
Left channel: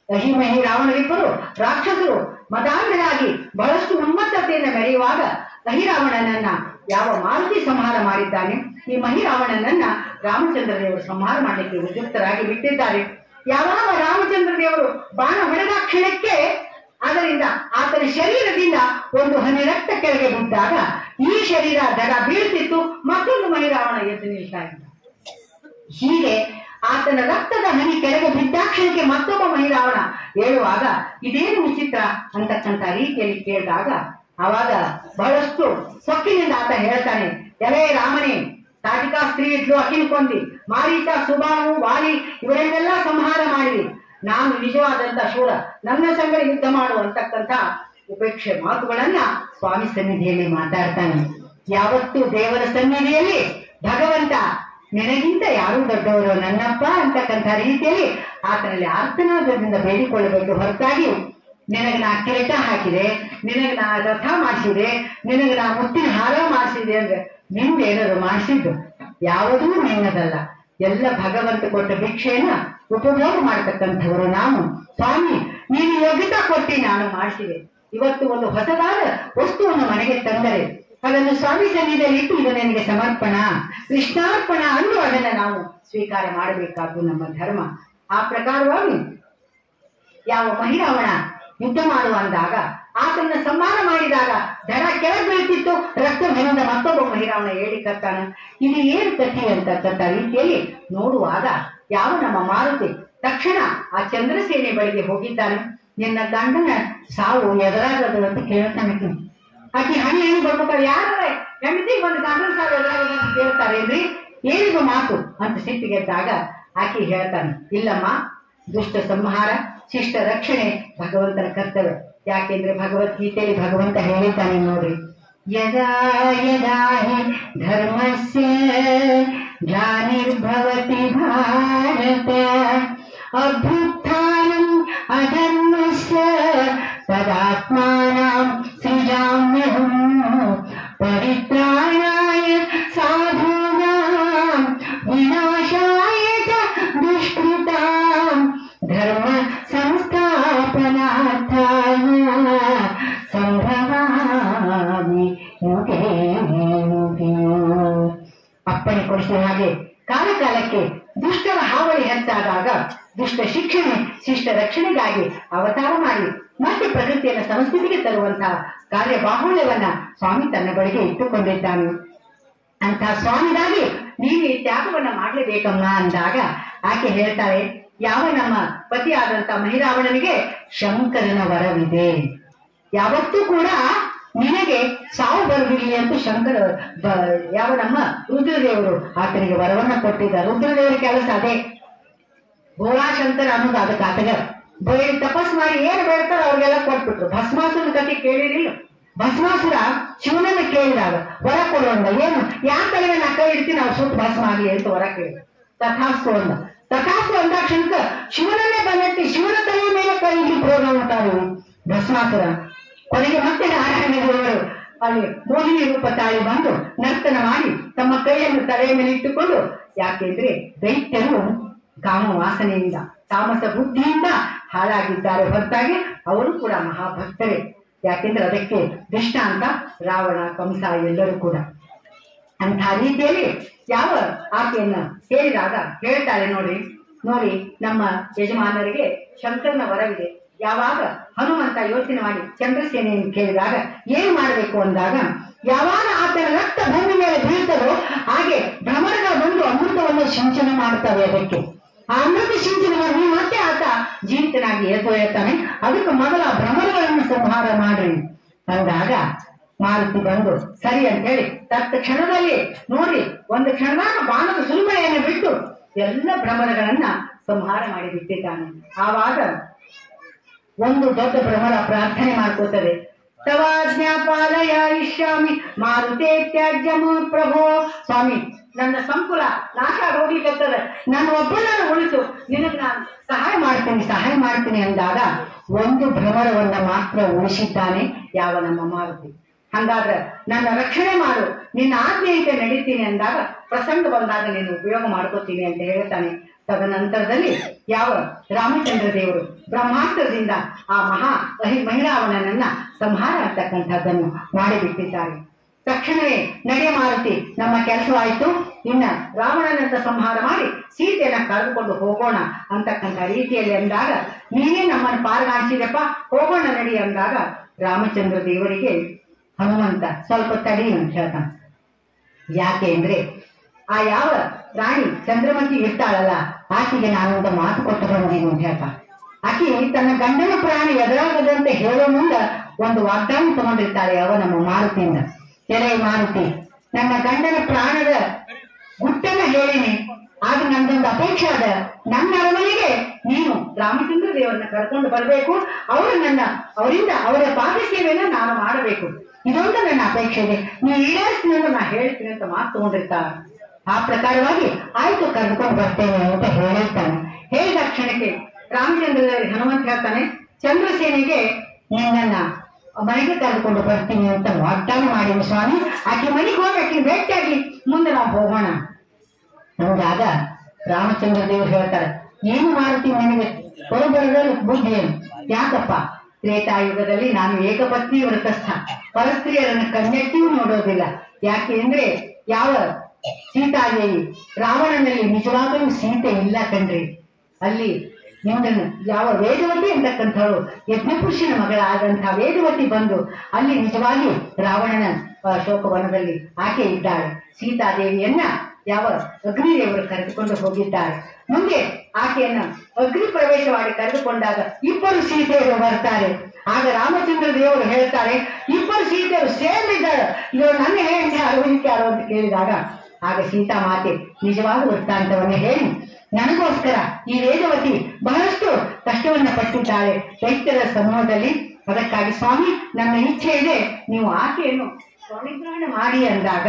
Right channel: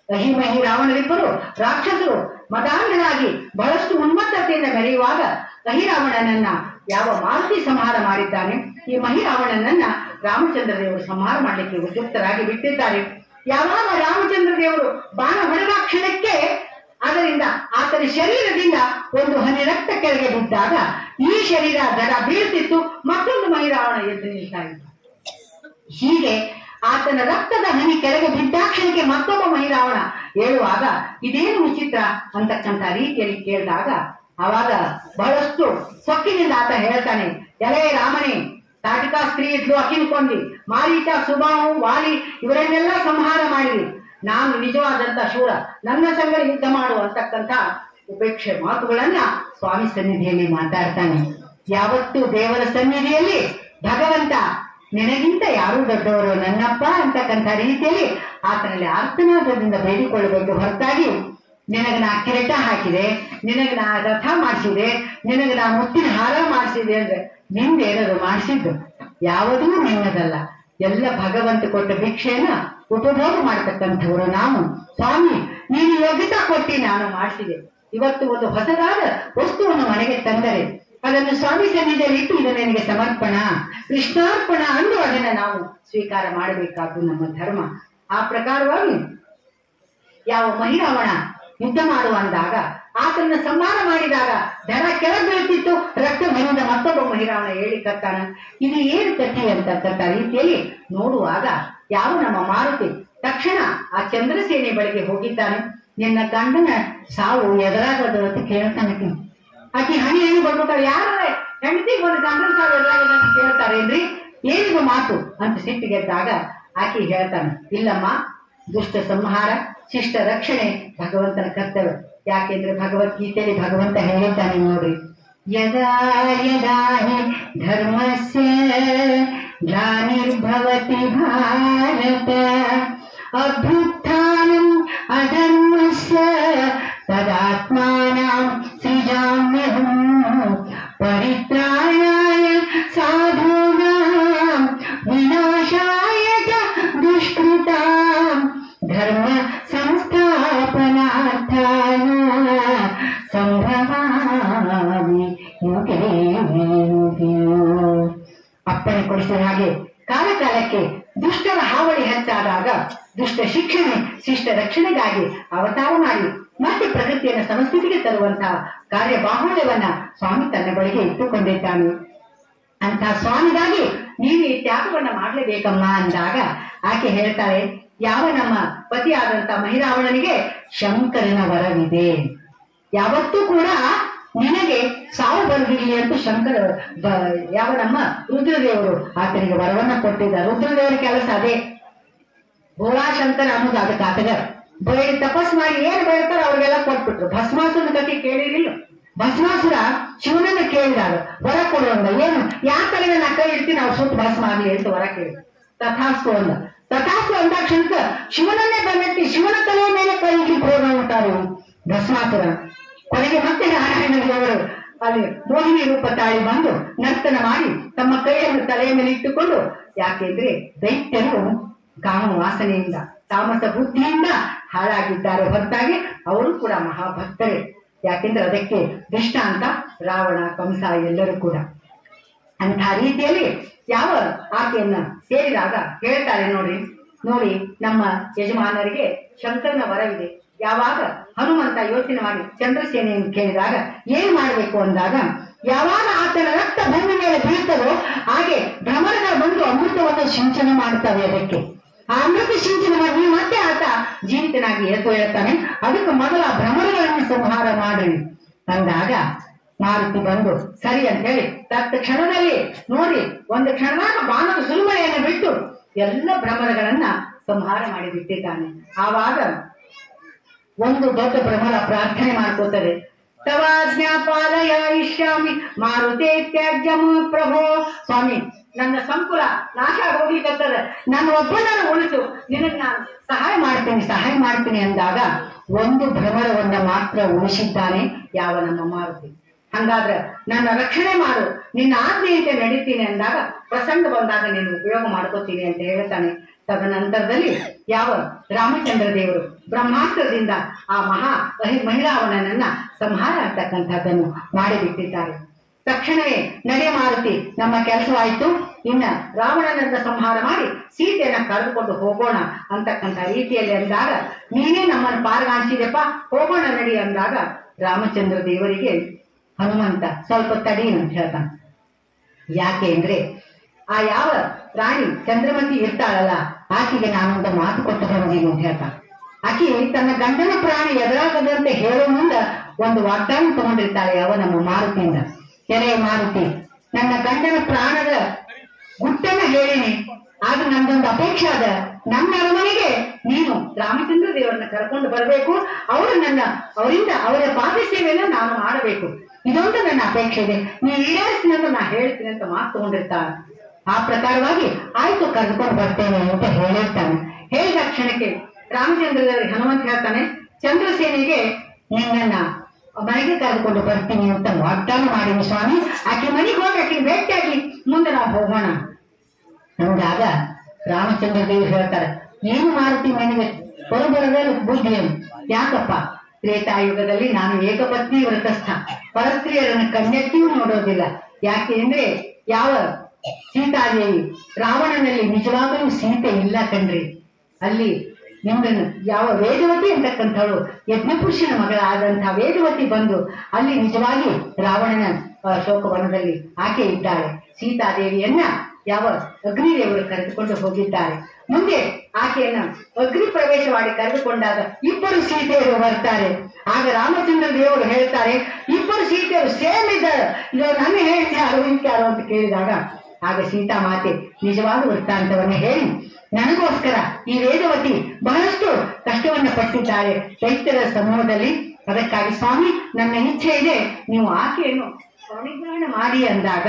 ಅಹಿಮಹಿ ರಾವಣರಿಬ್ಬರು ರಾಕ್ಷಸರು ಮದಾಂಧನಾಗಿ ಬಹಳಷ್ಟು ಉನ್ಮತ್ತತೆಯಿಂದ ಮೆರೆಯುವಾಗ ಅಹಿರಾವಣನನ್ನ ಯಾವ ಮಾರುತಿ ಸಂಹಾರ ಮಾಡಿದ್ದಾನೆ, ಈ ಮಹಿರಾವಣನನ್ನ ರಾಮಚಂದ್ರ ದೇವರು ಸಂಹಾರ ಮಾಡಲಿಕ್ಕೆ ಉದ್ಯುಕ್ತರಾಗಿ ಬಿಟ್ಟಿದ್ದಾರೆ. ಯಾವಾಗ ರಾಮಚಂದ್ರ ದೇವರು ಬಾಣ ಹೊಡೆದ ಕ್ಷಣಕ್ಕೆ ಅದರಿಂದ ಆತನ ಶರೀರದಿಂದ ಒಂದು ಹನಿ ರಕ್ತ ಕೆಳಗೆ ಬಿದ್ದಾಗ ಈ ಶರೀರ ದಡ ಬೀಳ್ತಿತ್ತು, ಮತ್ತೊಂದು ಮಹಿರಾವಣ ಎದ್ದು ನಿಲ್ತಾ ಇದ್ದ. ಹೀಗೆ ಆತನ ರಕ್ತದ ಹನಿ ಕೆಳಗೆ ಬಿದ್ದಾಕ್ಷಣಕ್ಕೆ ಮತ್ತೊಬ್ಬ ಮಹಿರಾವಣ ಹೇಳುವಾಗ ಇದೇನು ವಿಚಿತ್ರ ಅಂತಕ್ಕಂಥ ರೀತಿಯಲ್ಲಿ ಕೇಳಿದಾಗ ಆವಾಗ ಬಹಳಷ್ಟು ಸೊಕ್ಕಿನಿಂದ ಆತ ಹೇಳ್ತಾನೆ, ಎಲೆ ರಾಮನೇ, ತಾಟಿಕಾ ಸ್ತ್ರೀ ಇದ್ಲು, ಅಕಿನ ಕೊಂದಿ, ಮಾರೀಚ, ಸುಬಾಹು, ವಾಲಿ ಇವರನ್ನೆಲ್ಲ ಸಂಹಾರ ಮಾಡಿರಿ. ನಾನು ನಿಜವಾದಂತ ಶೂರ, ನನ್ನ ಸಂಗಡ ಯುದ್ಧ ಮಾಡು ಅಂತಕ್ಕಂಥ ಉಪೇಕ್ಷೆ ಮಾತುಗಳನ್ನ ಸ್ವಾಮಿ ಸನ್ನಿಧಿಯಲ್ಲಿ ಮಾತಾಡ್ತಾನೆ. ಯಾವತ್ತು ದೇವರ ಸನ್ನಿಧಿಯಲ್ಲಿ ಭಗವಂತ ನಿನಗಿಂತ ಯಾರು ದೊಡ್ಡವರು ನನ್ನಪ್ಪ ಅಂತಕ್ಕಂಥ ರೀತಿಯಲ್ಲಿ ಆತನಲ್ಲಿ ಆರ್ತನಾದದಿಂದ ಬೇಡಿಕೊಳ್ಳಬೇಕು ಹೊರತಾಗಿ ನಿನಗೆ ನಾ ಕಿರೀಟ ಹಾಕಿದೆ, ನಿನಗೆ ನಾ ರಥ ಮಾಡಿಸಿದೆ, ನಿನಗೆ ನಾ ಮುತ್ತಿನ ಹಾರ ಮಾಡಿಸಿದೆ ಅಂದ್ರೆ ನಿಂದೇನದು ಮಾಡಿಸಿದ್ದು ಯಾವುದೂ ನಿನ್ನದಲ್ಲ. ಎಲ್ಲ ಭಗವಂತ ಕೊಟ್ಟ ಭಿಕ್ಷೆಯನ್ನ ಉಪಭೋಗ ಮಾಡತಕ್ಕಂಥವರು ನಾವು. ಸ್ವಾಮಿ ನೀನು ಯೋಗ್ಯತಾ ಕೊಟ್ಟಿ ನಾನು ಮಾಡಿಸಿದೆ. ಇವತ್ತು ಒಂದು ಹೊಸದಾದ ವಸ್ತುವನ್ನು ಮನೆಗೆ ತಂದರೆ ಅದನ್ನು ಸ್ವಾಮಿ ಸನ್ನಿಧಿಯಲ್ಲಿ ಇಟ್ಟು ಇದು ನನಗೆ ಸಮರ್ಪಣ, ಕೃಷ್ಣಾರ್ಪಣ ಅಂದು ಅದನ್ನ ನಾವು ಸ್ವೀಕಾರ ಮಾಡಬೇಕಾದ್ದು ನಮ್ಮ ಧರ್ಮ. ಆ ಪ್ರಕಾರವಾಗಿ ಯಾವ ಮಹಿರಾವಣ ಯುದ್ಧ ಮಾಡುವ ಅಂದಾಗ ಆತನ ಸಂಹಾರ ಮಾಡಿದಾಗ ದಡ ಕೆಳಗೆ ಬೀಳ್ತಿತ್ತು, ರಕ್ತ ಭರಿಂದ ಮತ್ತೊಬ್ಬ ಮಹಿರಾವಣ ಹೇಳಿ ಕತ್ತಾನ. ಇದು ಏನು ಕಥೆ ಅಂತಕ್ಕಂಥ ರೀತಿಯಲ್ಲಿ ನೋಡುವಾಗ ಯಾವ ನಮ್ಮ ಮಾರುತಿ ತಕ್ಷಣ ಆ ಚಂದ್ರಸೇನೆ ಬಳಿಗೆ ಹೋಗಿದ್ದಾನೆ. ನಿನ್ನ ಗಂಡನ ಸಾವು ಎದುರಾಗದು ಅಂತ ಕೇಳ್ತಾನೆ. ಆಕೆ ಹಣಿ ಹಣಿ ಬರ್ಬೇಕಾದ್ರೆ ಯಾರ ಹೆಂಡತಿಗೆ ಒಂದು ಗಂಡನ ಸಾವು ಎದುರಾಗದು ಅಂತ ಕೇಳ್ತಾರೆ ಏನ್ರಿ, ಏನಿದು ಮಾತು ಅಂತ ಸಿಟ್ಟಿಗೆದ್ದಾಗ ಆಕೆ ಹೇಳ್ತಾನೆ, ಇಲ್ಲಮ್ಮ, ದುಷ್ಟ ಸಂಹಾರ ಶಿಷ್ಟ ರಕ್ಷಣೆ ಭಗವಂತನ ಕರ್ತವ್ಯ. ಯಾಕೆಂದ್ರೆ ಭಗವದ್ಗೀತೆಯಲ್ಲಿ ಭಗವಂತ ಹೇಳಿದ್ದಾನೆ ನೋಡಿ, ಯದಾ ಯದಾ ಹಿ ಧರ್ಮಸ್ಯ ಗ್ಲಾನಿರ್ಭವತಿ ಭಾರತ ಅಭ್ಯುತ್ಥಾನಂ ಅಧರ್ಮಸ್ಯ ತದಾತ್ಮಾನಾಂ ಸೃಜಾಮ್ಯಹಂ ಪರಿತ್ರಾಣಾಯ ಸಾಧೂನಾಂ ವಿನಾಶಾಯ ಚ ದುಷ್ಕೃತಾಂ ಧರ್ಮ ಸಂಸ್ಥಾಪನಾರ್ಥಾಯ ಸಂಭವಾಮಿ ಯುಗೇ ಯುಗೇ. ಅಪ್ಪಣೆ ಕೊಡಿಸಿದ ಹಾಗೆ ಕಾಲ ಕಾಲಕ್ಕೆ ದುಷ್ಟರ ಹಾವಳಿ ಹೆಚ್ಚಾದಾಗ ದುಷ್ಟ ಶಿಕ್ಷಣೆ ಶಿಷ್ಟ ರಕ್ಷಣೆಗಾಗಿ ಅವತಾರ ಮಾಡಿ ಮತ್ತೆ ಪ್ರಗತಿಯನ್ನು ಸಮಸ್ಥಿತಿಗೆ ತರುವಂತಹ ಕಾರ್ಯ ಬಾಹುಳ್ಯವನ್ನ ಸ್ವಾಮಿ ತನ್ನ ಬಳಿಗೆ ಇಟ್ಟುಕೊಂಡಿದ್ದಾನೆ. ಅಂತ ಸ್ವಾಮಿಗಾಗಿ ನೀನು ಈ ತ್ಯಾಗವನ್ನ ಮಾಡಲೇಬೇಕಮ್ಮ ಅಂದಾಗ ಆಕೆ ಹೇಳ್ತಾರೆ, ಯಾವ ನಮ್ಮ ಪತಿಯಾದಂತ ಮಹಿರಾವಣನಿಗೆ ಶಂಕರನ ವರವಿದೆ, ಯಾವತ್ತೂ ಕೂಡ ನಿನಗೆ ಸಾವು ಬರದಿರಲಿ ಅಂತ ಶಂಕರ ಯಾವ ನಮ್ಮ ರುದ್ರದೇವರು ಆತನಿಗೆ ವರವನ್ನ ಕೊಟ್ಟಿದ್ದ. ರುದ್ರದೇವರ ಕೆಲಸ ಅದೇ, ಭೋಳಾಶಂಕರ ಅನ್ನೋದು ಅದಕ್ಕೆ ಆತಗ ಬೇಡಿ ತಪಸ್ ಮಾಡಿ ಏನ್ ಬೇಡ್ತಾರೋ ಅವ್ರಿಗೆಲ್ಲ ಕೊಟ್ಬಿಟ್ರು. ಭಸ್ಮಾಸುರ ಕಥೆ ಕೇಳಿರಿಲ್ಲ? ಭಸ್ಮಾಸುರ ಶಿವನನ್ನ ಕೇಳಿದಾಗ ವರ ಕೊಡುವಂಗ, ಏನು ಯಾಕೆ ನಾ ಕೈ ಇಡ್ತೀನಿ ಅವ್ರು ಸುಟ್ಟು ಭಸ್ಮ ಆಗ್ಲಿ ಅಂತ ವರ ಕೇಳಿ. ತಥಾಸ್ತು ಅಂದ. ತಥಾಸ್ತು ಅಂದಾಕ್ಷಣಕ ಶಿವನನ್ನೇ ಬೆನ್ನಟ್ಟಿ ಶಿವನ ತಲೆಯ ಮೇಲೆ ಕೈ ಇಡ್ಲಿ ಪ್ರೋಗ್ರಾಮ ಅಂತಾರೆ ಭಸ್ಮಾಸುರ. ಕೊನೆಗೆ ಮತ್ತೆ ನಾರಾಯಣ ದೇವರು ಅಲ್ಲಿ ಮೋಹಿನಿ ರೂಪ ತಾಳಿ ಬಂದು ನರ್ತನ ಮಾಡಿ ತಮ್ಮ ಕೈಯನ್ನು ತಲೆಯ ಮೇಲೆ ಇಟ್ಟುಕೊಂಡು, ಯಾಕೆಂದ್ರೆ ದೈತ್ಯರು ಕಾಮ ವಾಸನೆಯಿಂದ ತಾಮಸ ಬುದ್ಧಿಯಿಂದ ಹಾಳಾಗಿದ್ದಾರೆ ಹೊರತಾಗಿ ಅವರು ಕೂಡ ಮಹಾಭಕ್ತರೇ. ಯಾಕೆಂದ್ರೆ ಅದಕ್ಕೆ ದೃಷ್ಟಾಂತ ರಾವಣ, ಕಂಸ ಎಲ್ಲರೂ ಕೂಡ. ಅಂಥ ರೀತಿಯಲ್ಲಿ ಯಾವ ಆಕೆಯನ್ನ ಕೇಳಿದಾಗ ಹೇಳ್ತಾಳೆ, ನೋಡಿ ನಮ್ಮ ಯಜಮಾನರಿಗೆ ಶಂಕರನ ವರವಿದೆ. ಯಾವಾಗ ಹನುಮಂತ ಯೋಚನೆ ಮಾಡಿ ಚಂದ್ರಸೇನೆಯನ್ನು ಕೇಳಿದಾಗ ಏನ್ ಮಾಡಬೇಕು ಅಂದಾಗ, ಯಾವಾಗ ಆತನ ರಕ್ತ ಭೂಮಿ ಮೇಲೆ ಬೀಳ್ತದೋ ಹಾಗೆ ಭ್ರಮರಗಳು ಬಂದು ಅಮೃತವನ್ನು ಸಿಂಚನ ಮಾಡ್ತವೆ. ಅದಕ್ಕೆ ಆ ಅಮೃತ ಸಿಂಚನ ಮಾಡಿ ಮತ್ತೆ ಆತ ಜೀವಿತನಾಗಿ ಎದ್ದು ಹೇಳ್ತಾನೆ, ಅದಕ್ಕೆ ಮೊದಲ ಭ್ರಮರಗಳನ್ನು ಸಂಹಾರ ಮಾಡ್ರಿ ಅಂದಾಗ ಮಾರುತಿ ಬಂದು ಸರಿ ಅಂತ ಹೇಳಿ ತತ್ಕ್ಷಣದಲ್ಲಿ ಒಂದು ಕ್ಷಣದಾಗ ಬಾಣದ ಸುರುಮಳೆಯನ್ನು ಬಿಟ್ಟು ಎಲ್ಲ ಭ್ರಮರಗಳನ್ನ ಸಂಹಾರ ಮಾಡಿ ಬಿಟ್ಟಿದ್ದಾನೆ. ಆವಾಗ ಒಂದು ದೊಡ್ಡ ಭ್ರಮರ ಪ್ರಾರ್ಥನೆ ಮಾಡ್ಕೋತದೆ, ತವಾಜ್ಞಾ ಪಾಲಯ ಇಷ್ಯಾಮಿ ಮಾರುತೇ ತ್ಯಾಜ್ಯಮೋ ಪ್ರಭೋ. ಸ್ವಾಮಿ, ನನ್ನ ಸಂಕುಲ ನಾಶ ಹೋಗ್ಲಿಕ್ಕತ್ತದ, ನನ್ನ ಒಬ್ಬನನ್ನು ಉಳಿಸು, ನಿನಗೆ ನಾನು ಸಹಾಯ ಮಾಡ್ತೀನಿ ಅಂದಾಗ ಒಂದು ಭ್ರಮರವನ್ನ ಮಾತ್ರ ಉಳಿಸಿದ್ದಾನೆ ಯಾವ ನಮ್ಮ ಮಾರುತಿ. ಹಂಗಾದ್ರೆ ನನ್ನ ರಕ್ಷಣೆ ಮಾಡು, ನಿನ್ನ ಆಜ್ಞೆಯಂತೆ ನಡೀತೀನಿ ಅಂದಾಗ ಪ್ರಸಂಗ ಬಂದಾಗ ನೀನು ಉಪಯೋಗ ಮಾಡ್ಕೋತೀನಿ ಅಂತ ಹೇಳ್ತಾನೆ. ತದನಂತರದಲ್ಲಿ ಯಾವ ರಾಮಚಂದ್ರ ದೇವರು ಬ್ರಹ್ಮಾಸ್ತ್ರದಿಂದ ಆ ಮಹಿರಾವಣನನ್ನ ಸಂಹಾರ ಅಂತಕ್ಕಂಥದ್ದನ್ನು ಮಾಡಿಬಿಟ್ಟಿದ್ದಾರೆ. ತಕ್ಷಣವೇ ನಡೆಯ ಮಾರುತಿ, ನಮ್ಮ ಕೆಲಸವಾಯಿತು, ಇನ್ನ ರಾವಣನನ್ನ ಸಂಹಾರ ಮಾಡಿ ಸೀತೆಯನ್ನ ಕಳೆದುಕೊಂಡು ಹೋಗೋಣ ಅಂತಕ್ಕಂಥ ರೀತಿಯಲ್ಲಿ ಅಂದಾಗ, ನೀನೇ ನಮ್ಮನ್ನು ಪಾಲ್ಗಾಣಿಸಿದೆಪ್ಪ, ಹೋಗೋಣ ನಡಿ ಅಂದಾಗ ರಾಮಚಂದ್ರ ದೇವರಿಗೆ ಹನುಮಂತ ಸ್ವಲ್ಪ ತಡಿ ಅಂತ ಹೇಳ್ತಾನೆ. ಯಾಕೆ ಅಂದ್ರೆ ಆ ಯಾವ ರಾಣಿ ಚಂದ್ರಮತಿ ಇರ್ತಾಳಲ್ಲ, ಆಕೆಗೆ ನಾನೊಂದು ಮಾತು ಕೊಟ್ಟು ಬಂದೀನಿ ಅಂತ ಹೇಳ್ತಾ. ಆಕೆ ತನ್ನ ಗಂಡನ ಪ್ರಾಣಿ ಎದುರಾಗದಂತೆ ಹೇಳೋ ಮುಂದ ಒಂದು ವಾಗ್ದಾನ ತಗೊಂಡಿರ್ತಾಳೆ ಯಾವ ನಮ್ಮ ಮಾರುತಿಯಿಂದ. ಎಲೆ ಮಾರುತಿ, ನನ್ನ ಗಂಡನ ಪ್ರಾಣದ ಗುಟ್ಟನ್ನ ಹೇಳಿನಿ, ಆಗ ನಂದೊಂದು ಅಪೇಕ್ಷೆ ಅದ, ನನ್ನ ಅರಮನೆಗೆ ನೀನು ರಾಮಚಂದ್ರ ದೇವರನ್ನ ಕರ್ಕೊಂಡು ಬರಬೇಕು, ಅವರಿಂದ ಅವರ ಪಾದ ಸೇವೆಯನ್ನ ನಾನು ಮಾಡಬೇಕು, ಇದೊಂದು ನನ್ನ ಅಪೇಕ್ಷೆ ಇದೆ, ನೀ ಈಡೇರಿಸ್ತೀನಿ ಅಂತ ನಾ ಹೇಳ್ತೀನಿ ಅಂತ ಮಾತು ತಗೊಂಡಿರ್ತಾನೆ. ಆ ಪ್ರಕಾರವಾಗಿ ಆಯ್ತು ಕರೆದುಕೊಂಡು ಬರ್ತೇನೆ ಅಂತ ಹೇಳಿರ್ತಾನೆ. ಹೇಳಿದ ಕ್ಷಣಕ್ಕೆ ರಾಮಚಂದ್ರ ದೇವರಿಗೆ ಹನುಮಂತ ಹೇಳ್ತಾನೆ, ಚಂದ್ರಸೇನೆಗೆ ನಿನ್ನನ್ನ ಮನೆಗೆ ಕರೆದುಕೊಂಡು ಬರ್ತೀನಿ ಅಂತ ವಾಗ್ದಾನ ಮಾಡಿನಿ ಸ್ವಾಮಿ, ಆಕೆ ಮನೆಗೆ ಹೋಗಿ ಆಕೆ ಭೇಟಿಯಾಗಿ ಮುಂದೆ ನಾವು ಹೋಗೋಣ ಅಂದಾಗ ರಾಮಚಂದ್ರ ದೇವರು ಹೇಳ್ತಾರೆ, ಏನು ಮಾಡ್ತೀನಿ ನನಗೆ ಹೊರಬರದಲ್ಲಿ ಬುದ್ಧಿ ಏನು? ಯಾಕಪ್ಪ, ತ್ರೇತಾಯುಗದಲ್ಲಿ ನಾನು ಏಕಪತ್ನಿ ವ್ರತಸ್ಥ, ಪರಸ್ತ್ರೀಯರನ್ನು ಕಣ್ಣೆಟ್ಟಿಯೂ ನೋಡೋದಿಲ್ಲ. ಯಾಕೆ ಅಂದ್ರೆ ಯಾವ ಸೀತಾದೇವಿ ರಾವಣನಲ್ಲಿ ನಿಜವಾಗಲೂ ಸೀತೆ ಇಲ್ಲ ಕಣ್ರಿ. ಅಲ್ಲಿ ನಿಮ್ಮನ್ನು ಯಾವ ವೇದವತಿ ಅಂತಕ್ಕಂಥವಳು ಯಜ್ಞಪುರುಷನ ಮಗಳಾದಂತಹ ವೇದವತಿ ಬಂದು ಅಲ್ಲಿ ನಿಜವಾಗಿ ರಾವಣನ ಶೋಕವನದಲ್ಲಿ ಆಕೆ ಇದ್ದಾಳೆ. ಸೀತಾದೇವಿಯನ್ನ ಯಾವ ಅಗ್ನಿದೇವರು ಕರೆದುಕೊಂಡು ಹೋಗಿದ್ದಾರೆ. ಮುಂದೆ ಆಕೆಯನ್ನ ಅಗ್ನಿ ಪ್ರವೇಶ ಮಾಡಿ ಕರೆದುಕೊಂಡಾಗ ಇಬ್ಬರು ಸೀತೆಯರು ಬರ್ತಾರೆ. ಆಗ ರಾಮಚಂದ್ರ ದೇವರು ಹೇಳ್ತಾರೆ, ಇಬ್ಬರು ಸೀತೆಯರು ಸೇಮ್ ಇದ್ದಾರೆ, ಇವರು ನನ್ನ ಹೇಳ್ತಿ ಯಾರು ಅಂತ ಕೇಳಿದಾಗ ಆಗ ಸೀತಾ ಮಾತೆ ನಿಜವಾದ ವೃತ್ತಾಂತವನ್ನು ಹೇಳಿ, ನನಗೋಸ್ಕರ ಈ ವೇದವತಿ ಬಹಳಷ್ಟು ಕಷ್ಟವನ್ನು ಪಟ್ಟಿದ್ದಾಳೆ ದೈತ್ಯರ ಸಮೂಹದಲ್ಲಿ, ಅದಕ್ಕಾಗಿ ಸ್ವಾಮಿ ನನ್ನ ಇಚ್ಛೆ ಇದೆ, ನೀವು ಆಕೆಯನ್ನು ಪರಿಗ್ರಹಣ ಮಾಡಿ ಅಂದಾಗ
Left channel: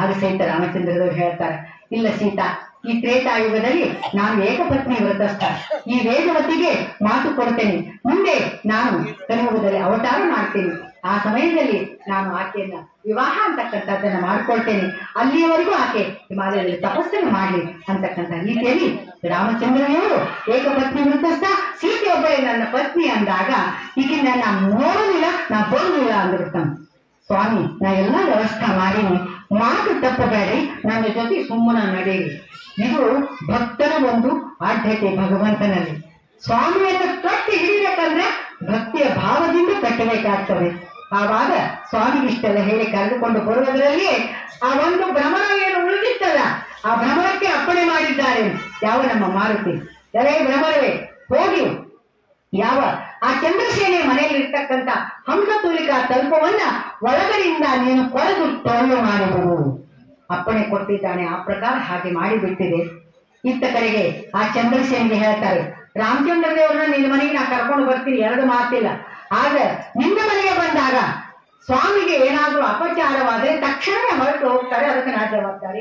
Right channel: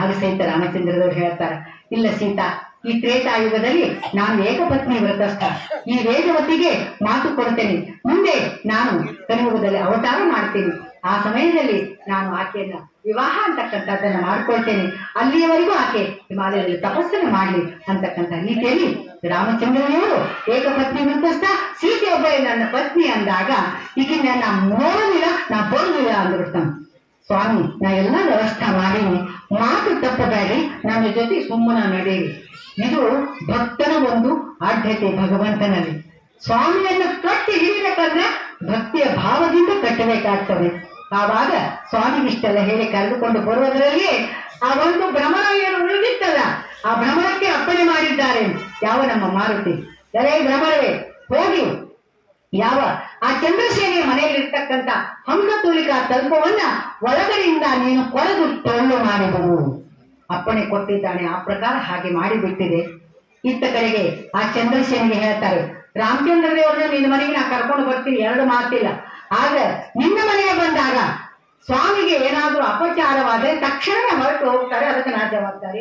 ಆಗ ಸಹಿತ ರಾಮಚಂದ್ರದವರು ಹೇಳ್ತಾರೆ, ಇಲ್ಲ ಸೀತಾ, ಈ ತ್ರೇತಾಯುಗದಲ್ಲಿ ನಾನು ಏಕಪತ್ನಿ ವ್ರತಸ್ಥ, ಈ ವೇದವತಿಗೆ ಮಾತು ಕೊಡ್ತೇನೆ, ಮುಂದೆ ನಾನು ಕಲಿಯುಗದಲ್ಲಿ ಅವತಾರ ಮಾಡ್ತೇನೆ, ಆ ಸಮಯದಲ್ಲಿ ನಾನು ಆಕೆಯನ್ನ ವಿವಾಹ ಅಂತಕ್ಕಂಥದ್ದನ್ನ ಮಾಡ್ಕೊಳ್ತೇನೆ, ಅಲ್ಲಿಯವರೆಗೂ ಆಕೆ ಹಿಮಾಲಯದಲ್ಲಿ ತಪಸ್ಸನ್ನು ಮಾಡಲಿ ಅಂತಕ್ಕಂಥ ರೀತಿಯಲ್ಲಿ ರಾಮಚಂದ್ರನವರು ಏಕಪತ್ನಿ ವ್ರತಸ್ಥ, ಸೀತೆಯೊಬ್ಬರೇ ನನ್ನ ಪತ್ನಿ ಅಂದಾಗ ಈಗಿನ ನಾನು ನೋಡೋದಿಲ್ಲ, ನಾ ಬರೋದಿಲ್ಲ ಅಂದಿರ್ತಾನೆ. ಸ್ವಾಮಿ, ನಾ ಎಲ್ಲಾ ವ್ಯವಸ್ಥೆ ಮಾಡೀನಿ, ಮಾತು ತಪ್ಪಬೇಡಿ, ನನ್ನ ಜೊತೆ ಸುಮ್ಮನ ನಡೆಯಿರಿ. ಇದು ಭಕ್ತನ ಒಂದು ಆದ್ಯತೆ ಭಗವಂತನಲ್ಲಿ. ಸ್ವಾಮಿಯನ್ನ ಕಟ್ಟಿ ಹಿಡಿಬೇಕಂದ್ರೆ ಭಕ್ತಿಯ ಭಾವದಿಂದ ಕಟ್ಟಬೇಕಾಗ್ತದೆ. ಆವಾಗ ಸ್ವಾಮಿಗಿಷ್ಟೆಲ್ಲ ಹೇಳಿ ಕರೆದುಕೊಂಡು ಬರುವುದರಲ್ಲಿ ಆ ಒಂದು ಭ್ರಮರ ಏನು ಉಳಿದಿತ್ತಲ್ಲ, ಆ ಭ್ರಮರಕ್ಕೆ ಅಪ್ಪಣೆ ಮಾಡಿದ್ದಾರೆ ಯಾವ ನಮ್ಮ ಮಾರುತಿ. ಎಲೆ ಭ್ರಮರವೇ, ಹೋಗಿ ಯಾವ ಆ ಚಂದ್ರಸೇನೆಯ ಮನೆಯಲ್ಲಿ ಇರ್ತಕ್ಕಂಥ ಹಂಸತೂಲಿಕಾ ತಲ್ಪವನ್ನ ಒಳಗಡೆಯಿಂದ ನೀನು ಕೊರೆದು ಟೊಳ್ಳು ಮಾಡಿದರು ಅಪ್ಪಣೆ ಕೊಟ್ಟಿದ್ದಾನೆ. ಆ ಪ್ರಕಾರ ಹಾಗೆ ಮಾಡಿಬಿಟ್ಟಿದೆ. ಇತ್ತ ಕಡೆಗೆ ಆ ಚಂದ್ರಸೇನೆಗೆ ಹೇಳ್ತಾರೆ, ರಾಮಚಂದ್ರ ದೇವರನ್ನ ನಿನ್ನ ಮನೆಗೆ ನಾ ಕರ್ಕೊಂಡು ಬರ್ತೀನಿ, ಎರಡು ಮಾತಿಲ್ಲ, ಆದ್ರೆ ನಿನ್ನ ಮನೆಗೆ ಬಂದಾಗ ಸ್ವಾಮಿಗೆ ಏನಾದ್ರೂ ಅಪಚಾರವಾದರೆ ತಕ್ಷಣ ಹೊರಟು ಹೋಗ್ತಾರೆ, ಅದಕ್ಕೆ ನಾ ಜವಾಬ್ದಾರಿ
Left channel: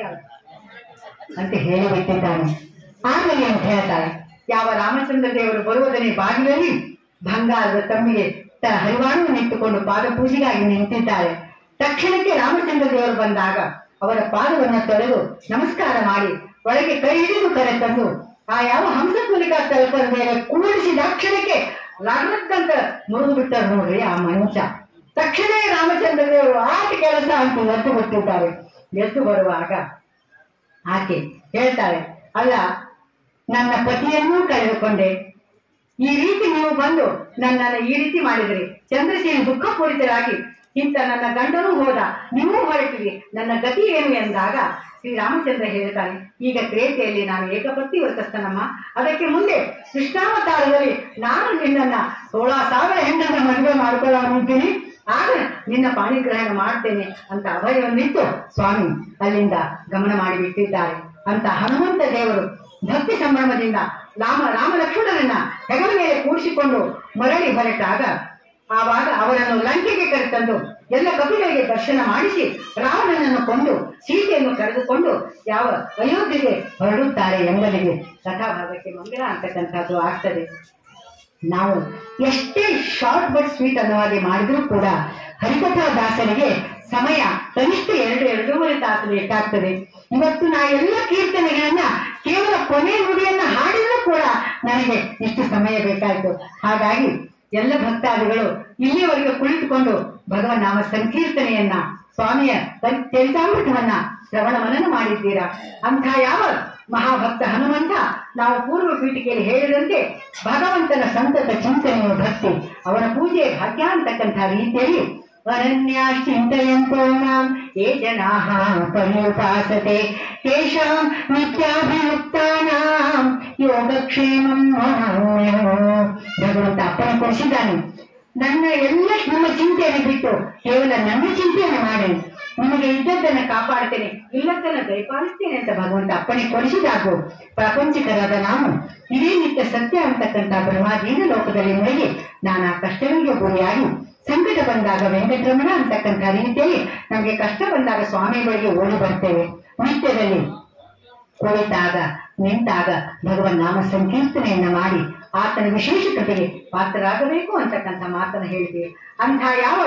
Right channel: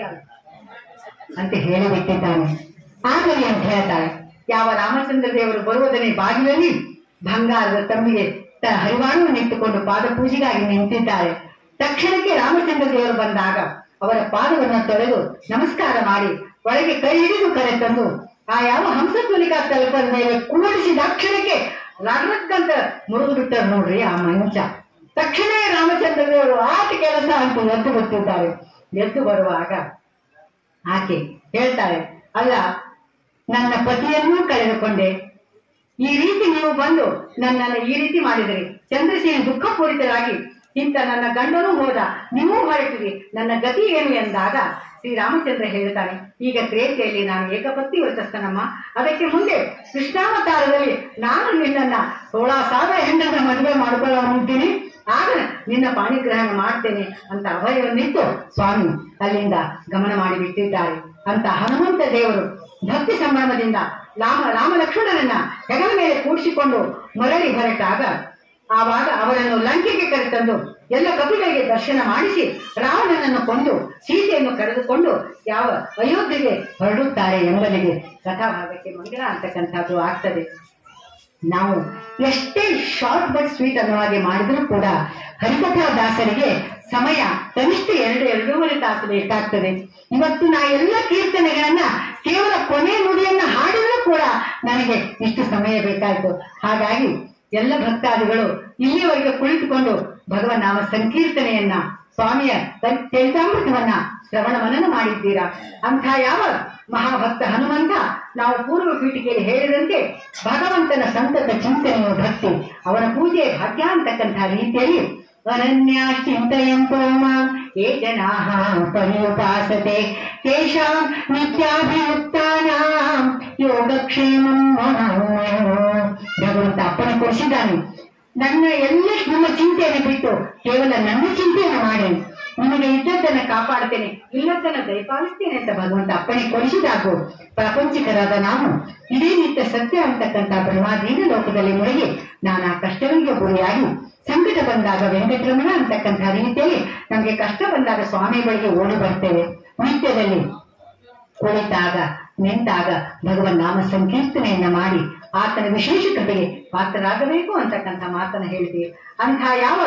ಅಂತ ಹೇಳಿಬಿಟ್ಟಿದ್ದಾನೆ. ಆಗಲಿ ಅಂತ ಹೇಳ್ತಾರೆ. ಯಾವ ರಾಮಚಂದ್ರ ದೇವರು ಬರುವುದನ್ನೇ ಬಾಗಿಲಲ್ಲಿ ಬಂಗಾರದ ತಮ್ಮಿಗೆ ಹರಿವಾಣವನ್ನು ಇಟ್ಟುಕೊಂಡು ಪಾದ ಪೂಜೆಗಾಗಿ ನಿಂತಿದ್ದಾರೆ. ತಕ್ಷಣಕ್ಕೆ ರಾಮಚಂದ್ರ ದೇವರು ಬಂದಾಗ ಅವರ ಪಾದವನ್ನು ತೊಳೆದು ನಮಸ್ಕಾರ ಮಾಡಿ ಒಳಗೆ ಕೈ ಹಿಡಿದು ಕರೆ ತಂದು ಆ ಯಾವ ಹಂಸತೂಲಿಕಾ ತಲುಪದ ಮೇಲೆ ಕೂಡಿಸಿದ ಅಕ್ಷರಕ್ಕೆ ರಗಡಕ್ಕಂತ ಮುರಿದು ಬಿಟ್ಟರು ನೋಡ್ರಿ ಆ ಮಂಚ. ತಕ್ಷಣ ರಾಮಚಂದ್ರದೇವರು ಆಟ ಕೆಲಸ ಅಂತ ಎದ್ದು ಬರ್ತಿದ್ದಾರೆ. ಎದ್ದು ಬರುವಾಗ ಆಕೆ ಹೇಳ್ತಾಳೆ, ಅಲ್ಲ ನನ್ನ ಪತಿಯನ್ನೂ ಕಳೆದುಕೊಂಡೆ, ಈ ರೀತಿ ನೀವು ಬಂದು ನನ್ನನ್ನು ಈ ರೀತಿ ಮಾಡಿದ್ರಿ. ಚಂದ್ರಸೇನ ದುಃಖಪೂರಿತರಾಗಿ ಇಂಥ ನನ್ನ ಗಂಡನೂ ಹೋದ, ನೀವೂ ಹೊರಟಿರಿ, ನನ್ನ ಗತಿ ಏನು ಎಂದಾಗ ಶ್ರೀರಾಮಚಂದ್ರ ಹೇಳ್ತಾನೆ, ಈಗ ತ್ರೇತೆಯಲ್ಲಿ ನಾನು ಏಕಪತ್ನಿ ವ್ರತಸ್ಥನಮ್ಮ, ಅದಕ್ಕೆ ಮುಂದೆ ಕೃಷ್ಣಾವತಾರದಲ್ಲಿ ನಾನು ನಿನ್ನನ್ನ 16,000 ಹೆಣ್ಣನ್ನು ಮದುವೆ ಮಾಡ್ಕೊಳ್ಳೋಂತೀನಿ, ಆಗ ನಿನ್ನ ಪಾಣಿಗ್ರಹಣ ಮಾಡ್ತೇನೆ ಅಂತ ಅಭಯವನ್ನಿತ್ತು ಸ್ವಾಮಿ ಅಲ್ಲಿಂದ ಗಮನ ಮಾಡಿಬಿಟ್ಟಿದ್ದಾರೆ. ಅಂತ ಹನುಮಂತ ದೇವರು ಭಕ್ತಿ ಸಂಭ್ರಮದಿಂದ ರಾಮ ಲಕ್ಷ್ಮಣರನ್ನ ಹೆಗಲ ಮೇಲೆ ಕೂಡಿಸಿಕೊಂಡು ಮರಳಿ ಹೊರಟಾಗ ಆವಾಗ ಅವರನ್ನು ಲಂಕೆಗೆ ಕರೆತಂದು ಎಲ್ಲ ಕಪಿಗಳಿಗೆ ದರ್ಶನ ಮಾಡಿಸಿ ರಾವಣನನ್ನು ಕೊಂದು ಸೀತೆಯನ್ನು ಕರೆದುಕೊಂಡು ಯಾವ ಅಯೋಧ್ಯೆಗೆ ಹೊರಡುತ್ತಾರೆ ಎಂಬುದಿಗೆ ಕಥಾಭಾಗಕ್ಕೆ ಮಂಗಳ ಅಂತಕ್ಕಂಥದ್ದು ಆಗ್ತದೆ. ನಾವು ಎಷ್ಟೇ ಶಾರ್ಟ್ ಬಟ್ ಸ್ವೀಟ್ ಅನ್ನೋ ಹಾಗೆ ಮಾಡಿದ್ರೂ ಕೂಡ ಹರಿಕಥಾ ದಾಸರಿಗೆ ಸಮಯ ಕನಿಷ್ಠ 2-2.5 ತಾಸು ಬೇಕಾಗ್ತದೆ. ಇವತ್ತು ನಾ ಎಲ್ಲ ಕೀರ್ತನೆಗಳನ್ನ ಕೇವಲ ಕೊನೆ ನುಡಿಯನ್ನ ಹಾಡಿದ್ರೂ ಕೂಡ ನನಗೆ ಇಷ್ಟು ಸಮಯ ಬೇಕಾಯಿತು. ಹಾಗಾಗಿ ಎಲ್ಲ ಭಕ್ತಾದಿಗಳು ಇಲ್ಲಿಯವರೆಗೆ ಕುಳಿತುಕೊಂಡು ಭಗವನ್ ನಾಮ ಸಂಕೀರ್ತನೆಯನ್ನ ಸ್ವಾಮಿಯ ಚರಿತಾಮೃತವನ್ನ ಶ್ರವಣ ಮನನ ಮಾಡಿದ್ದೀರಾ. ಅಂಥ ಯಾವ ಮಹಾಭಕ್ತ ಹನುಮಂತ ನಾವು ಪೂರ್ವ ಪೀಠಿಕೆಯಲ್ಲಿ ಹೇಳಿದಂತೆ ಭಗವಂತನ ಸಂತತ ಚಿಂತನೆಯ ಭಕ್ತಿ, ಅವನ ಪೂಜೆ ಭಾಗ್ಯ ಅಂತಕ್ಕಂಥ ರೀತಿಯಲ್ಲಿ ಅನನ್ಯ ಚಿಂತಯಂತೋ ಮಾಂ ಯೇ ಜನಾಃ ಪರ್ಯುಪಾಸತೆ ತೇಷಾಂ ನಿತ್ಯಾಭಿಯುಕ್ತಾನಾಂ ಯೋಗಕ್ಷೇಮಂ ಭಗವಂತ ಅಪ್ಪಣೆ ಕೊಡಿಸಿದ್ದಾನೆ. ನನ್ನ ನಿಮ್ಮ ಚಿಂತೆಯನ್ನು ಬಿಟ್ಟು ಕೇವಲ ನನ್ನ ಚಿಂತೆಯನ್ನು ಮಾಡಿ ನಿಮಗೆ ಇದ್ದದ್ದನ್ನು ಕಾಪಾಡ್ತೇನೆ, ಇಲ್ಲದನ್ನು ದಯಪಾಲಿಸ್ತೇನೆ ಅಂತ ಭಗವಂತ ಅಪ್ಪಣೆ ಕೊಡಿಸಿದಾಗೂ ಪ್ರಾಪಂಚಿಕರಾದ ನಾವು ಇದೇ ನಿತ್ಯ ಸತ್ಯ ಅಂತಕ್ಕಂಥ ಬ್ರಹ್ಮಾದೀನ ಲೋಕದಲ್ಲಿ ಮುಳುಗಿ ನಾನಾ ಕಷ್ಟಗಳಿಗೆ ಗುರಿಯಾಗಿ ಸಂಕಟ ಬಂದಾಗ ವೆಂಕಟರಮಣ ಅಂತಕ್ಕಂಥ ರೀತಿಯಲ್ಲಿ ನಮಗೆ ಕಷ್ಟ ಬಂದಾಗ ಸ್ವಾಮಿ ಬಳಿಗೆ ಓಡಿ ಬರ್ತೇವೆ. ನಿತ್ಯದಲ್ಲಿ ಕುಳಿತಾಗ ನಿಂತಾಗ ಭಗವನ್ ನಾಮ ಸಂಕೀರ್ತನೆಯನ್ನ ಮಾಡಿ ಆತನ ವಿಶೇಷ ಕೃಪೆಗೆ ಪಾತ್ರರಾಗಬೇಕು ಅಂತಕ್ಕಂಥ ಮಾತನ್ನು ಹೇಳಿದ್ದೀವಿ. ಅಂಥ ಯಾವ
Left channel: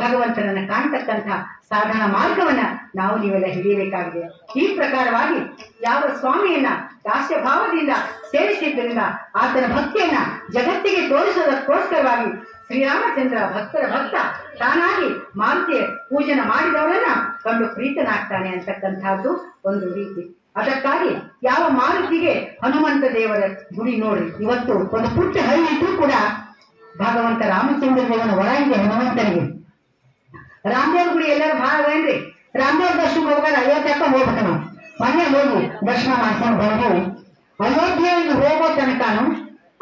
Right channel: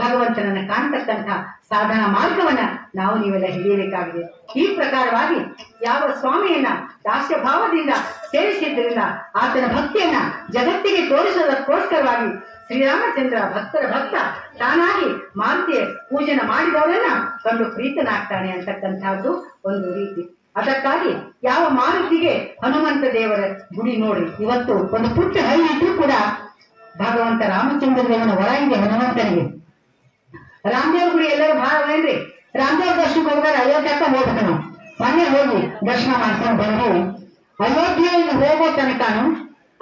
ಭಗವಂತನನ್ನ ಕಾಣ್ತಕ್ಕಂಥ ಸಾಧನಾ ಮಾರ್ಗವನ್ನ ನಾವು ನೀವೆಲ್ಲ ಹಿಡಿಯಬೇಕಾಗಿದೆ. ಈ ಪ್ರಕಾರವಾಗಿ ಯಾವ ಸ್ವಾಮಿಯನ್ನ ದಾಸ್ಯ ಭಾವದಿಂದ ಸೇವಿಸಿದ್ದರಿಂದ ಆತನ ಭಕ್ತಿಯನ್ನ ಜಗತ್ತಿಗೆ ತೋರಿಸೋದಕ್ಕೋಸ್ಕರವಾಗಿ ಶ್ರೀರಾಮಚಂದ್ರ ಭಕ್ತರ ಭಕ್ತ ತಾನಾಗಿ ಮಾರುತಿಯ ಪೂಜನ ಮಾಡಿದವರನ್ನ ಕಂಡು ಪ್ರೀತನಾಗ್ತಾನೆ ಅಂತಕ್ಕಂಥದ್ದು ಒಂದು ರೀತಿ. ಅದಕ್ಕಾಗಿ ಯಾವ ಮಾರುತಿಗೆ ಹನುಮಂತ ದೇವರ ಗುಡಿ ನೋಡ್ರಿ, ಇವತ್ತು ಒಂದು ಪುಟ್ಟ ಹಳ್ಳಿ ಇದ್ರೂ ಕೂಡ ಭಗವಂತ ರಾಮಚಂದ್ರ ದೇವನ ಹೊರ ಇದೆ ಹನುಮಂತನಿಗೆ. ರಾಮದೇವ್ರ ಗುಡಿ ಎಲ್ಲರೂ ಭಾಳ ಏನ್ರಿ, ರಾಮದೇವ್ರ ದರ್ಶನ ಹೋಗಾರ ಅಯೋಧ್ಯಕ್ಕ ಹೋಗ್ಬೇಕು. ನಾವು ಮನೆ ಹೋಗಿ ದರ್ಶನ ಮಾಡ್ಕೊಂಡು ಬಂದು ಅಯೋಧ್ಯೆಯಲ್ಲಿ ಹೋಗೋ ತನಕನು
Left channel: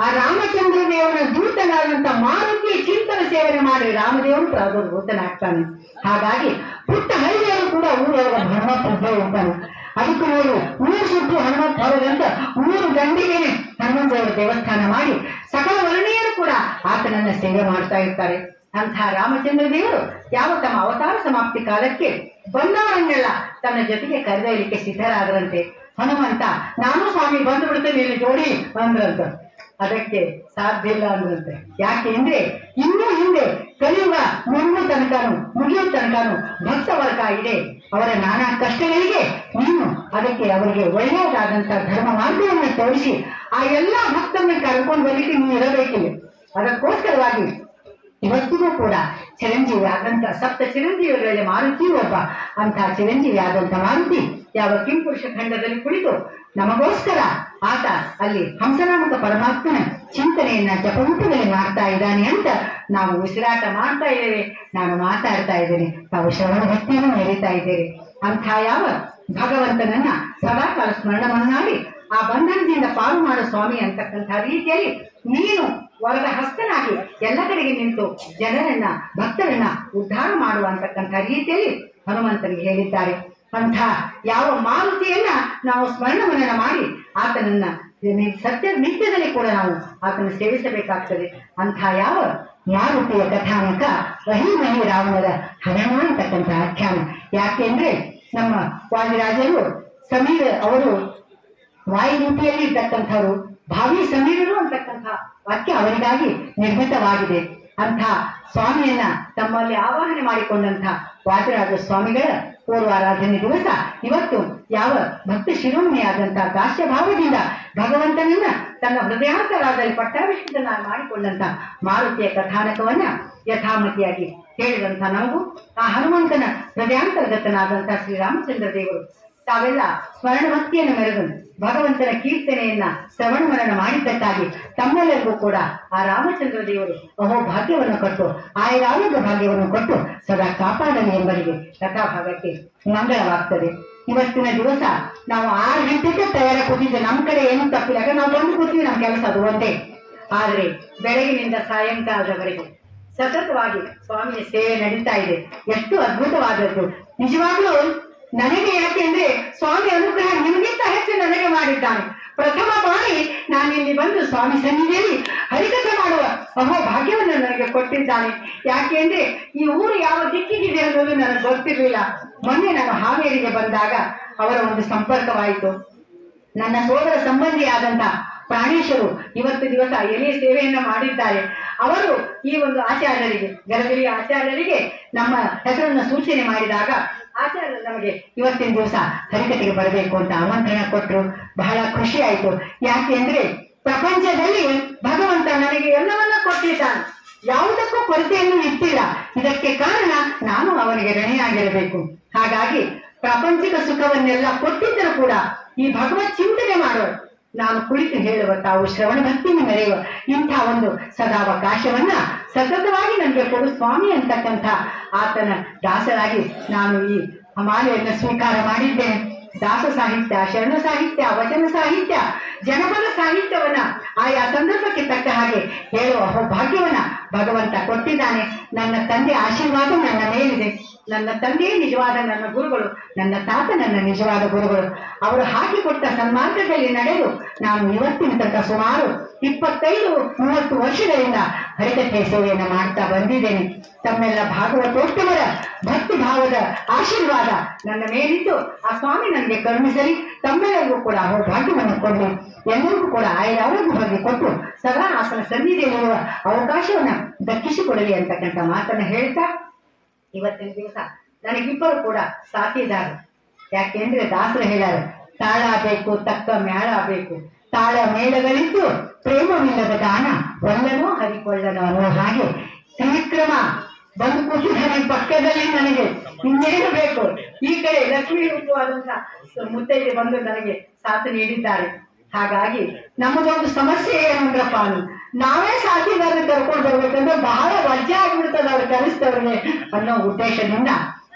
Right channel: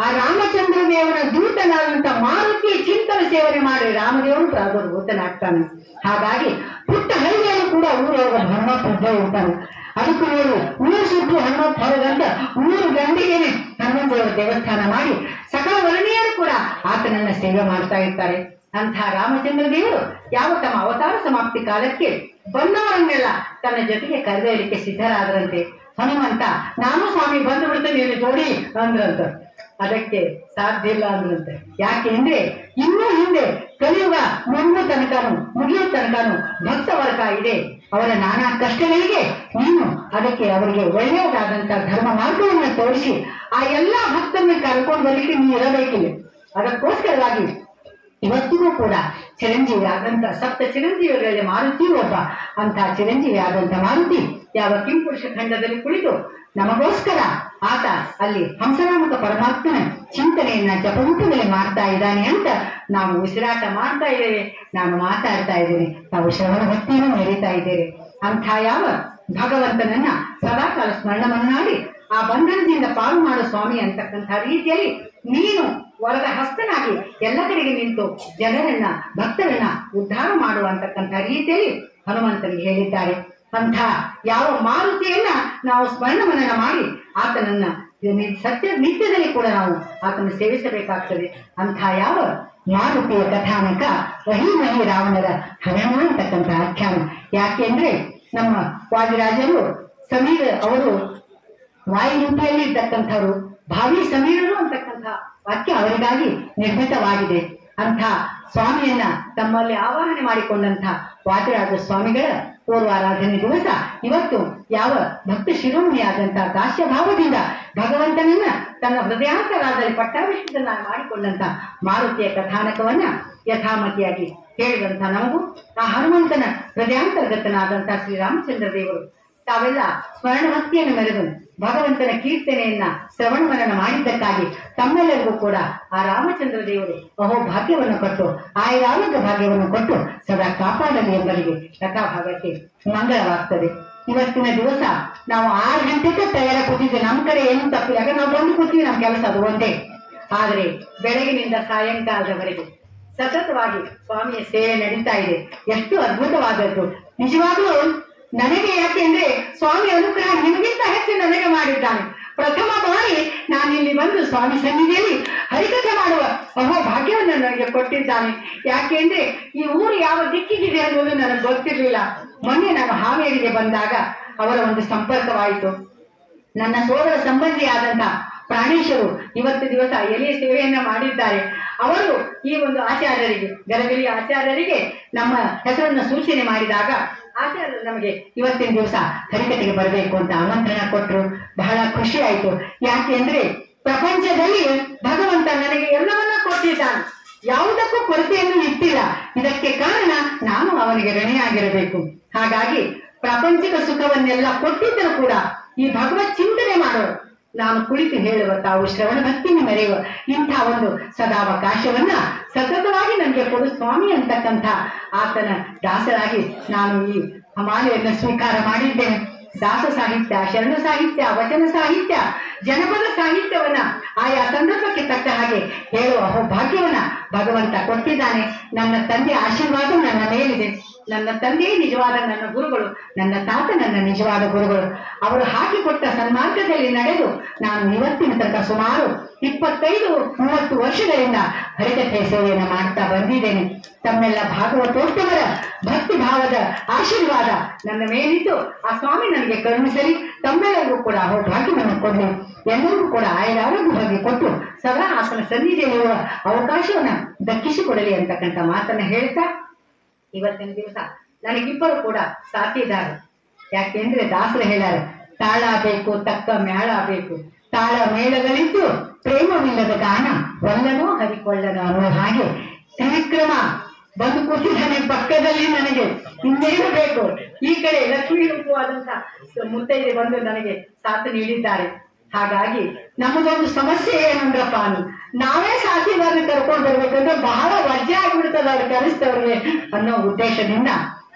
ಆ ರಾಮಚಂದ್ರ ದೇವನ ದೂತನಾದಂತ ಮಾರುತಿಯ ಚಿಂತನ ಸೇವನೆ ಮಾಡಿ ರಾಮದೇವರು ಪ್ರಾದುರ್ಭೂತನಾಗ್ತಾನೆ. ಹಾಗಾಗಿ ಪುಟ್ಟ ಹಳ್ಳಿಯಲ್ಲೂ ಕೂಡ ಊರೊಳಗ ಹನುಮಂತ ಇದ್ದೇ ಇರ್ತಾನೆ. ಅದಕ್ಕೂ ನೋಡಿ ಊರು ಸುಟ್ಟು ಹನುಮಂತ ಹೊರಗಂತ ಊರು ಗಂಡಿಗೇನೆ ಹನುಮಂತ ದೇವರ ದೇವಸ್ಥಾನ ಮಾಡಿ ಸಕಲ ವರ್ಣೀಯರು ಕೂಡ ಆತನನ್ನ ಸೇವೆ ಮಾಡ್ತಾ ಇರ್ತಾರೆ. ಅಂಥ ರಾಮಚಂದ್ರ ದೇವರು ಯಾವ ತಮ್ಮ ಅವತಾರ ಸಮಾಪ್ತಿ ಕಾಲಕ್ಕೆ ಬಂದವರನ್ನೆಲ್ಲ ತನ್ನ ಜೊತೆಗೆ ಕರೆದೊಯ್ಯಲಿಕ್ಕೆ ಸಿದ್ಧರಾದರಂತೆ. ಹನುಮಂತ ನಾನು ಸ್ವಾಮಿ ಬಂದು ಬಿಡ್ತೇನೆ ಇಲ್ಲಿ ಜೋಡಿ ಅಂದ್ರಂತ. ಅದಕ್ಕೆ ಸಾಧ್ಯ ಇಲ್ಲ ಅಂದ್ರಂತೆ. ಯಾಕೆ ಅಂದ್ರೆ ಇನ್ನೂ ಹಿಂದೆ ಕಲಿಯುಗ ಮುಗಿಯೋ ತನಕನು ಭಕ್ತ ವರ್ಗ ಇದೆ. ಅವರ ನಾನಾ ಕಷ್ಟಗಳಿಗೆ ನೀನು ಅದಕ್ಕೆ ಅವರಿಗೆ ಒಳ್ಳೆಯದಾದಂತ ಧರ್ಮ ಮಾರ್ಗವನ್ನು ತೋರಿಸಿ ಆ ಎಲ್ಲಾ ಭಕ್ತರನ್ನ ಕರ್ಕೊಂಡು ಬರ್ಲಿಕ್ಕೆ ನೀವು ಇರಬೇಕಿಲ್ಲ. ಅದಕ್ಕೋಸ್ಕರವಾಗಿ ಇವತ್ತಿಗೂ ಕೂಡ ಚಿರಂಜೀವಿ ಆದಂತ ಸಪ್ತ ಚಿರಂಜೀವಿಗಳಲ್ಲಿ ಮಾರುತಿ ಒಬ್ಬ. ಅಂತ ಚಿರಂಜೀವಿ ಆದಂತ ಮಾರುತಿ ಯಾವ ಕಿಂಪುರುಷ ಖಂಡದಲ್ಲಿ ಕುಳಿತು ನಮಗೋಸ್ಕರ ಆತ ಅಲ್ಲಿ ಹಂಸನಾಮಕ ಪರಮಾತ್ಮನ ಚಿಂತನೆಯನ್ನ ಜಪರೂಪದಲ್ಲಿ ಮಾಡ್ತಾ ಇದ್ದಾನೆ ಅಂತ ನಾವು ಉಸಿರಾಟ ಮಾಡ್ತಾ ಇದ್ದೇವೆ. ನಾನು ಮಾತಾಡ್ತಾ ಇದ್ದೇನೆ, ತಾವು ಶ್ರವಣ ಭಕ್ತಿಯನ್ನು ನಡೀತಾ ಇದ್ದೇವೆ. ಅಂಥ ಯಾವ ಭಗವಂತನನ್ನ ಸದಾಕಾಲ ಸ್ಮರಣವನ್ನಾಡಿ ಆ ಬಂಧನದಿಂದ ಪಾಲು ಮಾಡೋ ಸ್ವಾಮಿ ಅಂತಕ್ಕಂಥ ರೀತಿಯಲ್ಲಿ ನೀನು ವರ್ಗ ಹಸ್ತನಾಗಿ ಎಲ್ಲ ಕಡೆಗೆ ನಿಂತು ಜನರನ್ನ ಭಕ್ತರನ್ನ ಉದ್ಧಾರ ಮಾಡುವಂತಕ್ಕಂಥ ರೀತಿಯಲ್ಲಿ ಹನುಮಂತನಿಗೆ ಹೇಳಿದ್ದಾರೆ. ಅಂಥ ಯಾವ ಮಾರುತಿಯನ್ನ ನಾವು ಸ್ಮರಣವನ್ನ ಮಾಡಿ ಆತನನ್ನ ಸತ್ಯ ನಿತ್ಯದಲ್ಲಿ ಕೂಡ ನಾವು ಆತನ ಸೇವಿಸಬೇಕಾಗ್ತದೆ. ಅಂಥ ಯಾವ ಮಾರುತಿಯ ಕಥಾನಕ ರಹಿಮಹಿ ರಾವಣರ ಹರಣ ಅಂತಕ್ಕಂಥ ಆಖ್ಯಾನ. ಯಾಕೆಂದ್ರೆ ನಮ್ಮ ವಾದಿರಾಜರು ಸಮೀರ ಅವರು ವಾಯುರೂಪಿಯಲ್ಲಿ ಇರ್ತಕ್ಕಂಥವ್ರು, ಭಾವಿ ಸಮೀರರು ಅಂತಕ್ಕಂಥ ವಾಕ್ಯ ಅವರಿಗಾಗಿ ನಿರ್ಮಿತವಾಗಿದೆ. ಅಂಥ ಸ್ವಾಮಿಯನ್ನ ತಮ್ಮಲ್ಲಿ ಆವಾಹನೆ ಮಾಡಿಕೊಂಡಂಥ ವಾದಿರಾಜ ಸ್ವಾಮಿಗಳ ಪೂರ್ವಾರಾಧನೆ ದಿವಸ ಇವತ್ತು ಯಾವ ಭಕ್ತ ಶಿರೋಮಣಿಯಾದಂತಹ ದಾಸ್ಯಭಾವದಿಂದ ಭಗವಂತನನ್ನ ತನ್ನ ಹೃದಯಾಂತರಾದಲ್ಲಿ ಪಟ್ಟಾಭಿಷೇಕನ ಮಾಡಿಕೊಂಡಂತ ಮಾರುತಿಯ ಕಥಾನಕವನ್ನ ಯಥಾಮತಿಯಾಗಿ ಹೇಳಿದಂತ ನಮಗೂ ಆ ಹನುಮಂತನ ಹೃದಯಾಂತರ್ಗತನಾದಂತಹ ಶ್ರೀರಾಮಚಂದ್ರ ದೇವರು ತಾವೆಲ್ಲ ಸ್ಮರಣ ಭಕ್ತಿಯನ್ನು ಮೆರೆದು ಭಗವಂತನ ಕೀರ್ತನೆಯನ್ನ ಶ್ರವಣ ಮನನ ಮಾಡಿದ್ದಕ್ಕಾಗಿ ತಮ್ಮೆಲ್ಲರಿಗೂ ಕೂಡ ಆ ರಾಮಚಂದ್ರ ದೇವರು ಅಹೋ ಭಾಗ್ಯವನ್ನು ಕೊಟ್ಟು ಆಯುರಾರೋಗ್ಯ ಭಾಗ್ಯವನ್ನು ಕೊಟ್ಟು ಸದಾ ಕಾಪಾಡಲಿ ಎಂಬರಿಗೆ ಕಥಾಭಾಗಕ್ಕೆ ಮಂಗಳವಾಗ್ತದೆ. ಇವತ್ತಿನ ದಿವಸ ನಾವು 6 ಗಂಟೆಗೆ ತಯಾರ ಕೂತಿದ್ದೆ. ನಮ್ಮ ಕಡೆ ಏನು ತಪ್ಪಿಲ್ಲ, ಯಾಕಂದ್ರೆ ನಾವು ಬಂದು ಕೂತೀವಿ, ನಮ್ಮ ಕೆಲಸ ಅದು ಒಂದೇ. ಆದರೆ ಬೆಳಗಿನಿಂದ ಸಾಯಂಕಾಲದವರೆಗೆ ಸತತವಾಗಿ ಸ್ವಾಮಿಯ ಸೇವೆ ನಡೀತಾ ಇದೆ. ಎಷ್ಟು ಅದ್ಭುತವಾದದ್ದು ನಿಜವಾಗ್ಲೂ. ನನಗೆ ಯಾಕೆಂದ್ರೆ ಸ್ವಾಮಿ ಅನುಗ್ರಹ ನಿಮಗಿಂತ ಹೆಚ್ಚು ನನಗೆ ಮಾಡಿದ್ದಾನೆ. ಪ್ರಥಮ ಬಾರಿ ನಾನಿಲ್ಲಿ ಬಂದು ಸ್ವಾಮಿ ಸನ್ನಿಧಿಯಲ್ಲಿ ಹರಿಕಥೆ ಮಾಡುವ ಅಹೋ ಭಾಗ್ಯವನ್ನು ನನಗೆ ಕೊಟ್ಟಿದ್ದಾನೆ. ಯಾಕೆಂದ್ರೆ ಈ ಊರು ಯಾವ ದಿಕ್ಕಿಗಿದೆ ಅನ್ನೋದು ನನಗೆ ಗೊತ್ತಿರಲಿಲ್ಲ. ಮೊನ್ನೆ ನಾನು ಹಾವೇರಿಗೆ ಬಂದಾಗ ಅವರ ಒಂದು ಸಂಪರ್ಕವಾಯಿತು. ನನ್ನ ಸೋದರ ಸಂಬಂಧಿಯಾದಂತ ಪ್ರಾಣೇಶರು ಇವತ್ತು ದಿವಸ ಎಲೆಯ ಸೇವೆಯನ್ನ ಮಾಡಿದ್ದಾರೆ. ಅವರು ಈ ಒಂದು ಆಚಾರ್ಯರಿಗೆ, ಗರಗಲಿಯ ಆಚಾರ್ಯರಿಗೆ ನಮ್ಮ ಹೆಸರನ್ನು ಸೂಚನೆ ಮಾಡಿದಾಗ ಆಚಾರ್ಯರು ನಮಗೆ ಇವತ್ತಿನ ದಿವಸ ಹರಿಕತೆಗೆ ಬರಬೇಕು ಅಂತ ಆಮಂತ್ರಣ ಕೊಟ್ಟರು. ಬಹಳ ಖುಷಿ ಆಯ್ತು. ಯಾಕೆಂದ್ರೆ ಪ್ರಪಂಚದಲ್ಲಿ ಭಗವಂತ ನನಗೆ ಎಲ್ಲವನ್ನ ಕೊಟ್ಟಿದ್ದಾನೆ, ಯಾವುದಕ್ಕೂ ಕೊರತೆಯನ್ನು ಇಟ್ಟಿಲ್ಲ. ಇದಕ್ಕೆ ಕಾರಣ ನಾನು ಅವನಿಗೆ ಋಣಿಯಾಗಿರಬೇಕು. ಹಾಗಾಗಿ ಪ್ರಾಪಂಚಿಕ ಸುಖವನ್ನೆಲ್ಲ ಕೊಟ್ಟಿದ್ದರೂ ಕೂಡ ಈ ಭಗವತ್ ಚಿಂತನೆ ಮಾಡುವ, ನಾನು ಕುಳಿತು ಹೇಳುವ, ತಾವು ಶ್ರವಣ ಭಕ್ತಿಯನ್ನು ಮೆರೆಯುವ ಇಂಥ ಒಂದು ಸದಾವಕಾಶವನ್ನ ಸತತವಾಗಿ ನನಗೆ ಕೊಡು ಸ್ವಾಮಿ ಅಂತಕ್ಕಂಥ ಆತನ ದಾಸರಾಗಿ ನಾನು ಈ ಮಾಲೆಯನ್ನು ಸ್ವೀಕಾರ ಮಾಡಿದ್ದೇನೆ. ದಾಸ ಸಾಹಿತ್ಯ, ಶರಣ ಸಾಹಿತ್ಯ, ವಚನ ಸಾಹಿತ್ಯ, ಜನಪದ ಸಾಹಿತ್ಯವನ್ನ ಆಯಾ ಸಂದರ್ಭಕ್ಕೆ ತಕ್ಕ ಹಾಗೆ ಹೇಳುವ ಭಾಗ್ಯವನ್ನ ಭಗವಂತ ಕೊಟ್ಟಿದ್ದಾನೆ. ನನ್ನ ತಂದೆ ಆಶೀರ್ವಾದ ನನ್ನ ಮೇಲಿದೆ. ನನ್ನ ತಂದೆಯೇ ನಿಜವಾದ ನನ್ನ ಗುರುಗಳು, ನನ್ನ ತಾತ ನನ್ನ ನಿಜವಾದ ಗುರುಗಳು. ಅವರು ಹಾಕಿಕೊಟ್ಟ ಸನ್ಮಾರ್ಗದಲ್ಲಿ ನಡೆದು ನಾನು ಇವತ್ತಿನ ತನಕ ಸುಮಾರು 25-30 ವರ್ಷಗಳಿಂದ ಹರಿಕಥೆ ಸೇವೆಯನ್ನು ಮಾಡ್ತಾ ಬಂದಿದ್ದೇನೆ. ತಮ್ಮೆಲ್ಲ ಭಾಗವತೋತ್ತಮರ ಭಕ್ತಿ ಭಾವದ ಆಶೀರ್ವಾದ ನನ್ನ ಮೇಲಿದ್ದು ಆ ಸ್ವಾಮಿ ನನಗೆ ಕರುಣಿಸಲಿ. ತಮ್ಮೆಲ್ಲರಿಗೂ ಕೂಡ ಭಾಗ್ಯವನ್ನು ಕೊಡಲಿ. ಎಲ್ಲರಿಗೂ ಕೂಡ ಆಯುರಾರೋಗ್ಯ ಭಾಗ್ಯ ಕೊಟ್ಟು ಸದಾ ಆತನ ಸನ್ನಿಧಿಯಲ್ಲಿರುವ ಅವಕಾಶವನ್ನ ದಕ್ಕಿಸಿಕೊಡಲಿ ಅಂತಕ್ಕಂಥ ಮಾತನ್ನ ಹೇಳ್ತಾ ಇವತ್ತಿನ ದಿವಸ ನನಗಿಬ್ಬರು ಕೂಡ ಸಾಥಿದಾರ. ಯಾಕೆಂದ್ರೆ ದಾಸರು ಹೇಳ್ಯಾರ, ತಾಳ ಬೇಕು ತಕ್ಕ ಮ್ಯಾಳ ಬೇಕು, ತಾಳ ಮೇಳಗಳಿದ್ದು ಪ್ರೇಮವಿಲ್ಲದ ದಾನ ಒಲ್ಲನೋ ಹರಿಕೊಳ್ಳನೋ ಅನ್ನೋ ಹಾಗೆ ತ್ರಿವಿಕ್ರಮ ಬಂದು ಕೂತಿದ್ದಾನೆ ಪಕ್ಕದಲ್ಲಿ. ನನಗೆ ಇನ್ನೇನು ಬೇಕು? ಈ ಕಡೆ ಲಕ್ಷ್ಮೀ ರೂಪವಾದಂತ ಮುತ್ತೈದೆ ಬಂದು ನನಗೆ ಸಾಥ್ ನೀಡಿದ್ದಾರೆ. ಹಾಗಾಗಿ ನಮಗೊಂದು ಸಮಸ್ಯೆ ಏನಂದ್ರಪ್ಪ, ನಾವೇ ಸಾಥಿದಾರರು ಕರ್ಕೊಂಡು ಬರ್ಬೇಕಂದ್ರೆ ಬಹಳ ವಜ್ಜೆ ಆಗ್ಬಿಡ್ತದೆ ಅವ್ರು ಕಲಿಸ್ತವ್ರಿಗೆ ಅನ್ನೋ ಉದ್ದೇಶದಿಂದ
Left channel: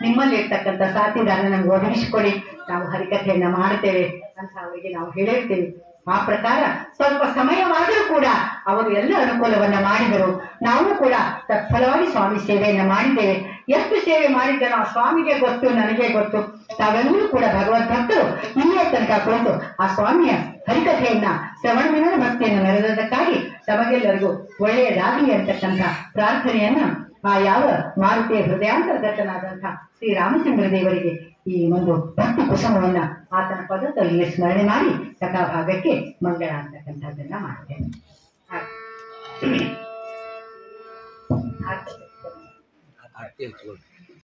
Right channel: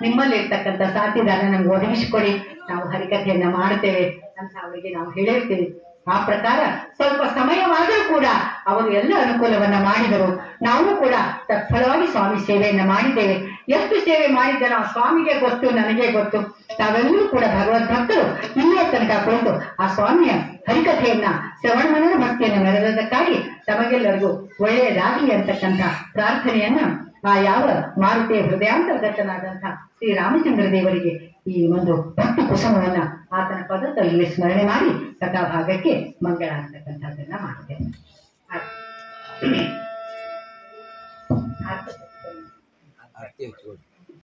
ನಿಮ್ಮಲ್ಲಿ ಇರ್ತಕ್ಕಂಥ ಸಾಥಿದಾರ ನಮ್ಗೆ ಒದಗಿಸಿಕೊಡಿ, ನಾವು ಹರಿಕಥೆಯನ್ನ ಮಾಡ್ತೇವೆ ಅಂತ ಅವರಿಗೆ ನಾವು ಹೇಳಿರ್ತೀವಿ. ಆ ಪ್ರಕಾರ ಸ್ವಲ್ಪ ಸಮಯವಾದರೂ ಕೂಡ ಅವರು ಎಲ್ಲ ಅನುಕೂಲವನ್ನ ಮಾಡಿದರು. ನಾವು ಕೂಡ ತತ್ಫಲವಾಗಿ ಸ್ವಾಮಿ ಸೇವೆಯನ್ನ ಮಾಡಿದ್ದೇವೆ. ಎಷ್ಟು ಸೇವೆ ಮಾಡಿದ್ದನೋ ಆ ಸ್ವಾಮಿಗೆ ಗೊತ್ತು, ನನಗೆ ಗೊತ್ತು. ತಾವೆಲ್ಲರೂ ಕೂಡ ಭಗವದ್ ಭಕ್ತರು ಇಲ್ಲೇ ತನಕ ಕುಳಿತು ಆ ಸ್ವಾಮಿಯ ಹರಿಕಥೆಯನ್ನ ಶ್ರವಣ ಮನನ ಭಕ್ತಿಯನ್ನು ಮೆರೆದಕ್ಕಾಗಿ ತಮಗೆಲ್ಲರಿಗೂ ಒಳ್ಳೆಯದಾಗಲಿ ಅಂತಕ್ಕಂಥ ಪ್ರಾರ್ಥನೆಯನ್ನ ಆ ಯಾವ ಮಾರುತಿಯ ಹೃದಯಾಂತರ್ಗತನಾದಂತಹ ಶ್ರೀರಾಮಚಂದ್ರ ದೇವರಿಗೆ ಈ ಒಂದು ಭಕ್ತಿ ಕುಸುಮವನ್ನ ಆತನ ಪದದಲ್ಲಿ ಸ್ಮರಣೆ ಮಾಡಿ ಕಥಾಭಾಗಕ್ಕೆ ಮಂಗಳ ಅಂತಕ್ಕಂಥದ್ದನ್ನ ಮಾಡ್ತೇನೆ. ಆರತಿ ಹಚ್ಕೊಂಡು